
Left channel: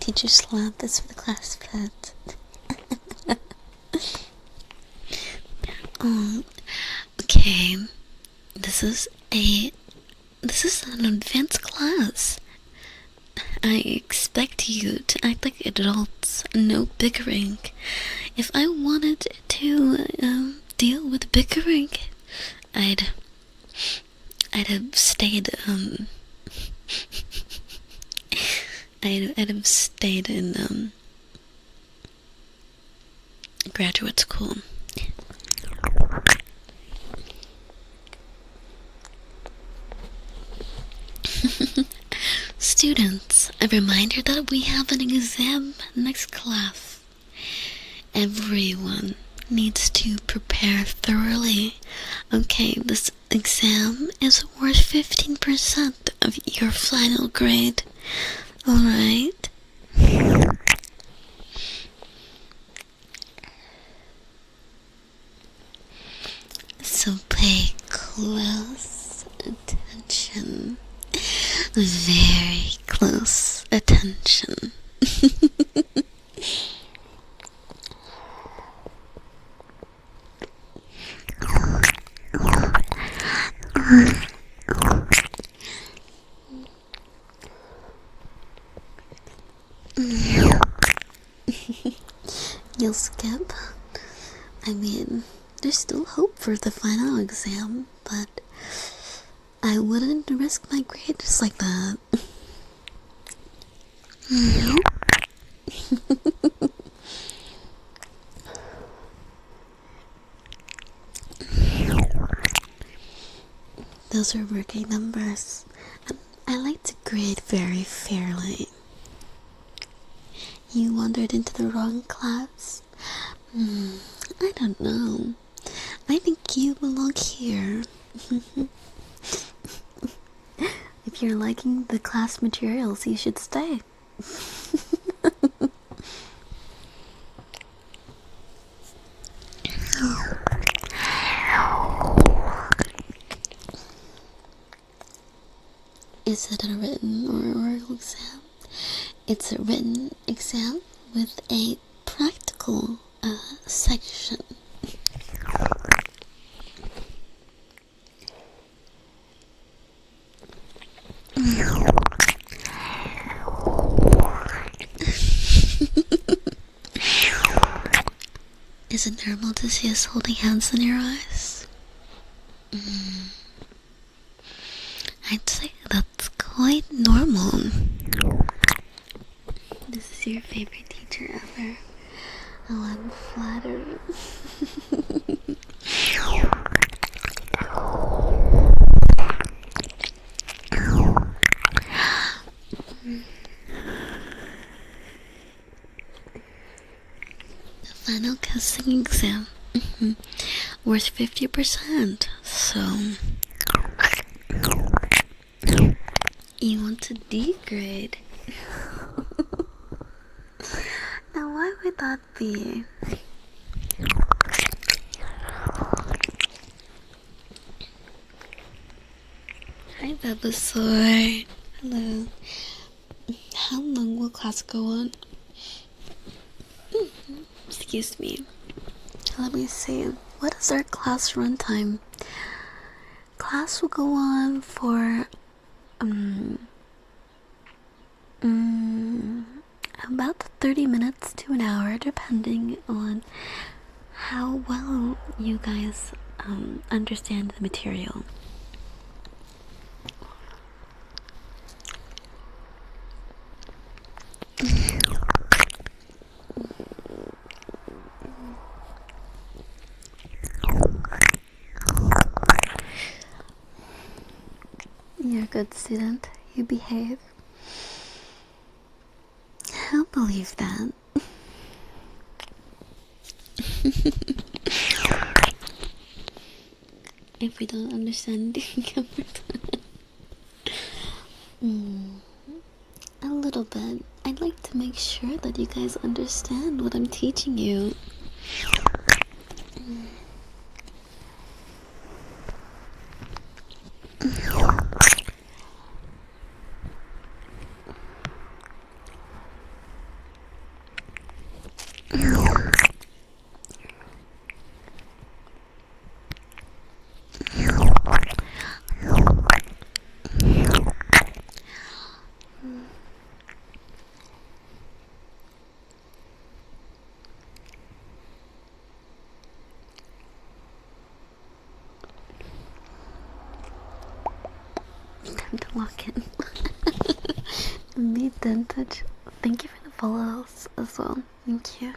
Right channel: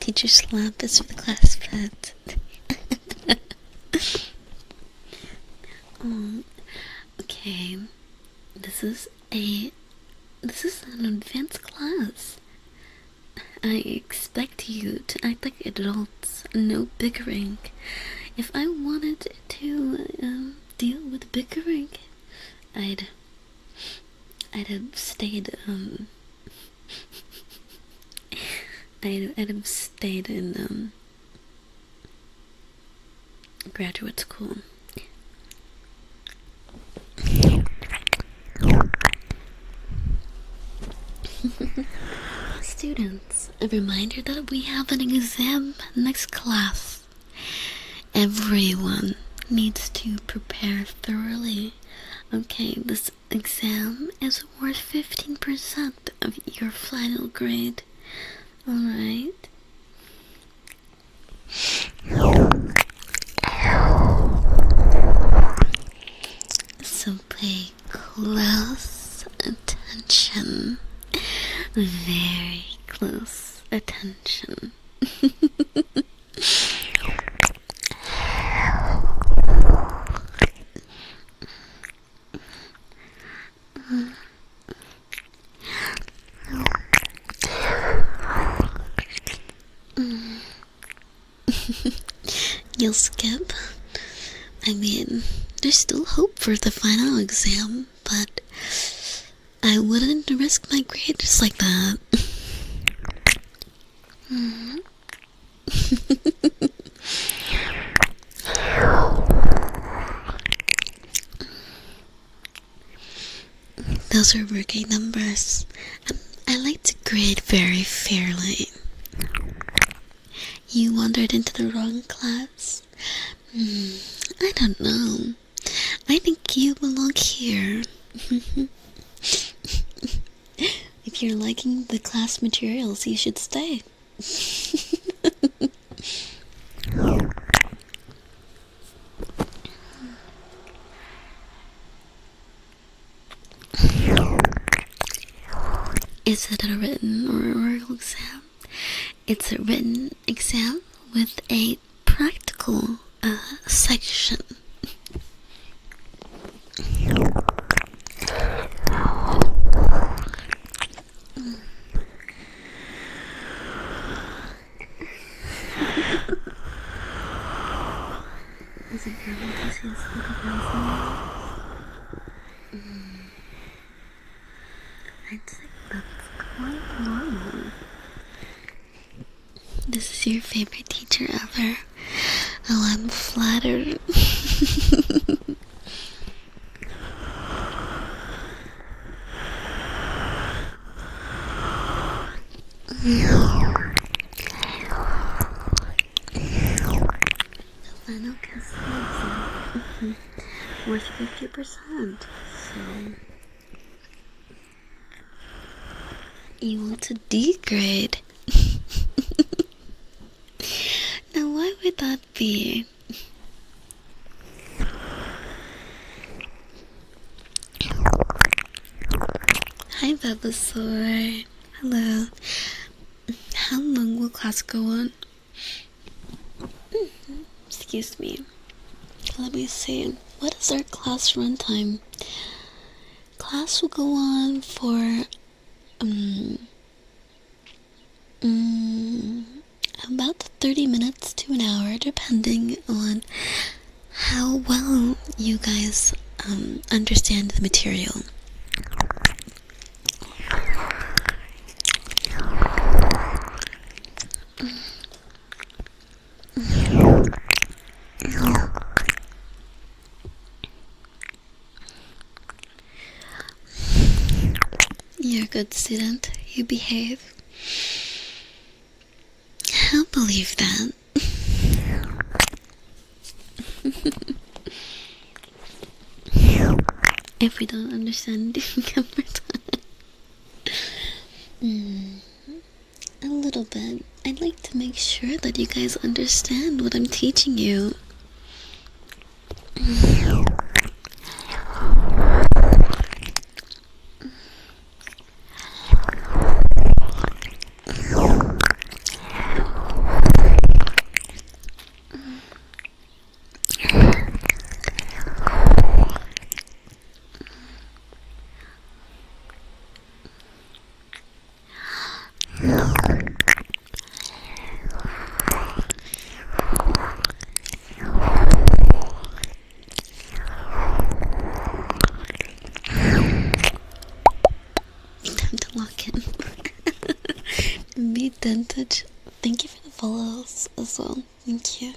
Teacher slap is for the class pet. Oh, okay. This is an advanced class. I expect you to act like adults, no bickering. If I wanted to deal with bickering, I'd have stayed I'd have stayed in graduate school. Students, a reminder that we have an exam next class. Everyone needs to prepare thoroughly. Okay, this exam is worth 15% of your final grade. Alright? So pay close attention. Very close attention. You'll skip. I mean, there's still hope for the final exam, but I wouldn't risk my grade just like that. Those are rookie numbers. I like to grade very fairly. You wandered into the wrong class? I don't know. I think you belong here. If you're liking the class materials, you should stay. Is it a written or oral exam? It's a written exam with a practical section. Is it normal to see us holding hands in your eyes? I'd say that's quite normal. This is your favorite teacher ever. Oh, I'm flattered. The final kissing exam. Worth 50%. So to D grade. Now, why would that be? Hi, Venusaur. Hello. How long will class go on? Excuse me. Let me see. What is our class run time? Class will go on for about 30 minutes to an hour, depending on how well you guys understand the material. You're a good student. You behave. I'll believe that. If we don't understand, a little bit. I'd like to make sure that you guys understand what I'm teaching you. Time to lock in. Be dented. Thank you for the follows as well. Thank you.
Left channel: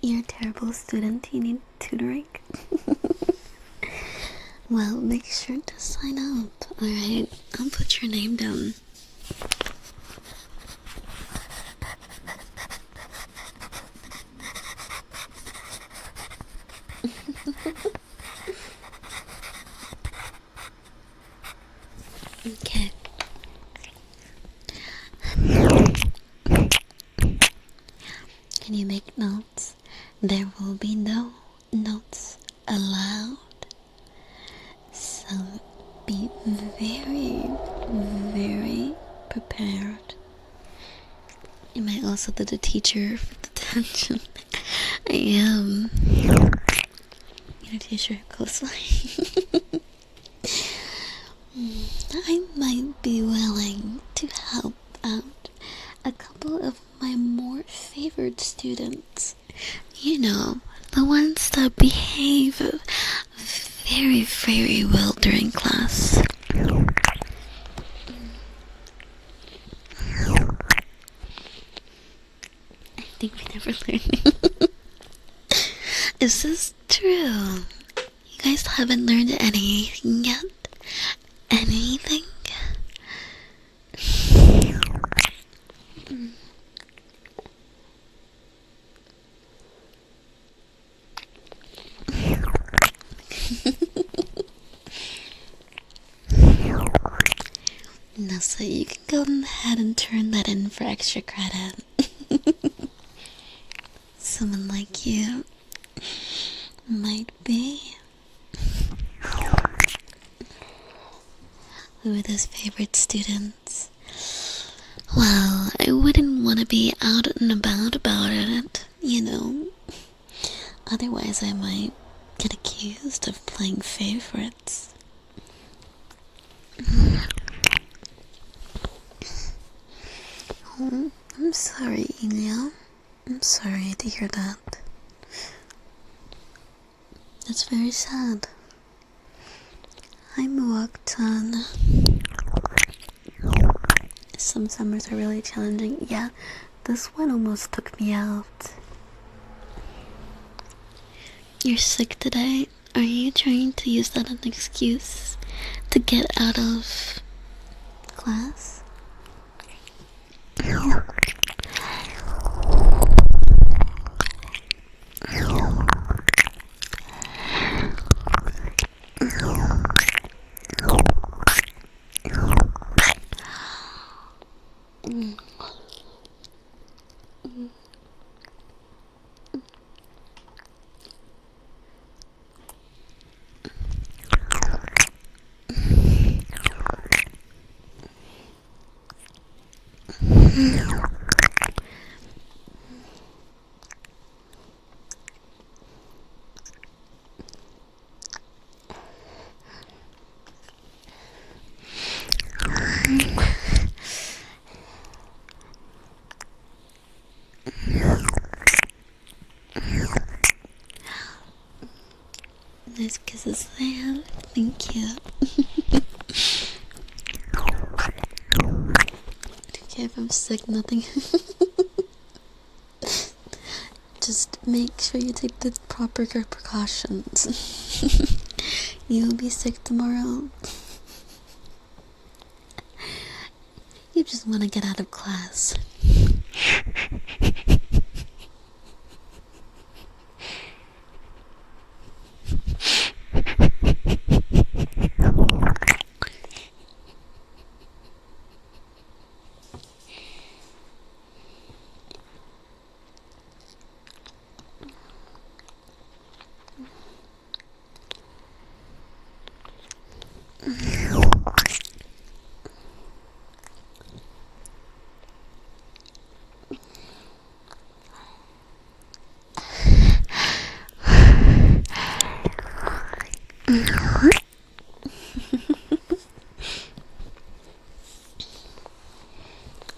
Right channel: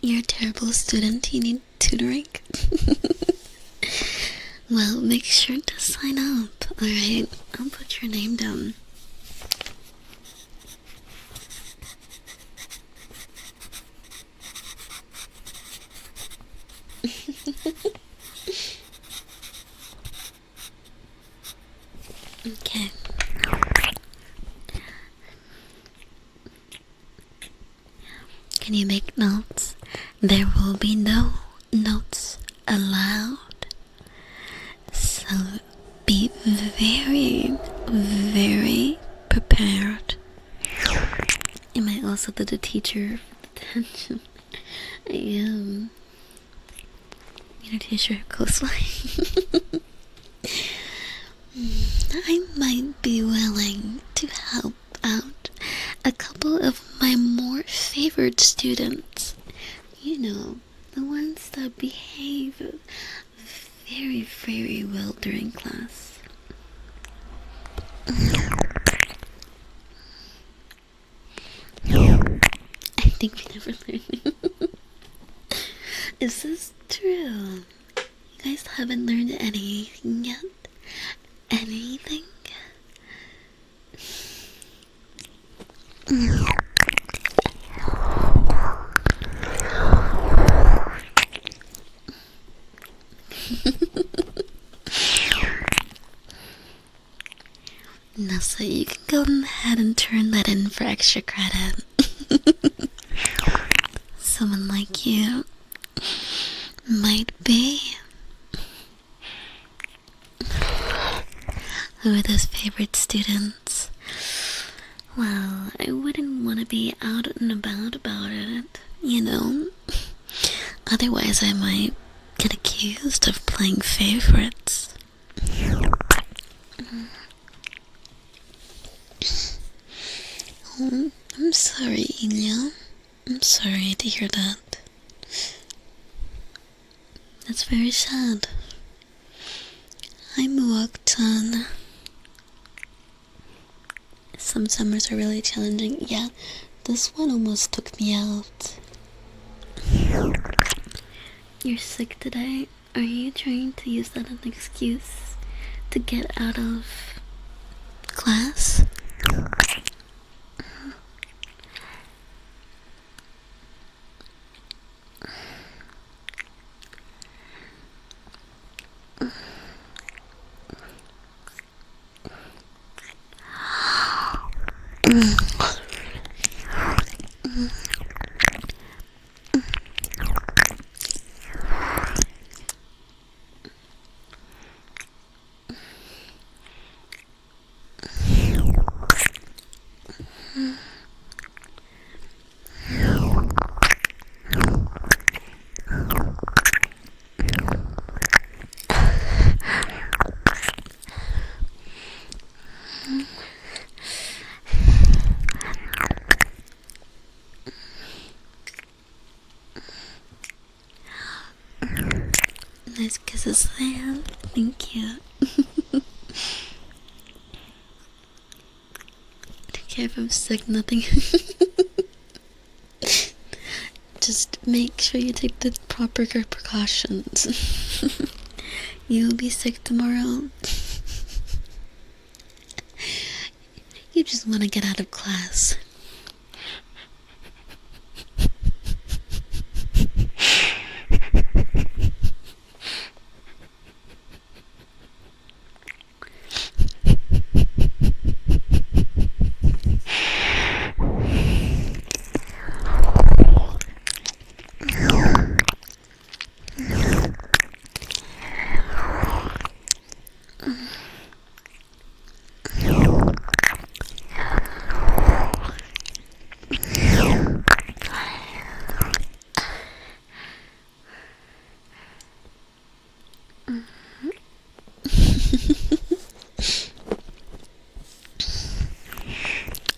You're a terrible student. You need tutoring. Well, make sure to sign up. Alright, I'll put your name down. Okay. Can you make notes? There will be no notes allowed. So be very, very prepared. Am I also the teacher for detention? I am. Your teacher closely. I might be willing to help out a couple of my more favored students. You know, the ones that behave very, very well during class. I think we never learned. Is this true? You guys haven't learned anything yet? Anything? No, so you can go ahead and turn that in for extra credit. Someone like you might be. Who are those favorite students? Well, I wouldn't want to be out and about it, you know. Otherwise, I might get accused of playing favorites. Oh, I'm sorry, Ilya. I'm sorry to hear that. That's very sad. I'm walked on. Some summers are really challenging. Yeah, this one almost took me out. You're sick today? Are you trying to use that as an excuse to get out of class? Nice kisses, Sam. Thank you. Take care if I'm sick, nothing. Just make sure you take the proper precautions. You'll be sick tomorrow. You just want to get out of class.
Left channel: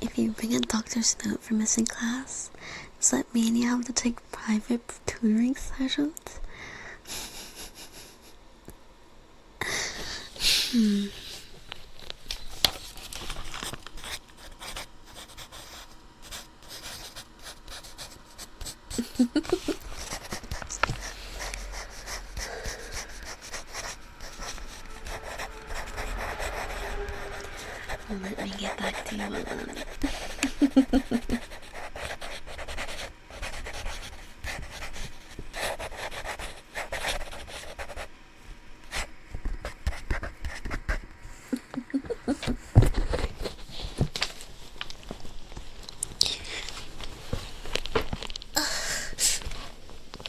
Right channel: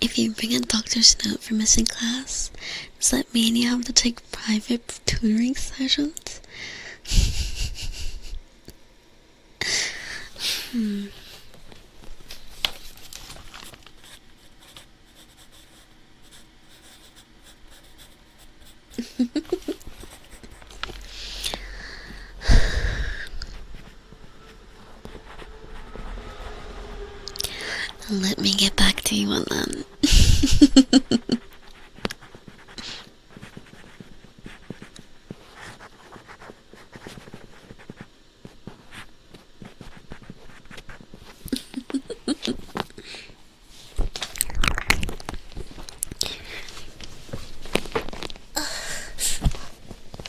If you bring a doctor's note for missing class, does that mean you have to take private tutoring sessions? Let me get back to you on that.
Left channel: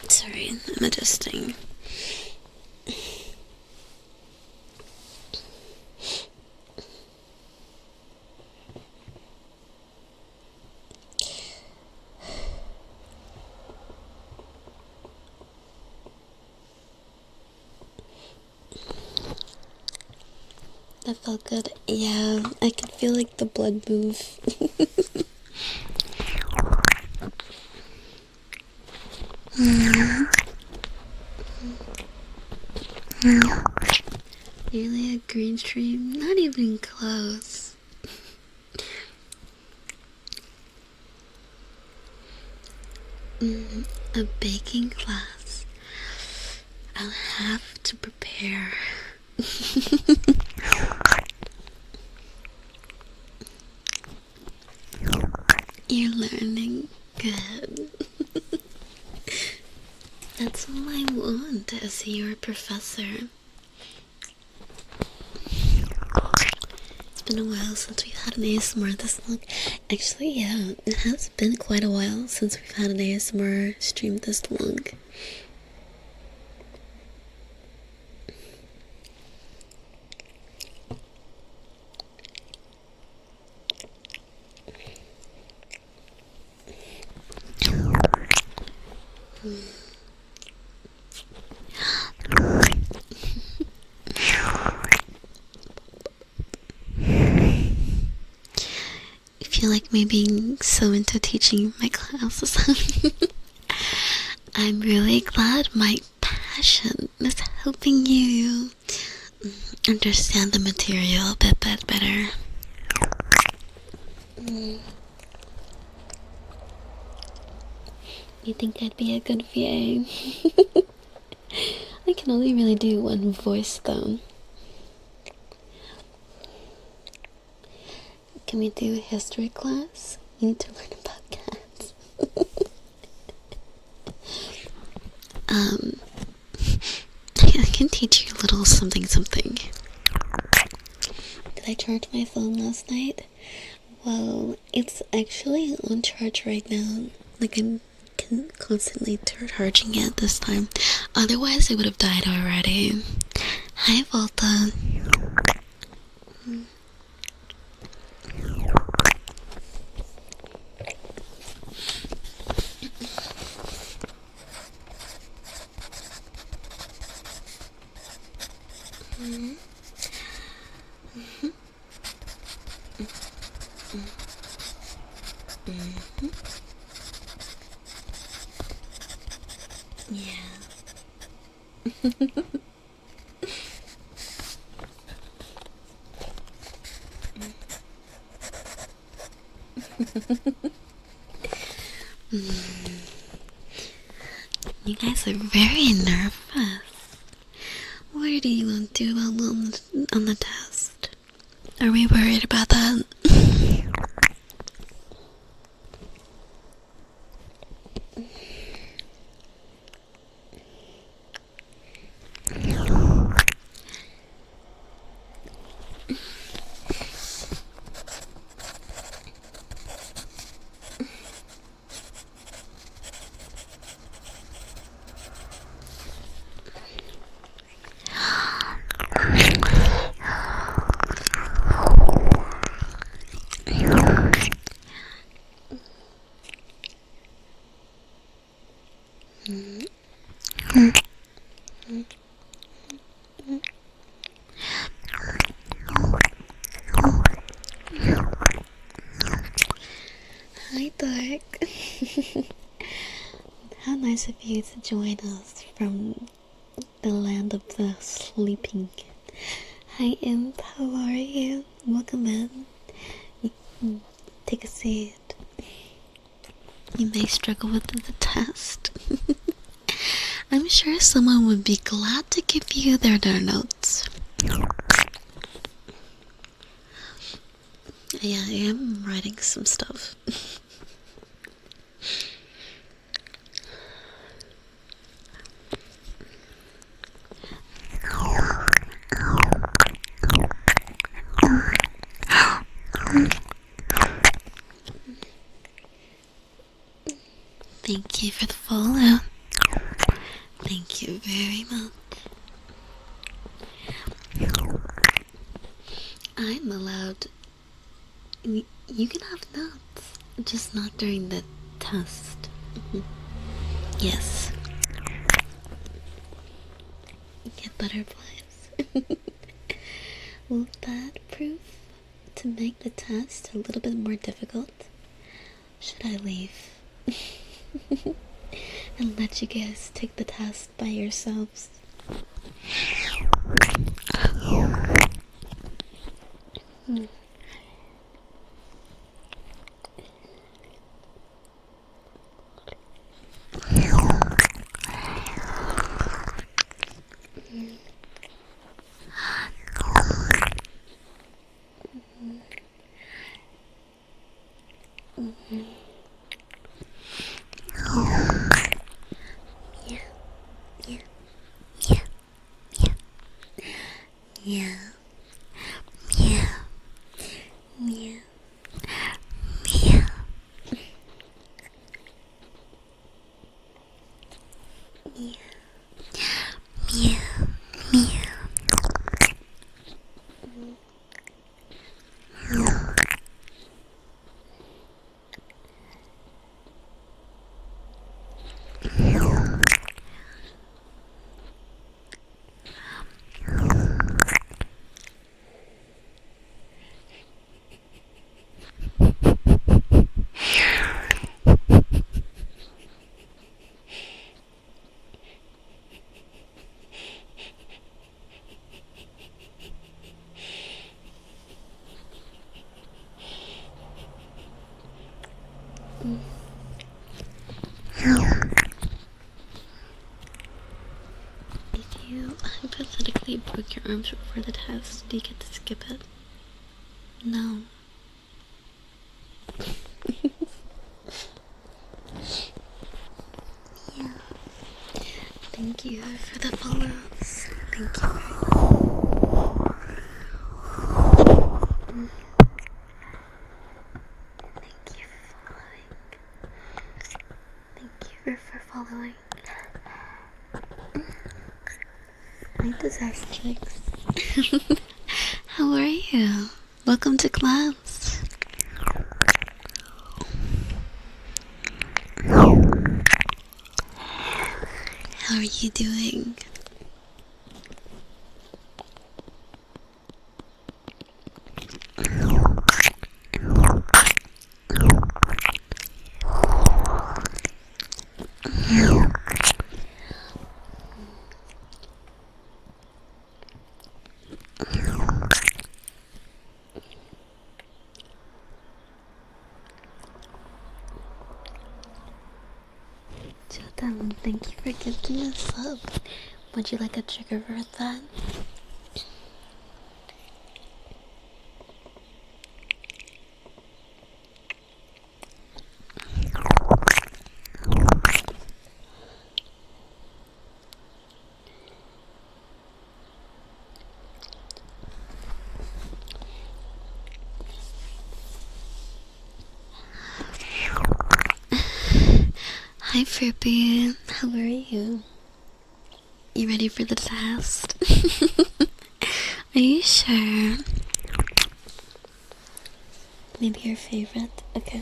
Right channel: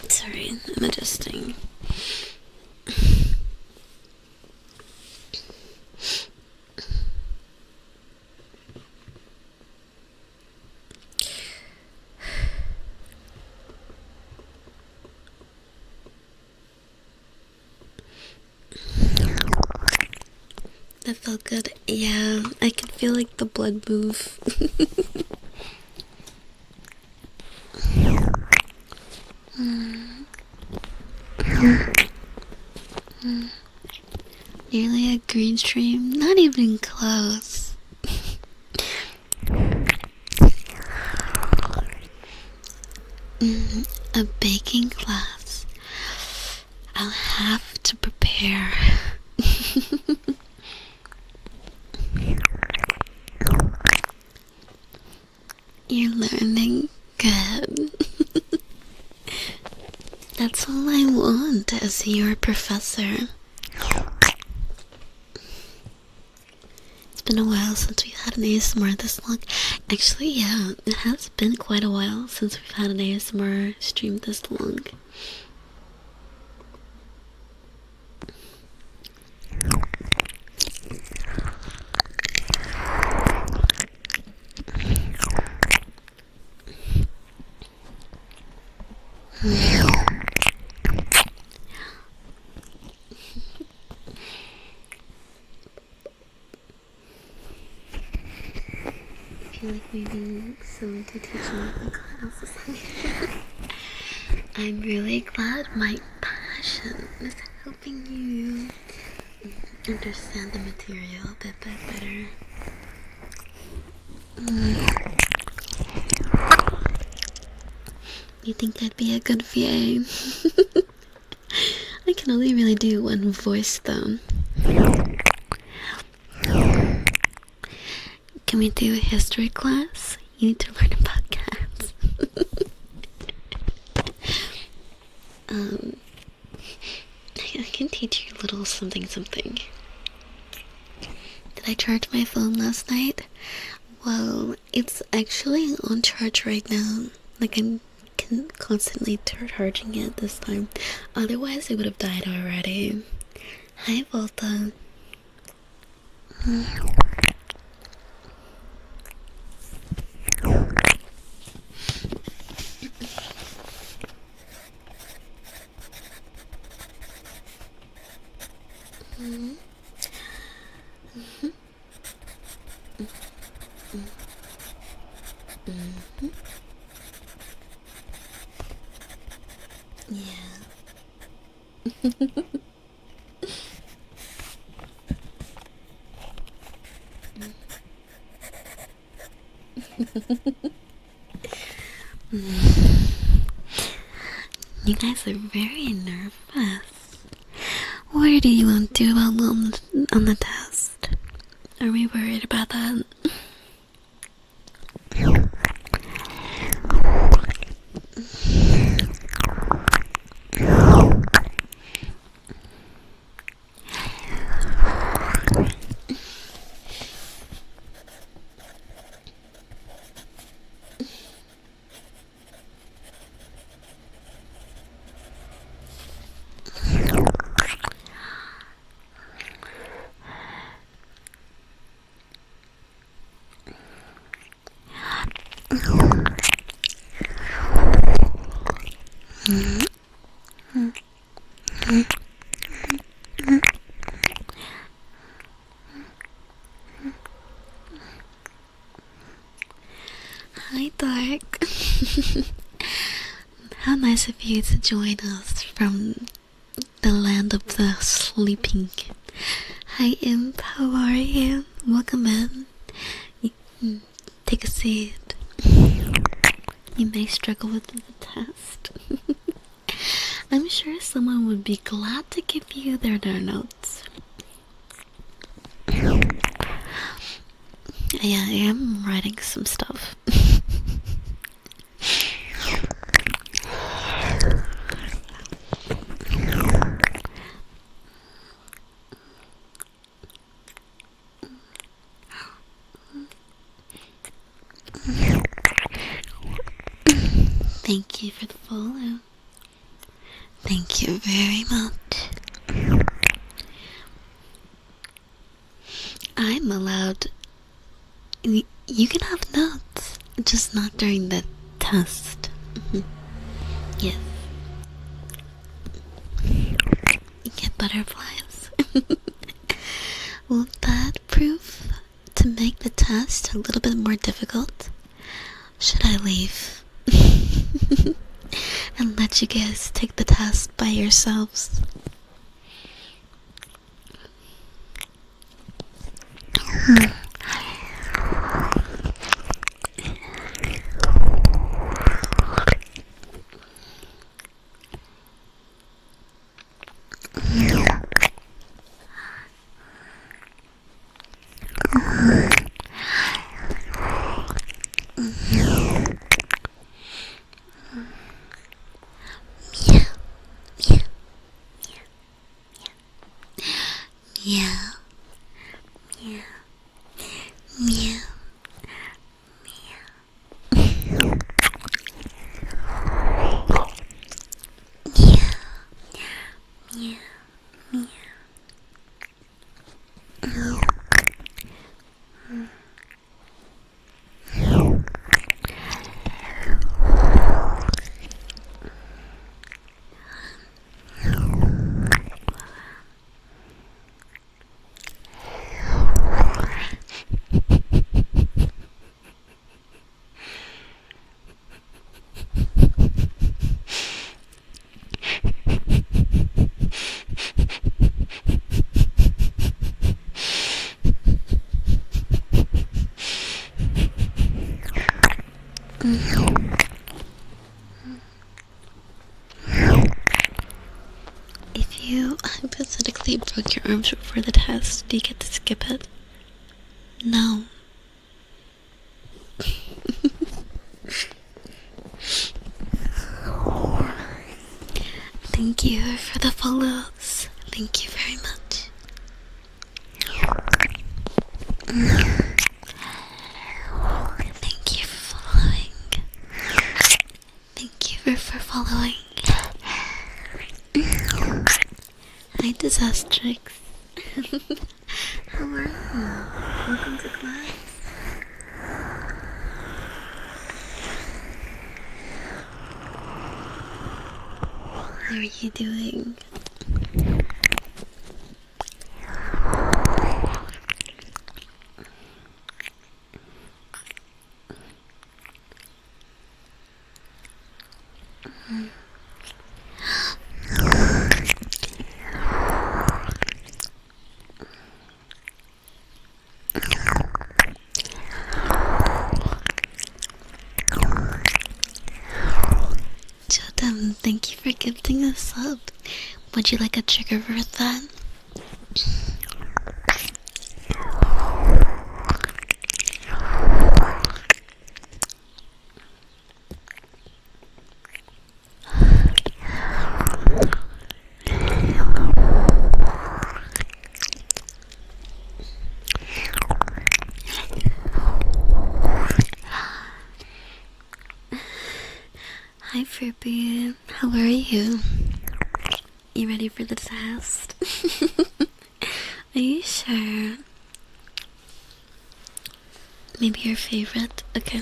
Sorry, I'm adjusting. That felt good. Yeah, I could feel like the blood move. Nearly a green stream, not even close. A baking class. I'll have to prepare. You're learning good. That's all I want as your professor. It's been a while since we've had an ASMR this long. Actually, yeah, it has been quite a while since we've had an ASMR stream this long. I feel like me being so into teaching my classes. I'm really glad my passion is helping you understand the material a bit better. You think I'd be a good VA? I can only really do one voice though. Can we do a history class? You need to learn about cats. I can teach you a little something. Did I charge my phone last night? Well, it's actually on charge right now. Like, I'm constantly charging it this time. Otherwise, it would have died already. Hi, Volta. Yeah. You guys are very nervous. What do you want to do on the test? Are we worried about that? Hi, Dark. How nice of you to join us from the land of the sleeping. Hi, Imp. How are you? Welcome in. Take a seat. You may struggle with the test. I'm sure someone would be glad to give you their notes. Yeah, I am writing some stuff. Thank you for the follow. Thank you very much. I'm allowed. You can have notes, just not during the test. Yes. You get butterflies. Will that prove to make the test a little bit more difficult? Should I leave? And let you guys take the test by yourselves? Yeah. Yeah. Meow. Meow. Meow. Meow. Meow. If you hypothetically broke your arms before the test, do you get to skip it? No. Thank you for the follows. Thank you very much. Disastrix. How are you? Welcome to class. How are you doing? Jordan, thank you for gifting us up. Would you like a trigger for that? Hi Furby, how are you? You ready for the test? Are you sure? Maybe your favorite? Okay.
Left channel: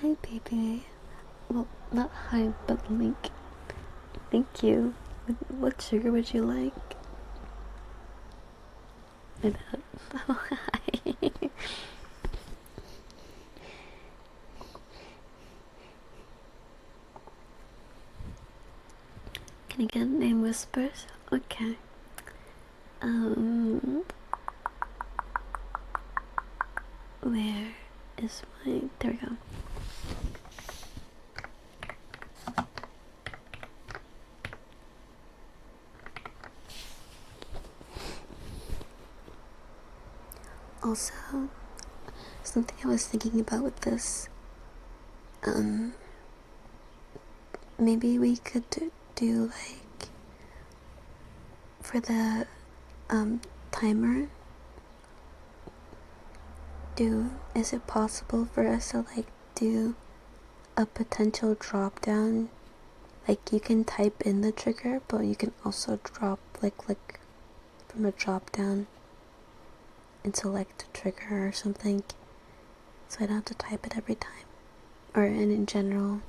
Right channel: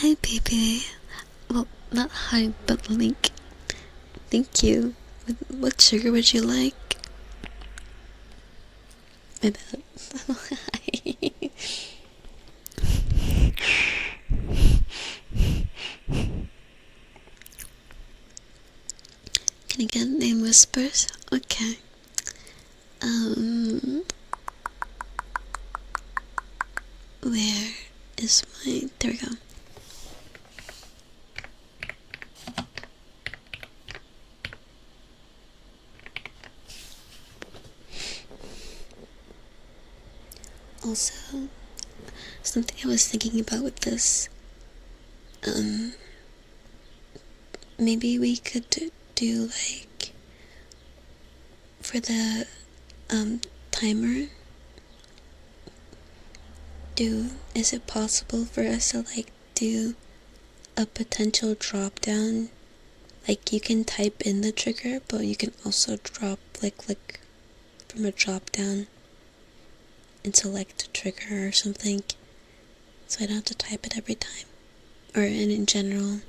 Hi, baby. Well, not hi, but Link. Thank you. What sugar would you like? My bad. Oh, hi. Can I get a name whispers? Okay. Where is my... There we go. Also, something I was thinking about with this, maybe we could do like, for the timer, is it possible for us to like do a potential drop down? Like, you can type in the trigger, but you can also click from a drop down and select a trigger or something, so I don't have to type it every time, or in general.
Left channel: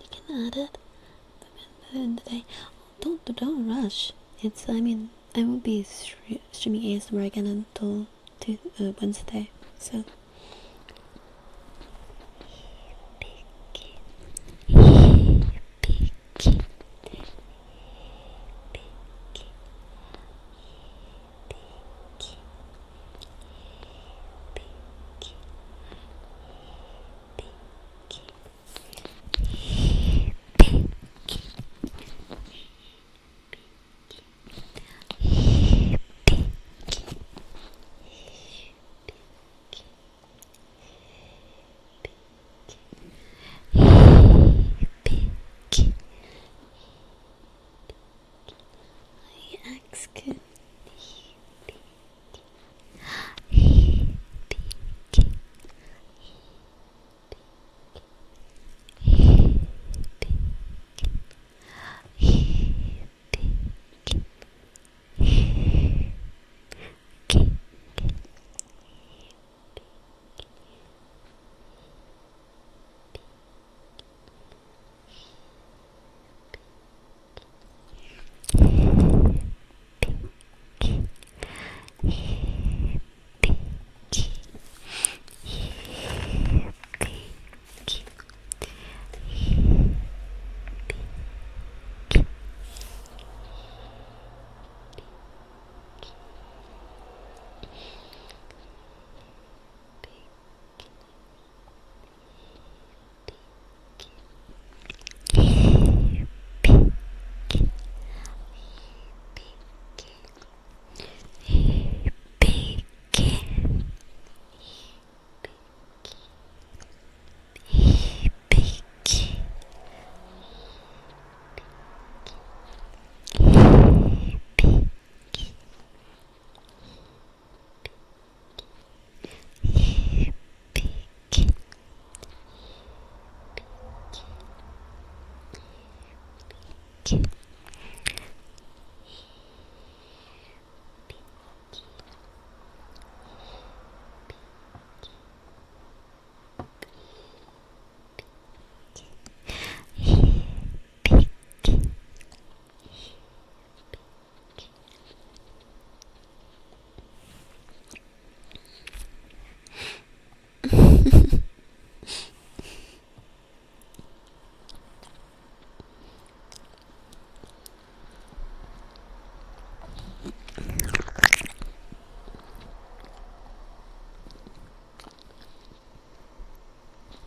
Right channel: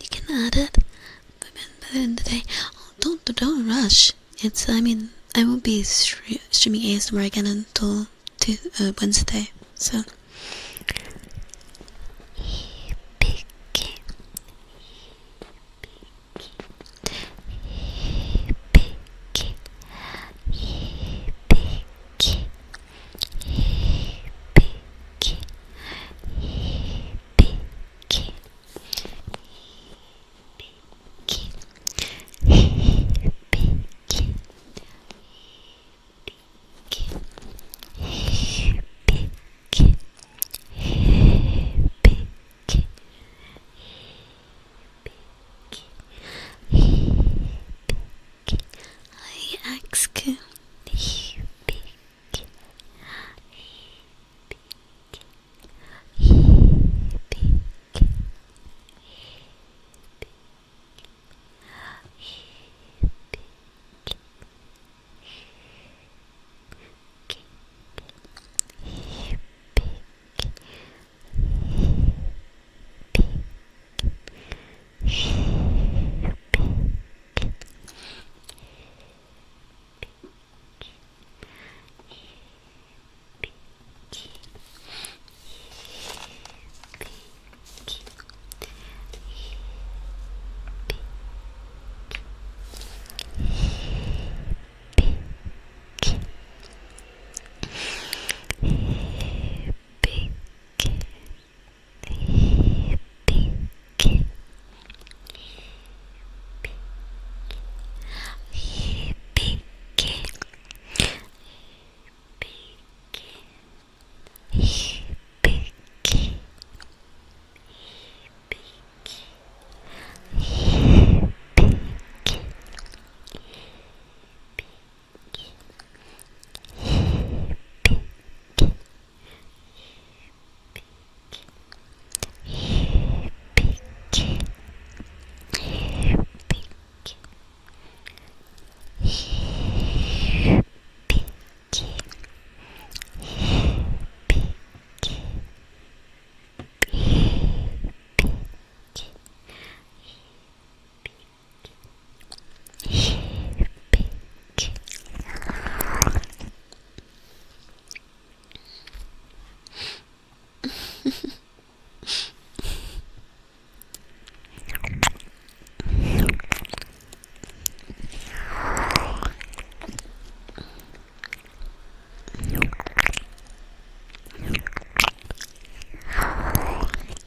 You can add it by the end of the day. Oh, don't rush. I won't be streaming ASMR again until Wednesday, so.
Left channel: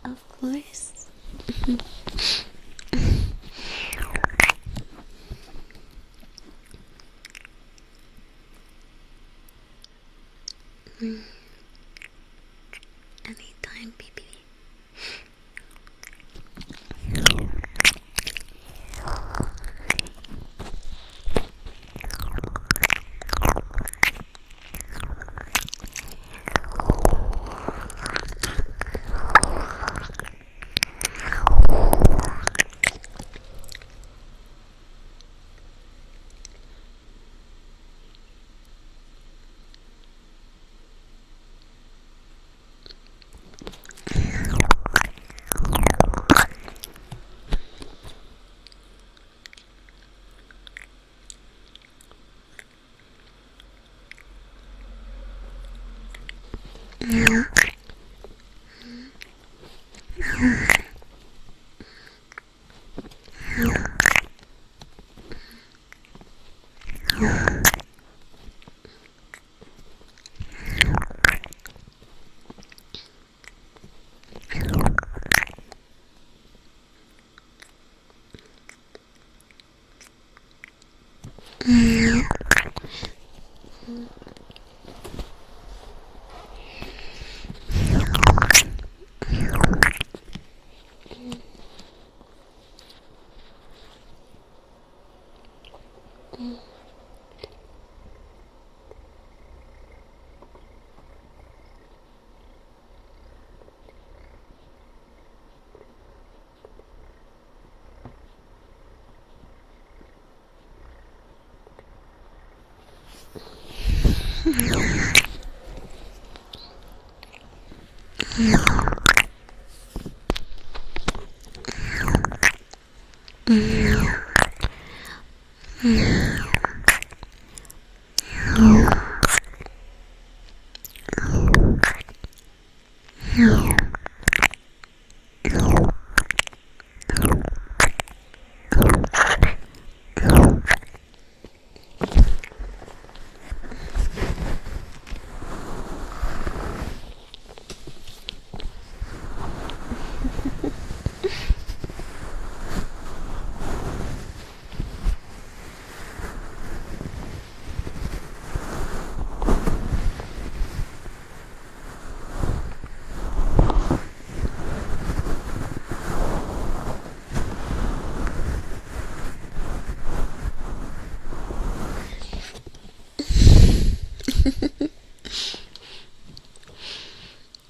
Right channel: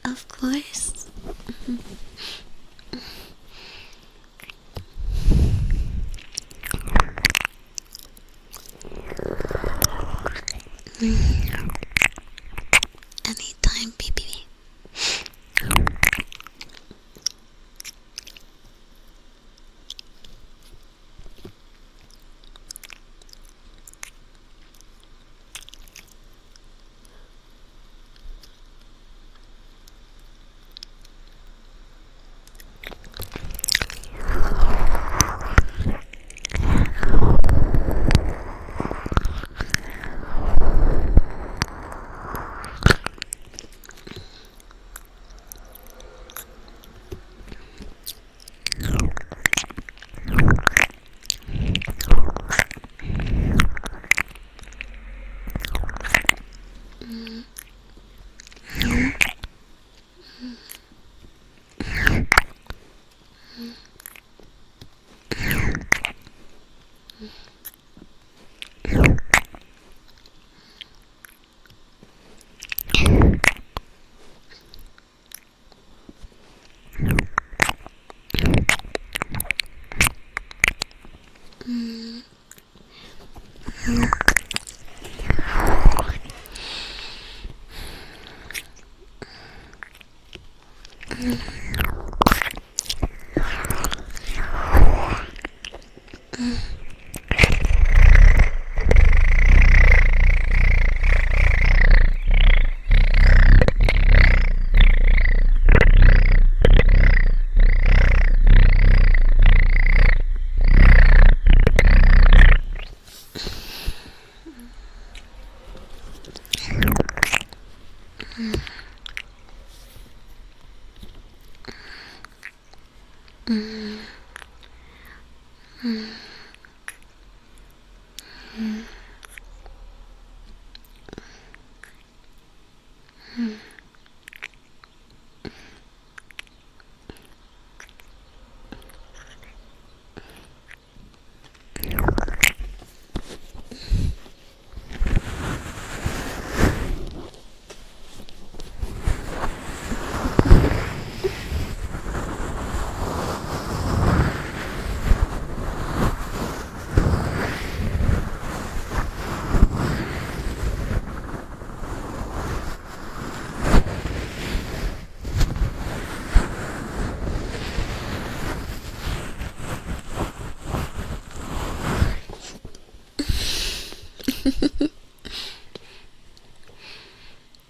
Of course. Anytime, baby.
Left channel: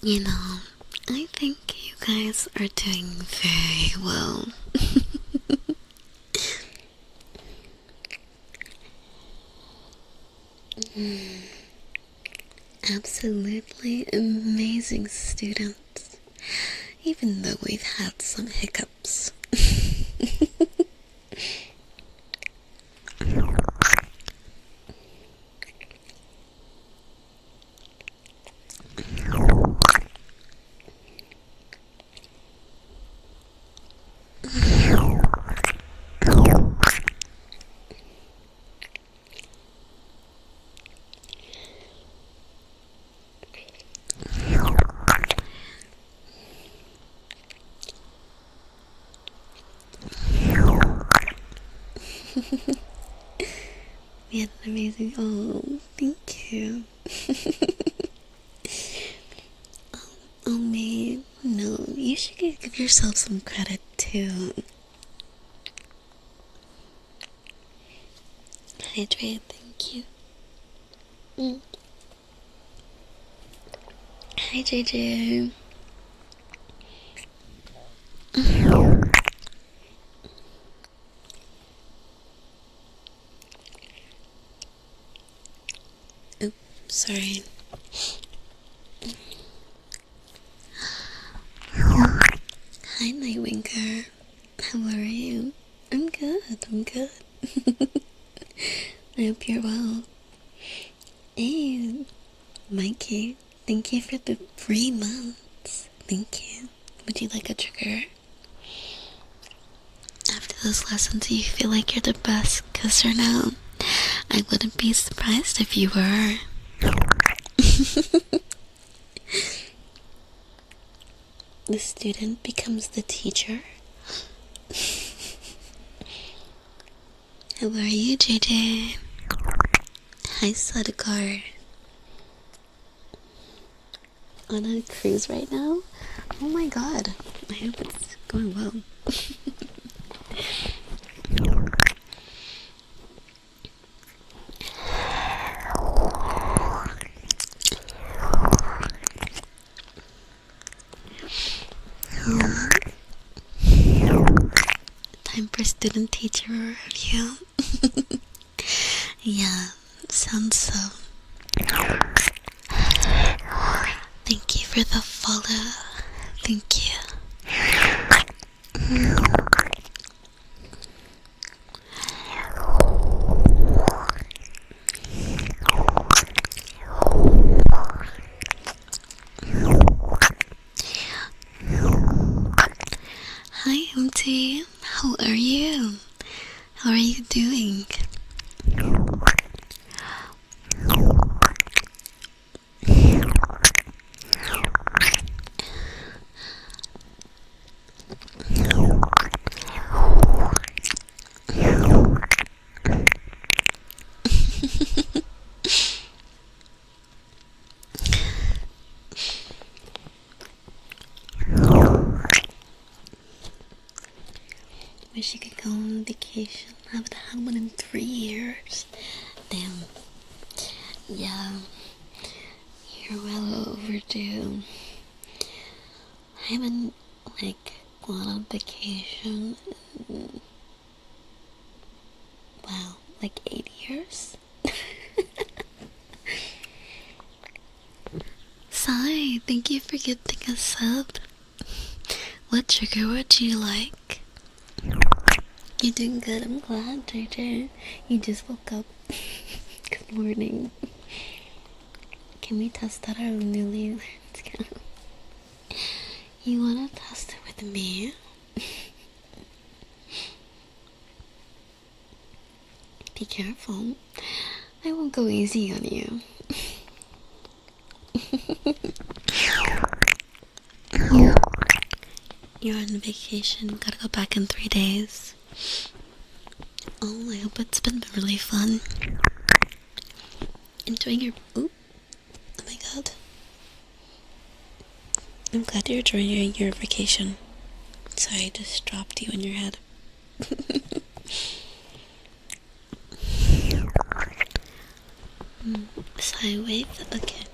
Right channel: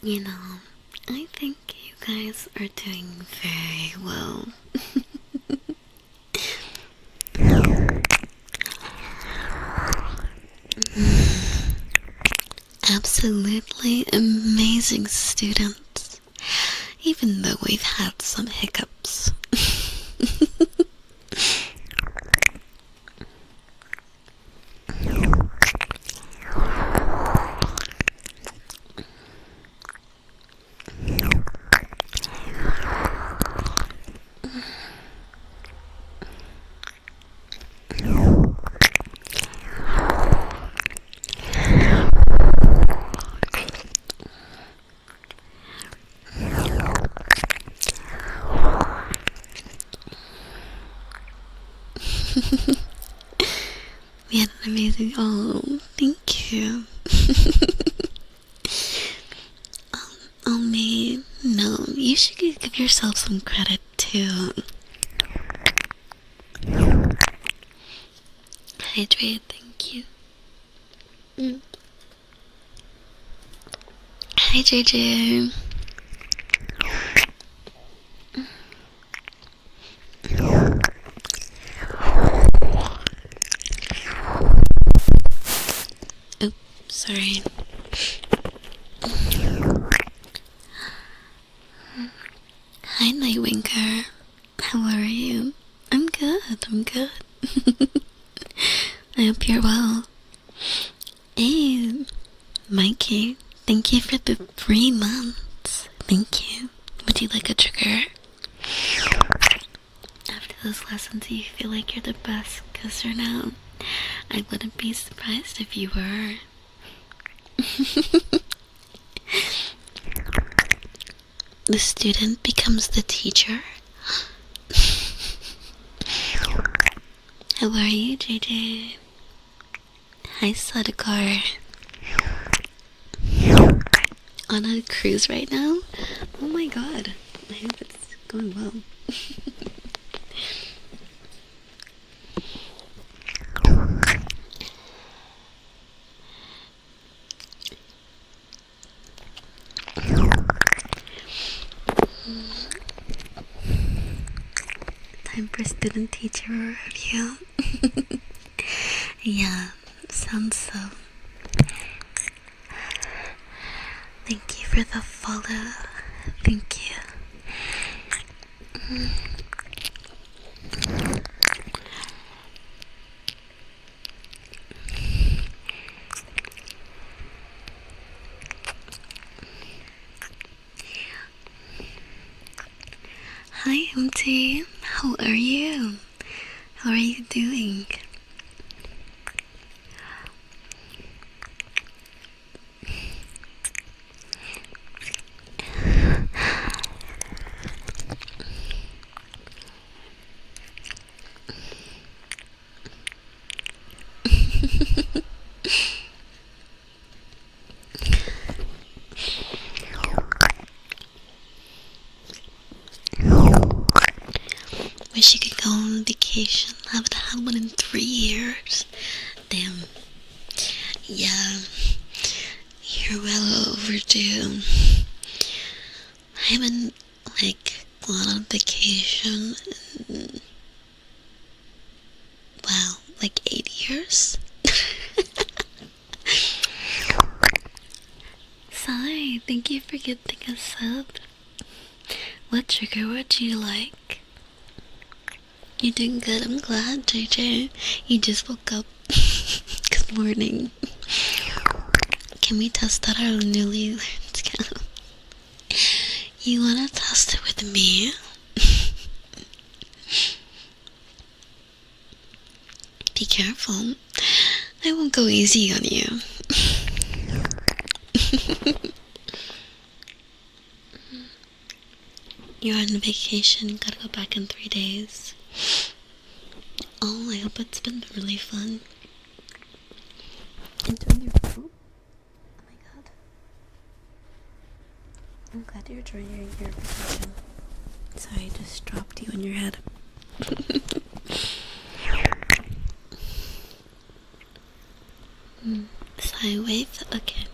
You know, I think you guys are doing very well. Absolutely amazing students, even though we've had some hiccups. We had an amazing. Oh, thank you. Oh, me. No, you should give yourself some credit too. Hydrate, thank you. Hi, JJ. Oops, sorry. Hi, Nightwinker. How are you? I'm good, I'm good. I hope you're well. Hey, Mikey, thank you for the 3 months. Thank you. Would you like a trigger? After those lessons, you feel like you're the best kisser now. I wouldn't be surprised if you were. The student becomes the teacher. How are you, JJ? Hi, Sadakar. On a cruise right now? Oh my god. I hope it's going well. Time for student teacher review. Yeah, sounds so. Thank you for the follow. Thank you. T. How are you? How are you doing? Wish you could go on vacation. Haven't had one in 3 years. Damn. Yeah. You're well overdue. I haven't, gone on vacation in, wow, 8 years? Sai, thank you for getting a sub. What trigger would you like? You're doing good, I'm glad, JJ. You just woke up. Good morning. Can we test out our newly learned skill? You wanna test it with me? Be careful. I won't go easy on you. You're on vacation, gotta go back in 3 days. Oh, I hope it's been really fun. Enjoying your food? Oh my god. I'm glad you're enjoying your vacation. Sorry, I just dropped you on your head. Sorry, wait. Okay.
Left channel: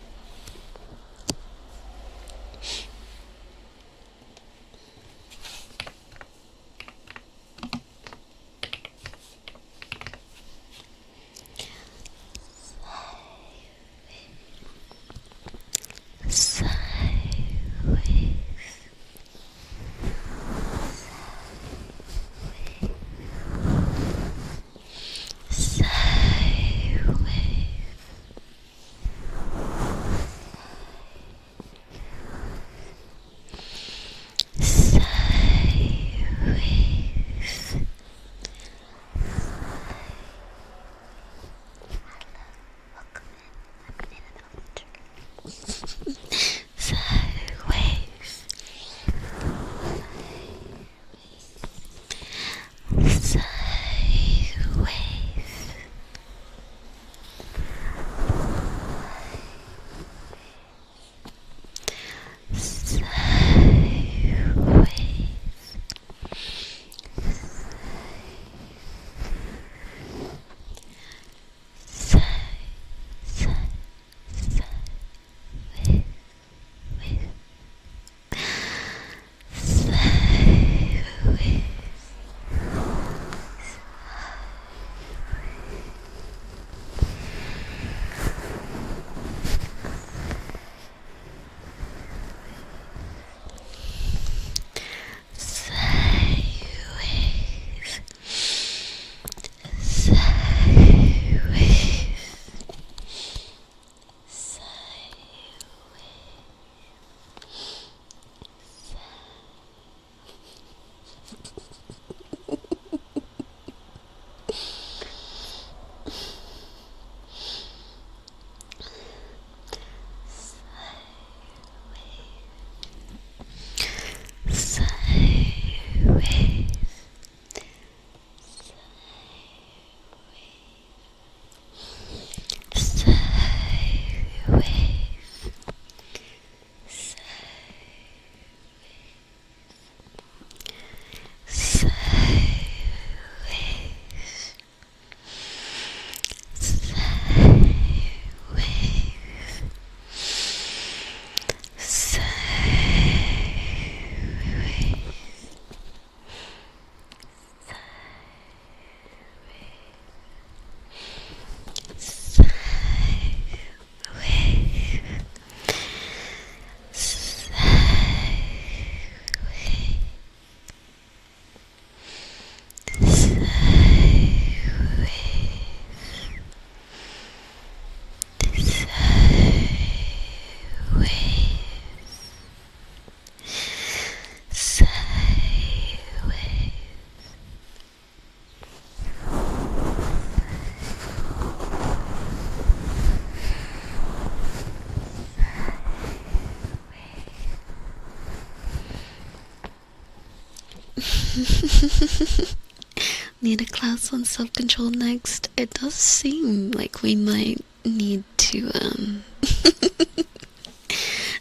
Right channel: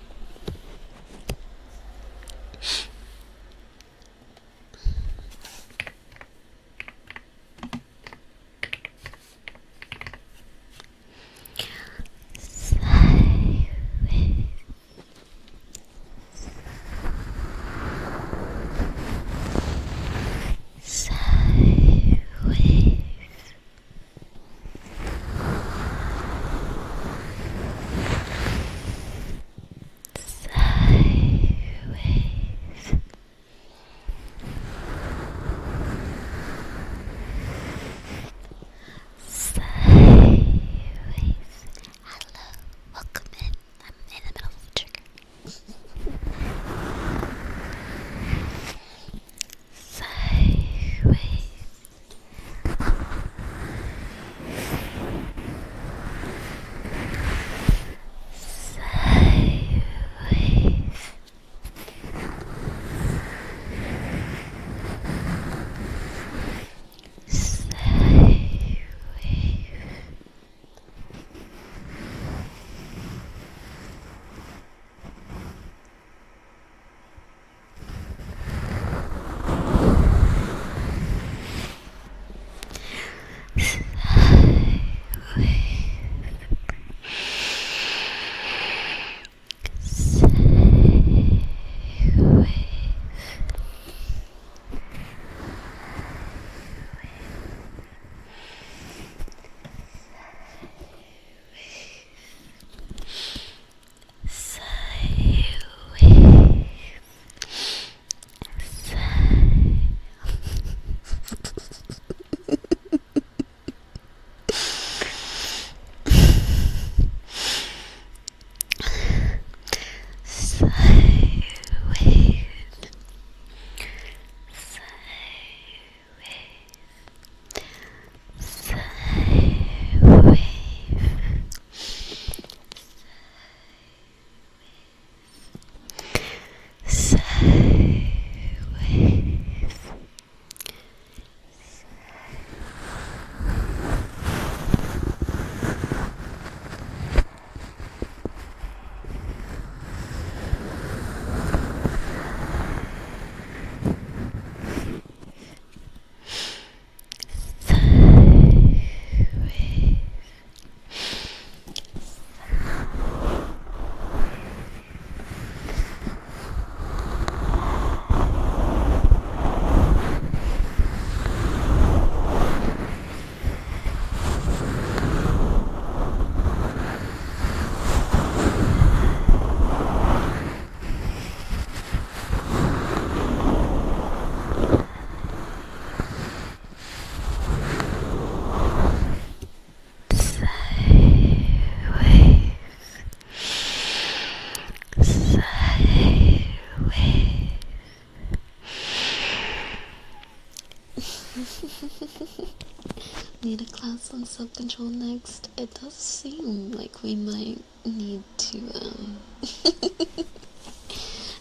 Need a class on self-control next. It does seem like we might need to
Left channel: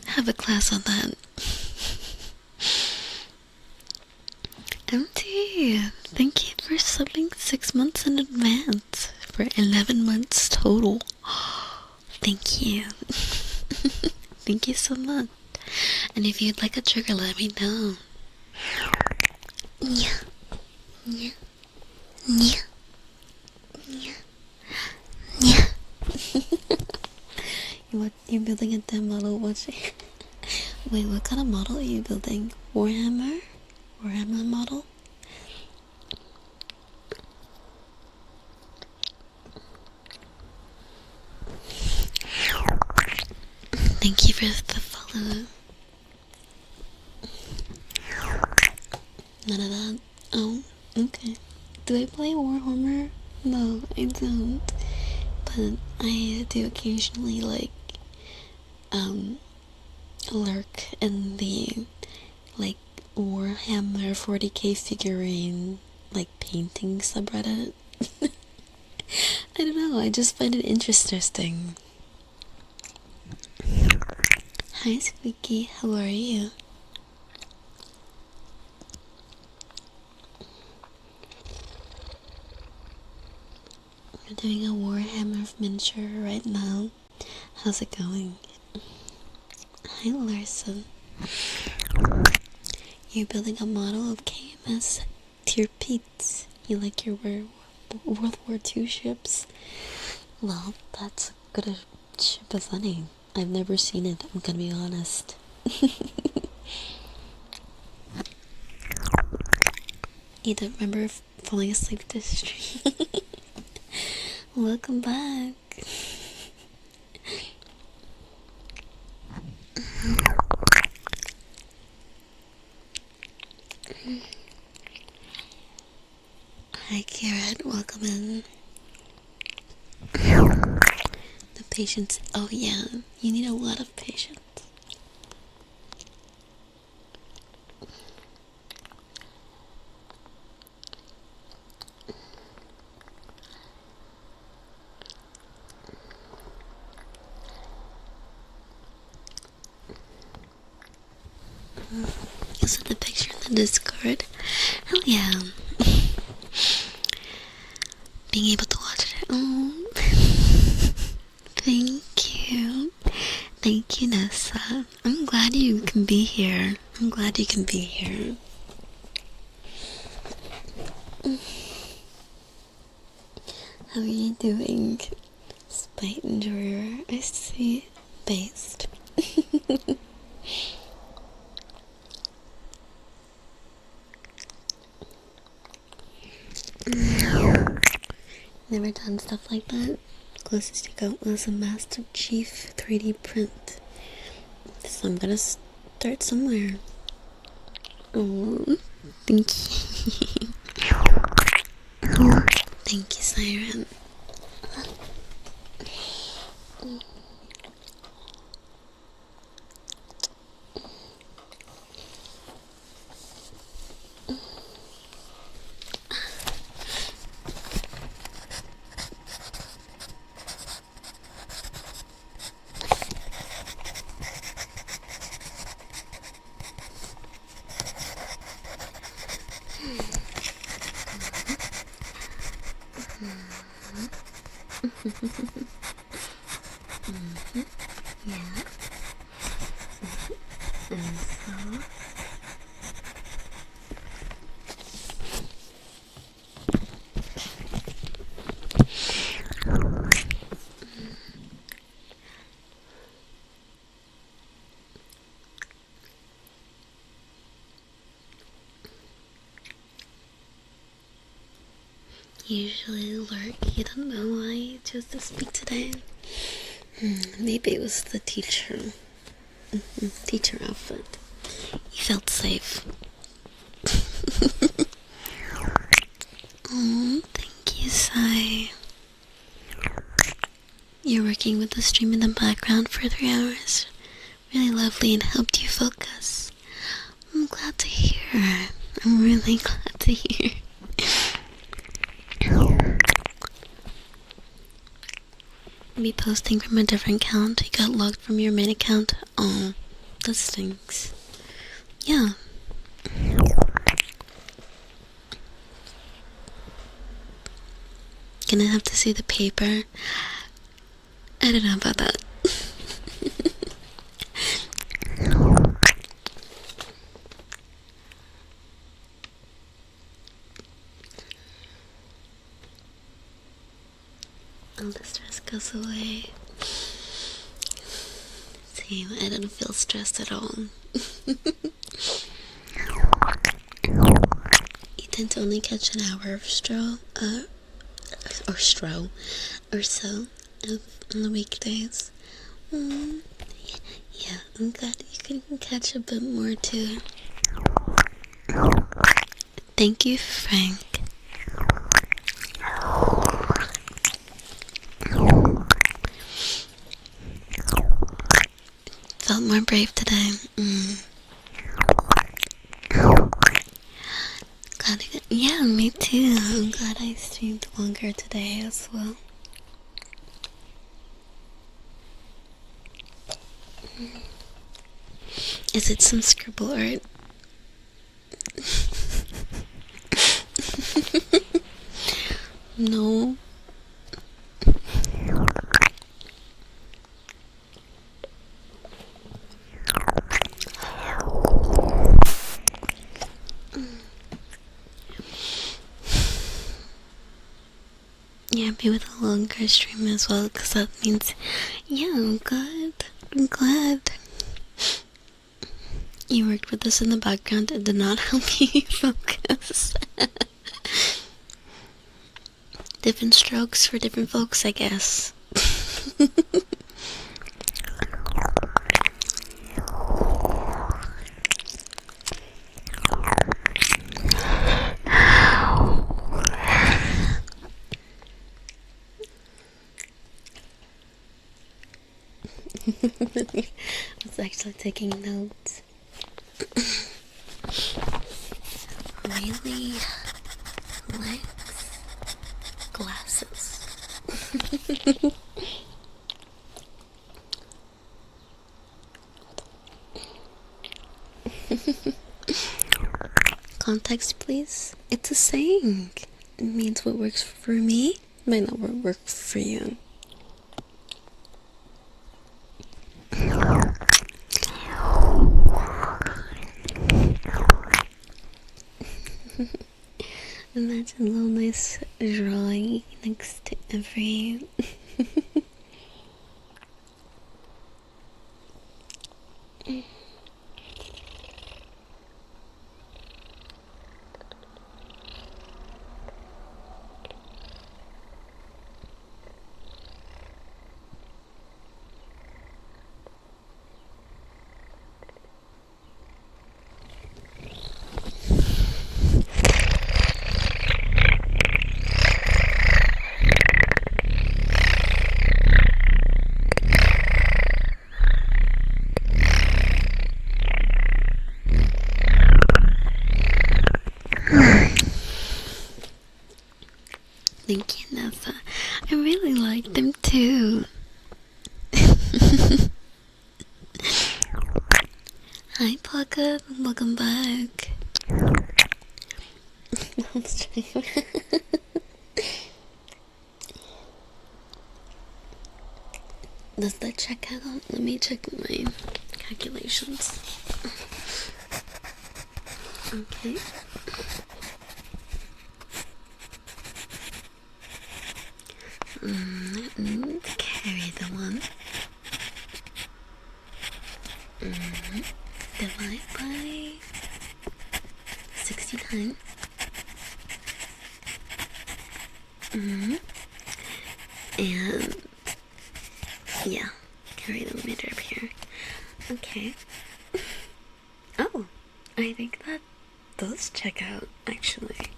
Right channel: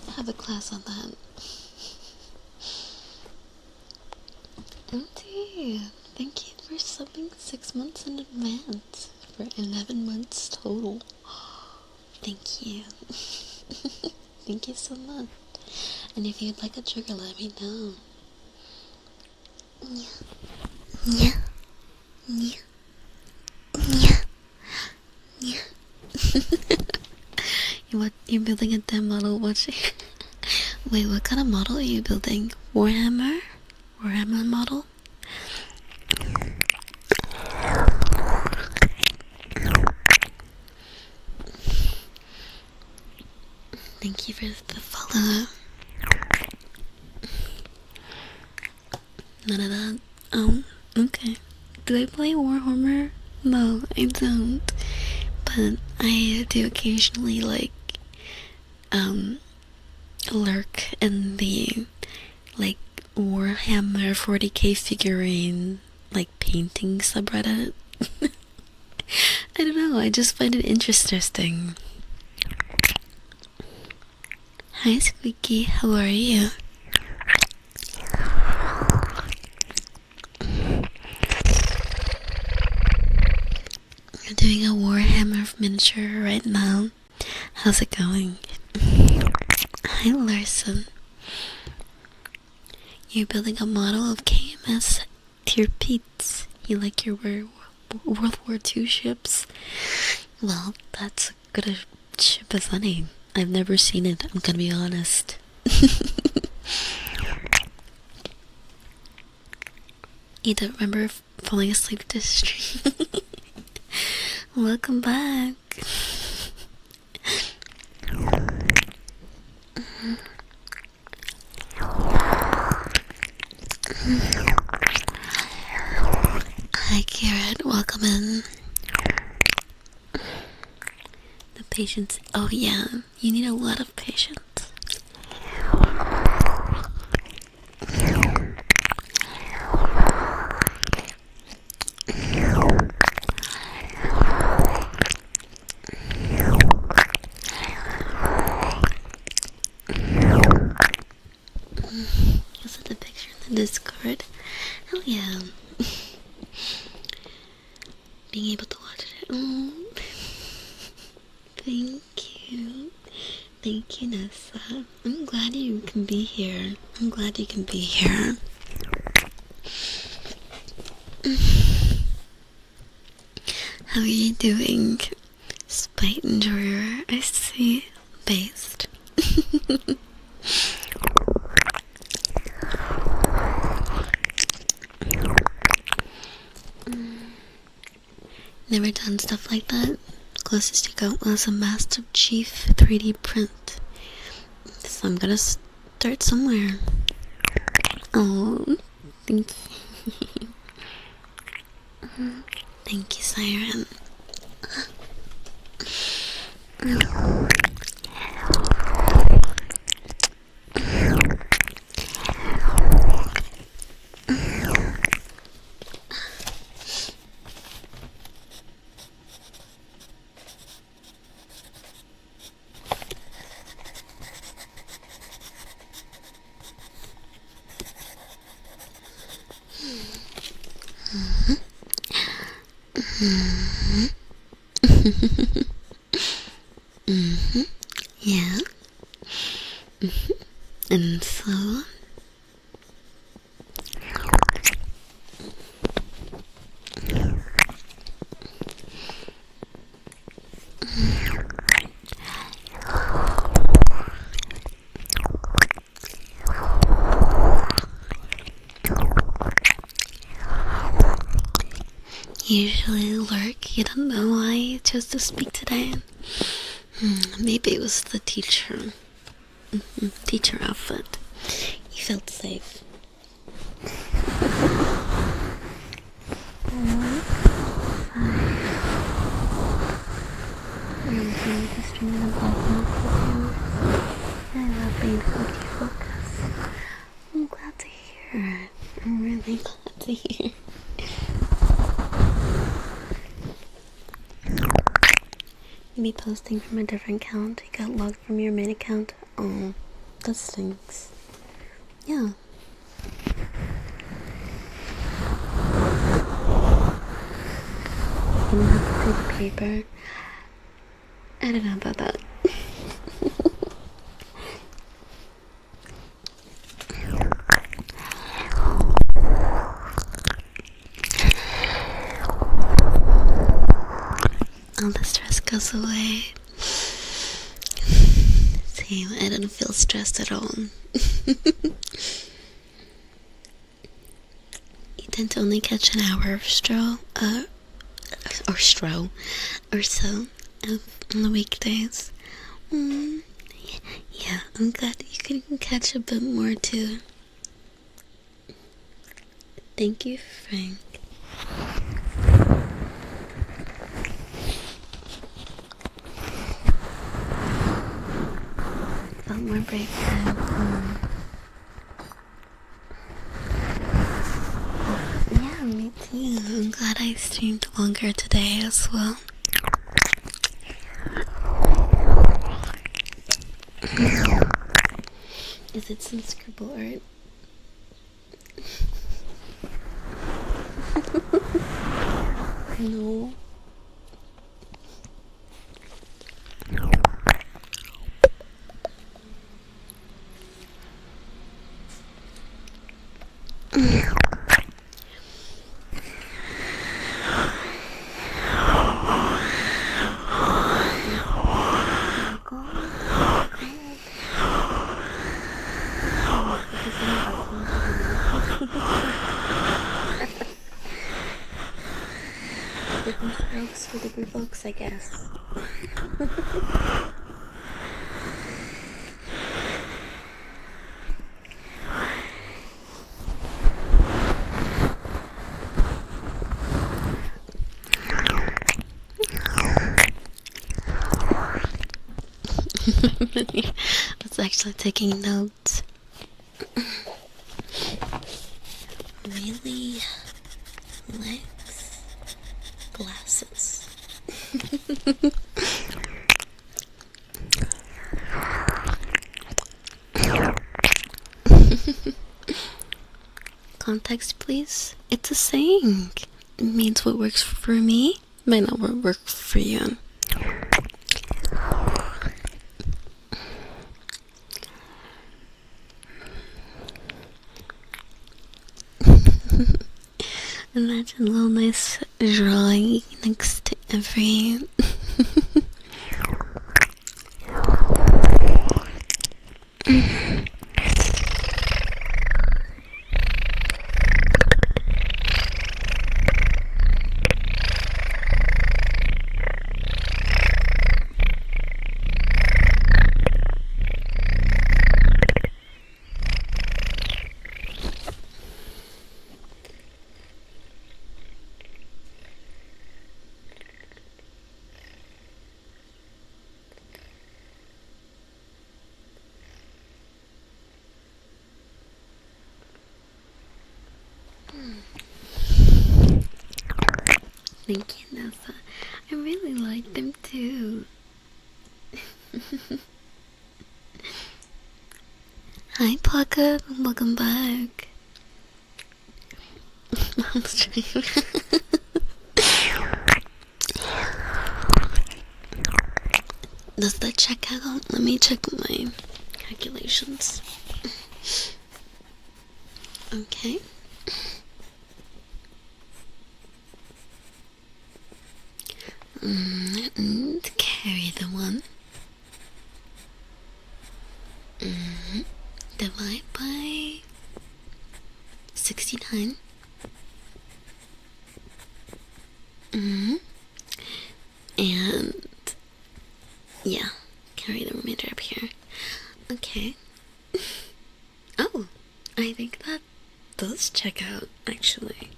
have a class on that. MT, thank you for subbing 6 months in advance for 11 months total. Thank you. Thank you so much. And if you'd like a trigger, let me know. Yeah. Yeah. Yeah. Yeah. Yeah. You're building a damn model watching. Wait, what kind of model are you building? Warhammer? Warhammer model? Thank you for the follow. None of that. Oh, okay. Do I play Warhammer? No, I don't. But I do occasionally, like, lurk in the, like, Warhammer 40k figurine, like, painting subreddit. I don't know, I just find it interesting. Hi, Squeaky, how are you? You're doing a Warhammer miniature right now. How's it going? Hi, Larson. You're building a model of KMS Tier Pete's. You like your World War II ships? Well, that's a good ship as any. I've never seen it, I'm gonna be honest. You don't remember falling asleep to this stream? Welcome back. Hi, Garrett. Welcome in. The patience. Oh, yeah. You need a lot of patience. Is it a picture in the Discord? Hell yeah. Being able to watch it. Oh. Thank you. Thank you, Nessa. I'm glad you can be here. I'm glad you can be here. How are you doing? Spite enjoyer, I see. Based. Never done stuff like that. Closest you got was a Master Chief 3D print. So I'm gonna start somewhere. Oh, thank you. Thank you, Siren. Yeah. And so usually lurk. You don't know why you chose to speak today. Maybe it was the teacher. Teacher outfit. You felt safe. Thank you, Sai. You're working with the stream in the background for 3 hours. Really lovely and helped you focus. I'm glad to hear. I'm really glad to hear. Be posting from a different account. You got logged from your main account. Oh, that stinks. Yeah. Gonna have to see the paper. I don't know about that. All the stress goes away. See, I don't feel stressed at all. You tend to only catch an hour of stroll, or so on the weekdays. Yeah, I'm glad you can catch a bit more too. Thank you, Frank. Felt more brave today. Yeah, me too. I'm glad I streamed longer today as well. Is it some scribble art? No. As well, because that means, yeah, I'm glad. You worked with this in the background and did not help you focus. Different strokes for different folks, I guess. I was actually taking notes. Really likes glasses. Context, please. It's a saying. It means what works for me might not work for you. Imagine a little nice drawing next to every Thank you, Nessa. I really like them too. Hi, Pocket. Welcome back. Does that check out? Let me check my calculations. Okay. And carry the one. Divide by 69. And yeah, carry the remainder up here. Okay. Oh, I think that does check out, actually.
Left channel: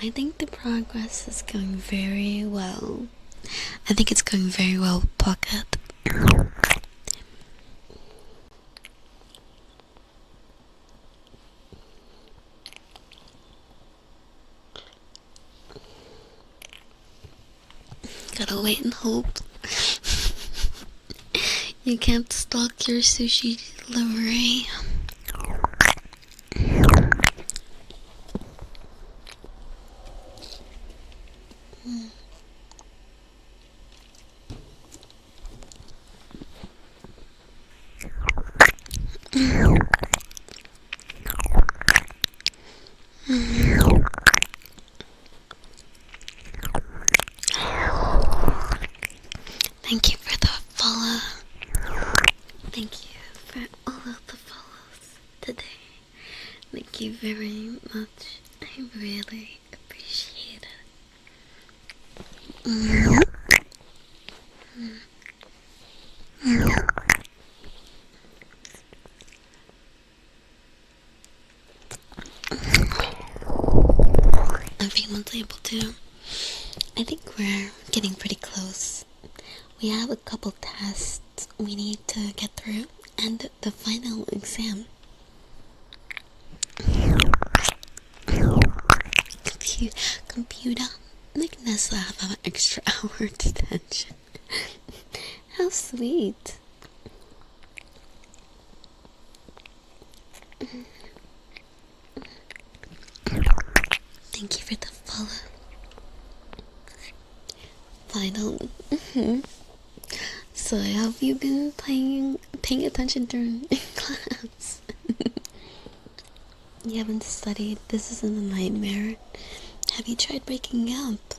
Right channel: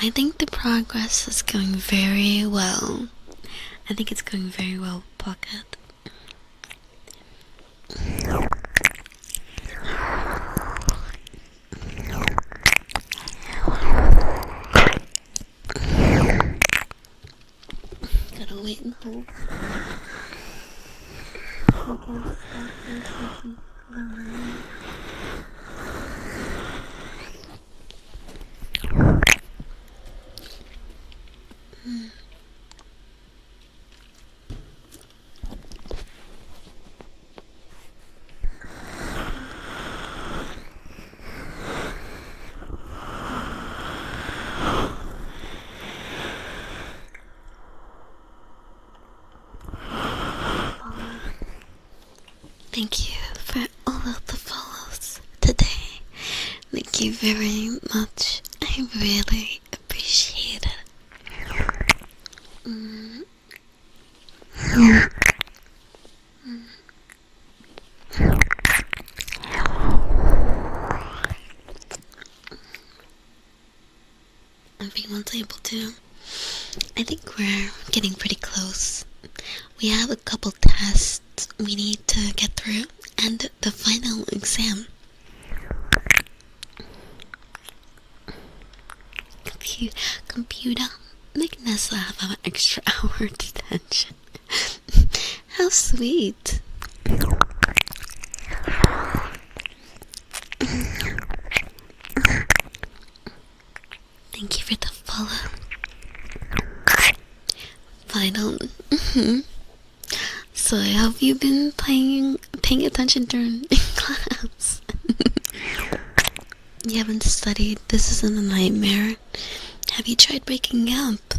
I think the progress is going very well. I think it's going very well, Pocket. Gotta wait and hope. You can't stalk your sushi delivery. Thank you for the follow. Thank you for all of the follows today. Thank you very much. I really appreciate it. Everyone's able to. I think we're getting pretty close. We have a couple tests we need to get through, and the final exam. Computer, make Nessa have an extra hour detention. How sweet. Thank you for the follow. Final. So have you been paying attention during class? You haven't studied. This isn't a nightmare. Have you tried breaking up?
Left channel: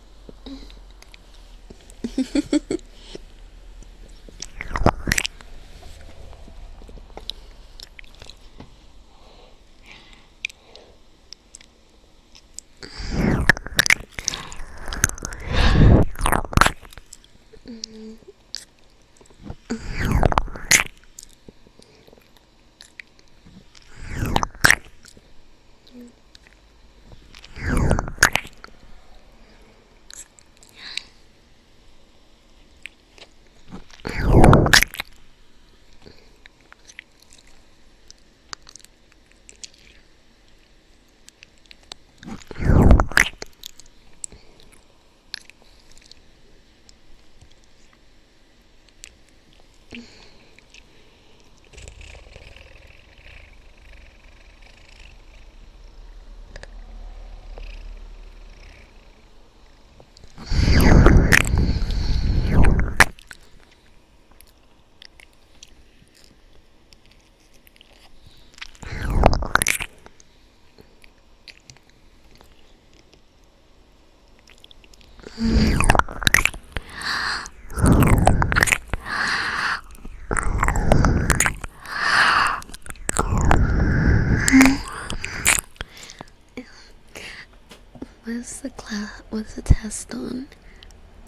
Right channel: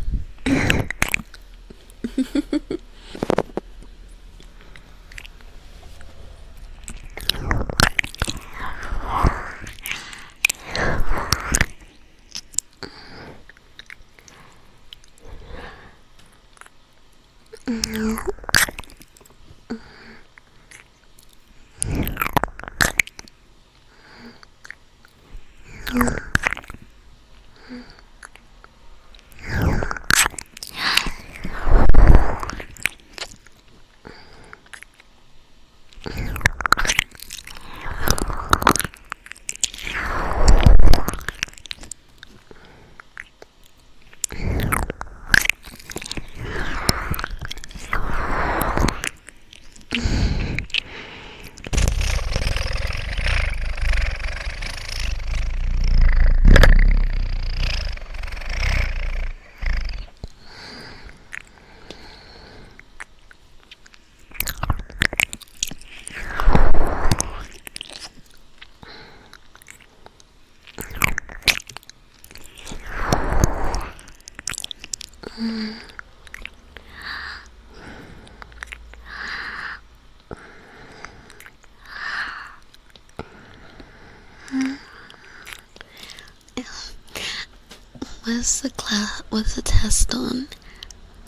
What's the test on?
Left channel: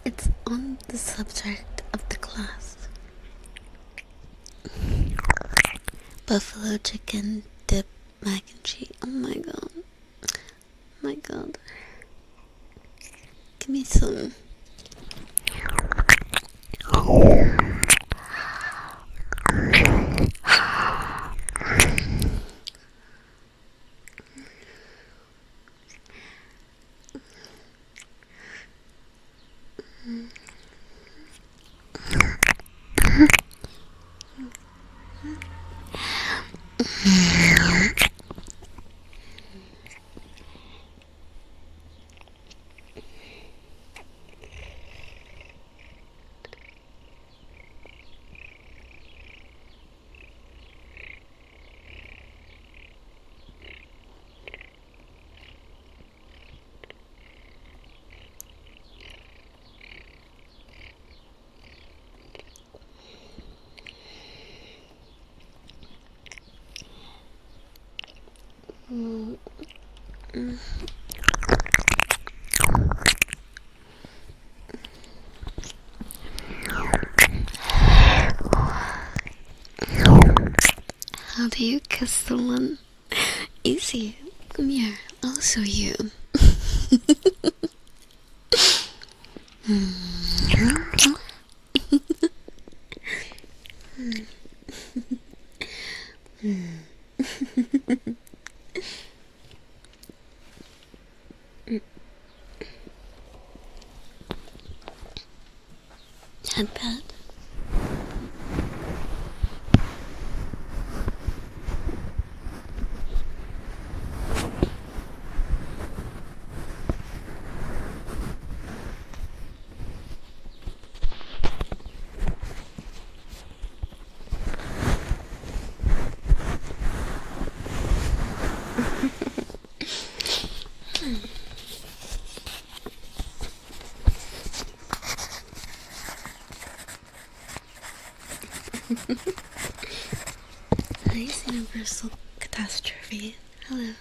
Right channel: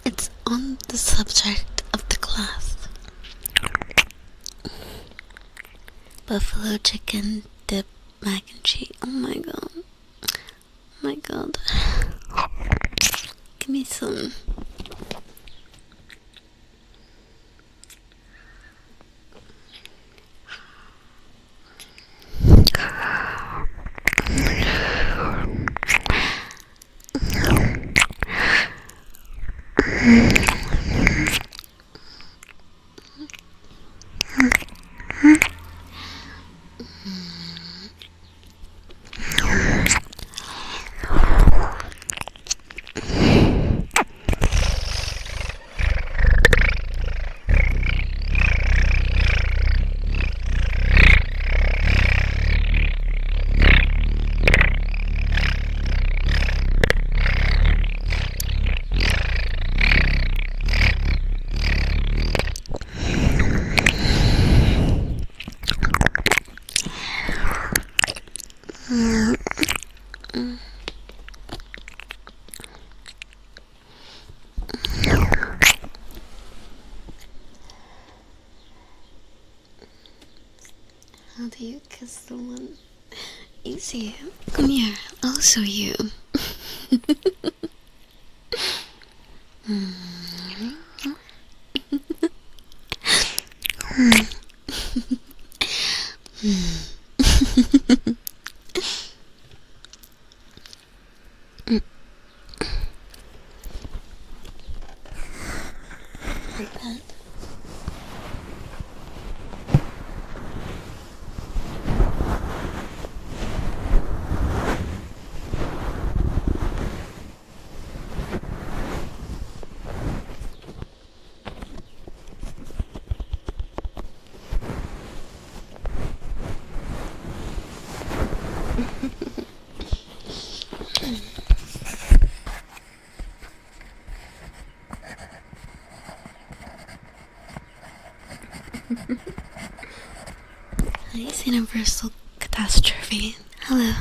It's on the subject of the class. Buffalo chicken dip mac and cheese. Oh my god. Oh my god. Give me some. How do you kiss someone? Easy. Come here. I'll show you. Not bad. Nice universal catastrophe. Hello.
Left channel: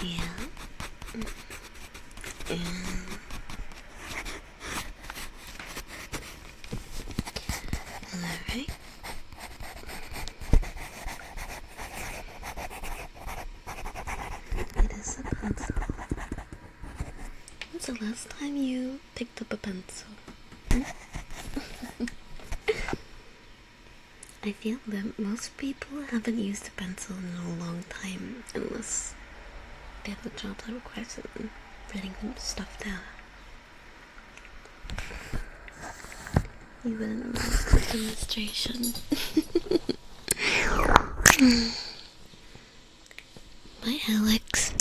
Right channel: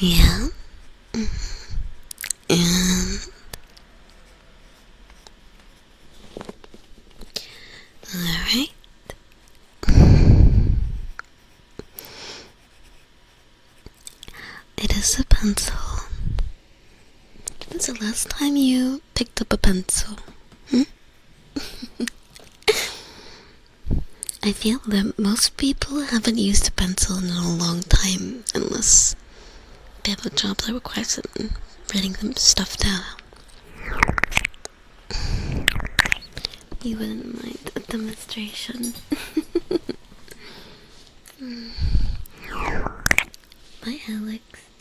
Yeah. Alright. It is a pencil. When's the last time you picked up a pencil? I feel that most people haven't used a pencil in a long time unless they have a job that requires them writing them stuff down. You wouldn't like the demonstration. Bye, Alex.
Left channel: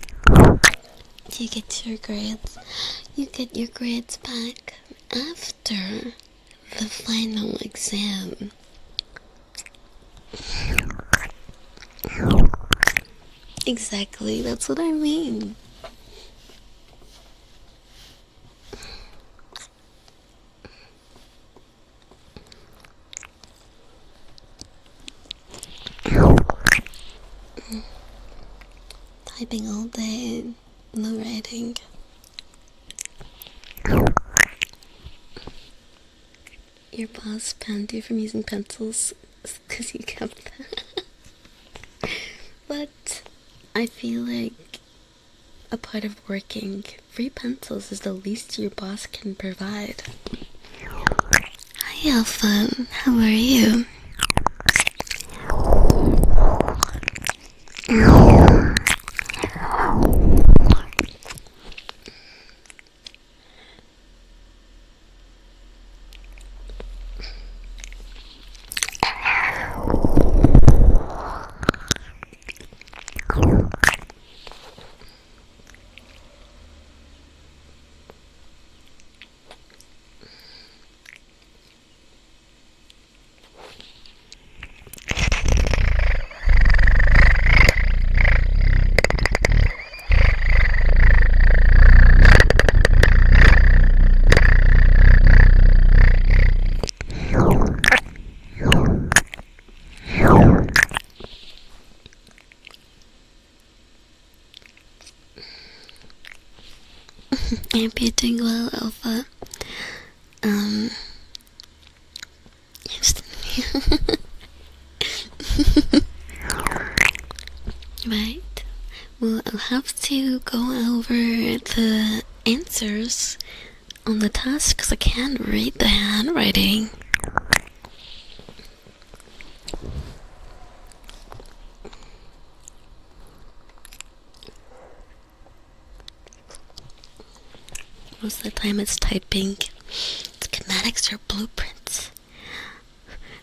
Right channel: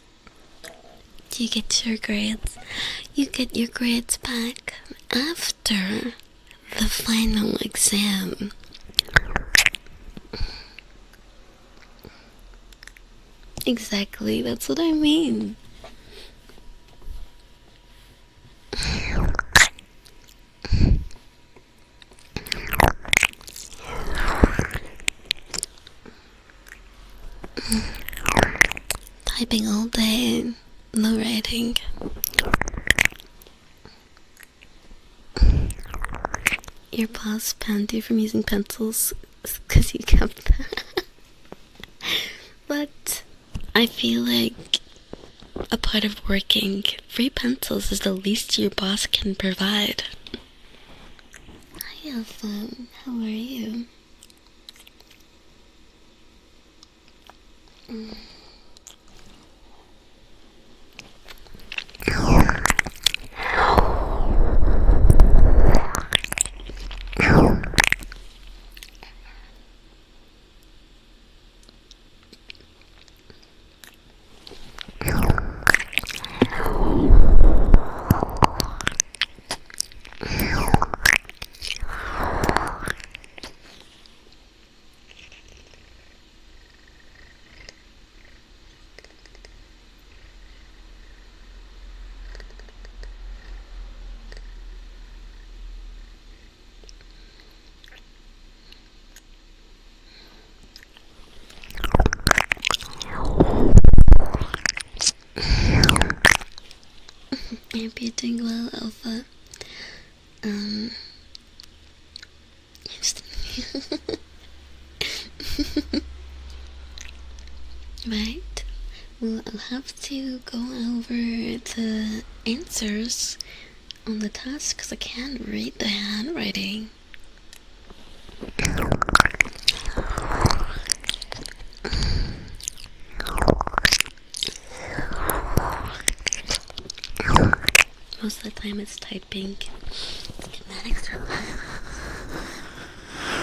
You get your grades. You get your grades back after the final exam. Exactly, that's what I mean. Typing all day, no writing. Your boss banned you from using pencils because you kept them. But I feel like a part of working, free pencils is the least your boss can provide. Hi, Alpha. How are you? I hope you're doing well, Alpha. Right. Well, I'll have to go over the answers on the test because I can't read the handwriting. Most of the time it's typing schematics or blueprints.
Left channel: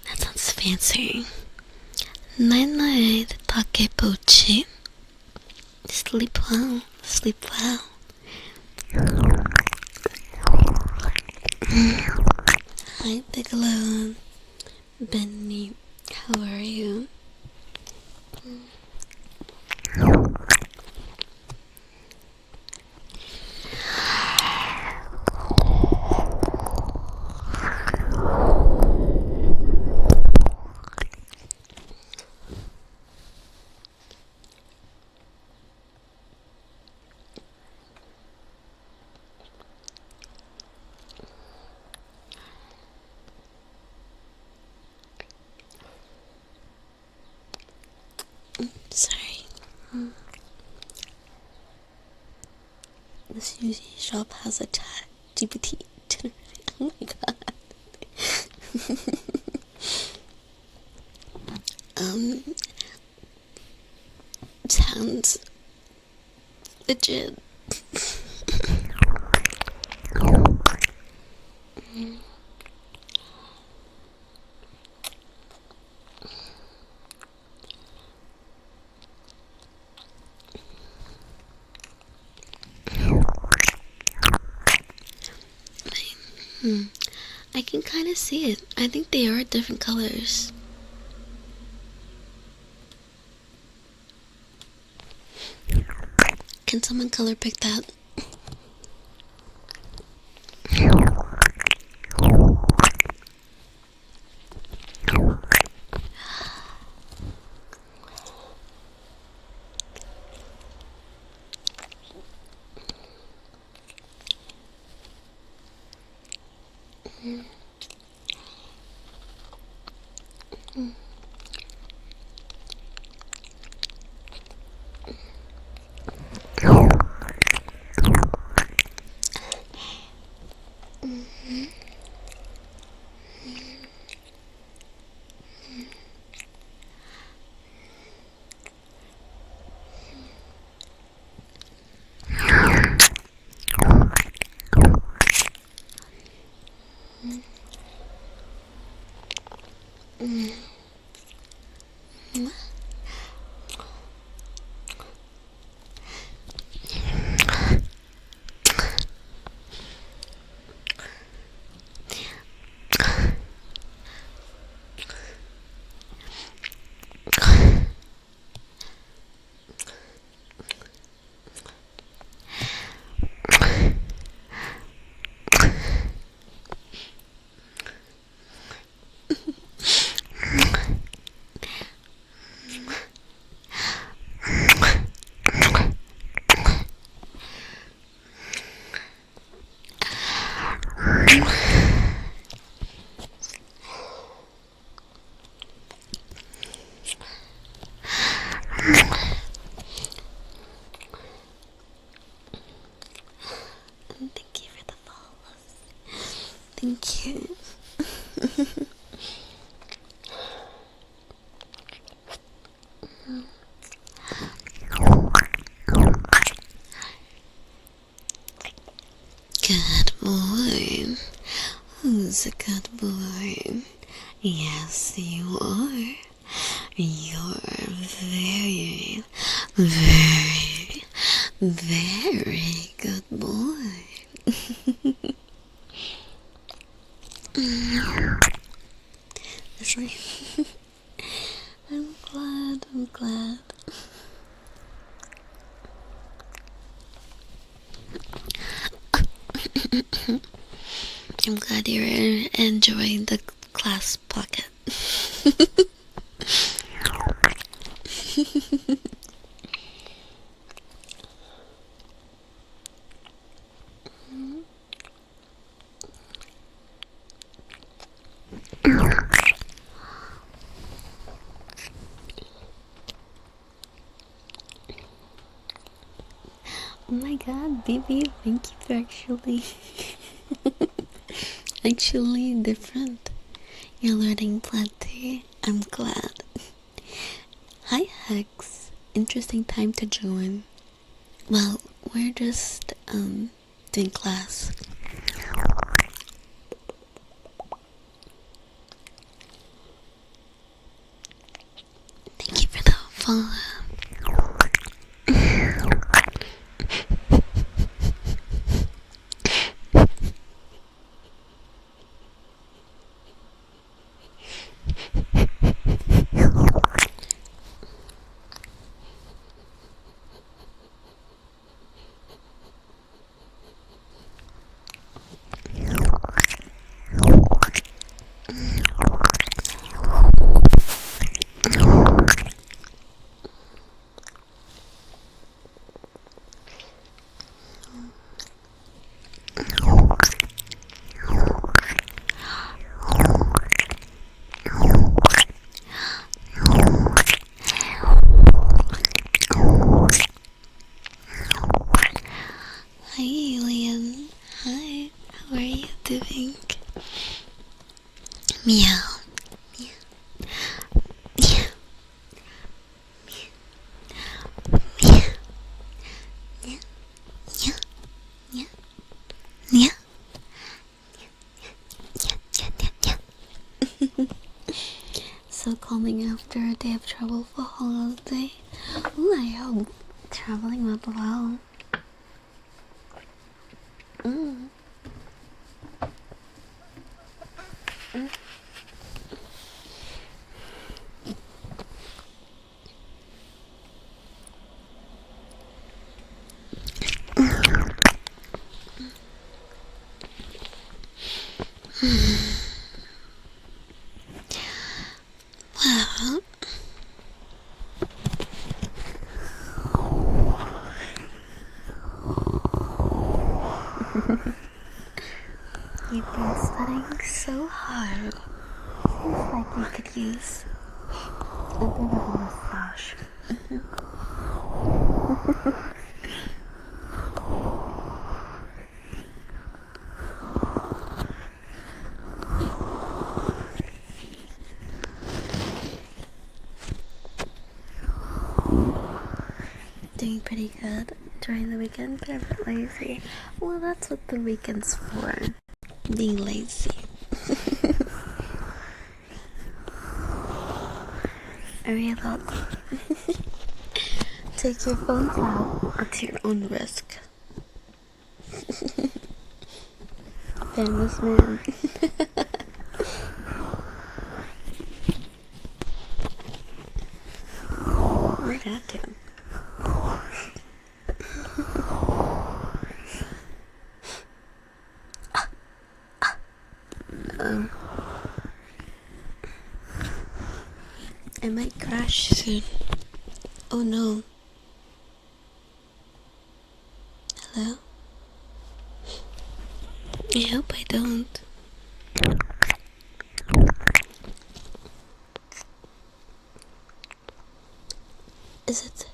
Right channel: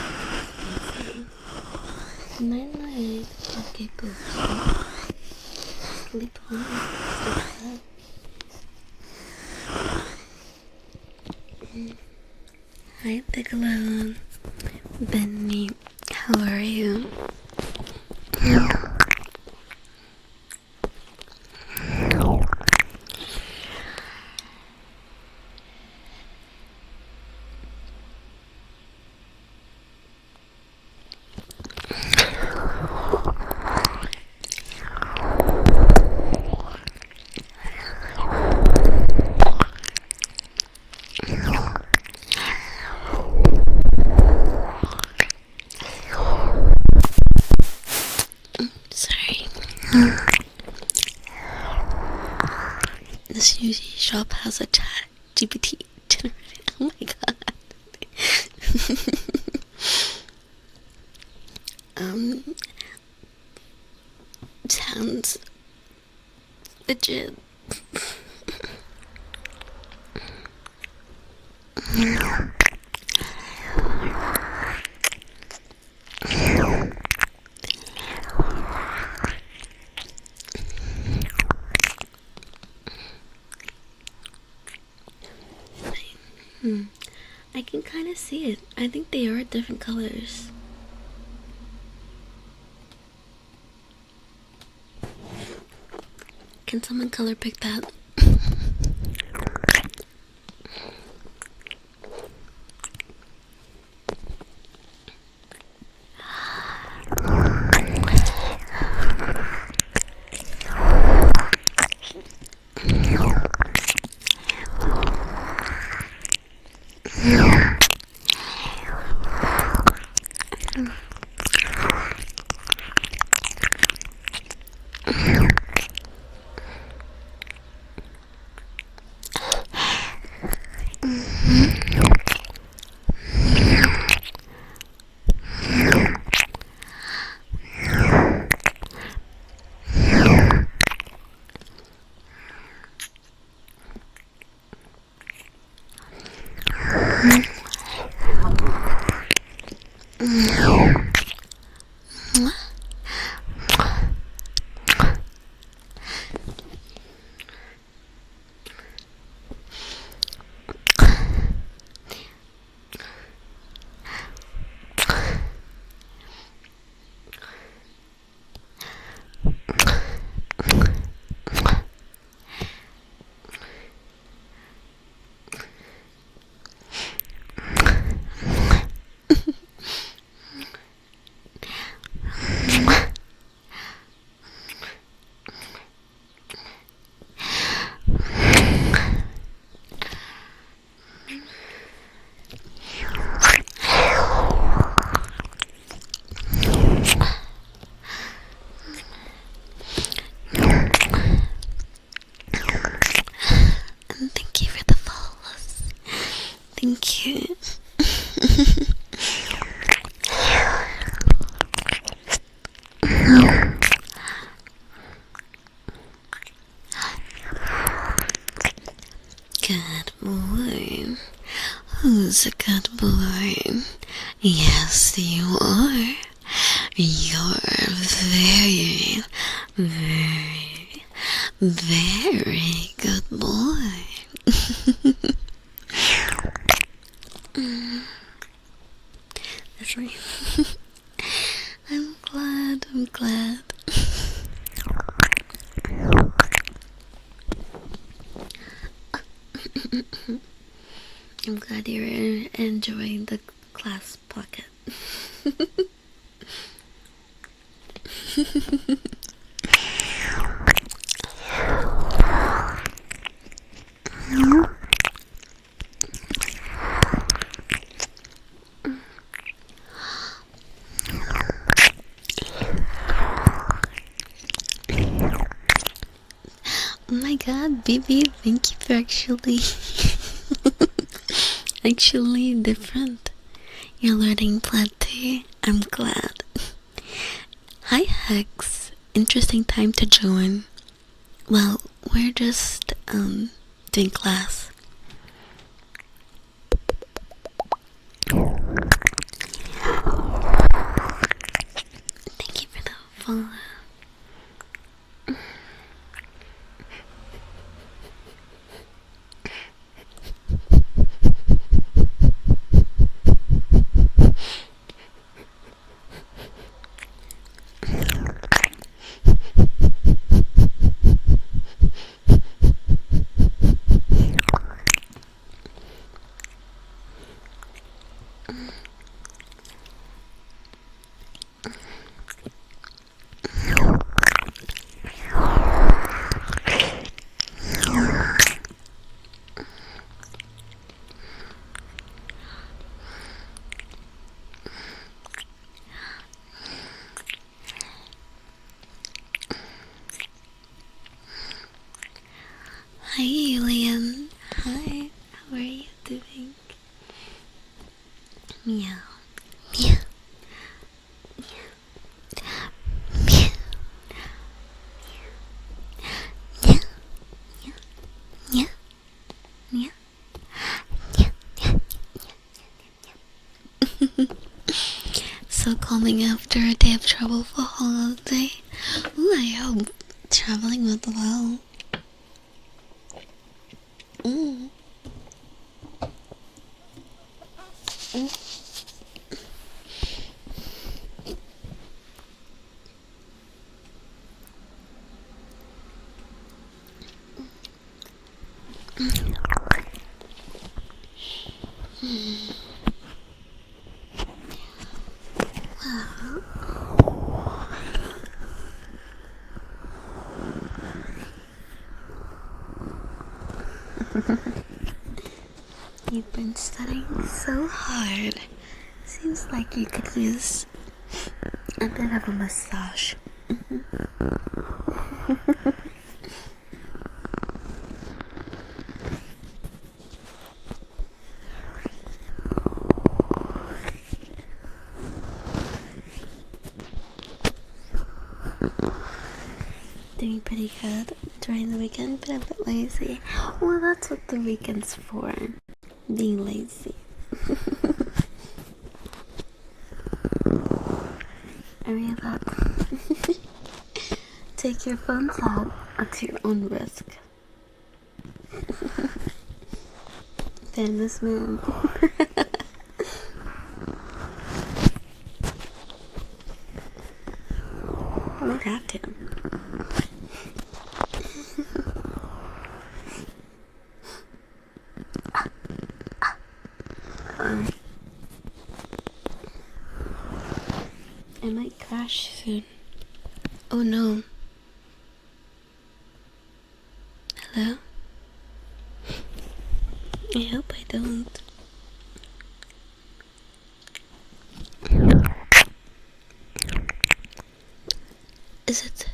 That sounds fancy. Night night, Takepochi. Sleep well, sleep well. Hi, Bigelow. Benny, how are you? Sorry. The sushi shop has a chat GPT generated. Oh my god. Sounds legit. I can kind of see it. I think they are different colors. Can someone color pick that? Thank you for the follows. Thank you. Good boy. Who's a good boy? Yes, you are. You're very, very, very good boy. That's right. I'm glad. I'm glad you're enjoying the class pocket. Oh my god, baby, thank you for actually different. You're learning plenty. I'm glad. Hi Hex, interesting time to join. Well, we're just doing class. Thank you for the follow. Meow. Meow. Meow. Meow. Meow. Meow. Meow. Meow. Meow. So calming after a day of travel for holiday. Ooh, I hope traveling went well. Mm. Mm. Well, you've been studying so hard. Seems like you could use a bit of a massage. Doing pretty good during the weekend, but a bit lazy. Well, that's what the weekend's for. Being lazy. Hurry about. Take your phones out at your own risk. Famous man. Might have to. I might crash soon. Oh no. Hello? I hope I don't. Is it?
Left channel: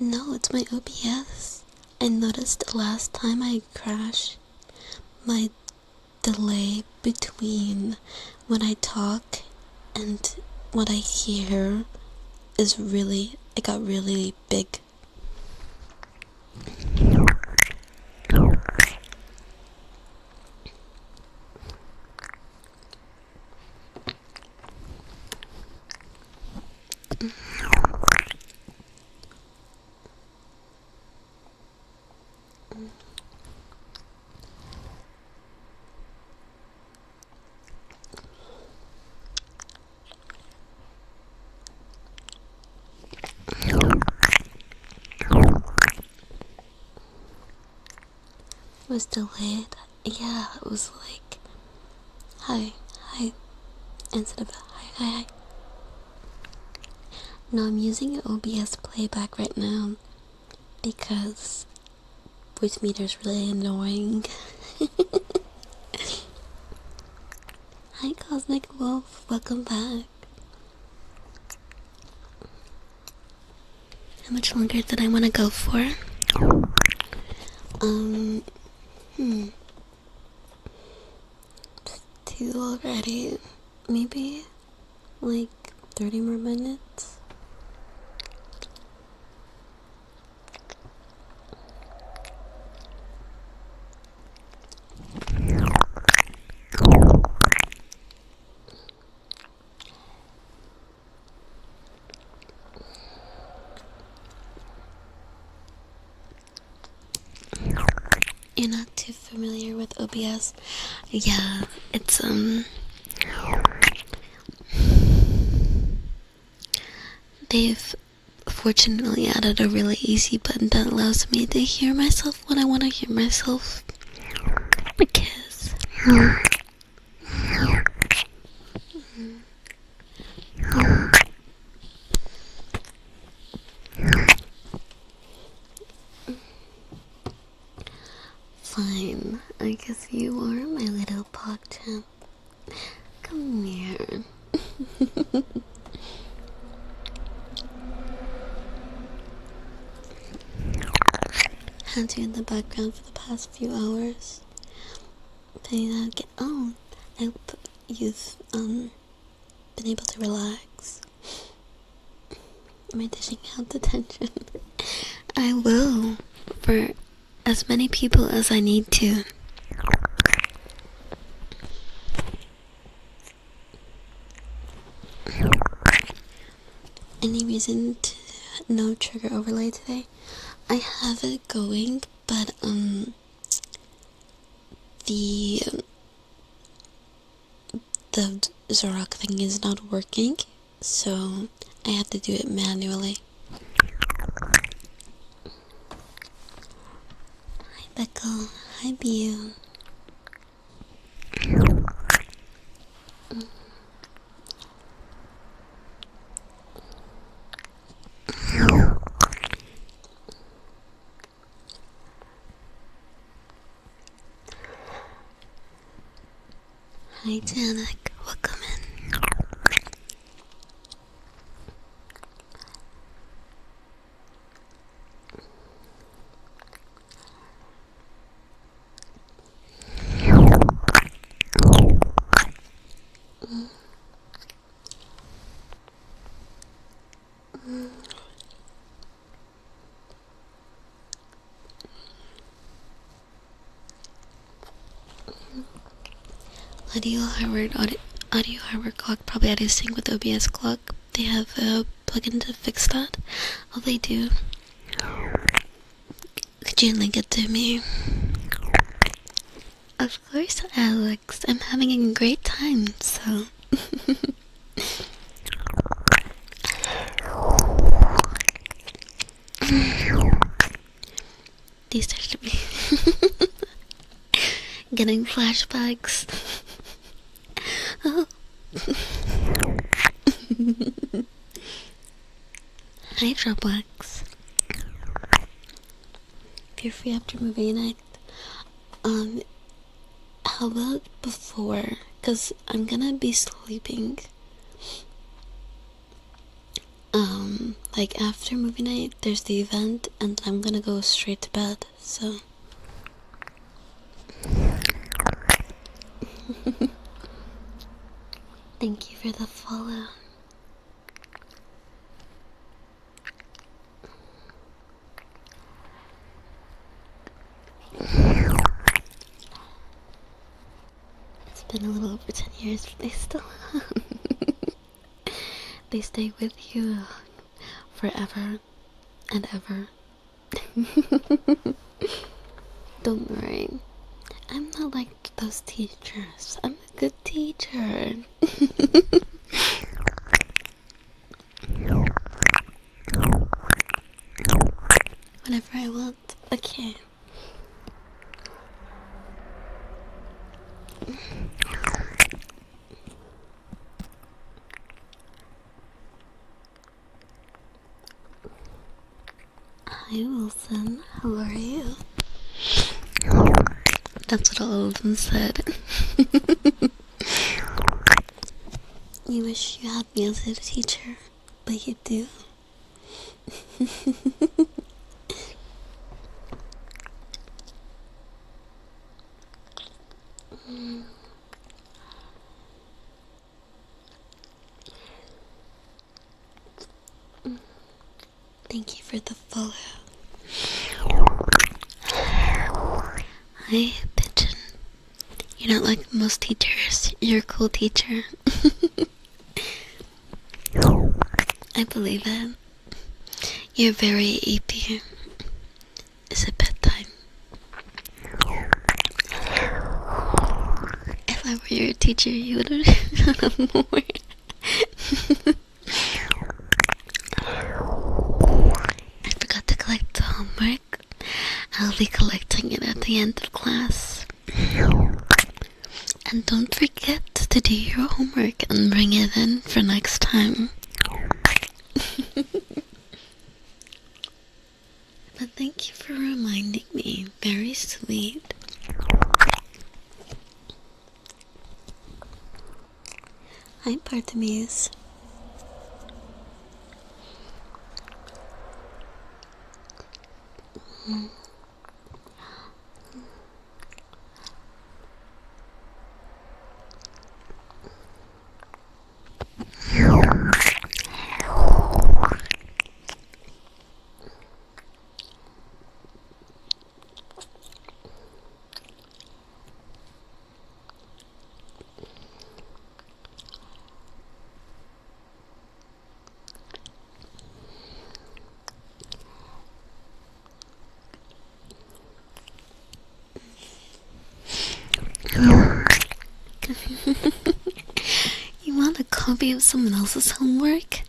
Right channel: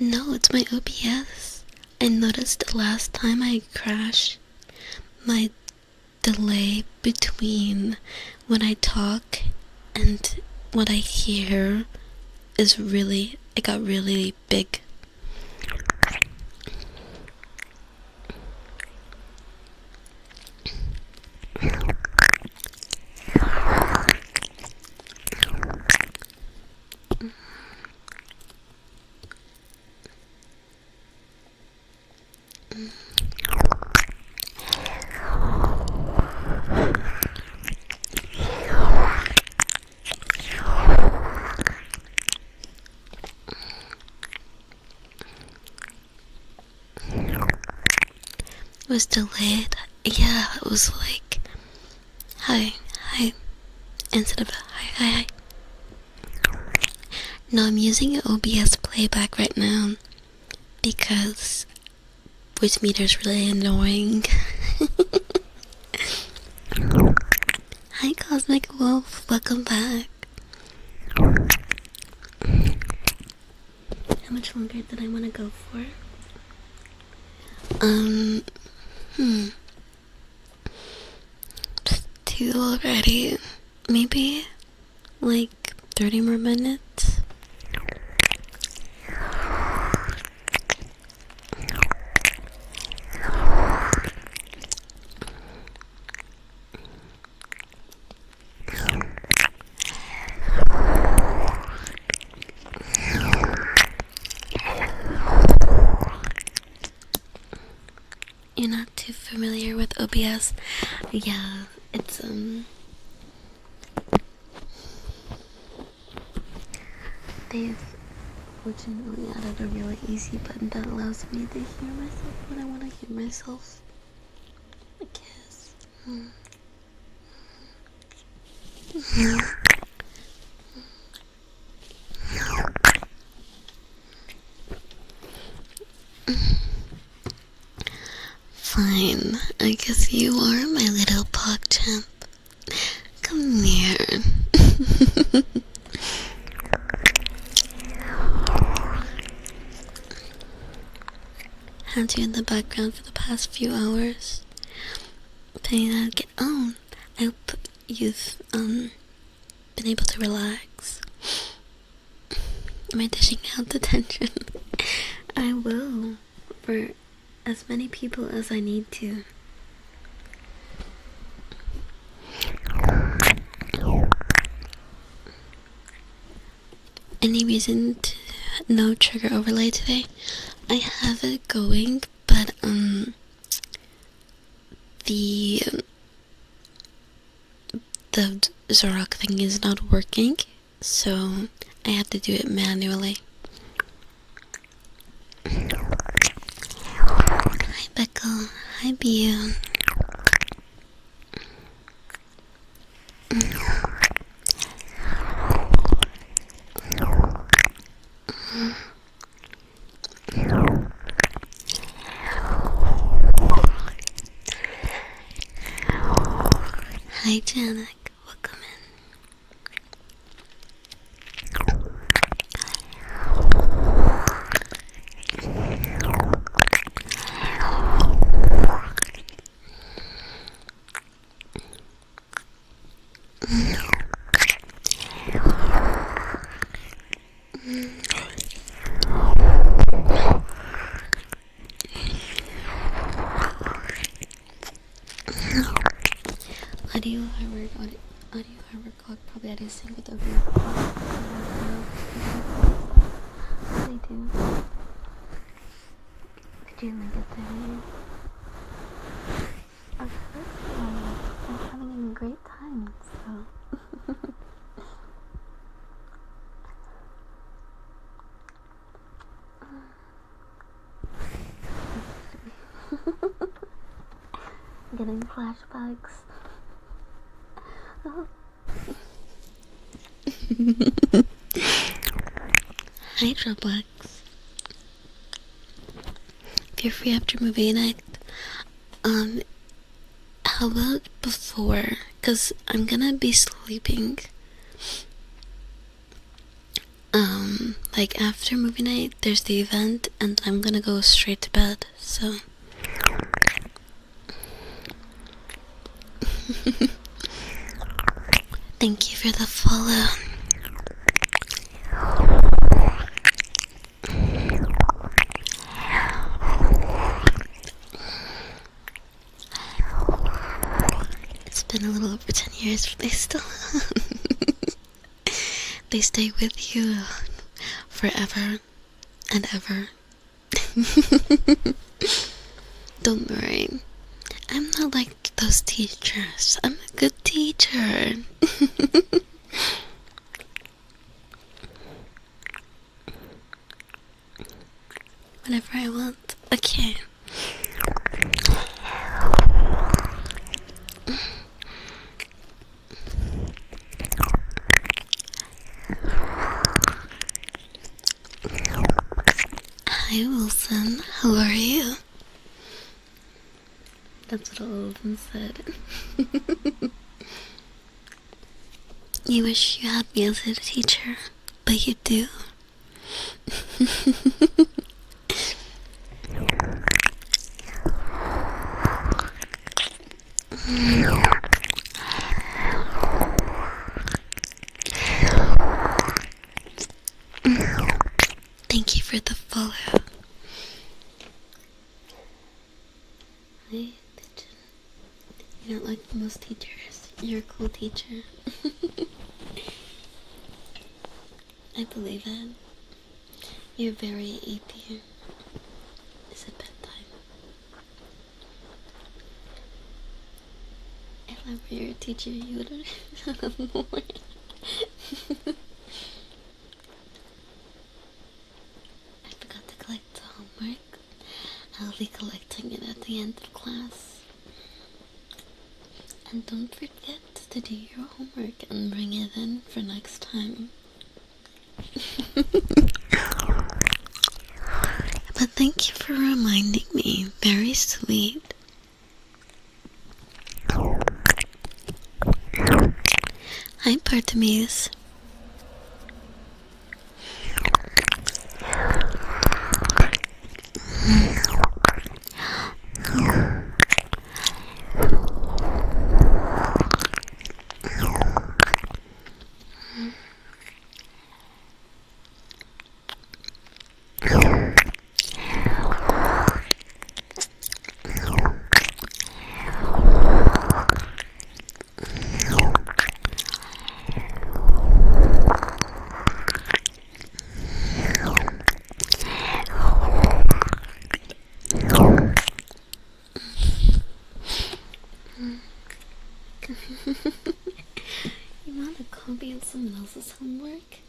No, it's my OBS. I noticed the last time I crashed, my delay between when I talk and what I hear is really, it got really big. It was delayed. Yeah, it was like, hi, hi, instead of hi. No, I'm using OBS playback right now because voice meter is really annoying. Hi, Cosmic Wolf, welcome back. How much longer did I want to go for? Two already. Maybe like 30 more minutes. You're not too familiar with OBS? Yeah, it's they've fortunately added a really easy button that allows me to hear myself when I want to hear myself. Because fine, I guess you are my little PogChamp. Come here. Had you in the background for the past few hours. Telling you how to get on. I hope you've been able to relax. Am I dishing out the tension? I will, for as many people as I need to. Any reason to no trigger overlay today? I have it going, but the Zorok thing is not working, so I have to do it manually. Hi Becca, hi Bio. Hi Janek, welcome in. Audio hardware clock, probably audio sync with OBS clock. They have a plugin to fix that. Oh, they do. Could you link it to me? Of course, Alex. I'm having a great time, so. These should be getting flashbacks. Oh. Hi, Roblox. If you're free after movie night, how about before? Cause I'm gonna be sleeping. Like after movie night, there's the event, and I'm gonna go straight to bed. So. Thank you for the follow. It's been a little over 10 years, but they still they stay with you forever and ever. Don't worry. I'm not like those teachers. I'm a good teacher. Whenever I want. Okay. Hi Wilson, how are you? That's what all of them said. You wish you had me as a teacher, but you do. Thank you for the follow. Hi, Pigeon. You're not like most teachers. You're a cool teacher. I believe it. You're very AP. Is it bedtime? If I were your teacher, you would have more. I forgot to collect the homework. I'll be collecting it at the end of class. And don't forget to do your homework and bring it in for next time. But thank you for reminding me. Very sweet. Hi, Bartimeus. copy of someone else's homework,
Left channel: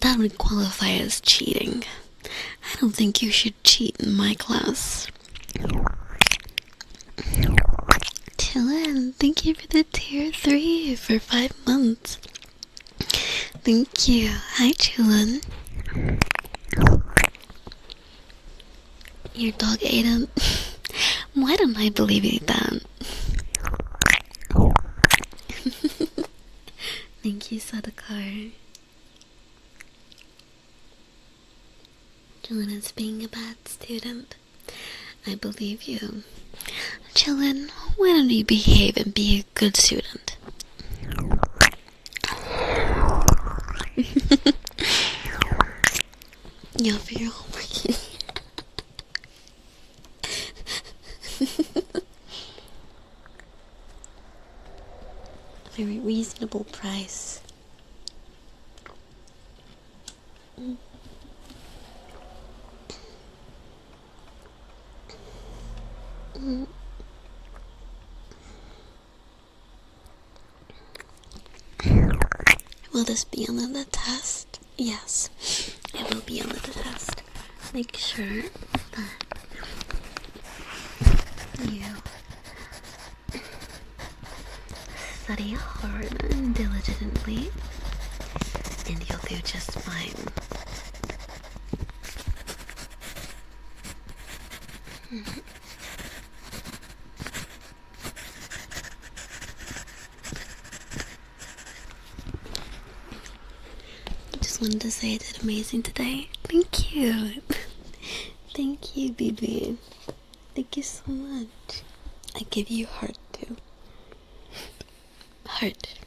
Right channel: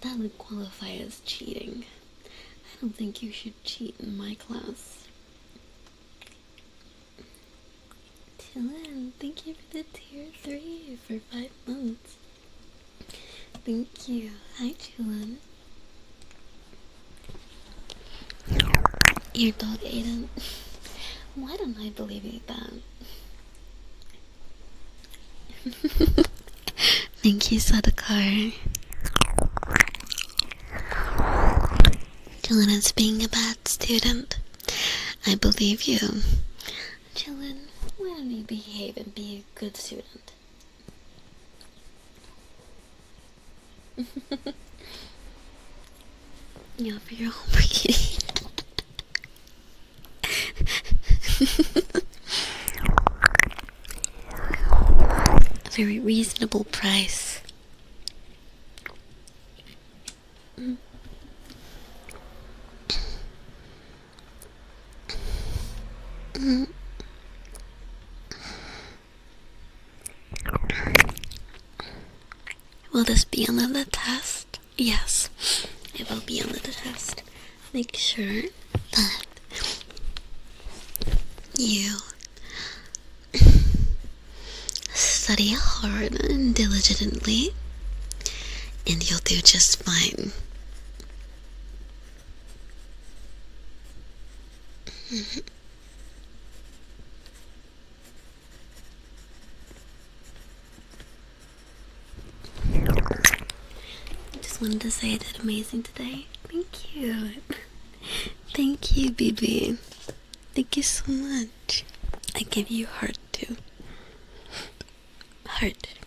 that would qualify as cheating. I don't think you should cheat in my class. Chillin', thank you for the tier 3 for 5 months. Thank you. Hi, Chillin'. Your dog ate him. Why don't I believe you that? Thank you, Sadakar. Chillin' is being a bad student. I believe you. Chillin', why don't you behave and be a good student? You'll figure homework, kitty. A very reasonable price. Will this be on the test? Yes, it will be on the test. Make sure that you study hard and diligently, and you'll do just fine. Just wanted to say I did amazing today. Thank you. Thank you, BB. Thank you so much. I give you heart too. Heart.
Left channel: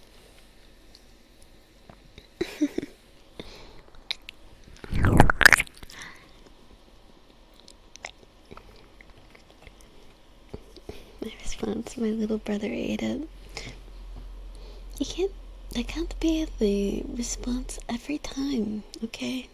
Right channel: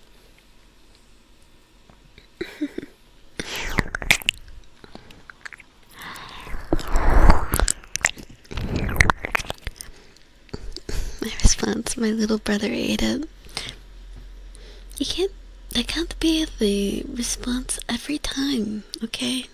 My response, my little brother ate it. That can't be the response every time, okay?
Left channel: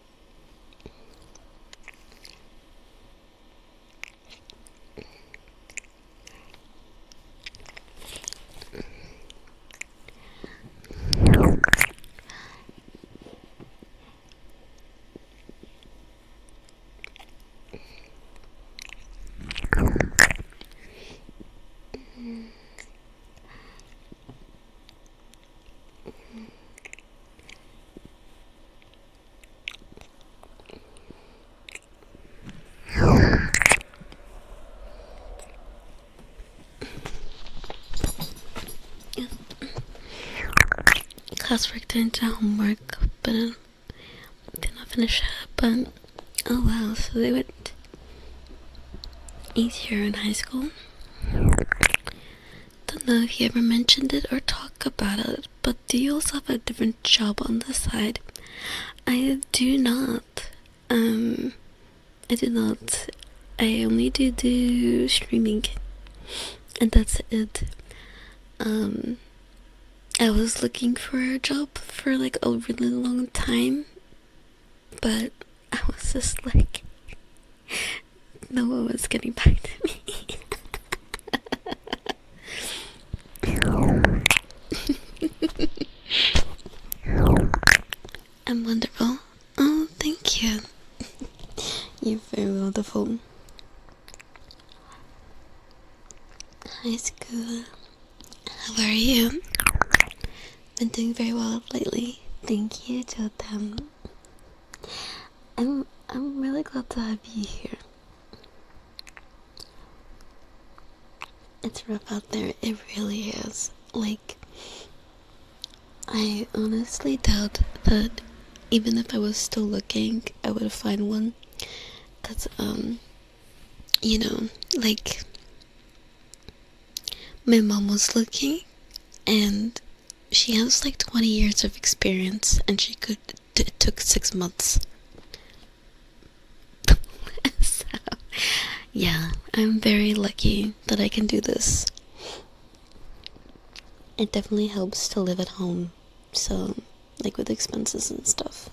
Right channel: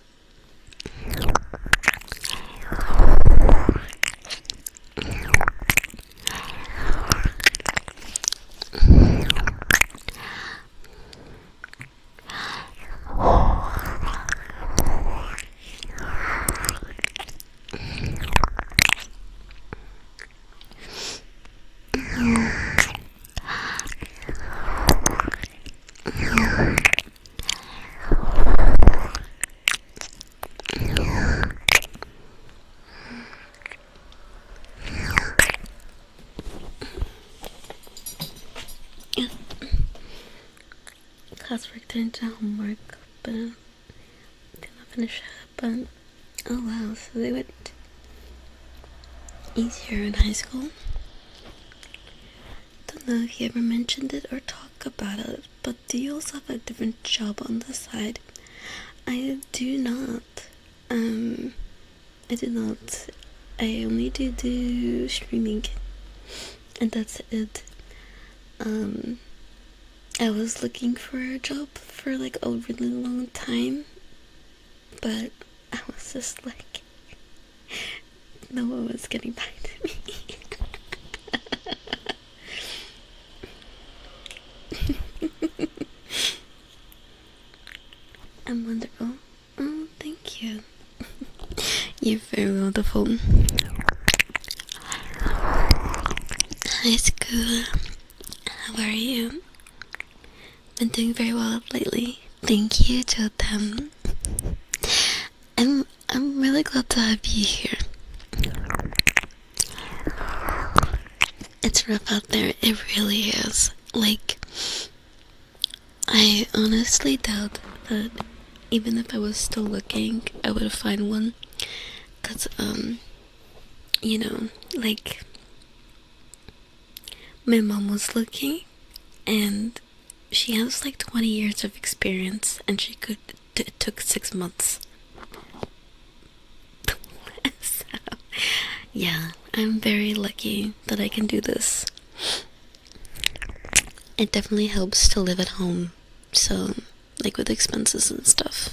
Classwork turned into homework, but I did not finish it. But oh wow, so they went easier in high school. Don't know if you ever mentioned it or talk about it, but do you also have a different job on the side? I do not. I do not. I only do streaming, and that's it. I was looking for a job for like a really long time, but I was just like, no one was getting back to me. I'm wonderful. Oh, thank you. You're very wonderful. High school. How are you? Been doing very well lately. Thank you, Jotam. I'm really glad to have you here. It's rough out there. It really is. Like, I honestly doubt that even if I was still looking, I would find one. Cause you know, like, my mom was looking, and she has like 20 years of experience, and it took 6 months. So, yeah, I'm very lucky that I can do this. It definitely helps to live at home, so, like with expenses and stuff.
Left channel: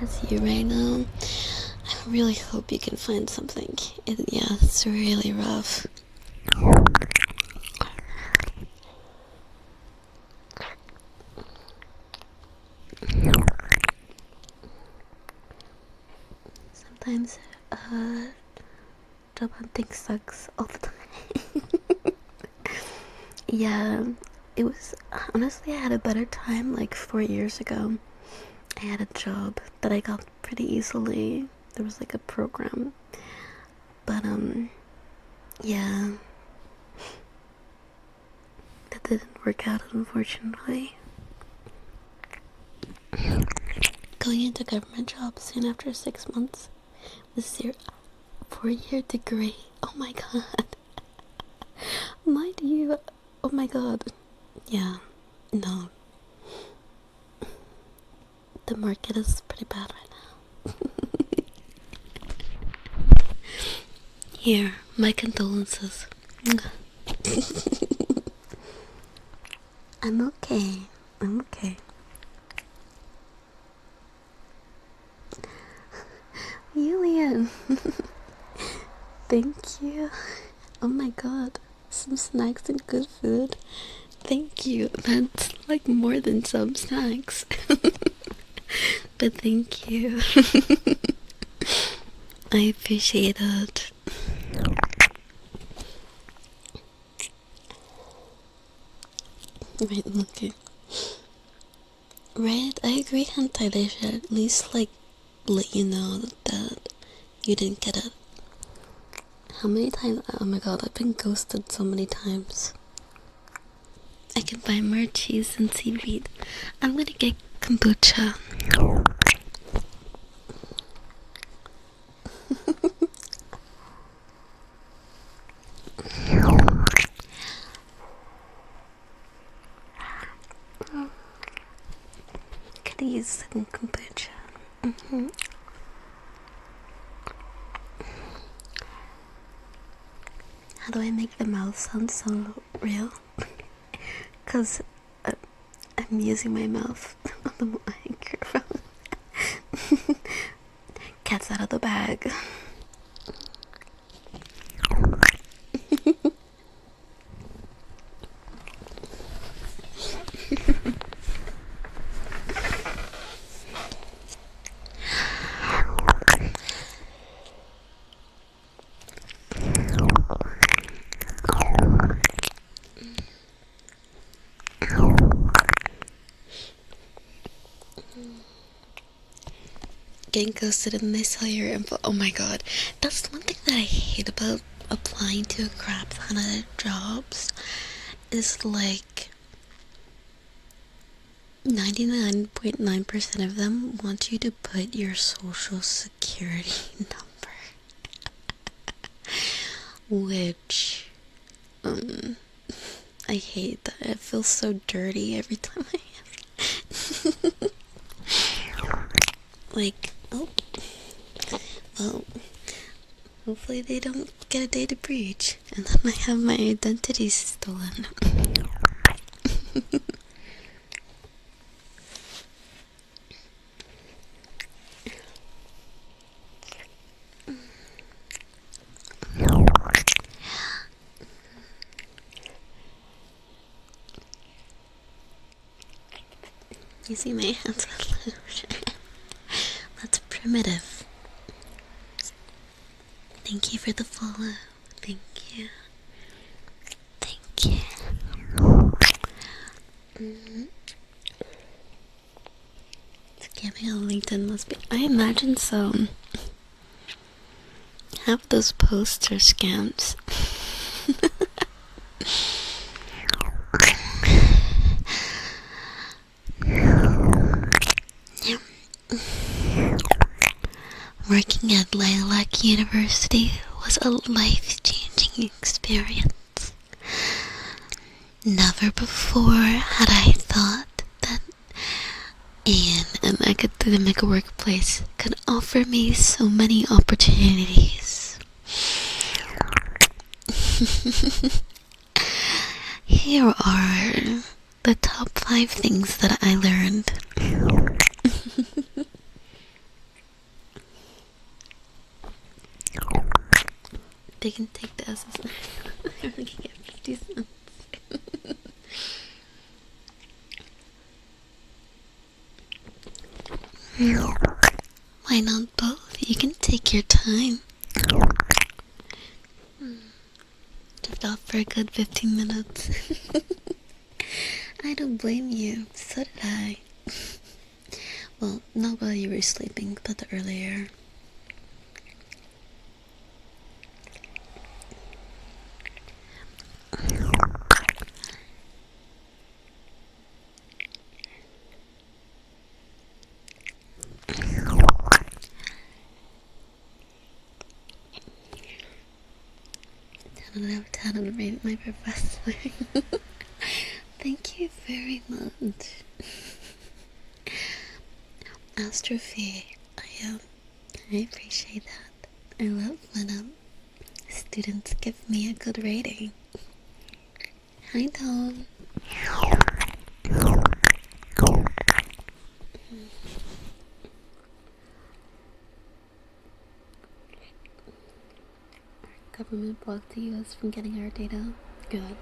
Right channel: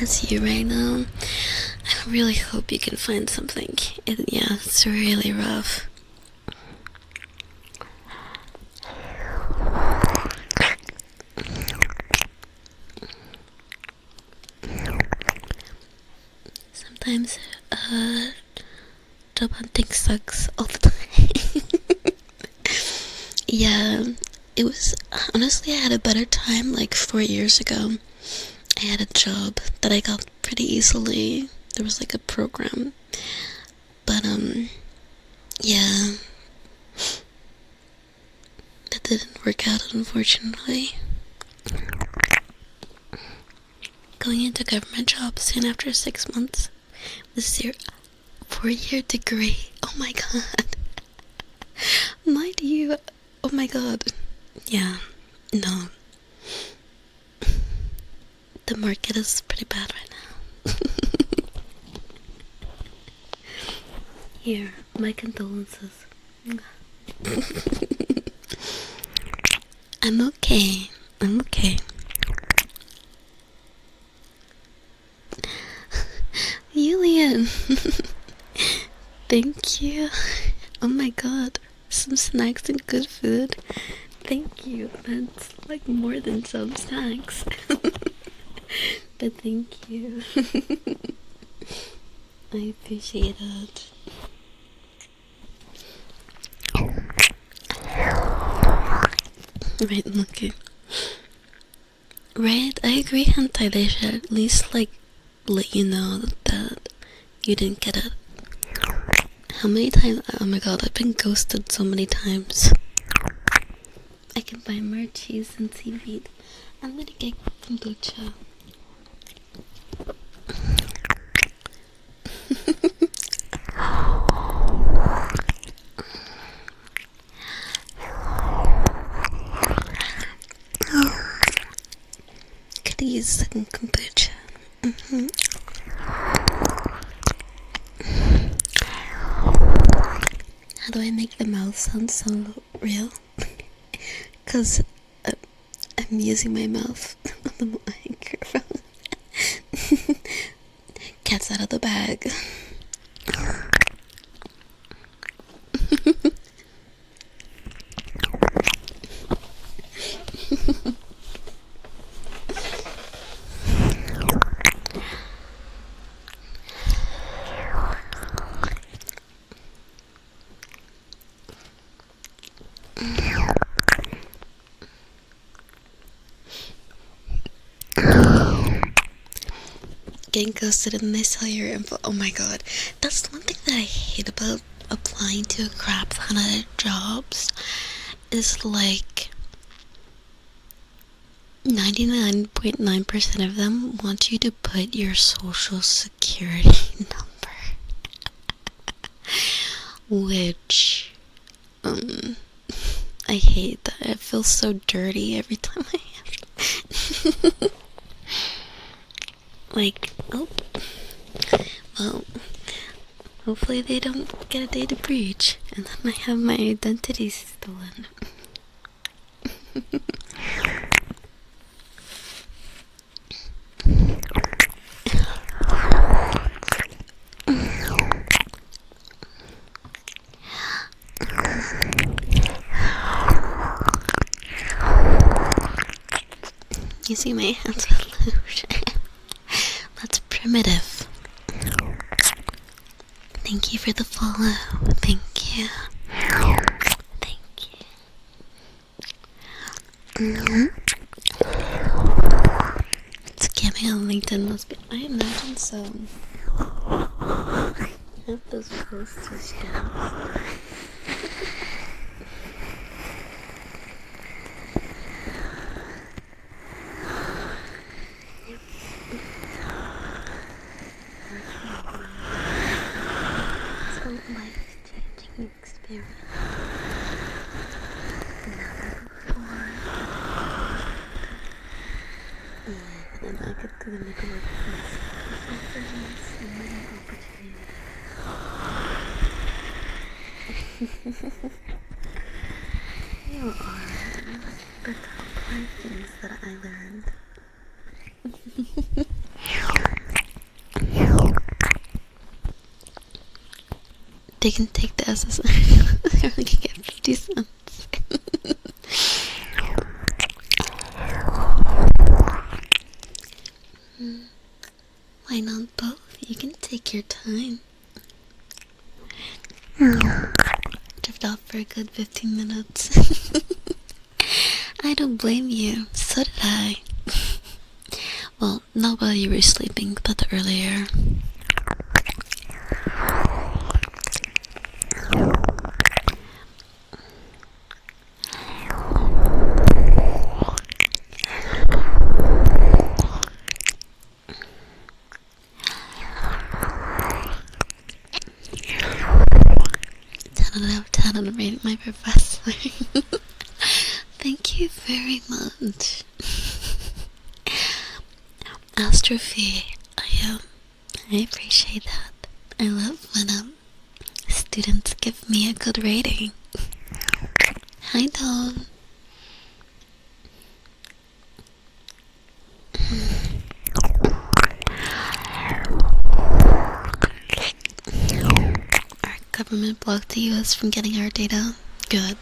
As you right now, I really hope you can find something. Yeah, it's really rough. job hunting sucks all the time. Yeah, it was, honestly, I had a better time like 4 years ago. I had a job that I got pretty easily. There was like a program. But, yeah. That didn't work out, unfortunately. Going into a government job soon after 6 months with your 4-year degree. Oh my god. Mind you, oh my god. Yeah, no. The market is pretty bad right now. Here, my condolences. I'm okay. I'm okay. Julian. Thank you. Oh my god. Some snacks and good food. Thank you. That's like more than some snacks. But thank you. I appreciate it. Right, okay. Right, I agree, Hentai. They should at least like let you know that you didn't get it. How many times? Oh my god, I've been ghosted so many times. I can buy more cheese and seaweed. I'm gonna get kombucha. Could use some kombucha. How do I make the mouth sound so real? Cause I'm using my mouth on the microphone. Cat's out of the bag. Getting ghosted and they sell your info. Oh my god. That's one thing that I hate about applying to a crap ton of jobs. Is like 99.9% of them want you to put your social security number. Which, I hate that. It feels so dirty every time I have it. Like, oh, well, hopefully they don't get a data breach and then I have my identity stolen. You see my hands with lotion. That's primitive. Thank you for the follow. Thank you. Thank you. Scamming on LinkedIn must be. I imagine so. Half those posts are scams. Yep. Working at Lilac University was a life-changing experience. Never before had I thought that an academic workplace could offer me so many opportunities. Here are the top 5 things that I learned. They can take the SSR. They only can get 50 cents. Why not both? You can take your time. Drift off for a good 15 minutes. I don't blame you. So did I. Well, not while you were sleeping, but earlier. Out of 10 on rating my professor. Thank you very much. Astrophy, I appreciate that. I love when students give me a good rating. Hi, Dawn. Our government blocked the US from getting our data. Good.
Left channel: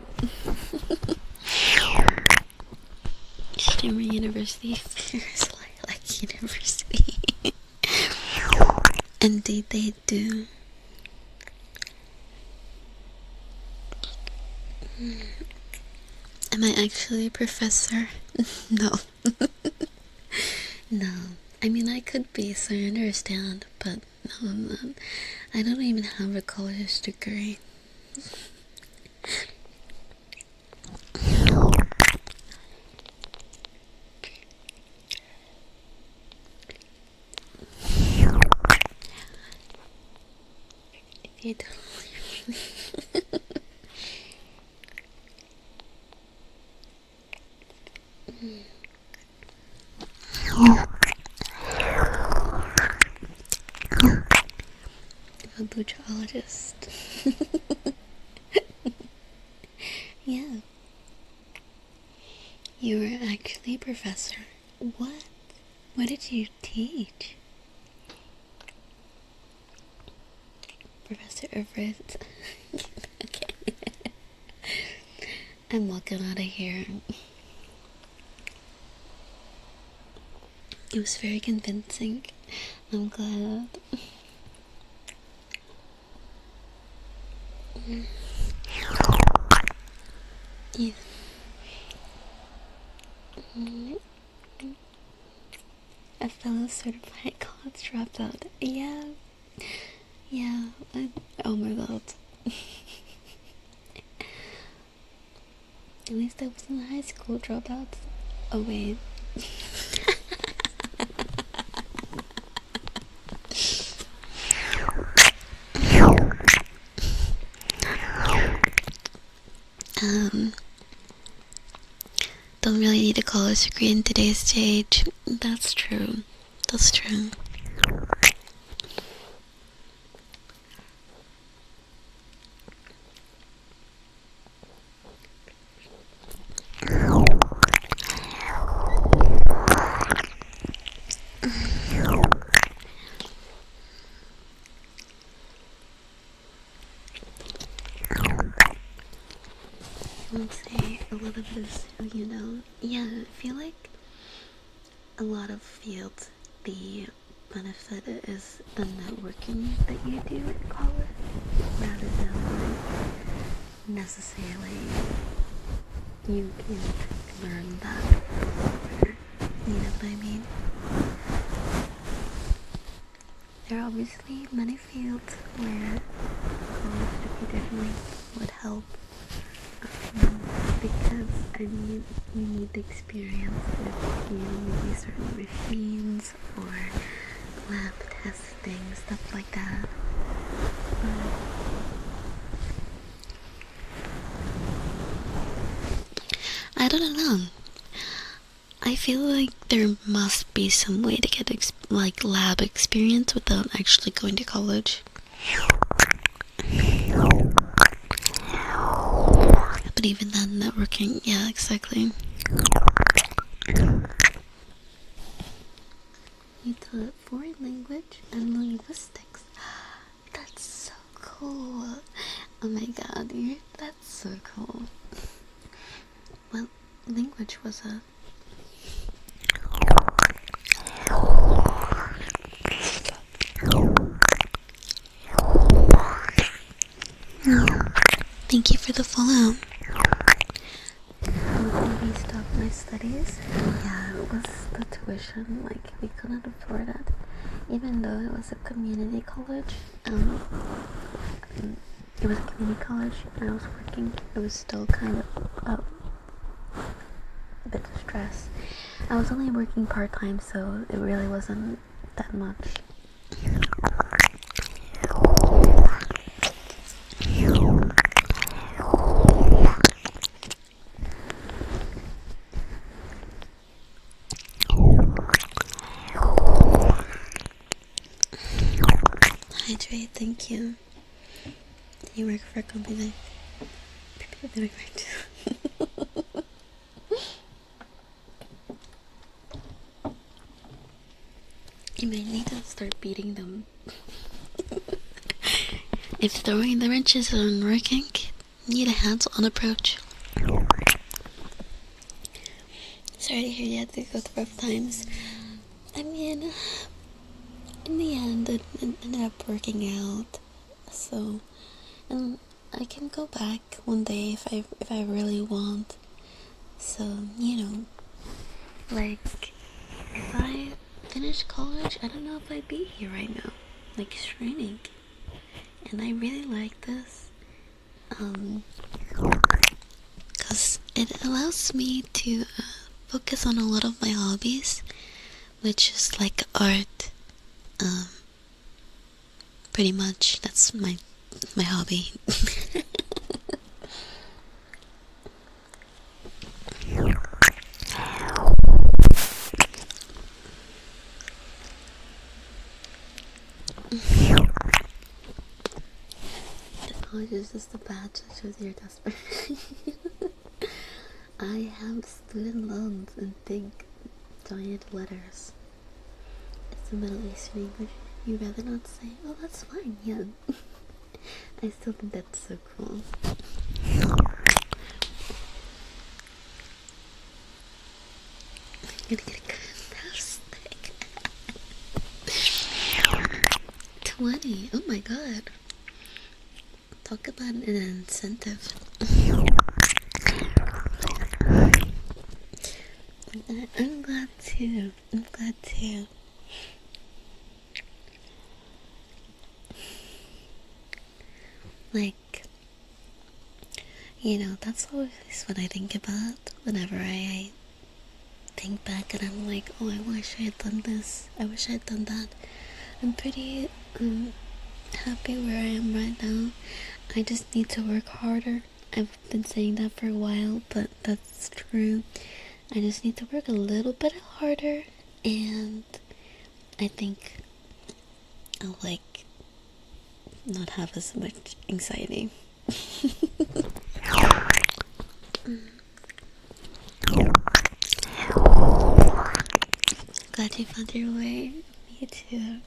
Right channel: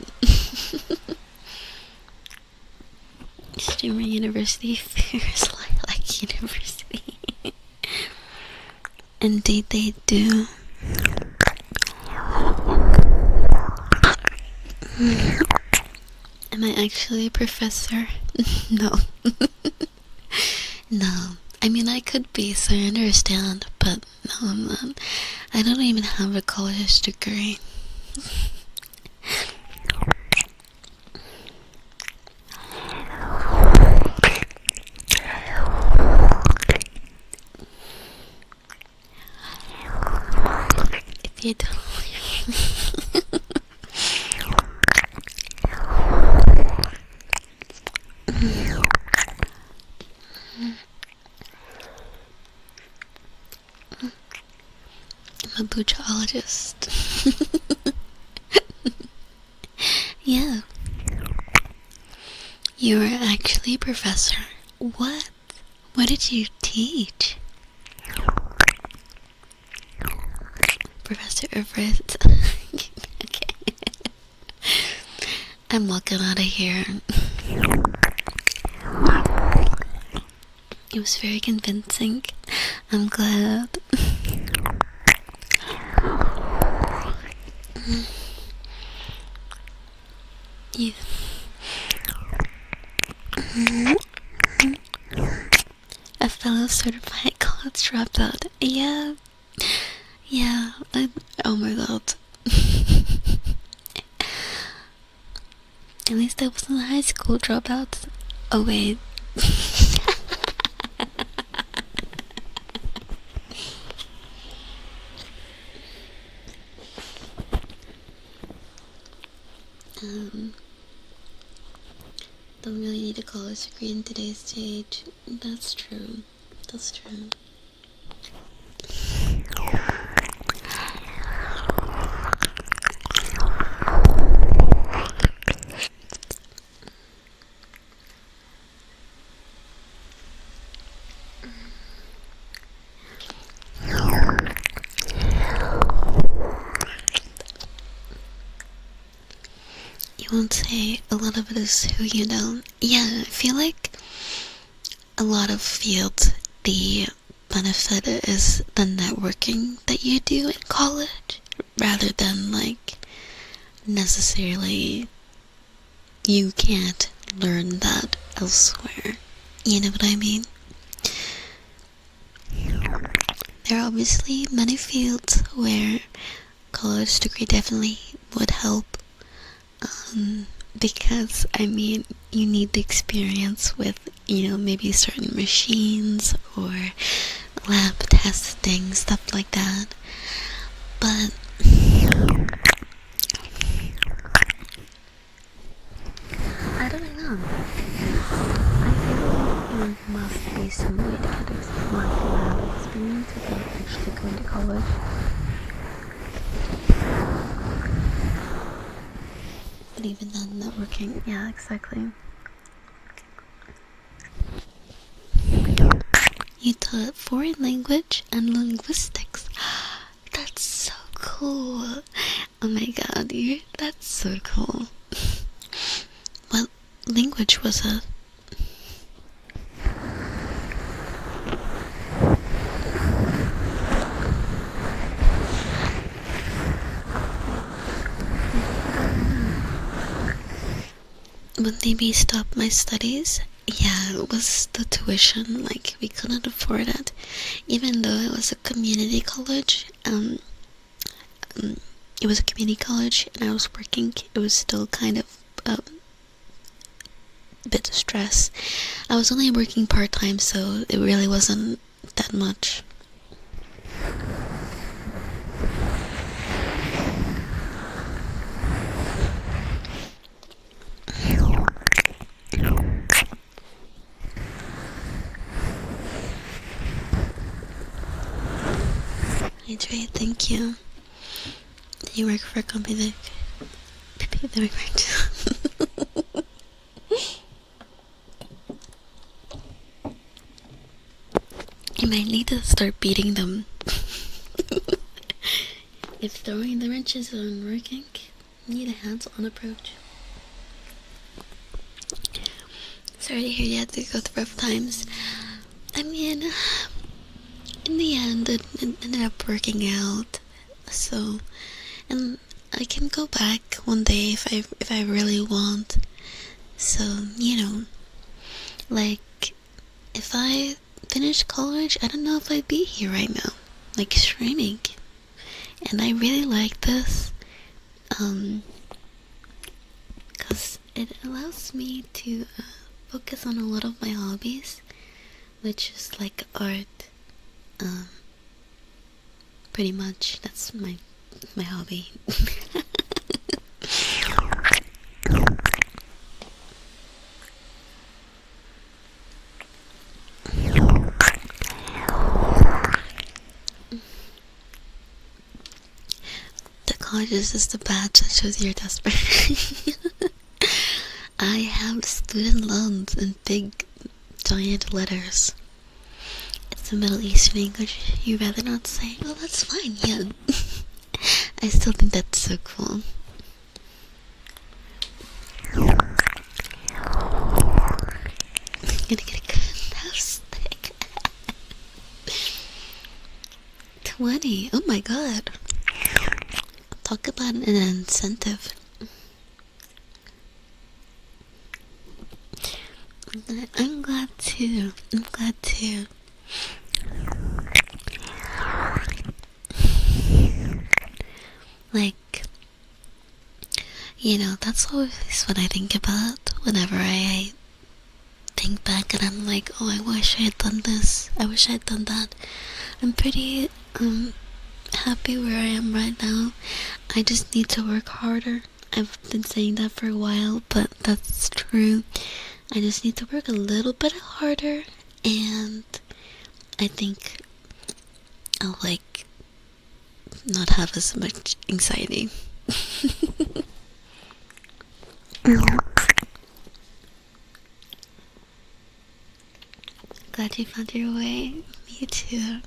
Streamer University feels like university. Indeed they do. Am I actually a professor? No. No. I mean, I could be, so I understand, but no, I'm not. I don't even have a college degree. If you don't I'm a buchologist. Yeah. You are actually a professor. What? What did you teach? Professor Everett. Okay. I'm walking out of here. It was very convincing. I'm glad. Yeah. A fellow certified college dropout. Yeah. Yeah. Oh my god. At least I wasn't a high school dropout. Oh wait. Don't really need a college degree in today's stage. That's true. That's true. You won't say a lot of it is who you know. Yeah, I feel like a lot of fields, the benefit is the networking that you do in college rather than like necessarily you can't learn that elsewhere. You know what I mean? There are obviously many fields where college degree definitely would help. Because I mean, you need the experience with, maybe certain machines or lab testing, stuff like that. But I don't know. I feel like there must be some way to get lab experience without actually going to college. But even then, networking, yeah, exactly. You taught foreign language and linguistics. That's so cool. Oh my god, that's so cool. What language was it? Thank you for the follow. Would they be stop my studies? Yeah, it was the tuition. Like, we couldn't afford it. Even though it was a community college, it was a community college and I was working, it was still kind of a bit of stress. I was only working part-time, so it really wasn't that much. Hi Trey, thank you. Do you work for a company that we worked? You might need to start beating them. If throwing the wrenches isn't working, you need a hands-on approach. Sorry to hear you had to go through rough times. I mean, in the end, it ended up working out. So, and I can go back one day if I really want. So, you know, like, if I finished college, I don't know if I'd be here right now, like streaming. And I really like this, cause it allows me to focus on a lot of my hobbies, which is like art. Pretty much that's my hobby. The college is just a badge that shows you're desperate. I have student loans in big giant letters. It's a Middle Eastern English. You'd rather not say? Oh, that's fine, yeah. I still think that's so cool. I'm gonna get a good house stick. 20. Oh my god. Talk about an incentive. I'm glad too. Like, you know, that's always what I think about whenever I think back and I'm like, oh, I wish I had done this. I wish I had done that. I'm pretty happy where I am right now. I just need to work harder. I've been saying that for a while, but that's true. I just need to work a little bit harder, and I think I'll like not have as much anxiety. Glad you found your way. Me too.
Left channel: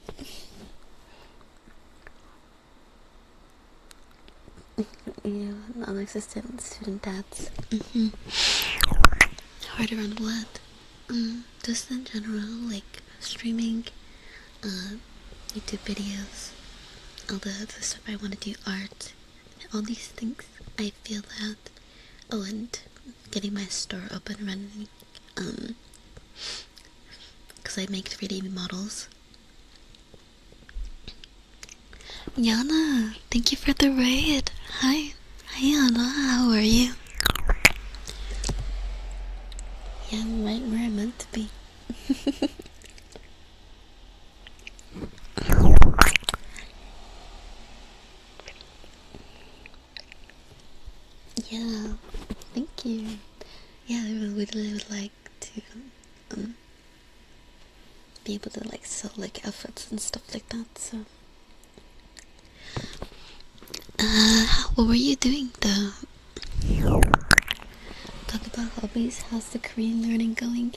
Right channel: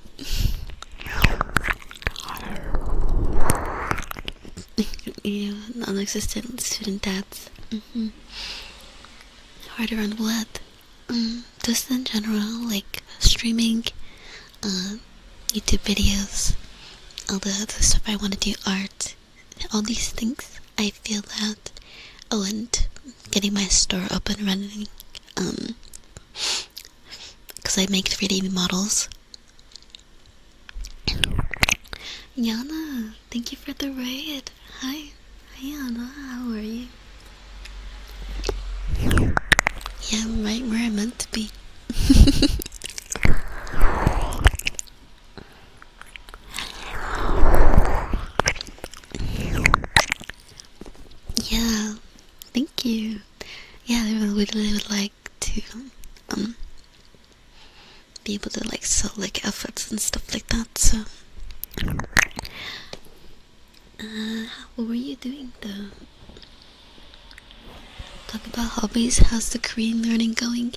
You non-existent student dads. Harder on what? Just in general, like streaming, YouTube videos, all the other stuff I want to do, art, all these things. I feel that. Oh, and getting my store up and running, because I make 3D models. Yana, thank you for the raid. Hi Yana, how are you? Yeah, I'm right where I'm meant to be. Yeah, thank you. Yeah, I really would like to be able to like sell like outfits and stuff like that. So, what were you doing though? Talk about hobbies. How's the Korean learning going?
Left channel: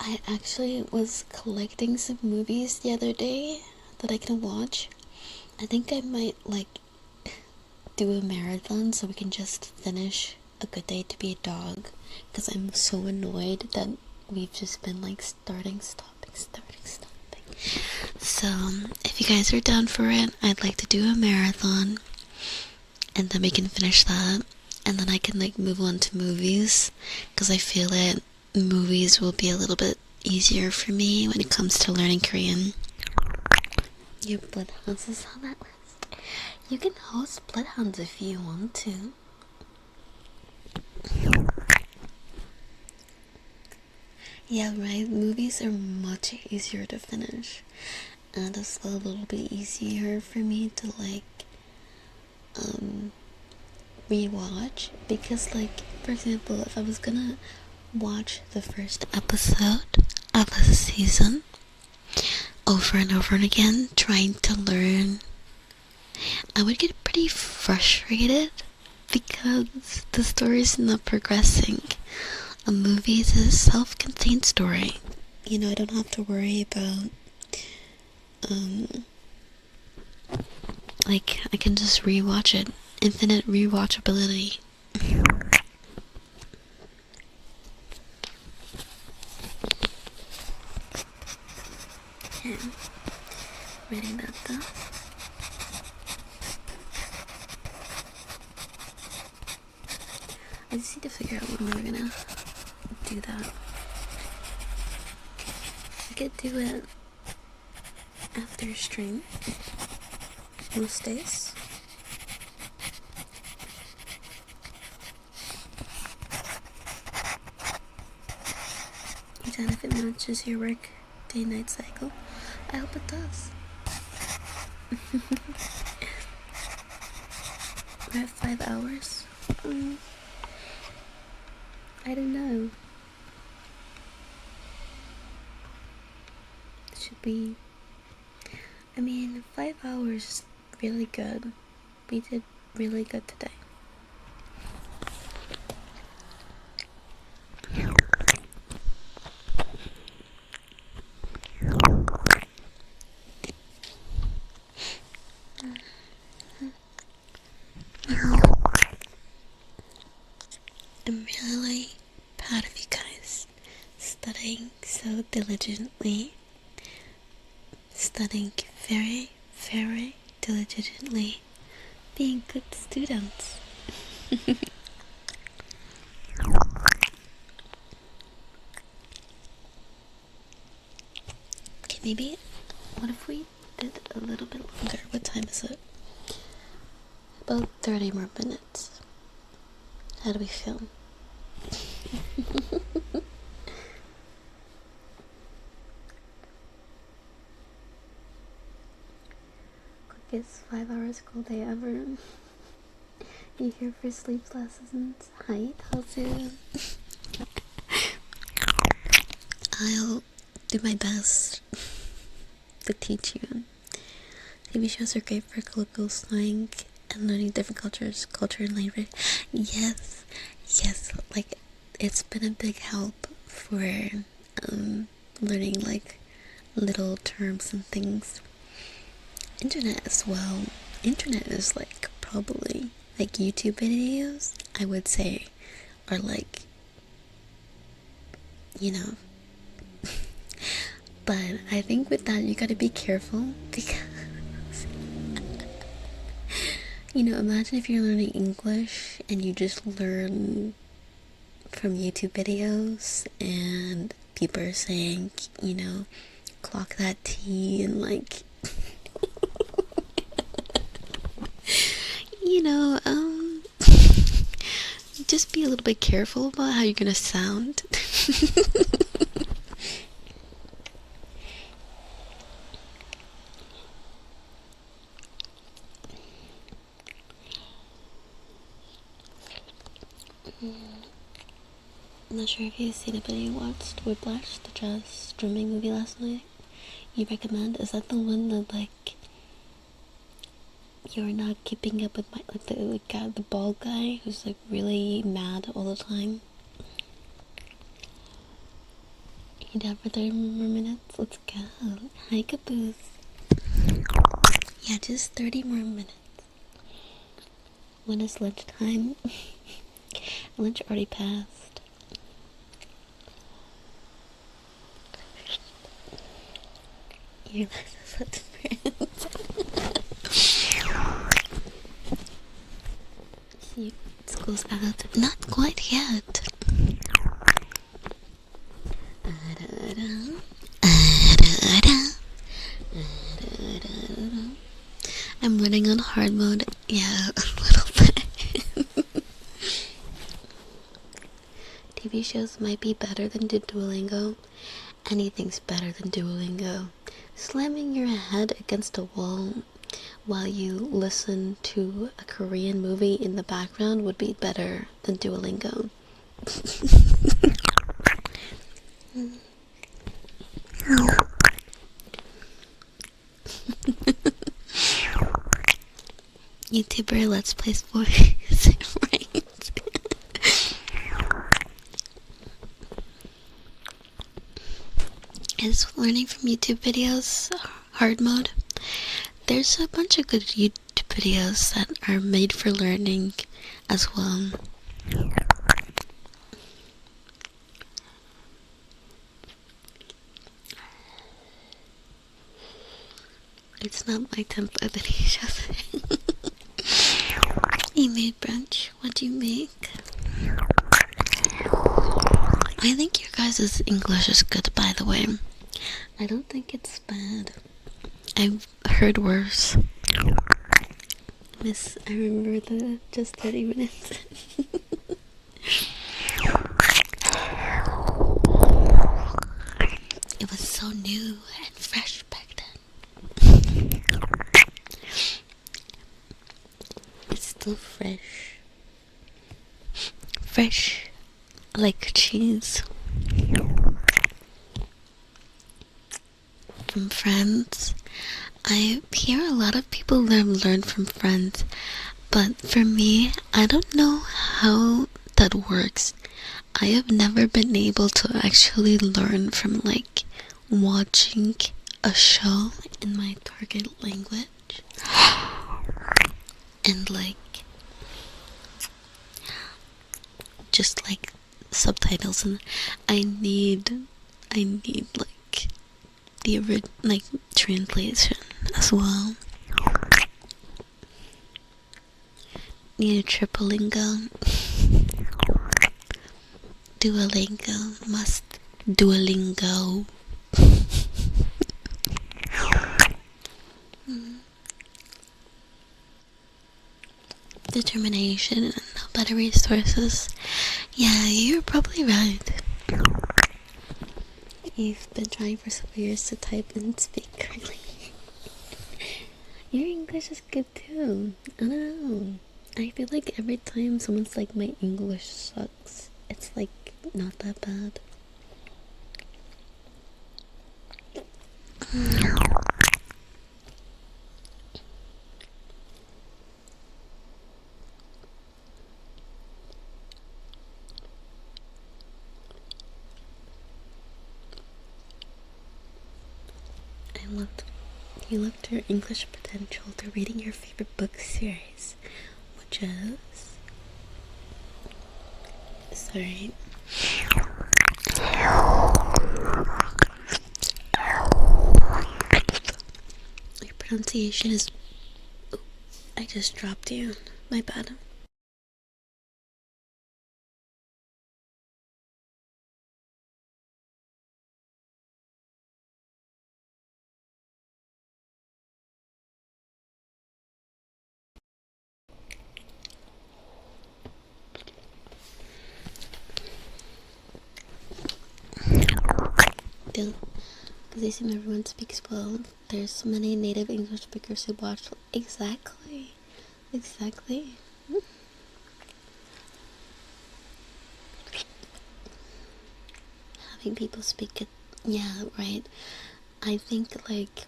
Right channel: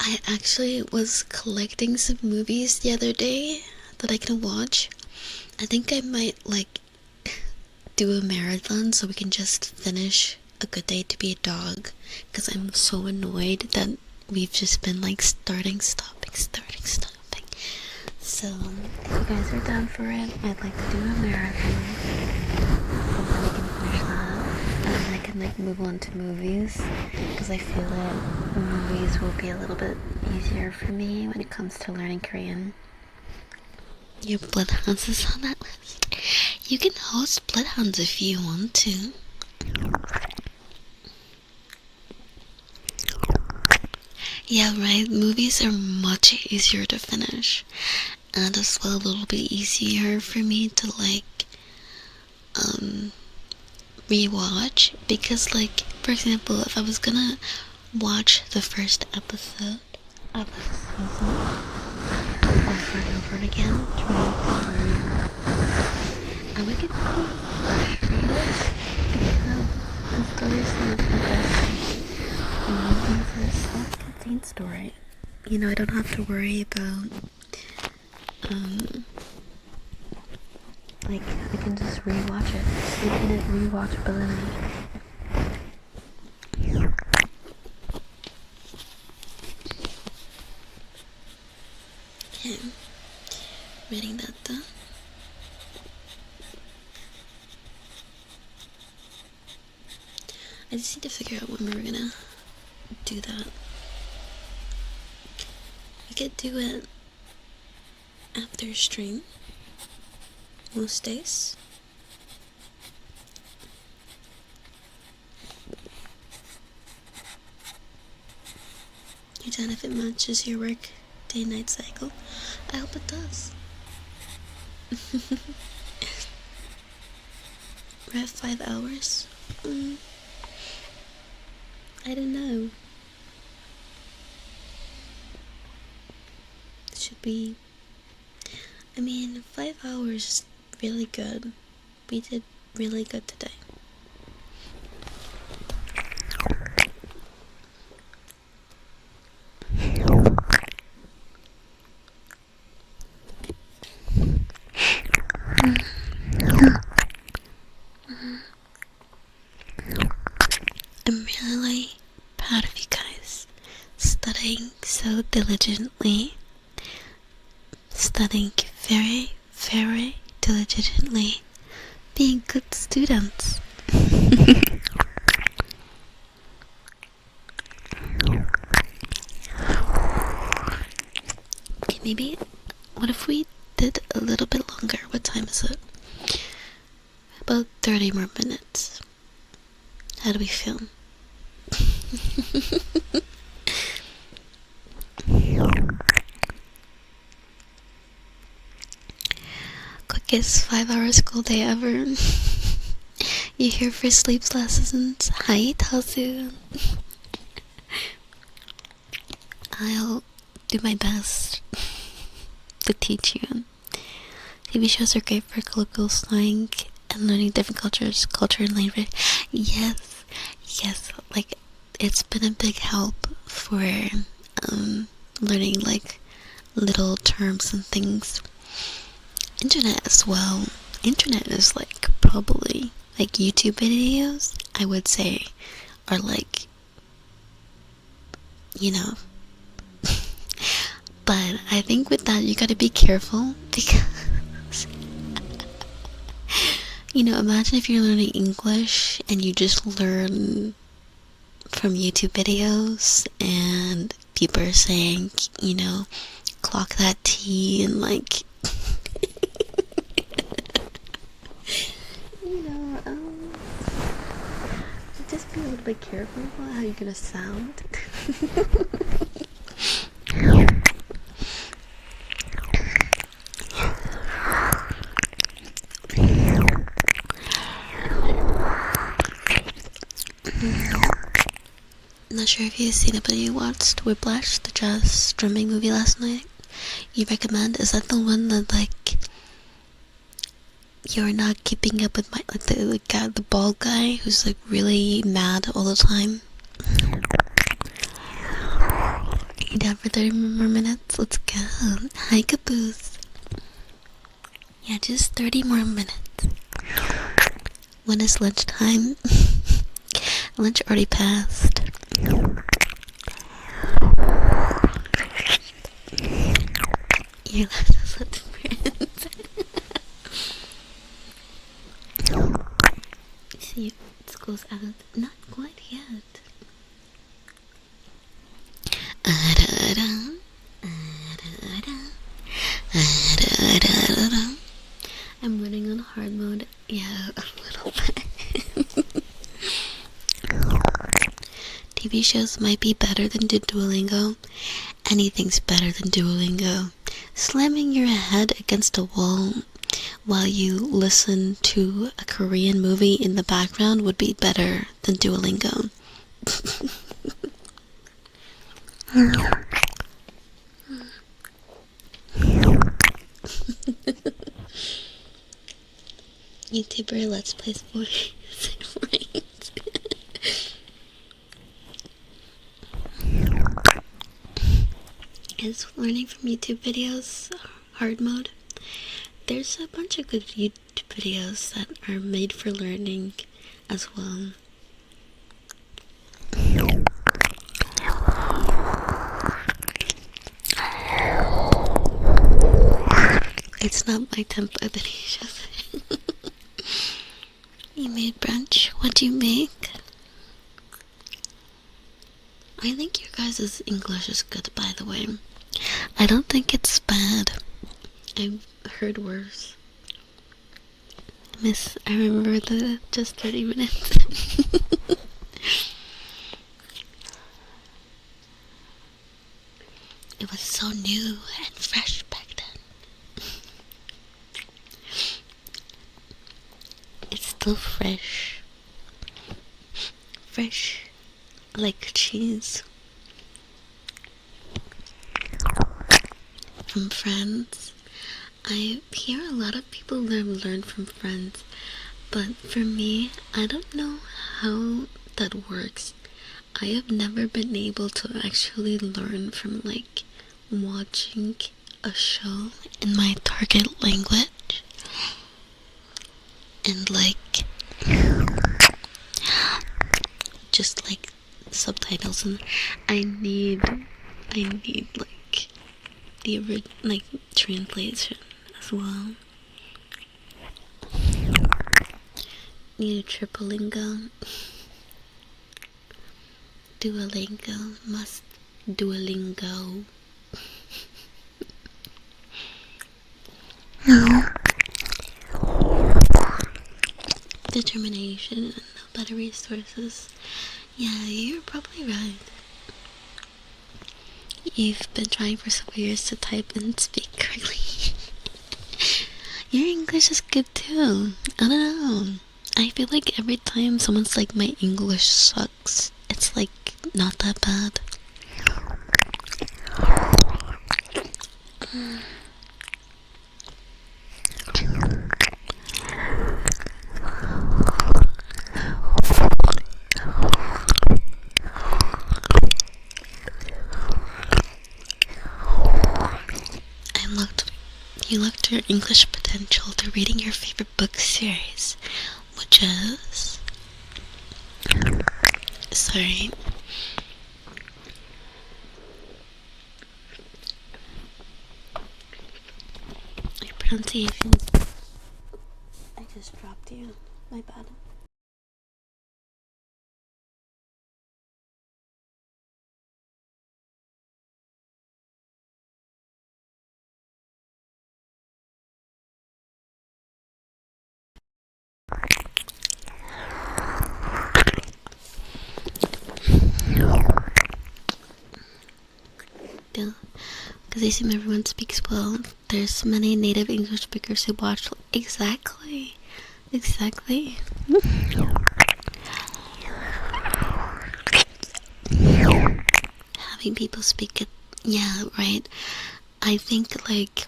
I actually was collecting some movies the other day that I can watch. I think I might like do a marathon so we can just finish A Good Day to Be a Dog, because I'm so annoyed that we've just been like starting, stopping. So if you guys are down for it, I'd like to do a marathon. and then we can finish that, and then I can like move on to movies, because I feel that movies will be a little bit easier for me when it comes to learning Korean. Your Bloodhounds is on that list. You can host Bloodhounds if you want to. Yeah, right, movies are much easier to finish, and as well a little bit easier for me to like rewatch, because like, for example, if I was gonna watch the first episode of a season over and over and again, trying to learn, I would get pretty frustrated because the story is not progressing. The movie is a self-contained story. You know, I don't have to worry about like, I can just rewatch it. Infinite rewatchability. Okay, reading that down. I just need to figure out when we're gonna do that. I could do it after stream most days. You done if it matches your work day-night cycle? I hope it does. We have 5 hours. I don't know. Should we? I mean, 5 hours is really good. We did really good today. I'm really proud of you guys, studying so diligently, studying very, very diligently, being good students. Okay, maybe, what if we did a little bit longer? What time is it? About 30 more minutes. How do we feel? Quickest 5-hour school day ever. You here for sleep lessons? Hi, Tazu. I'll do my best to teach you. TV shows are great for colloquial slang and learning different cultures, culture and language. Yes, like, it's been a big help for learning like little terms and things. Internet as well. Internet is like probably like YouTube videos, I would say, are like, you know. But I think with that you gotta be careful, because you know, imagine if you're learning English and you just learn from YouTube videos and people are saying, you know, clock that T and like you know, just be a little bit careful about how you're gonna sound. Not sure if you've seen it, but you watched Whiplash, the jazz drumming movie last night. You recommend? Is that the one that like you're not keeping up with, my like the guy, the bald guy who's like really mad all the time? You down for 30 more minutes? Let's go. Hi, Caboose. Yeah, just 30 more minutes. When is lunchtime? Lunch already passed. You left us with friends. see if school's out. Not quite yet. I'm running on hard mode. Yeah, a little bit. TV shows might be better than Duolingo. Anything's better than Duolingo. Slamming your head against a wall while you listen to a Korean movie in the background would be better than Duolingo. YouTuber Let's Play voice range. Is learning from YouTube videos hard mode? There's a bunch of good YouTube videos that are made for learning as well. It's not my tempo that he shows. You made brunch. What'd you make? I think your guys' English is good, by the way. I don't think it's bad. I've heard worse. I remember the just 30 minutes. It was so new and fresh back then. It's still fresh. Fresh like cheese. From Friends. I hear a lot of people learn from Friends, but for me, I don't know how that works. I have never been able to actually learn from like watching a show in my target language and like just like subtitles, and I need like the like translation as well. Need a tripolingo. Duolingo must Duolingo. Determination and no better resources. Yeah, you're probably right. You've been trying for several years to type and speak correctly. Your English is good too. I don't know. I feel like every time someone's like, my English sucks, it's like not that bad. You looked your English potential to reading your favorite book series, which is... Sorry. Your pronunciation is... I just dropped you. My bad. Because I assume everyone speaks well. There's many native English speakers who watch. Exactly. Having people speak it. Yeah, right. I think like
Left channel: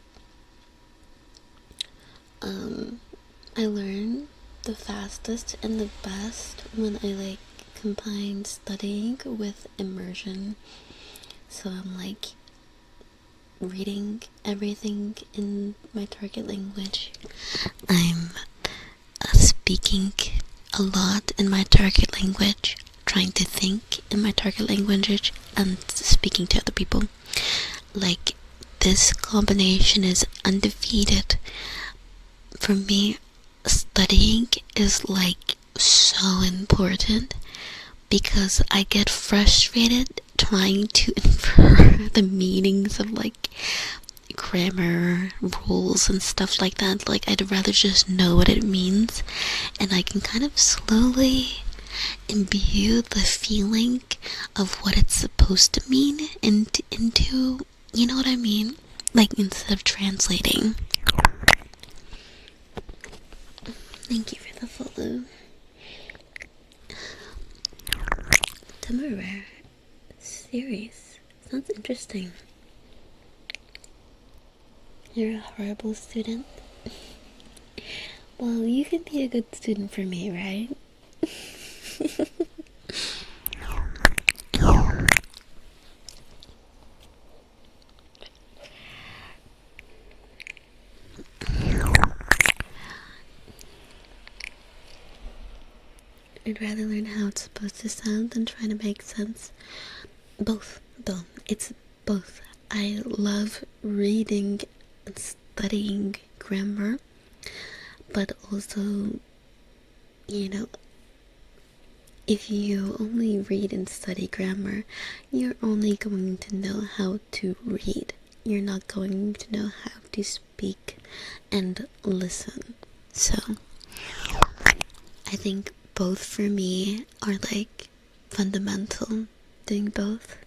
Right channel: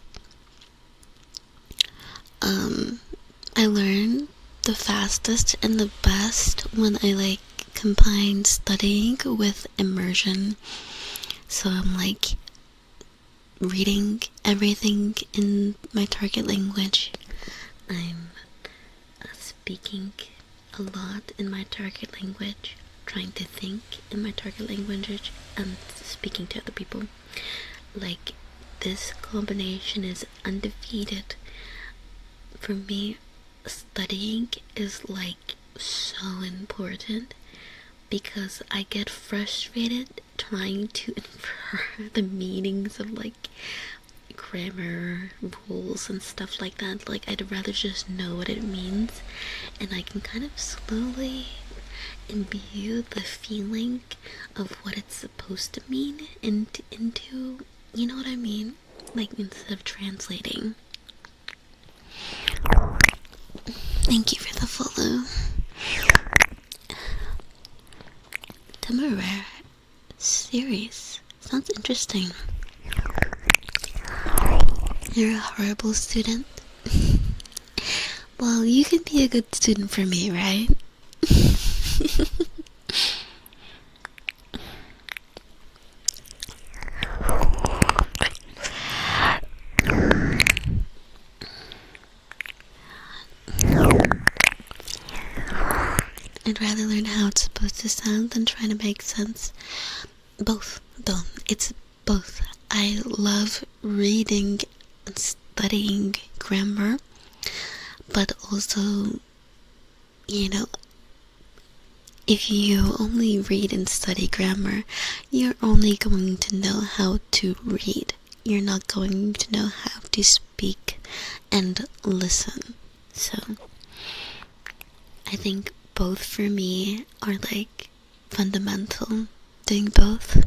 I learn the fastest and the best when I like combine studying with immersion. So I'm like reading everything in my target language. I'm speaking a lot in my target language, trying to think in my target language, and speaking to other people. Like, this combination is undefeated. For me, studying is like so important because I get frustrated trying to infer the meanings of like grammar rules and stuff like that. Like, I'd rather just know what it means, and I can kind of slowly imbue the feeling of what it's supposed to mean into, you know what I mean? Like, instead of translating. Thank you for the follow. Temporary series. Sounds interesting. You're a horrible student. Well, you can be a good student for me, right? I'd rather learn how it's supposed to sound than trying to make sense. Both, though. It's both. I love reading and studying grammar, but also, you know, if you only read and study grammar, you're only going to know how to read. You're not going to know how to speak and listen. So, I think both for me are like fundamental, doing both.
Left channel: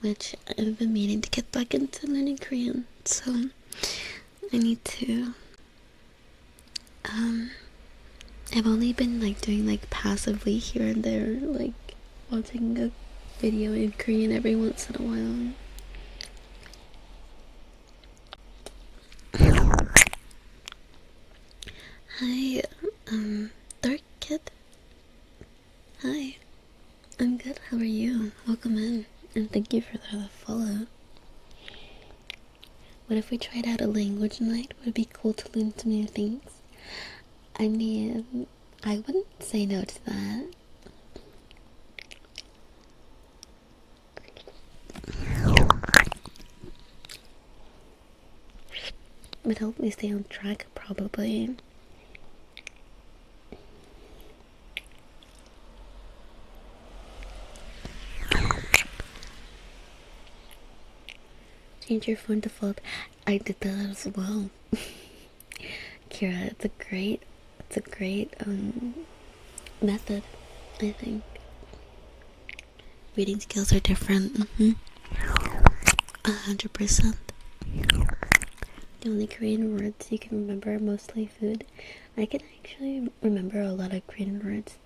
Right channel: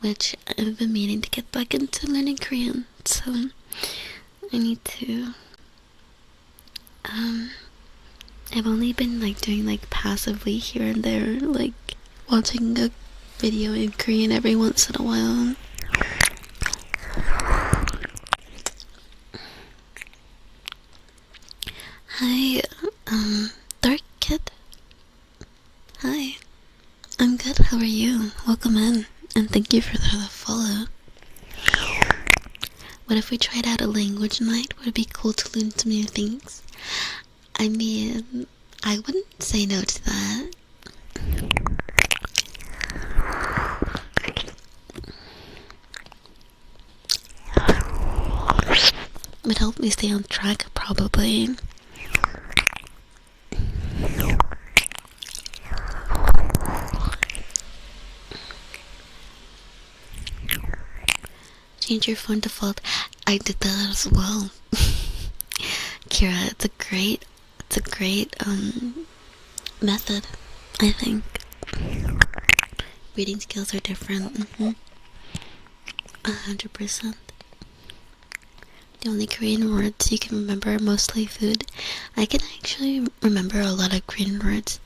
Which I've been meaning to get back into learning Korean, so I need to. I've only been like doing like passively here and there, like watching a video in Korean every once in a while. Hi, Dark Kid. Hi, I'm good. How are you? Welcome in, and thank you for the follow. What if we tried out a language night? Would it be cool to learn some new things? I mean, I wouldn't say no to that. Would help me stay on track, probably. Change your phone default. I did that as well. Kira, it's a great method, I think. Reading skills are different. 100%. The only Korean words you can remember are mostly food. I can actually remember a lot of Korean words,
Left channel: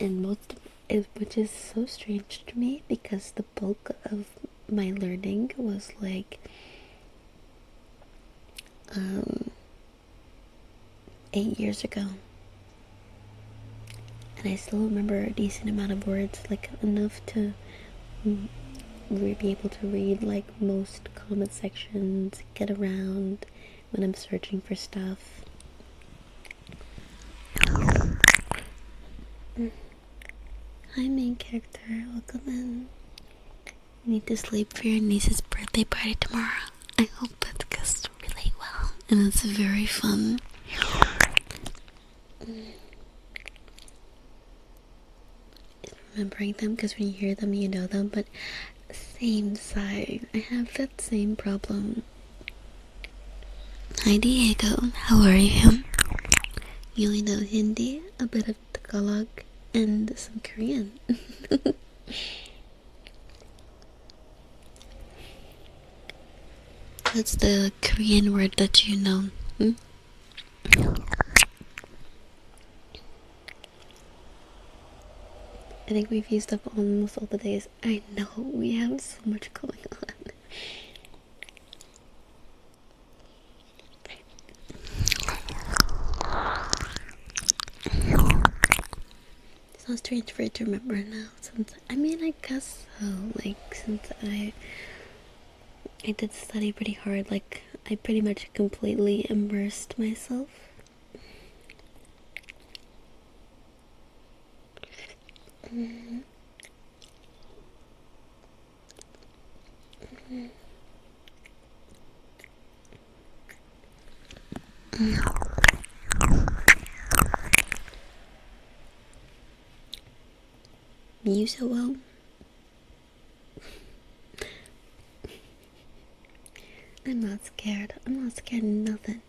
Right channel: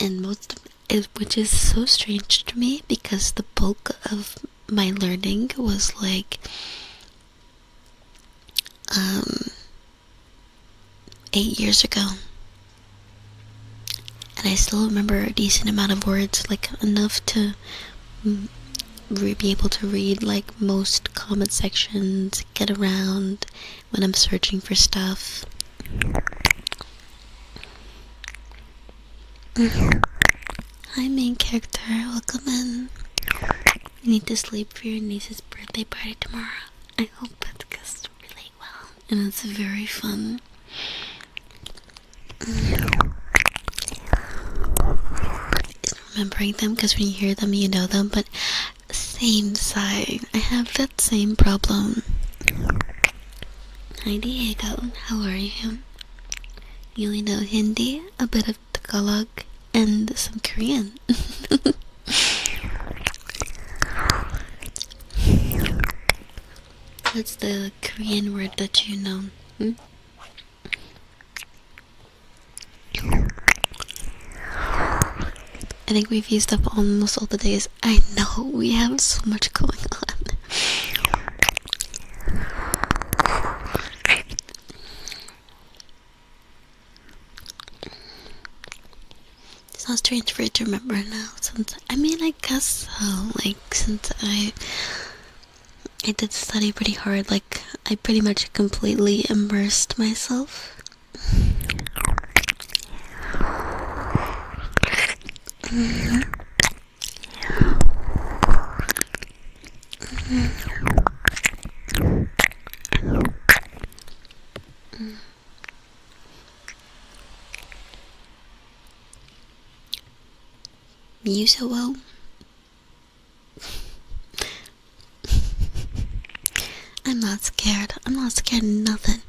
and most of it, which is so strange to me because the bulk of my learning was like 8 years ago, and I still remember a decent amount of words, like enough to be able to read like most comment sections, get around when I'm searching for stuff. Hi, main character, welcome in. You need to sleep for your niece's birthday party tomorrow. I hope that goes really well, and it's very fun. Remembering them, because when you hear them, you know them, but same side. I have that same problem. Hi, Diego. How are you? You only know Hindi, a bit of Tagalog, and some Korean. What's the Korean word that you know? I think we've used up almost all the days. I know, we have so much going on. It's not strange for it to remember now. I guess so. Like, since I did study pretty hard, like, I pretty much completely immersed myself. You so well. I'm not scared. I'm not scared of nothing.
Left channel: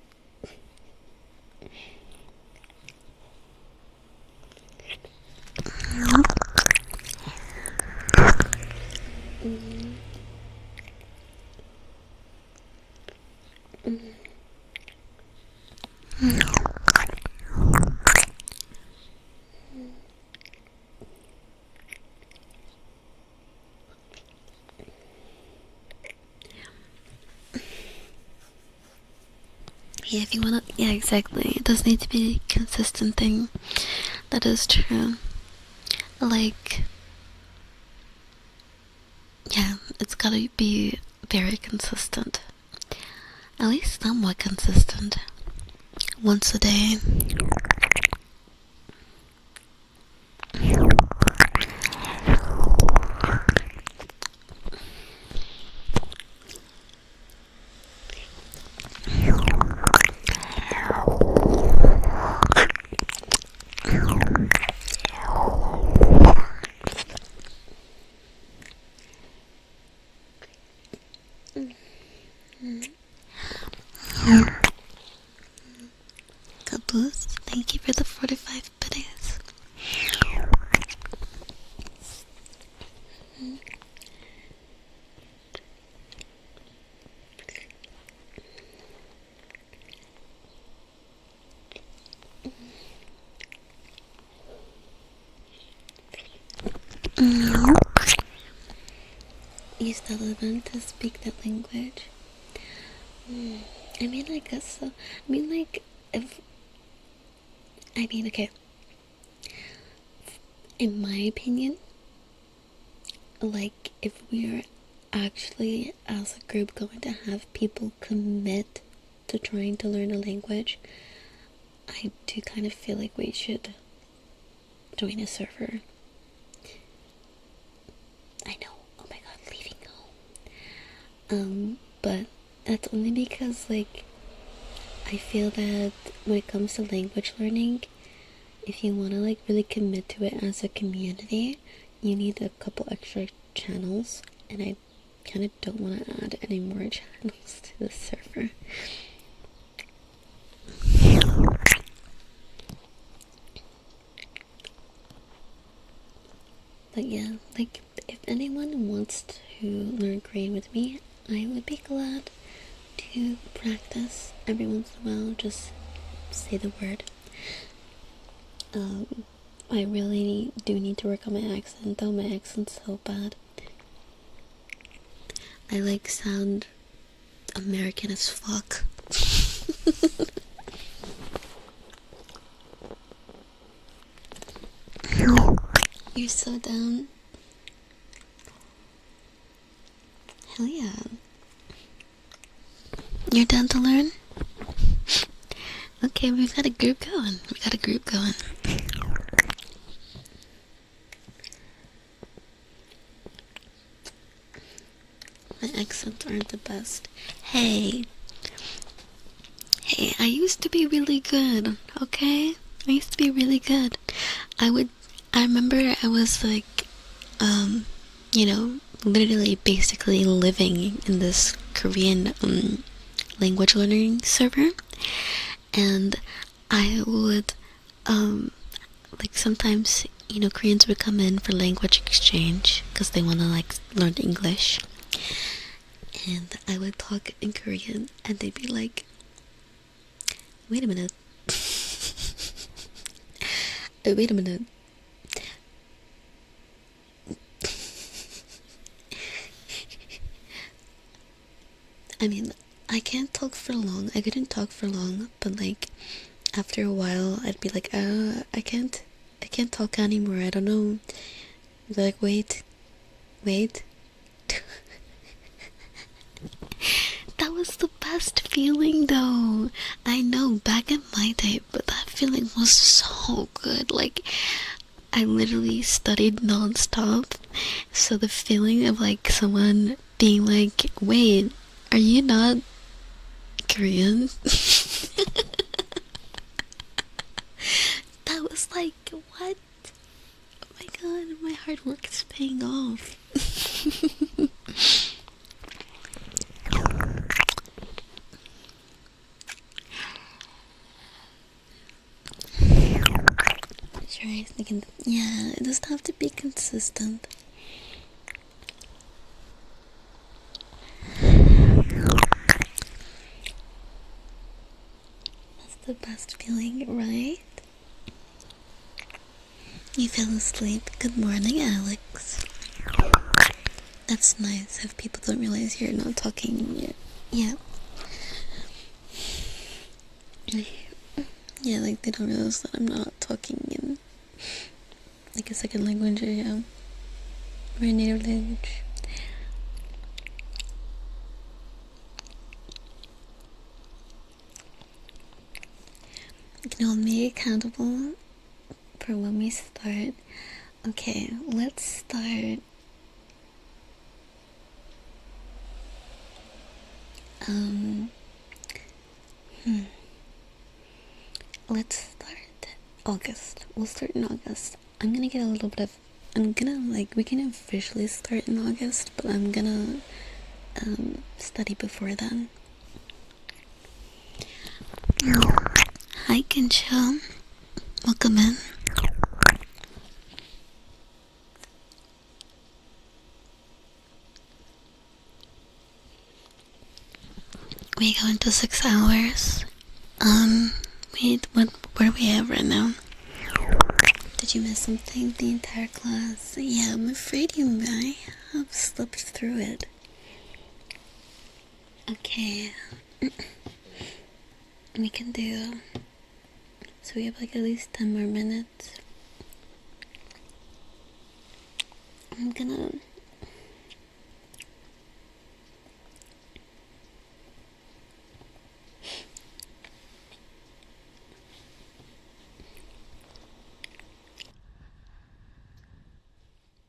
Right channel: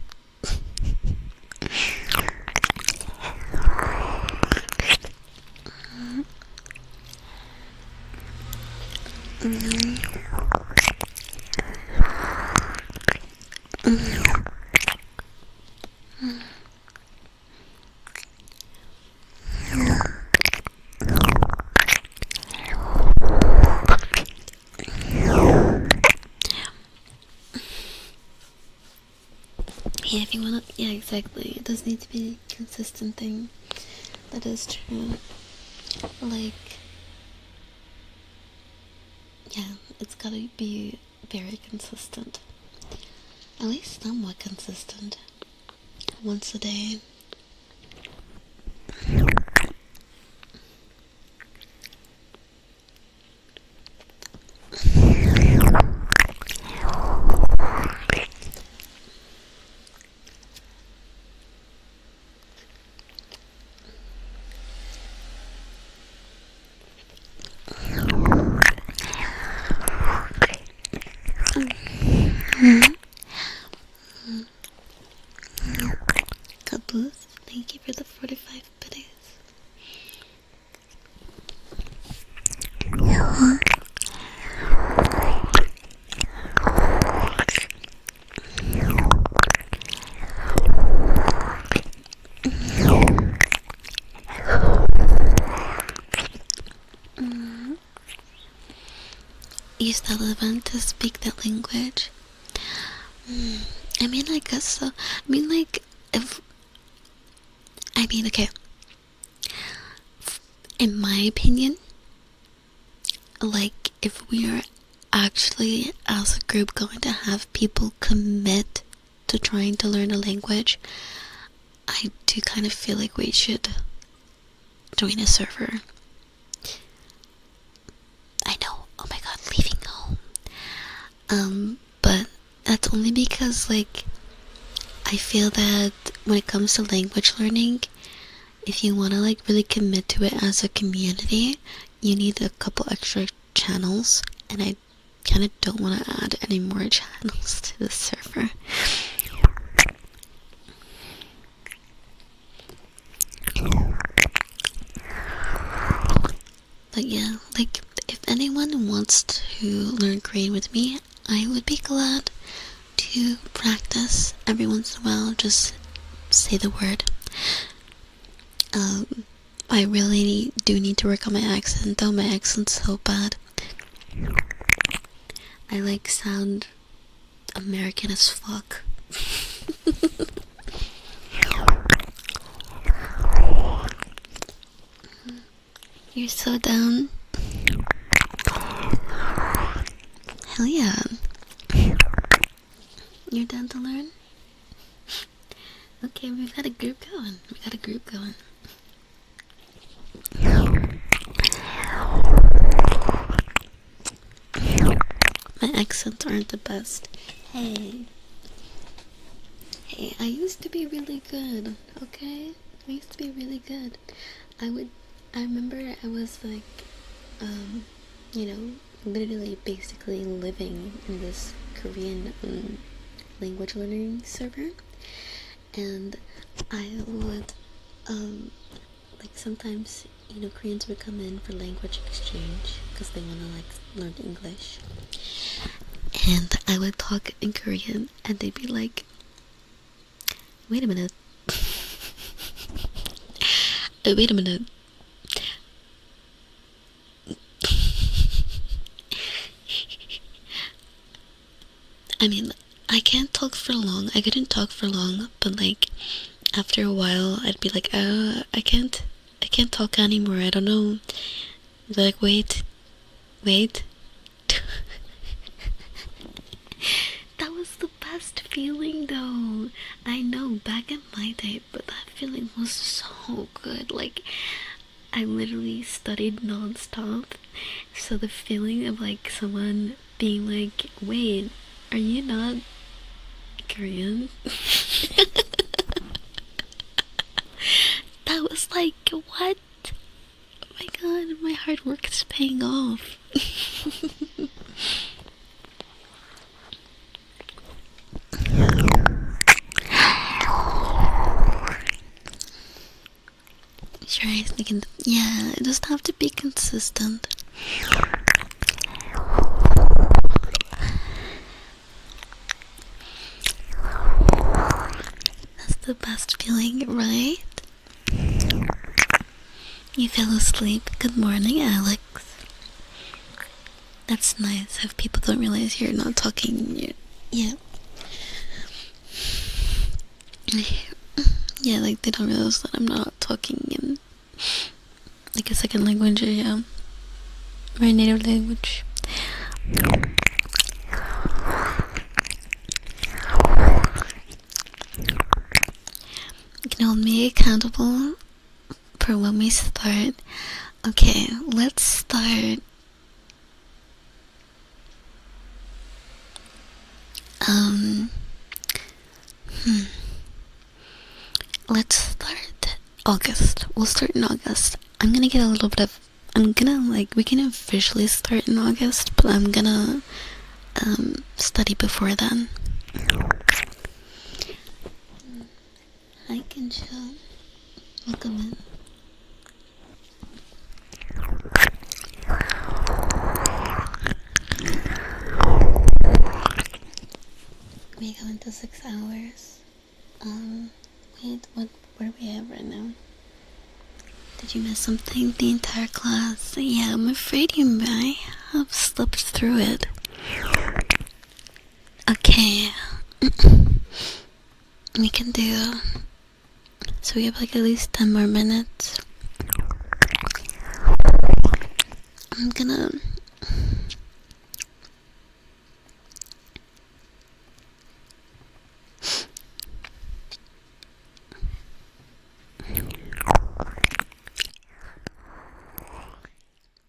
Yeah, if you wanna, yeah, exactly. It does need to be a consistent thing. That is true. Like, yeah, it's gotta be very consistent. At least somewhat consistent. Once a day. Caboose, thank you for the 45 biddies. You still want to speak the language? I mean, I guess so. I mean, like, okay. In my opinion, like, if we are actually, as a group, going to have people commit to trying to learn a language, I do kind of feel like we should join a server. I know, oh my god, leaving home. But that's only because, like, I feel that when it comes to language learning, if you want to, like, really commit to it as a community, you need a couple extra channels, and I kind of don't want to add any more channels to the server. But yeah, like, if anyone wants to learn Korean with me, I would be glad to practice every once in a while. Just say the word. I really do need to work on my accent, though. My accent's so bad. I, like, sound American as fuck. You're so down. Hell yeah. You're down to learn? Okay, we've got a group going. My accents aren't the best. Hey, I used to be really good, okay? I used to be really good. I remember I was like, you know, literally basically living in this Korean language learning server, and I would, like, sometimes, you know, Koreans would come in for language exchange because they want to, like, learn English, and I would talk in Korean, and they'd be like, wait a minute. Wait a minute. I mean, I can't talk for long. I couldn't talk for long, but, like, after a while, I'd be like, I can't talk anymore. I don't know. They're like, wait. That was the best feeling, though. I know, back in my day, but that feeling was so good. Like, I literally studied non-stop, so the feeling of, like, someone being like, wait, are you not Korean? That was like, what? Oh my god. that my hard work is paying off. Sure, I was thinking, yeah, it doesn't have to be consistent. That's the best feeling, right? You fell asleep. Good morning, Alex. That's nice if people don't realize you're not talking yet. Yeah. Yeah, like they don't realize that I'm not talking in like a second language, yeah. My native language. You can hold me accountable for when we start. Okay, let's start. Let's start August. We'll start in August. I'm gonna get a little bit of. We can officially start in August, but I'm gonna study before then. Hi, Kincho. Welcome in. We go into 6 hours. Wait, what do we have right now? Did you miss something the entire class? Yeah, I'm afraid you might have slipped through it. Okay. We can do... So we have like at least 10 more minutes. I'm gonna...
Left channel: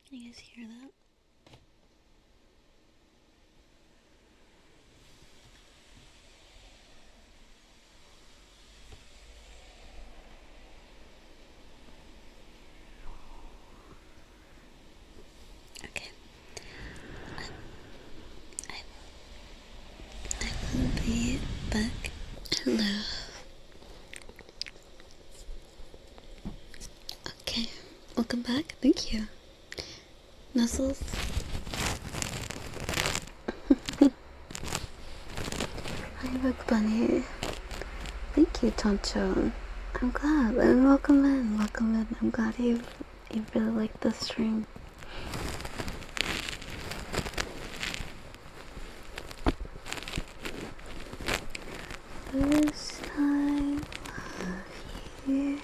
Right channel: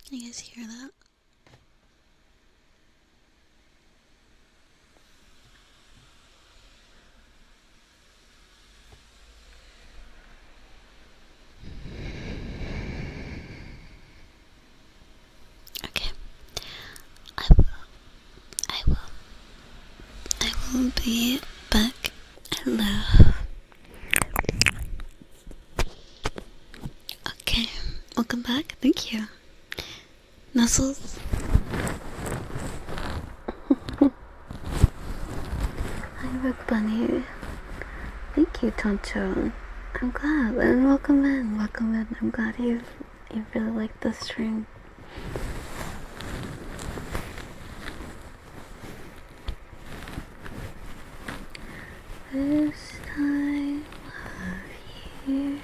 Can you guys hear that? Okay. I will be back. Hello. Okay. Welcome back. Thank you. Nuzzles. Hi, Rook Bunny. Thank you, Toncho. I'm glad. And welcome in. Welcome in. I'm glad you really liked the stream. This time of year.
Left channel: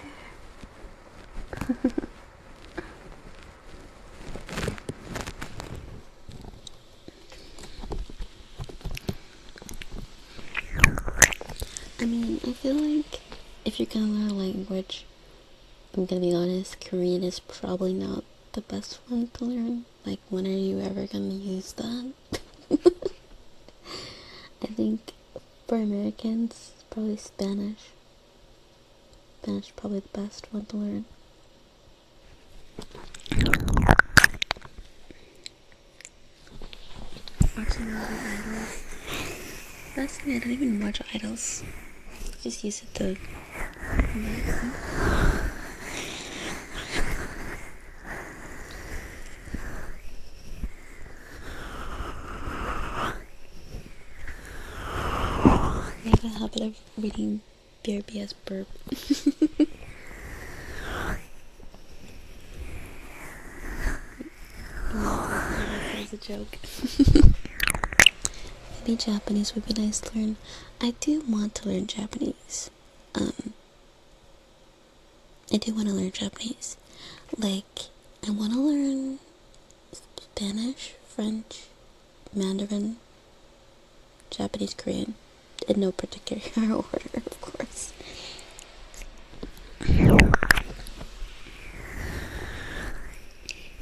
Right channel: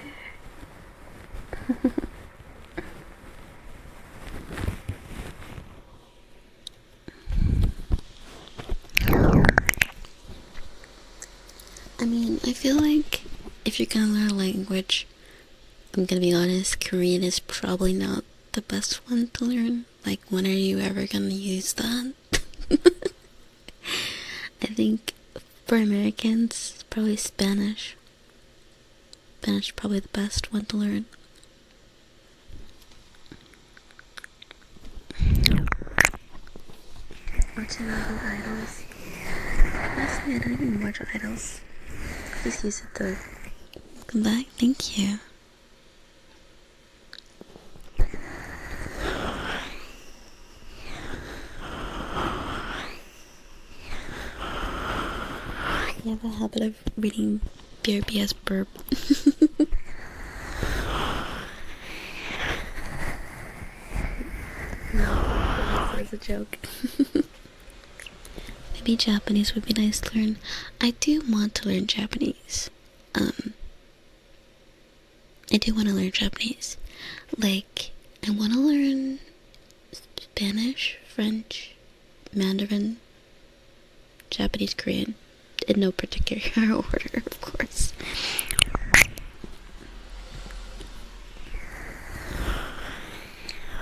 I mean, I feel like if you're gonna learn a language, I'm gonna be honest, Korean is probably not the best one to learn. Like, when are you ever gonna use that? I think for Americans, probably Spanish. Spanish is probably the best one to learn. Watching all the idols. Personally, I don't even watch idols. I just use it to come back. Thank you. I have a habit of reading BRBS burp. No, that was a joke. Maybe Japanese would be nice to learn. I do want to learn Japanese. I do want to learn Japanese. Like, I want to learn Spanish, French, Mandarin, Japanese, Korean. In no particular order, of course. You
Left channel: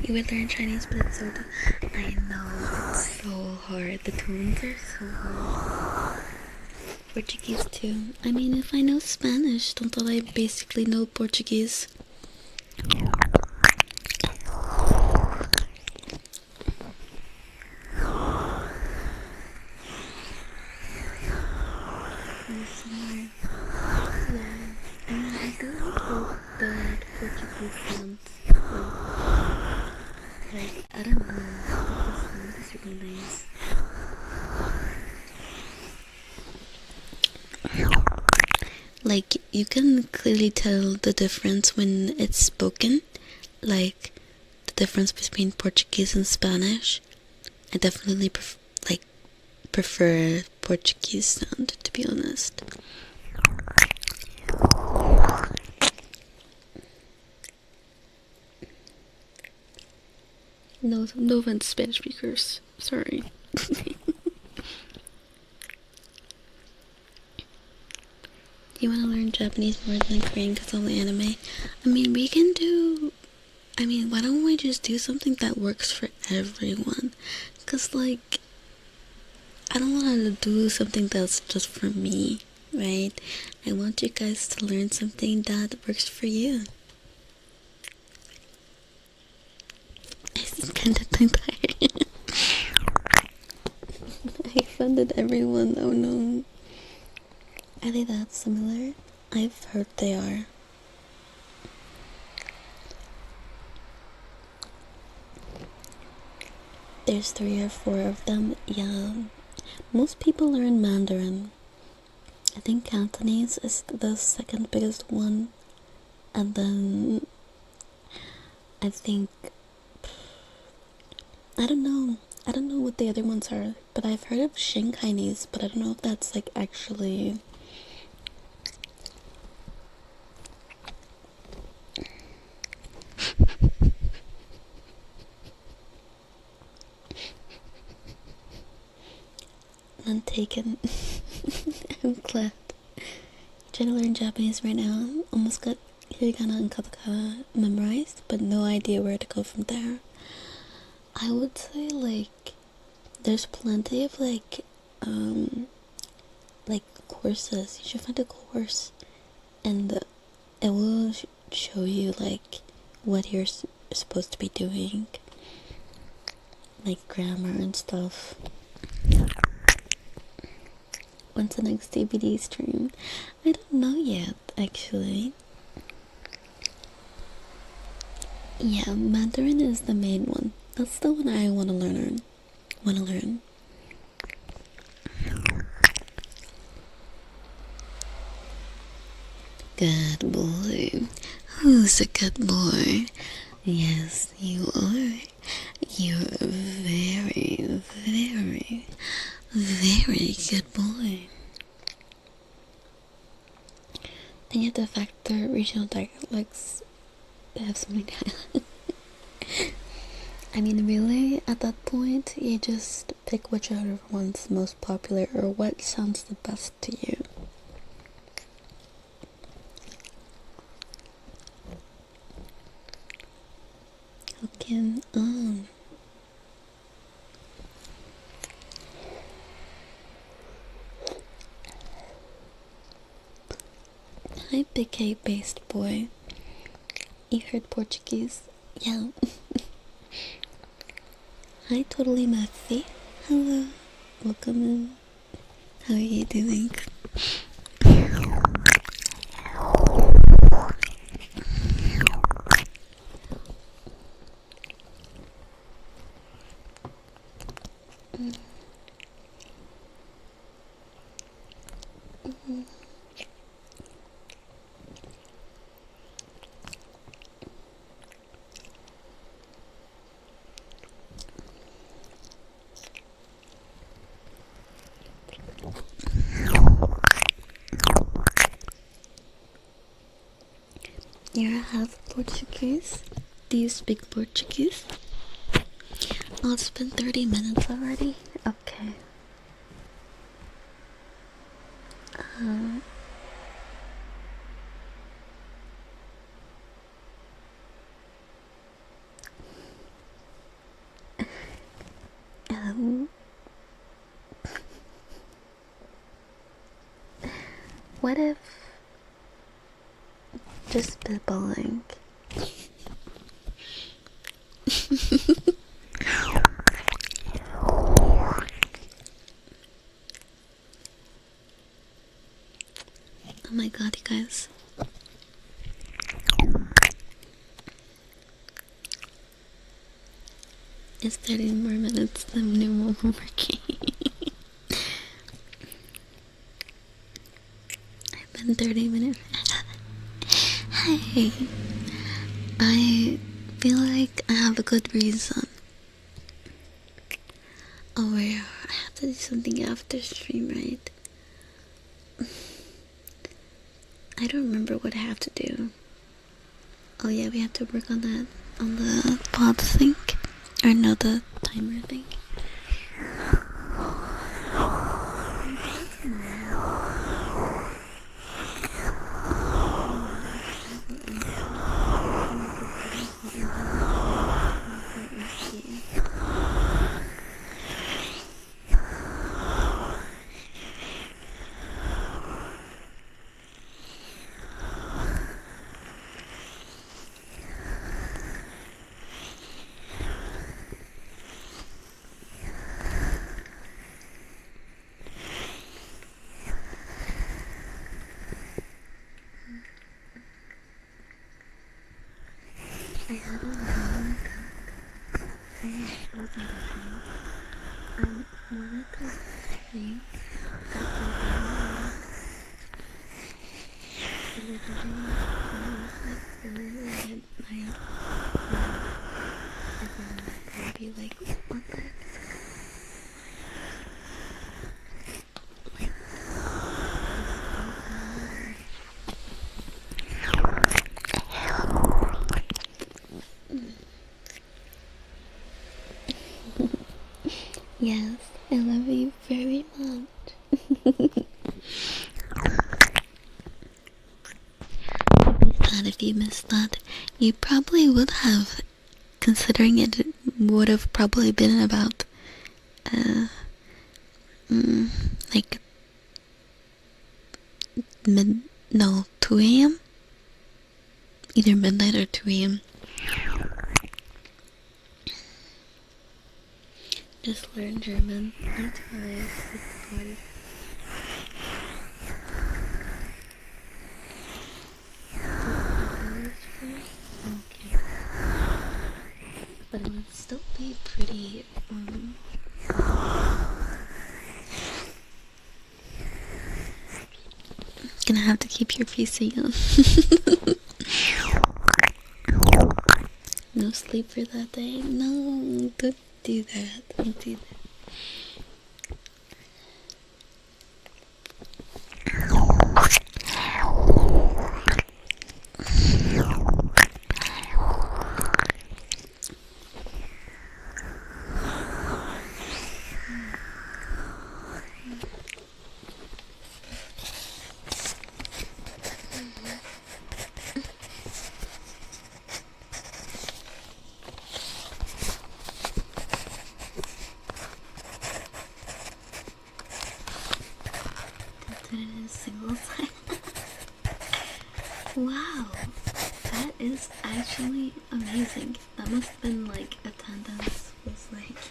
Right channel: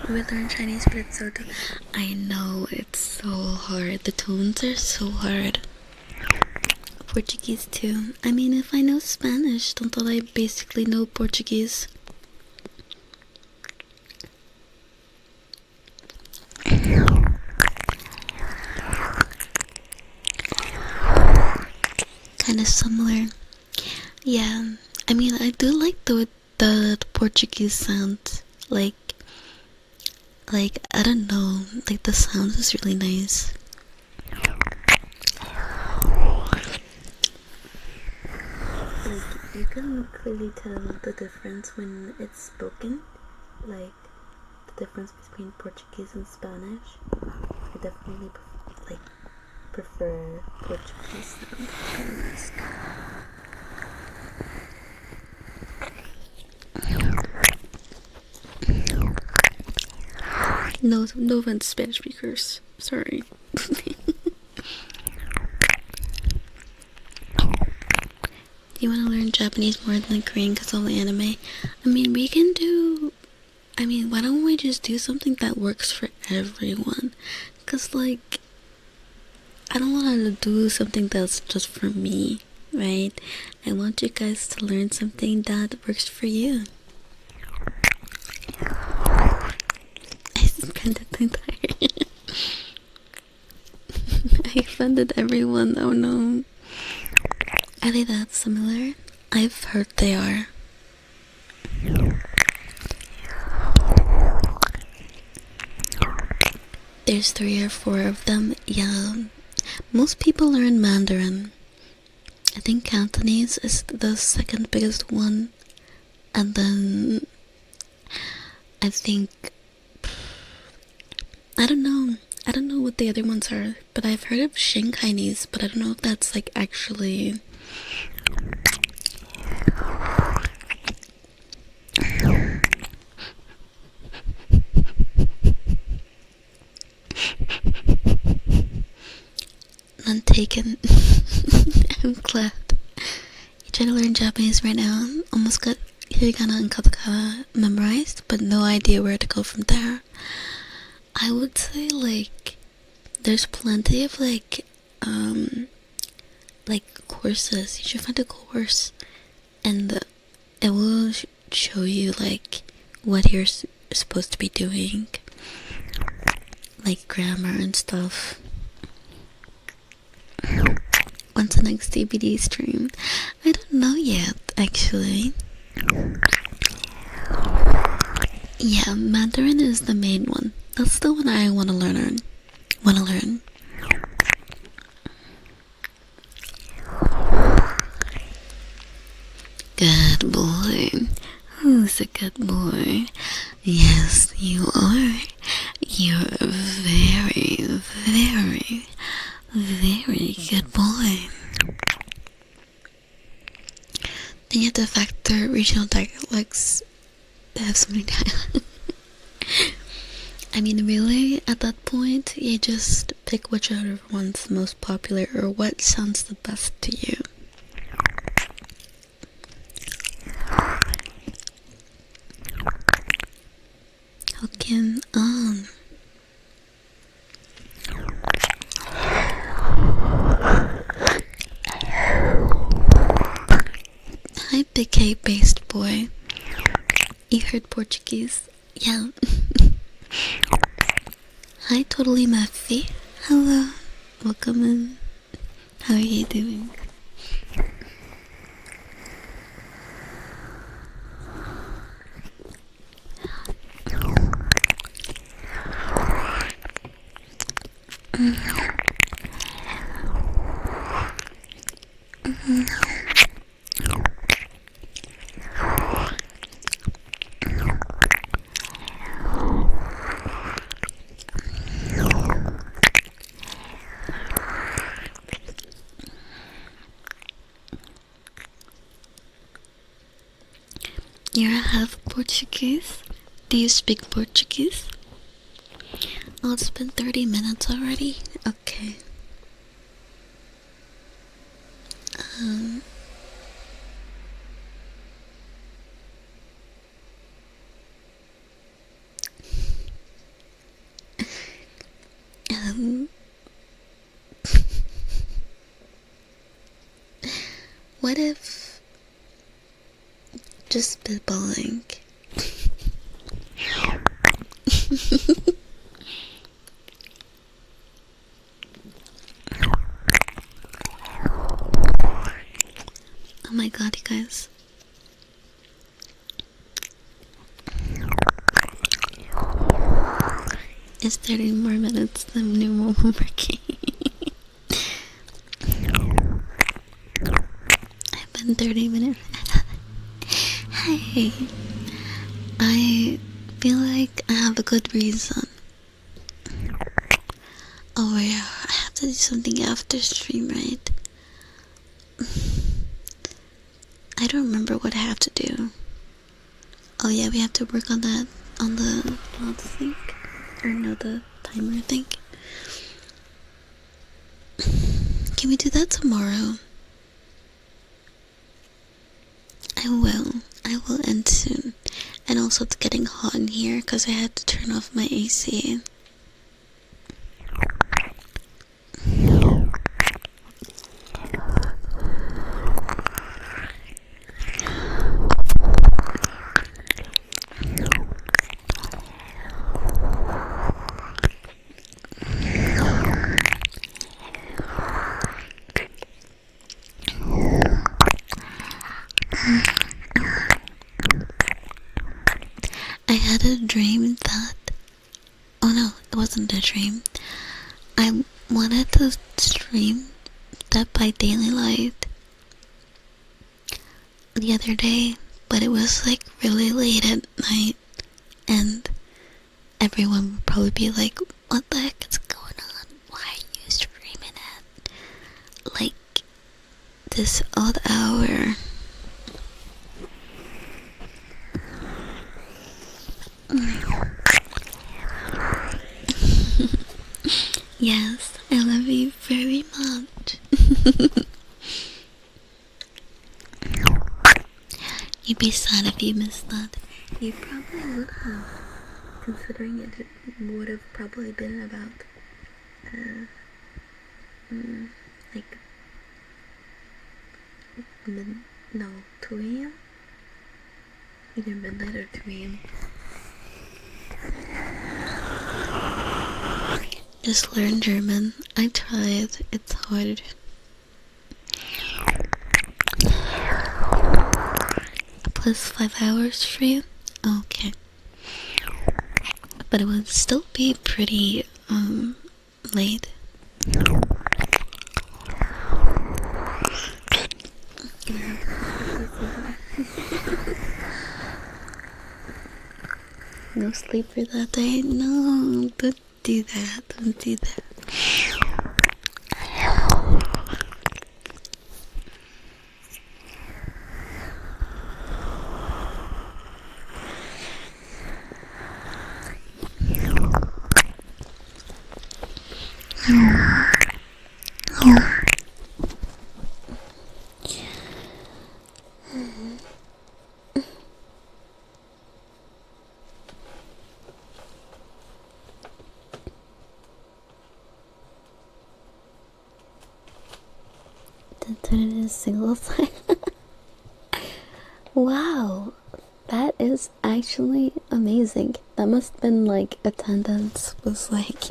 would learn Chinese, but it's so I know, it's so hard. The tones are so hard. Portuguese too. I mean, if I know Spanish, don't I basically know Portuguese? do like the Portuguese sound. Like I don't know. Like the sound is really nice. Like you can clearly tell the difference when it's spoken. Like the difference between Portuguese and Spanish. I definitely prefer Portuguese sound, to be honest. No offense, Spanish speakers. Sorry. Do you want to learn Japanese more than Korean because of the anime? I mean, we can do... I mean, why don't we just do something that works for everyone? Because, like, I don't want to do something that's just for me, right? I want you guys to learn something that works for you. I'm kind of tired. I offended everyone. Oh no. Are they that similar? I've heard they are. There's 3 or 4 of them. Yeah. Most people learn Mandarin. I think Cantonese is the second biggest one. And then I think... I don't know what the other ones are. But I've heard of Shanghainese, but I don't know if that's like actually... None taken. I'm glad. You trying to learn Japanese right now? Almost got hiragana and katakana memorized, but no idea where to go from there. I would say like there's plenty of like courses. You should find a course, and it will show you like what you're supposed to be doing, like grammar and stuff. When's the next DVD stream? I don't know yet, actually. Yeah, Mandarin is the main one. That's the one I want to learn. Good boy. Who's a good boy? Yes, you are. You're a very, very, very good boy. Then you have to factor regional dialects. They have so many dialects. I mean, really, at that point, you just pick whichever one's most popular or what sounds the best to you. Hokkien on. Hi, big K-based boy. You heard Portuguese? Yeah. Hi, totally Matthew. Hello. Welcome in. How are you doing? You're half Portuguese? Do you speak Portuguese? Oh, it's been 30 minutes already? Okay. Um, what if just spitballing? Oh my god, you guys. It's 30 more minutes than new moment working. I've been 30 minutes. Hey, I feel like I have a good reason. Oh yeah, I have to do something after stream, right? I don't remember what I have to do. Oh yeah, we have to work on that, on the pod thing. Or no, the timer thing. Can we do that tomorrow? I will end soon. And also it's getting hot in here because I had to turn off my AC. I had a dream that... Oh no, it wasn't a dream. I wanted to stream Dead by Daylight the other day, but it was like really late at night, and everyone would probably be like, what the heck is going on? Why are you streaming at like this odd hour? Yes, I love you very much. You'd be sad if you missed that. You probably would have, considering it would have probably been about, like, 2 a.m? Either midnight or 2 a.m. Just learn German. I tried. It's hard. Plus 5 hours for you? Okay. But it would still be pretty, late. Gonna have to keep your PC on. No sleep for that day? No, don't do that. Don't do that. Turn it into single side. Wow, that is actually amazing. That must have been like attendance was like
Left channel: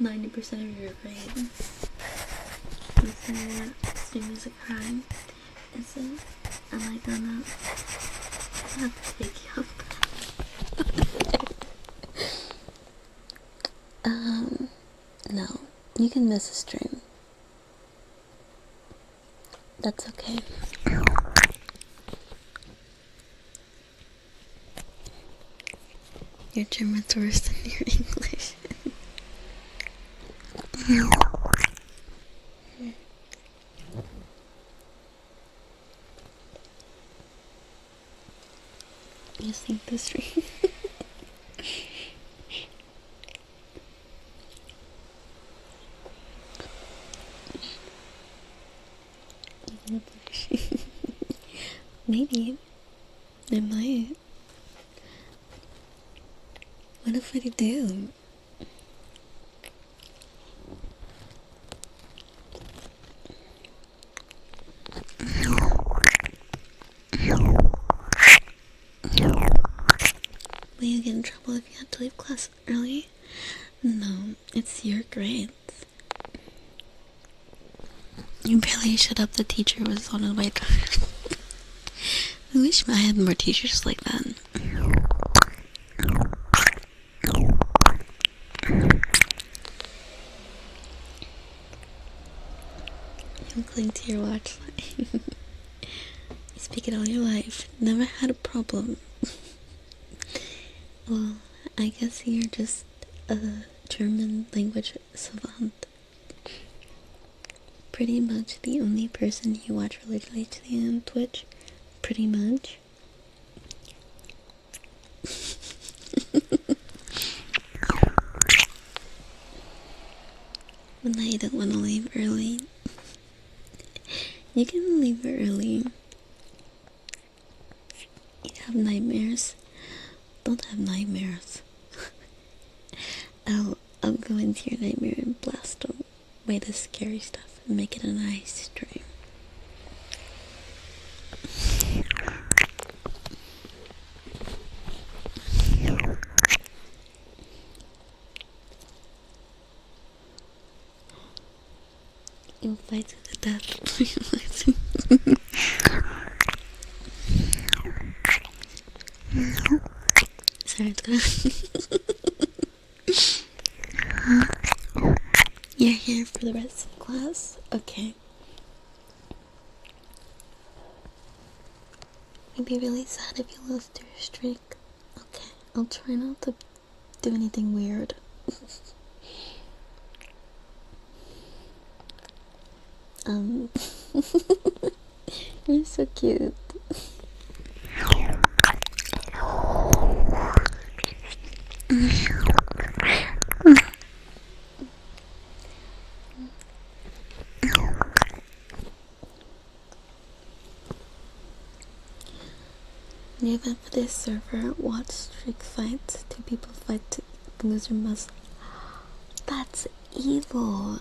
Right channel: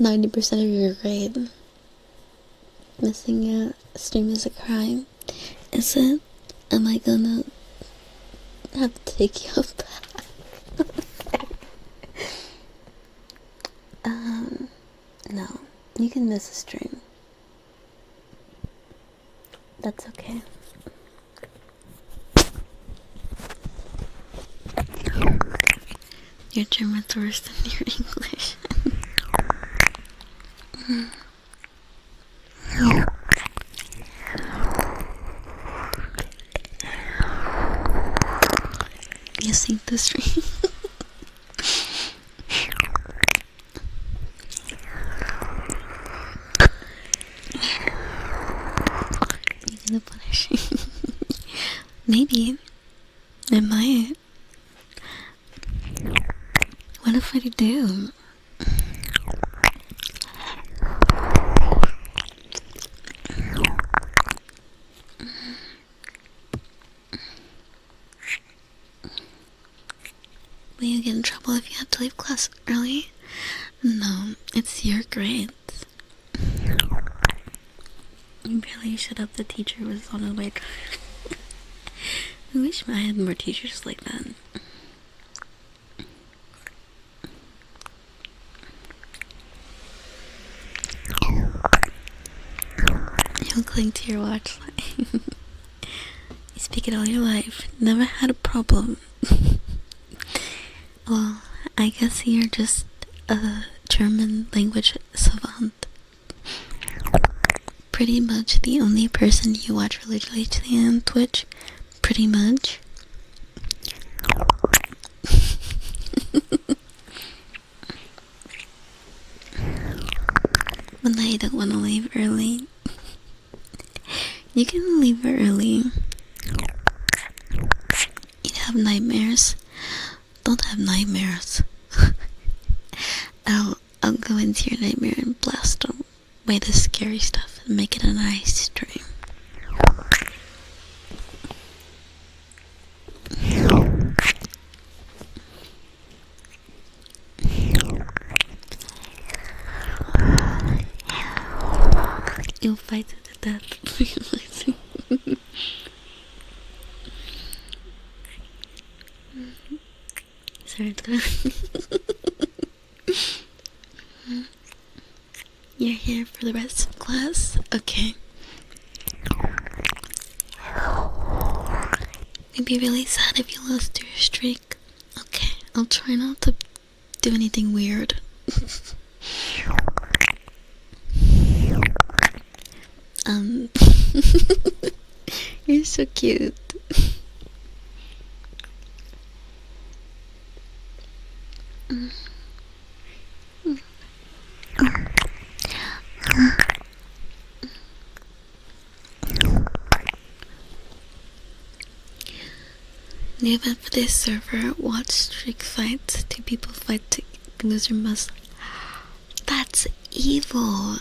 90% of your grade. Missing a stream is a crime. Is it? Am I gonna have to take you off that? No. You can miss a stream. That's okay. Your German's worse than your English. You sing the stream. You're gonna punish me. Maybe. I might. What if I do? Will you get in trouble if you have to leave class early? No, it's your grades. You barely shut up, the teacher was on her way. I wish I had more teachers like that. according to your watch line. You speak it all your life. Never had a problem. Well, I guess you're just a German language savant. Pretty much the only person you watch religiously on Twitch. Pretty much. When I don't want to leave early. You can leave early. You have nightmares. Don't have nightmares. I'll go into your nightmare and blast away the scary stuff and make it a nice dream. You'll fight to the death. Sorry. You're here for the rest of class? Okay. It'd be really sad if you lost your streak. Okay, I'll try not to do anything weird. You're so cute. New event for this server, watch streak fights. 2 people fight to loser must. That's evil.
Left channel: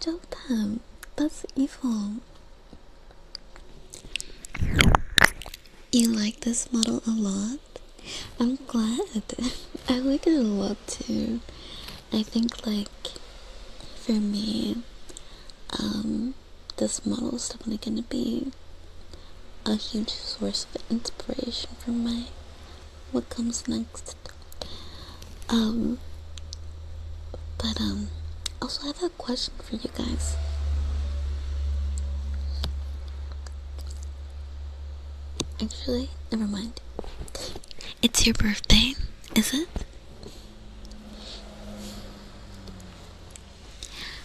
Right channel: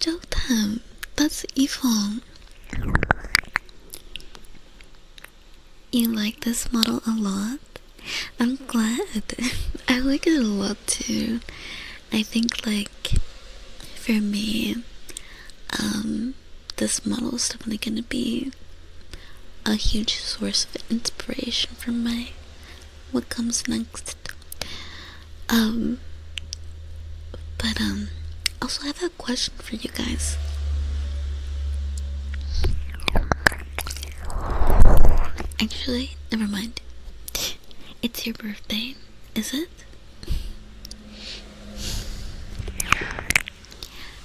Jotam, that's evil. You like this model a lot? I'm glad. I like it a lot too. I think like for me, this model is definitely gonna be a huge source of inspiration for what comes next. But also I have a question for you guys. Actually, never mind. It's your birthday, is it?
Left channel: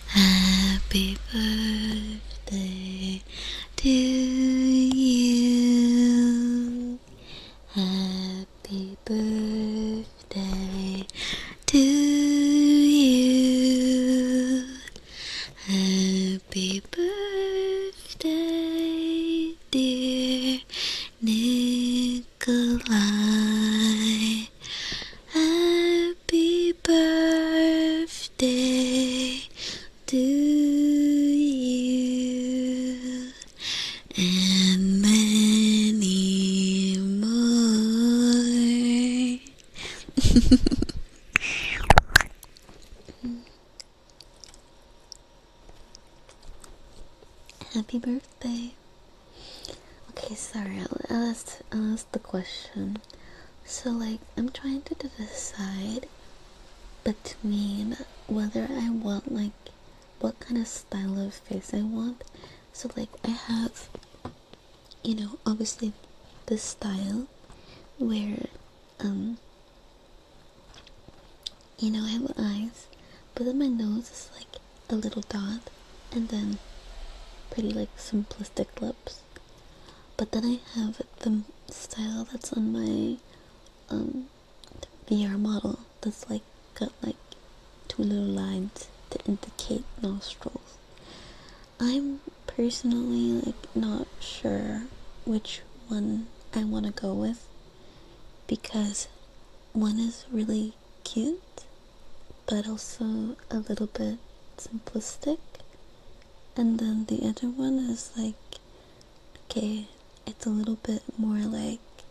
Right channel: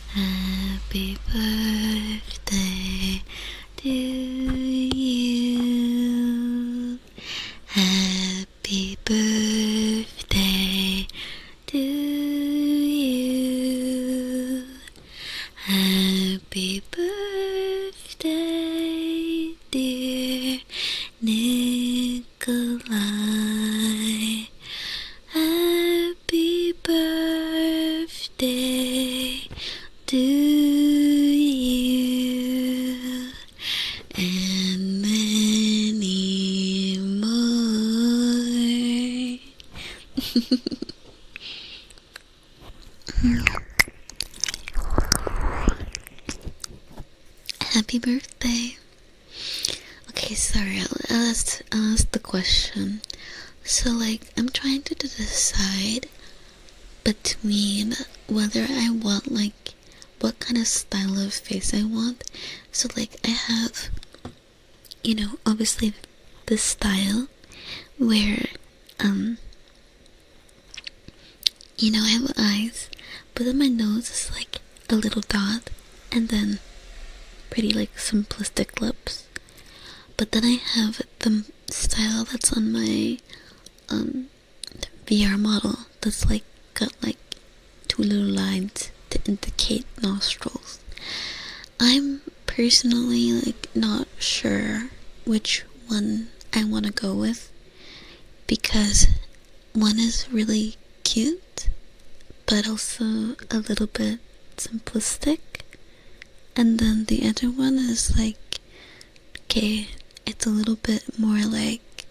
Happy birthday to you. Happy birthday to you. Happy birthday, dear Nikolai. Happy birthday to you and many more. Happy birthday. Okay, sorry, I'll ask the question. So like, I'm trying to decide between whether I want like what kind of style of face I want. So like, I have, obviously this style where I have eyes, but then my nose is like a little dot, and then pretty like simplistic lips. But then I have the style that's on my VR model that's like got like 2 little lines to indicate nostrils. I'm personally like not sure which one I want to go with, because one is really cute but also a little bit simplistic, and then the other one is like, okay, it's a little bit more like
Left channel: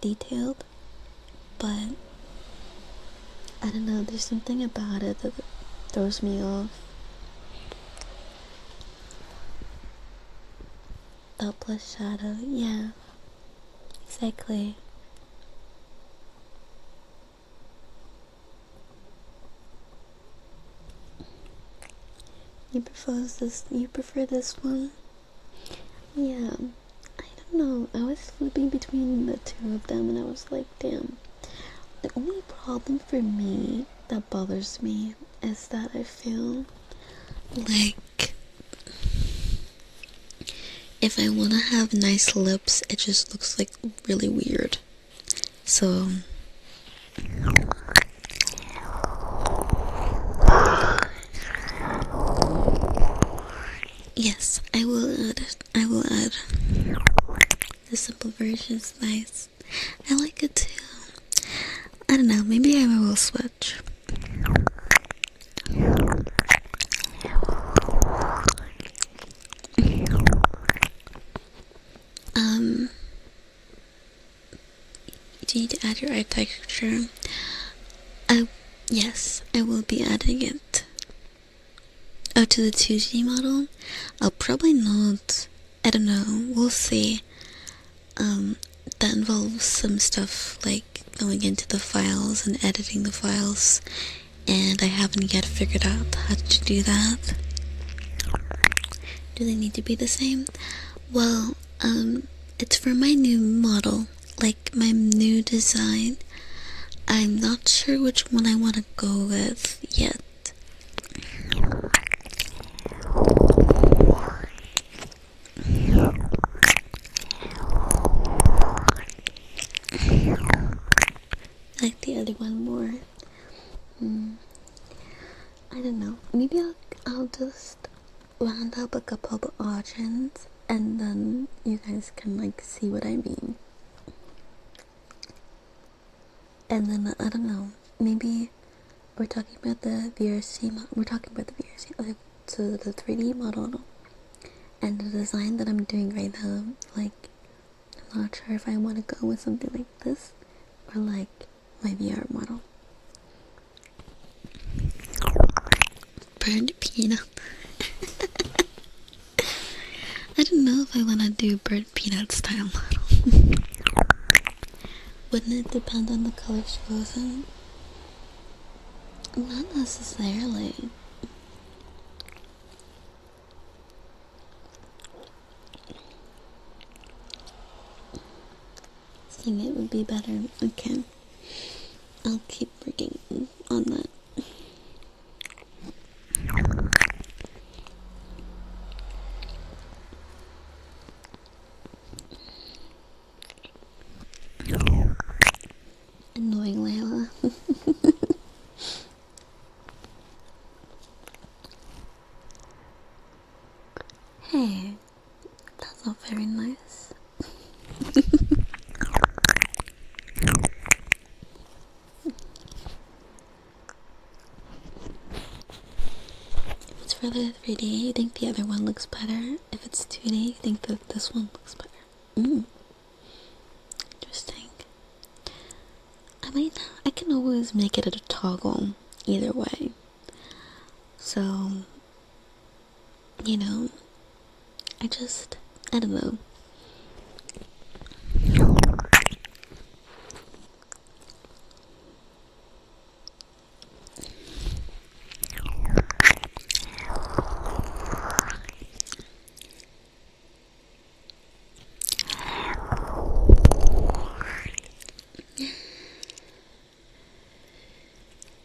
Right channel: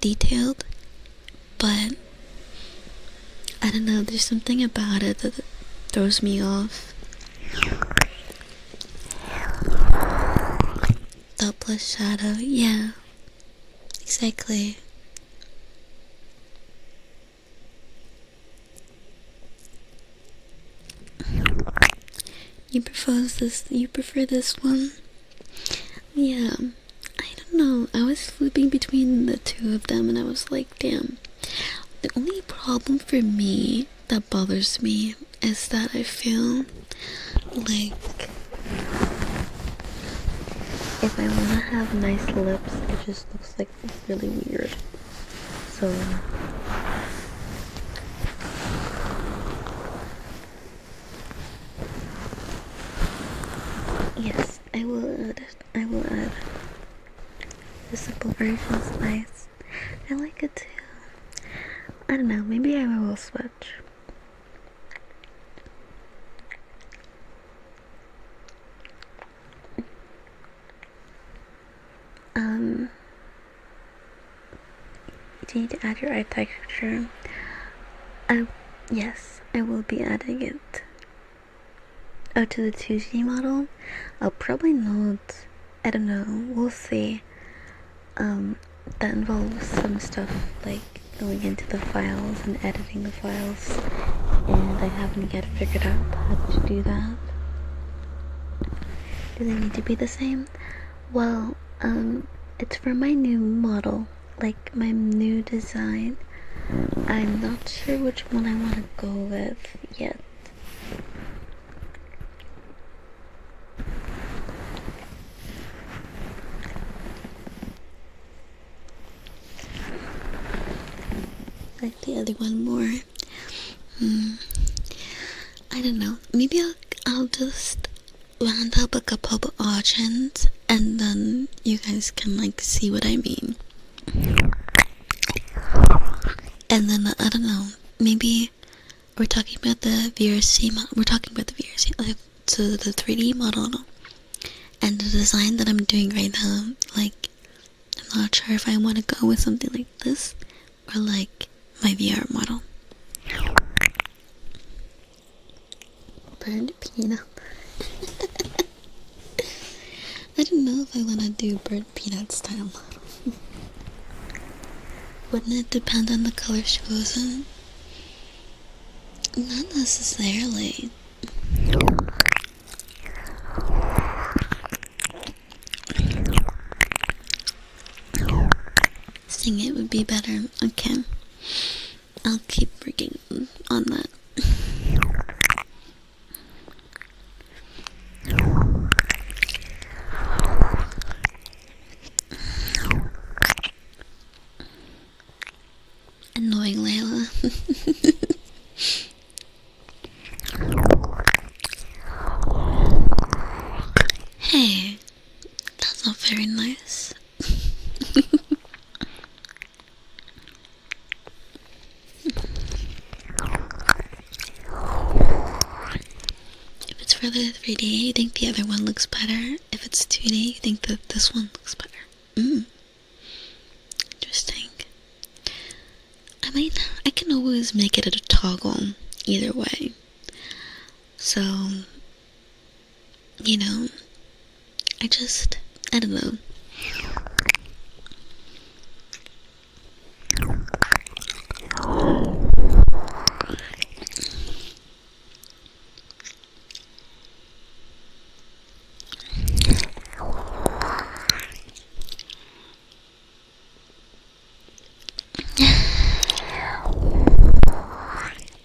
detailed, but I don't know, there's something about it that throws me off. Dot plus shadow, yeah, exactly. You prefer this one? Yeah. I don't know. I was flipping between the two of them and I was like, damn. The only problem for me that bothers me is that I feel like if I want to have nice lips, it just looks like really weird. So yes, I will add it. I will add. The simple version's nice. I like it too. I don't know, maybe I will switch. Do you need to add your eye texture? Yes, I will be adding it. Oh, to the 2G model? I'll probably not. I don't know, we'll see. That involves some stuff like going into the files and editing the files, and I haven't yet figured out how to do that. Do they need to be the same? Well, it's for my new model, like my new design. I'm not sure which one I want to go with yet. I like the other one more. I don't know. Maybe I'll just round up a couple of options and then you guys can like see what I mean. And then I don't know. Maybe we're talking about the VRC model. We're talking about the VRC, like, so the 3D model and the design that I'm doing right now. Like, I'm not sure if I want to go with something like this or like my VR model. Burned peanut. I don't know if I want to do burnt peanut style model. Wouldn't it depend on the color she goes in? Not necessarily. Sing it would be better. Okay. I'll keep working on that. Annoying Layla. Hey, that's not very nice. If it's for the 3D, you think the other one looks better? If it's 2D, you think that this one looks better? Interesting. I mean, I can always make it a toggle either way. So, you know, I don't know.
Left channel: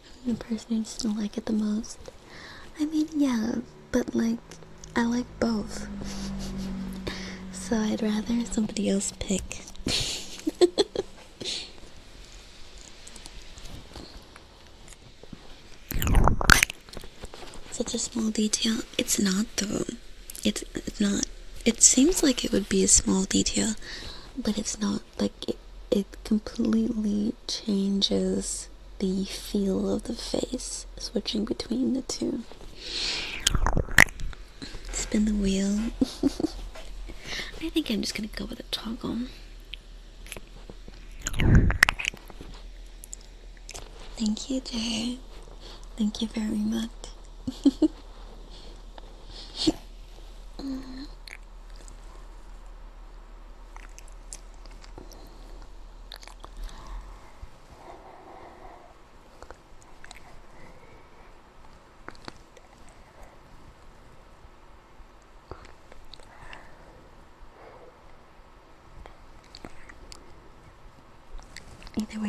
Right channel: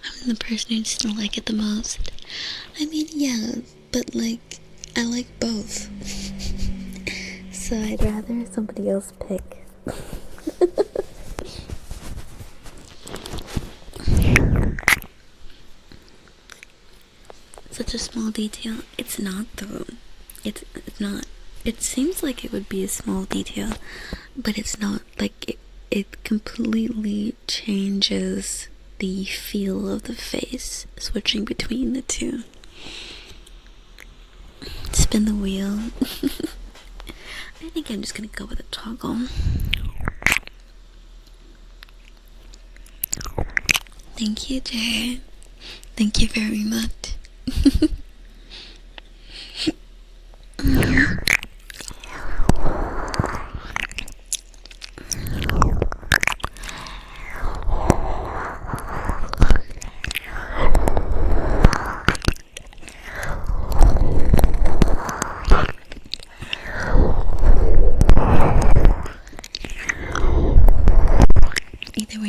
I'm the person who doesn't like it the most. I mean, yeah, but like, I like both. So I'd rather somebody else pick. Such a small detail. It's not though. It's not. It seems like it would be a small detail, but it's not. Like it completely changes the feel of the face, switching between the two. Spin the wheel. I think I'm just gonna go with a toggle. Thank you, Jay. Thank you very much.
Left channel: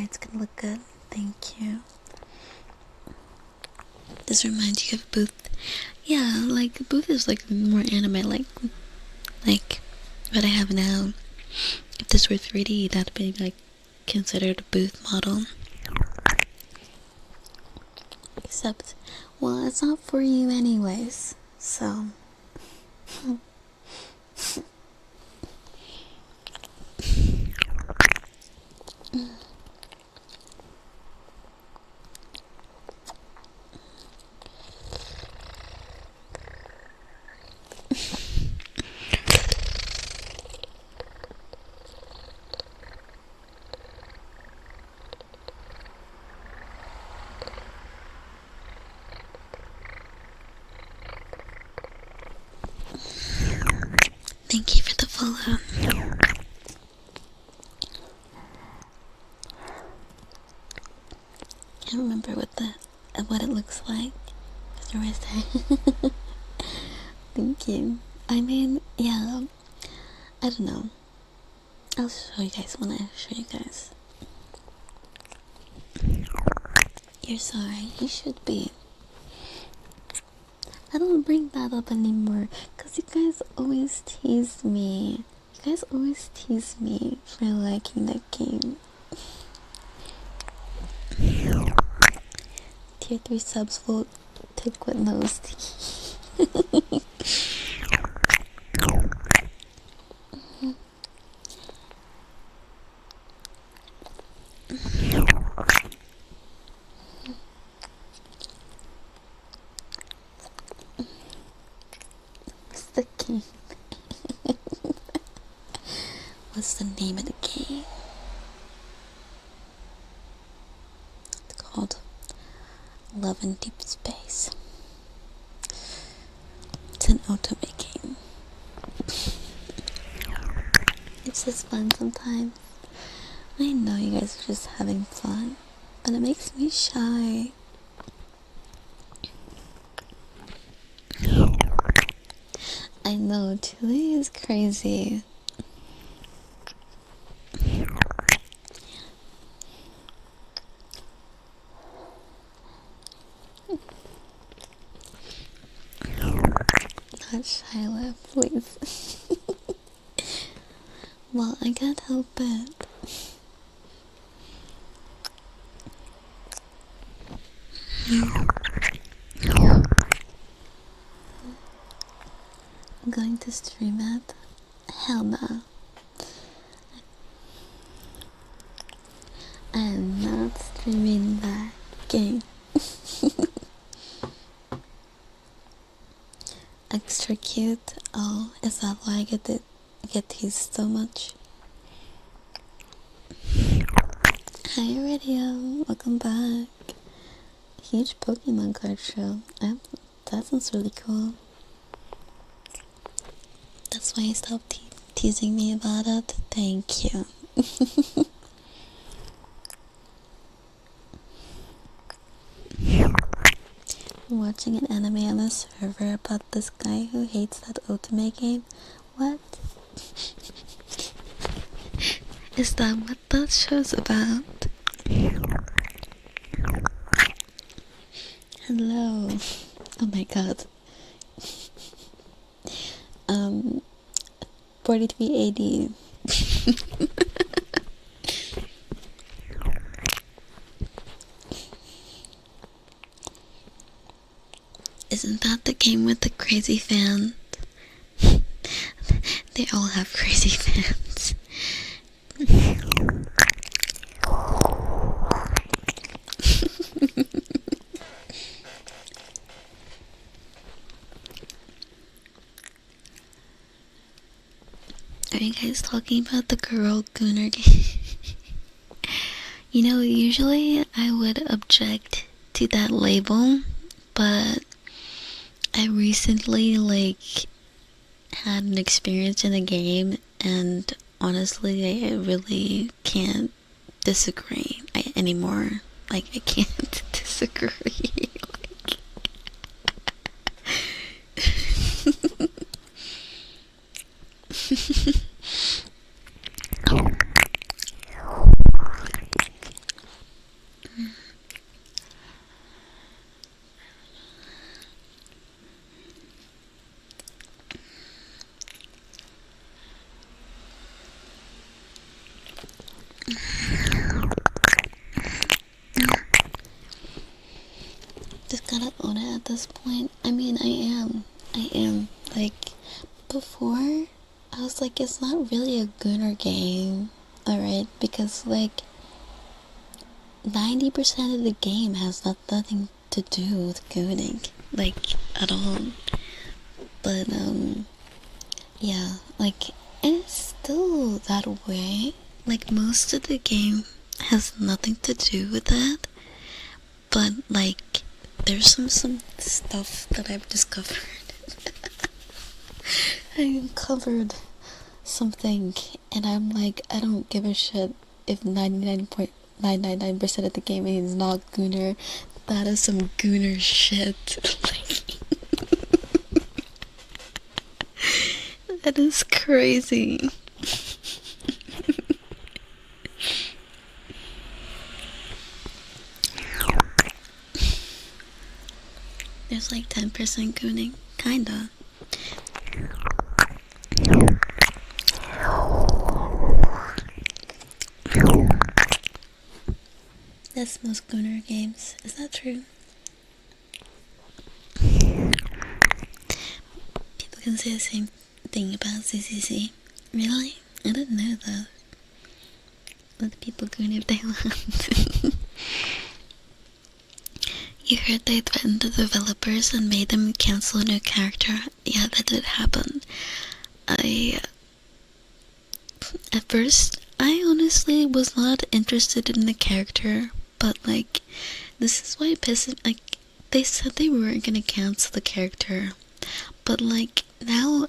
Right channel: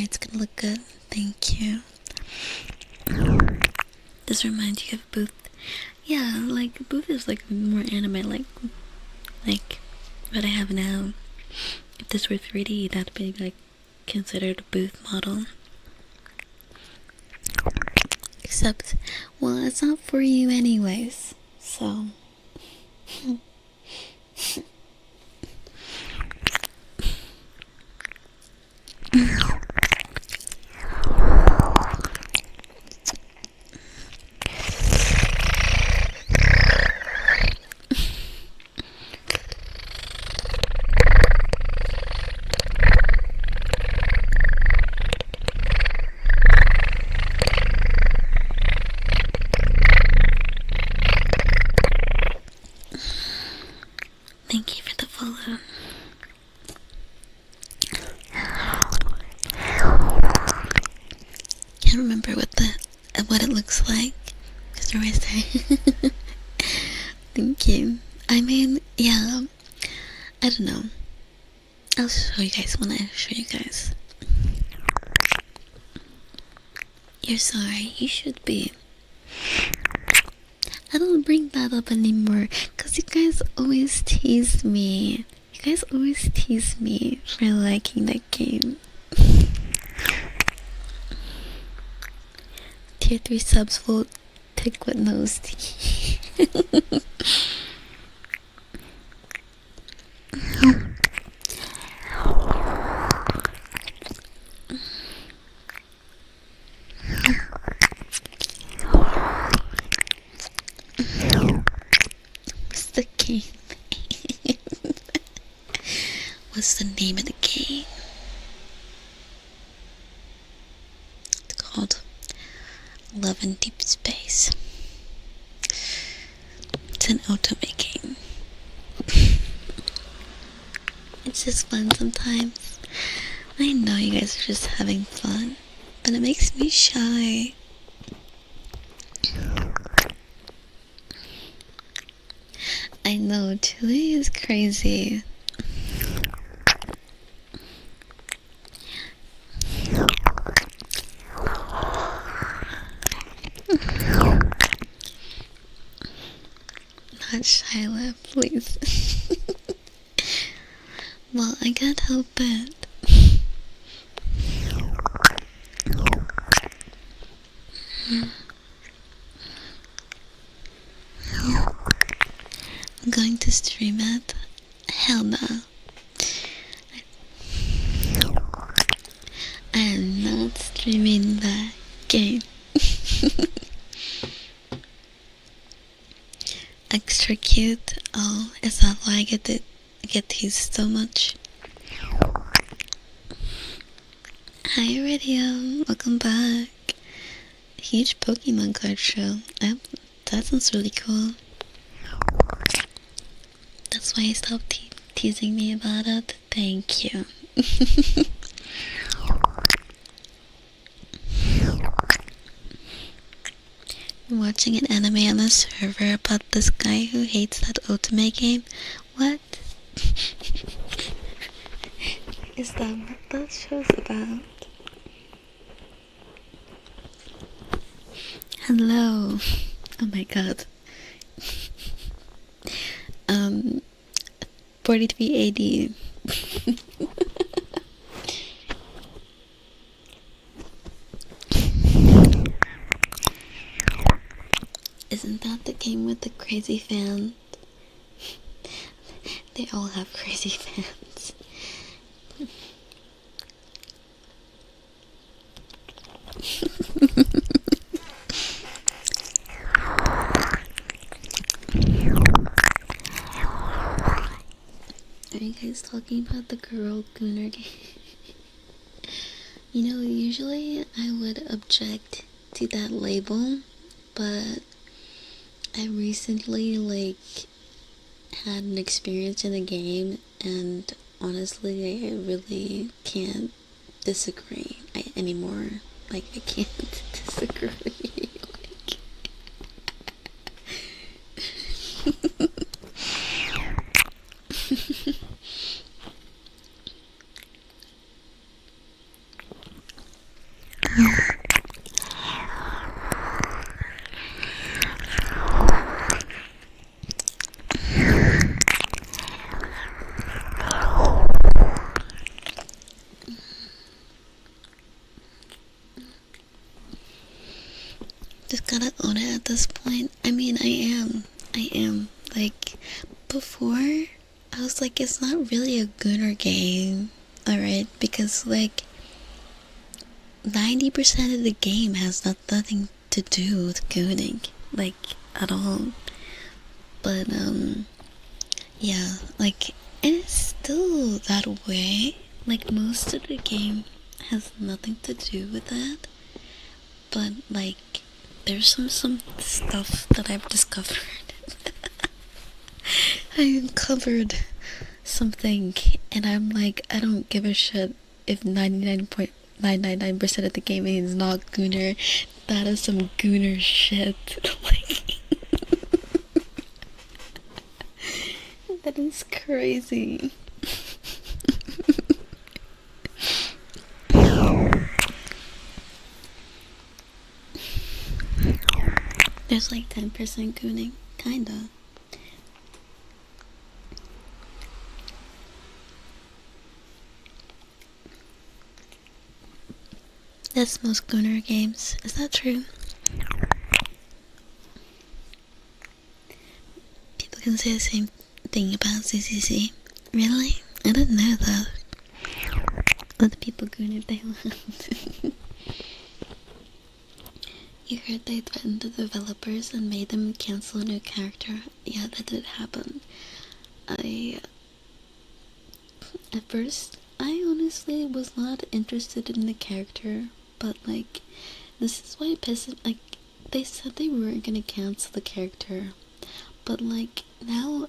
it's gonna look good. Thank you. This reminds you of Booth. Yeah, like Booth is like more anime, like what I have now. If this were 3D, that'd be like considered a Booth model. Except, well, it's not for you anyways, so. Thank you for the follow. Can't remember what it looks like. Because you're always there. Thank you. I mean, yeah. I don't know. I'll show you guys when I show you guys. You're sorry. You should be. I don't bring that up anymore because you guys always tease me. You guys always tease me for liking that game. Tier 3 subs will pick with nose tea. What's the game name? What's the name of the game? It's called Love in Deep Space. It's an otome game. It's just fun sometimes. I know you guys are just having fun, but it makes me shy. I know, today is crazy. Not Shyla, please. Well, I can't help it. I'm going to stream it. Hell no. I am not streaming that game. Extra cute. Oh, is that why I get teased so much? Hi Radio, welcome back. Huge Pokemon card show. That sounds really cool. That's why you stopped teasing me about it. Thank you. I'm watching an anime on a server about this guy who hates that otome game. What? Is that what that show's about? Hello. Oh my god. 43 AD. Isn't that the game with the crazy fans? They all have crazy fans. Are you guys talking about the girl Gunner game? You know, usually I would object to that label, but I recently had an experience in a game, and honestly I really can't disagree anymore. I can't disagree. Just gotta own it at this point. I mean, I am. Like, before, I was like, it's not really a gooner game, alright? Because, like, 90% of the game has nothing to do with gooning, like, at all. But, yeah, like, and it's still that way. Like, most of the game has nothing to do with that. But, like, there's some stuff that I've discovered. I uncovered something, and I'm like, I don't give a shit if 99.999% of the game is not gooner. That is some gooner shit. Like, that is crazy. There's like 10% gooning, kinda. That's most gooner games. Is that true? People can say the same thing about CCC. Really? I didn't know that. Let the people goon if they want. You heard they threatened the developers and made them cancel a new character. Yeah, that did happen. At first, I honestly was not interested in the character, but like, this is why it pissed. Like, they said they weren't gonna cancel the character, but like, now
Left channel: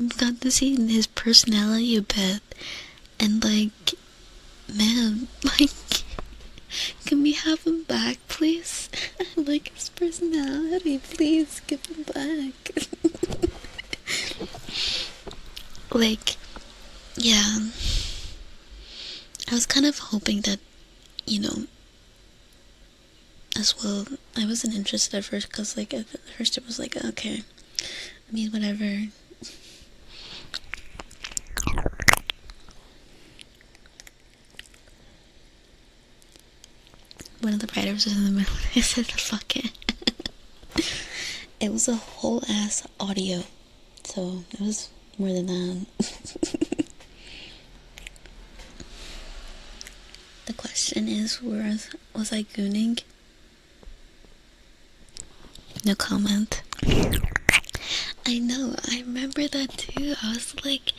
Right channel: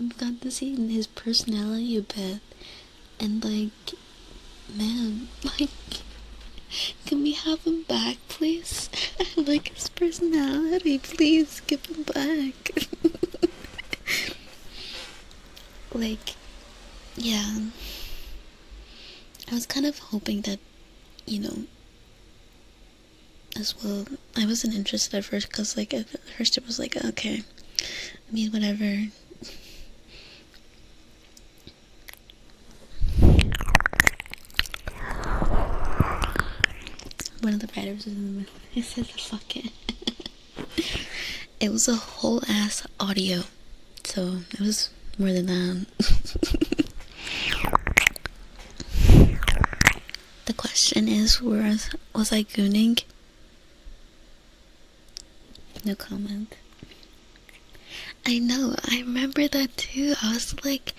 I've got to see his personality a bit, and like, man, like, can we have him back, please? I like his personality, please give him back. Like, yeah, I was kind of hoping that, you know, as well, I wasn't interested at first, because like, at first it was like, okay, I mean, whatever. One of the writers was in the middle. I said, fuck it. It was a whole ass audio, so it was more than that. The question is, was I gooning? No comment. I know, I remember that too. I was like,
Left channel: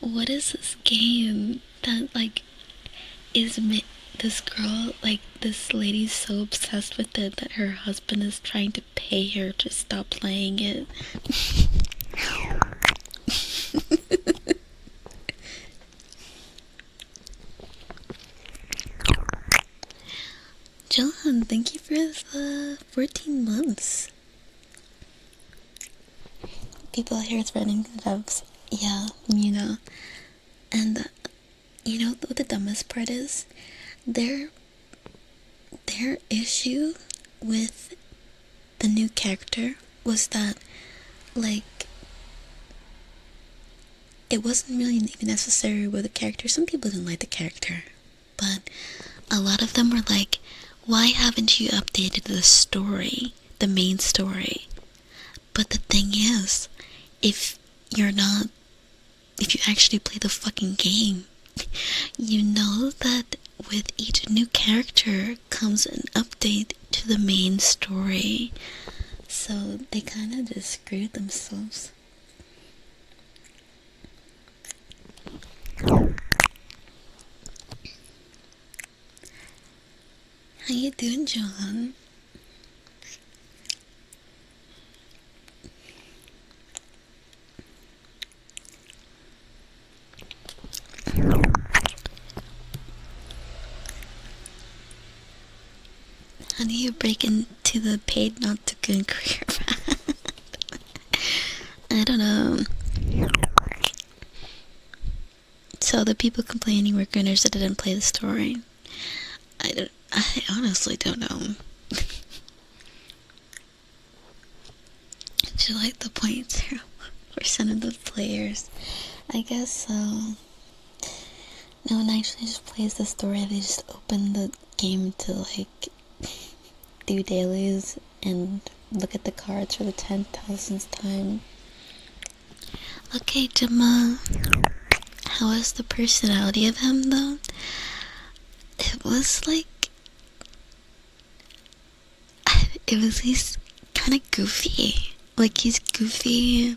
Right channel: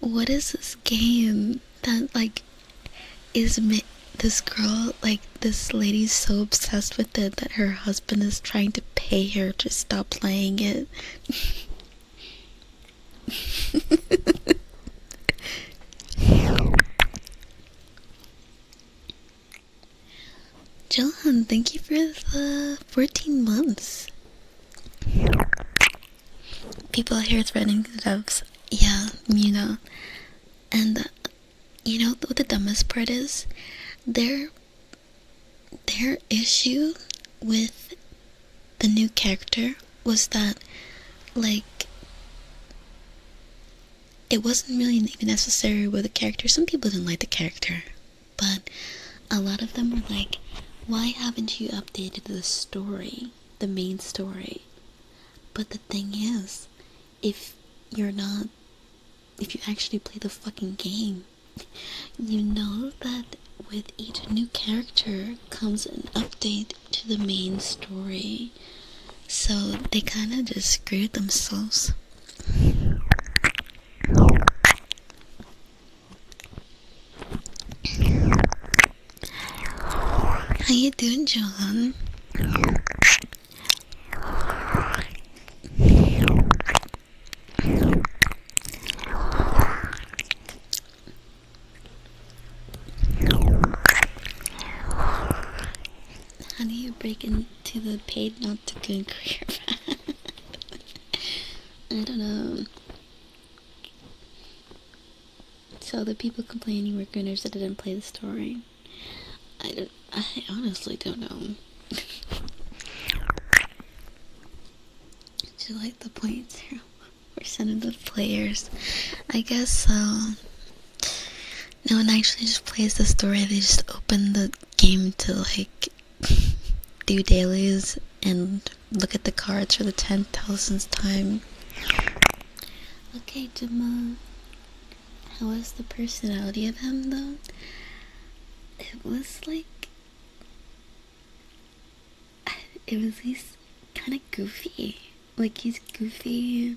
what is this game that like is this girl, like this lady's so obsessed with it that her husband is trying to pay her to stop playing it. John, thank you for the 14 months. People out here threatening the devs. Yeah, you know. And you know what the dumbest part is? Their issue with the new character was that, like, it wasn't really even necessary with the character. Some people didn't like the character, but a lot of them were like, why haven't you updated the story, the main story? But the thing is, if you actually play the fucking game, you know that with each new character comes an update to the main story. So they kind of just screwed themselves. How you doing, John? How do you break into the paid not to good career? I don't know. So the people complaining were gunners that didn't play the story. I honestly don't know. Do you like the 0.0% of the players? I guess so. No one actually just plays the story, they just open the game to like do dailies and look at the cards for the 10,000th time. Okay, Gemma, how was the personality of him though? It was like, he's kind of goofy. Like, he's goofy.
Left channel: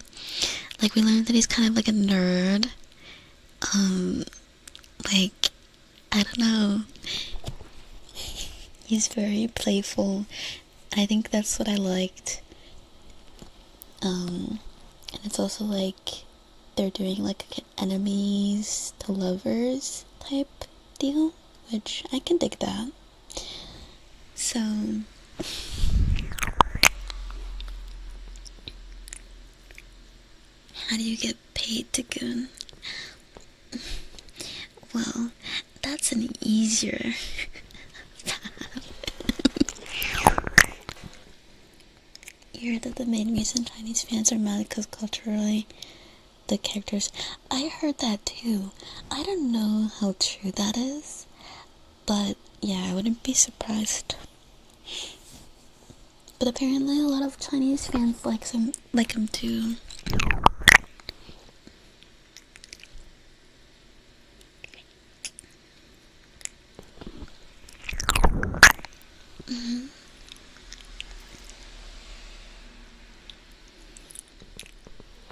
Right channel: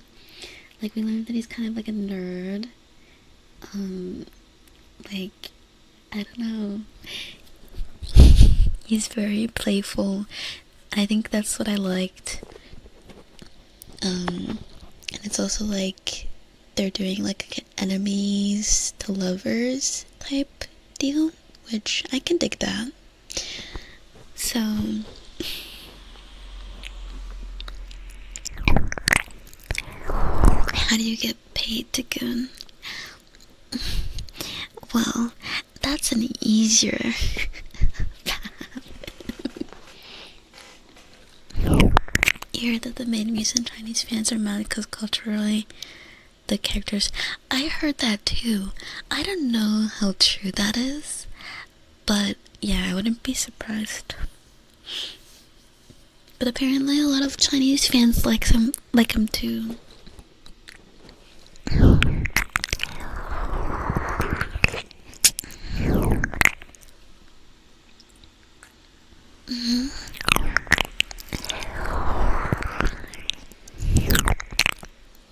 Like, we learned that he's kind of like a nerd. Like, I don't know. He's very playful. I think that's what I liked. And it's also like they're doing like an enemies to lovers type deal, which I can dig that. So how do you get paid to goon? Well, that's an easier you heard that the main reason Chinese fans are mad because culturally the characters. I heard that too. I don't know how true that is, but yeah, I wouldn't be surprised. But apparently a lot of Chinese fans like him too.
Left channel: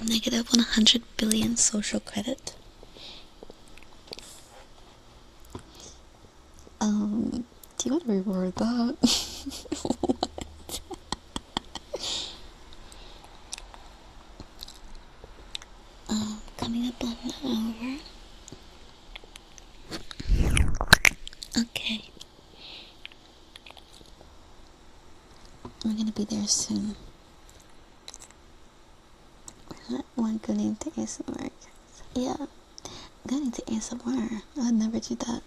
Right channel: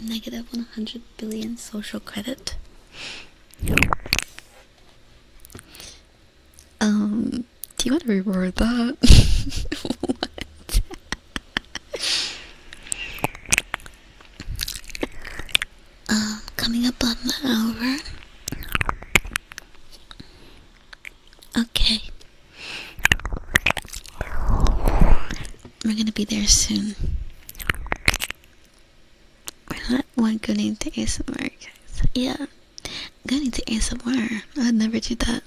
Negative 100 billion social credit. Do you want to reword that? What? Coming up on the hour. Okay. We're gonna be there soon. We're not going into ASMR, guys. Yeah, going into ASMR. I'd never do that.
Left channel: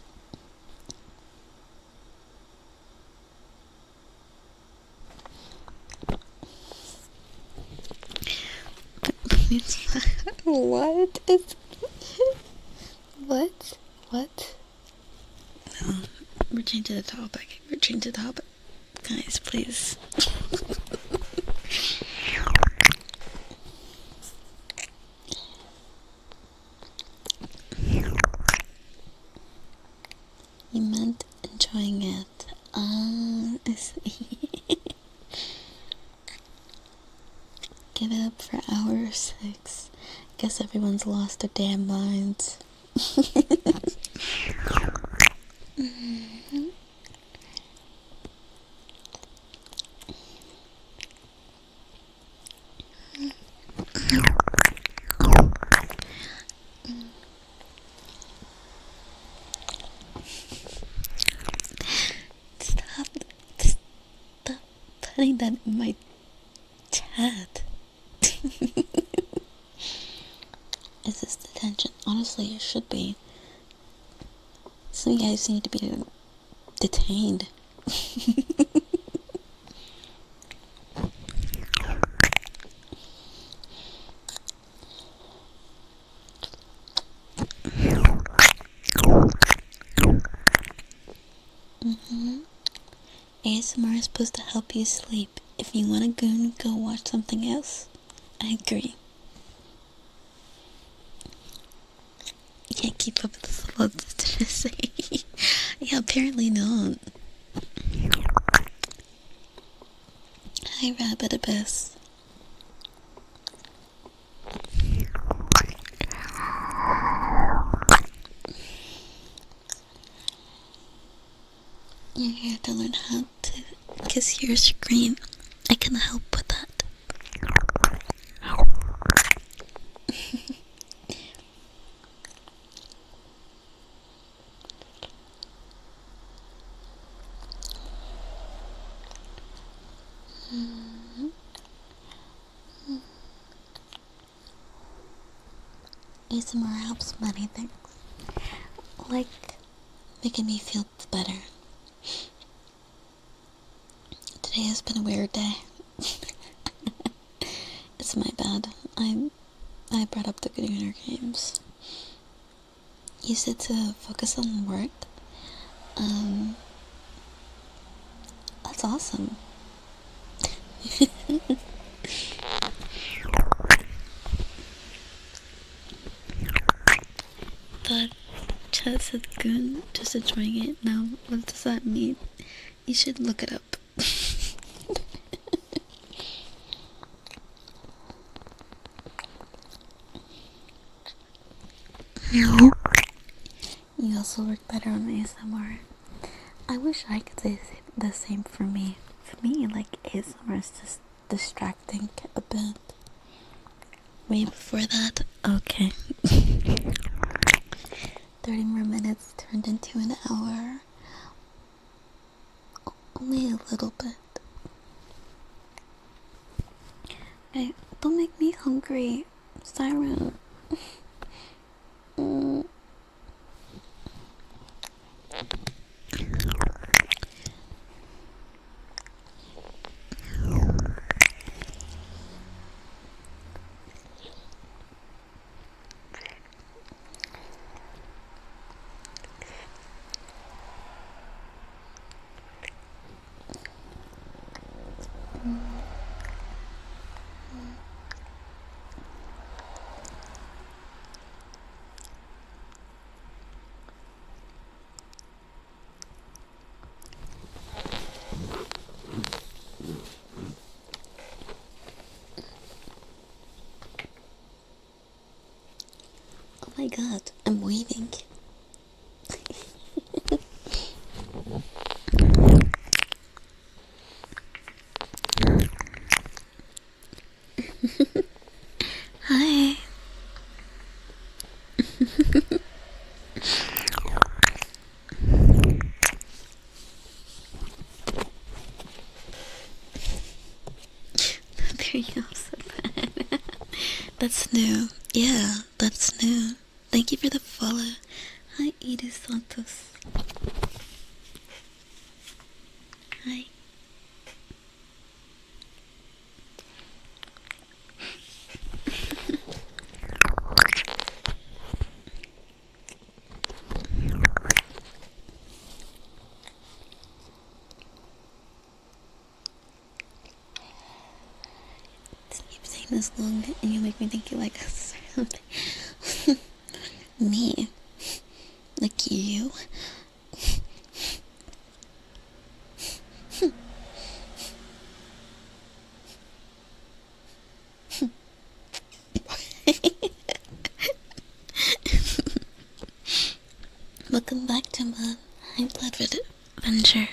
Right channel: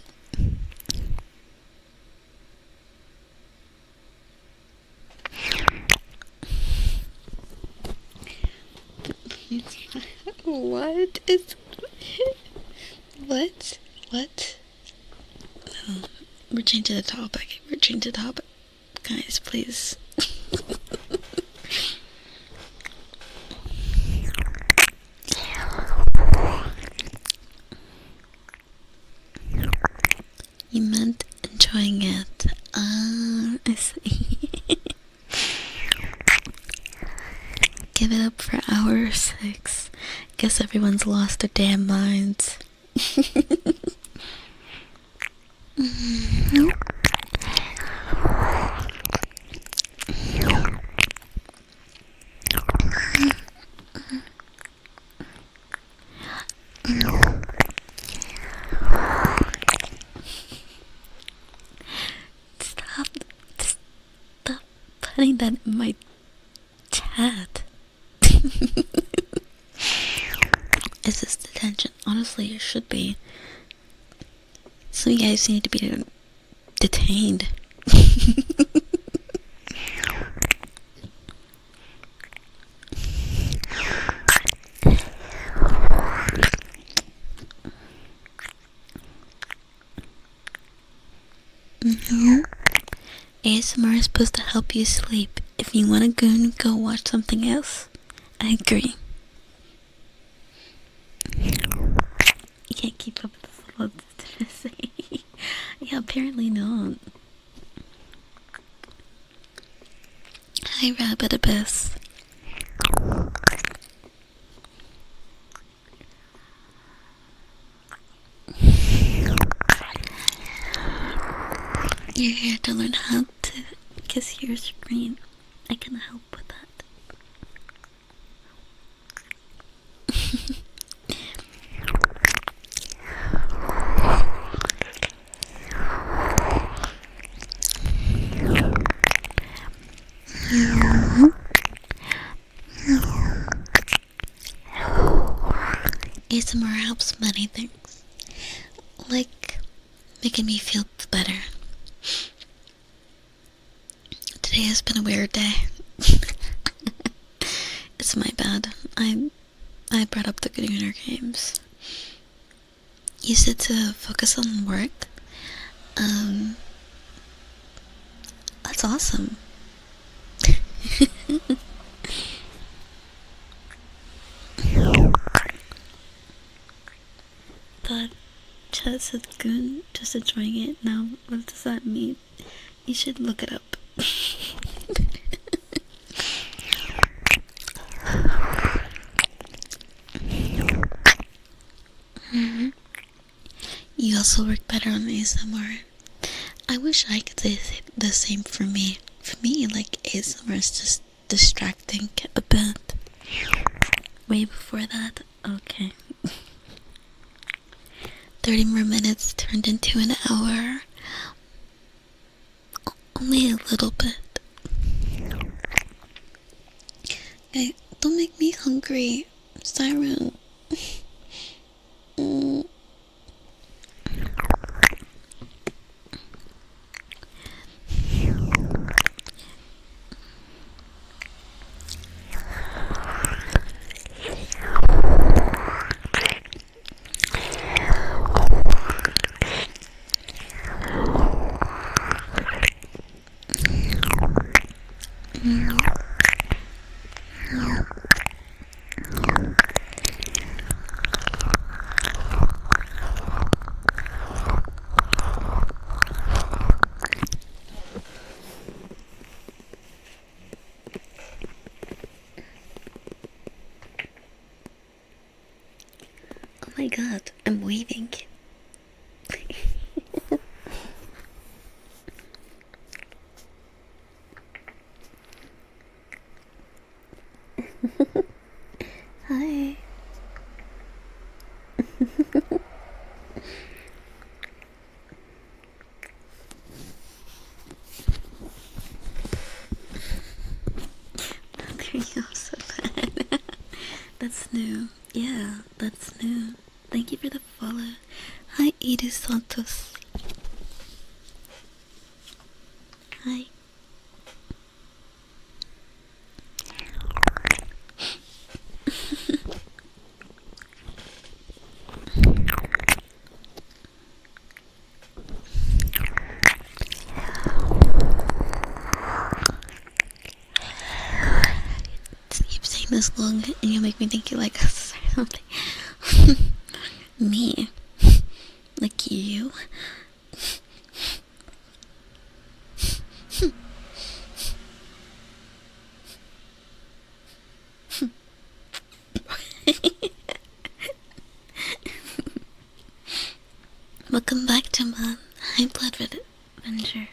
What is... What? No, we're changing the topic. Guys, please. You meant enjoying it. I see. Give it up for hour 6. Guess everyone's lost their damn minds. Stop putting that in my chat. Is this detention? Honestly, it should be. Some of you guys need to be detained. ASMR is supposed to help you sleep. If you want to go watch something else. I agree. You can't keep up with the flow. Yeah, apparently not. Hi, Rabbit Abyss. You're here to learn how to kiss your screen. I can help with that. ASMR helps many things, like making me feel better. Today has been a weird day. It's my bad. I brought up the Gooner games. use it to focus on work. That's awesome. That chess is good, just enjoying it. Now, what does that mean? You should look it up. You also work better on ASMR. I wish I could say the same for me. For me, like, ASMR is just distracting a bit. Way before that, okay. 30 more minutes turned into an hour. Only a little bit. Okay, don't make me hungry, Siren. Oh my god, I'm waiting. Hi. There you go, so bad. That's new. Yeah, that's new. Thank you for the follow. Hi, Edith Santos. Hi. Keep saying this long and you make me think you like us or something. Me? Like you? Welcome back to my High Blood Adventure.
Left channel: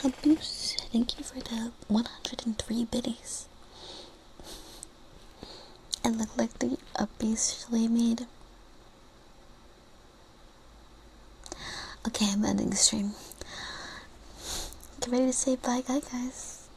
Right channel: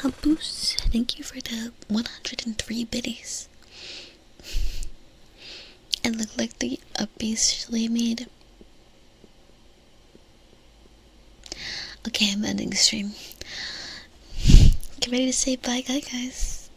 Caboose, thank you for the 103 biddies. It looked like the uppies made. Okay, I'm ending the stream. Get ready to say bye, guys.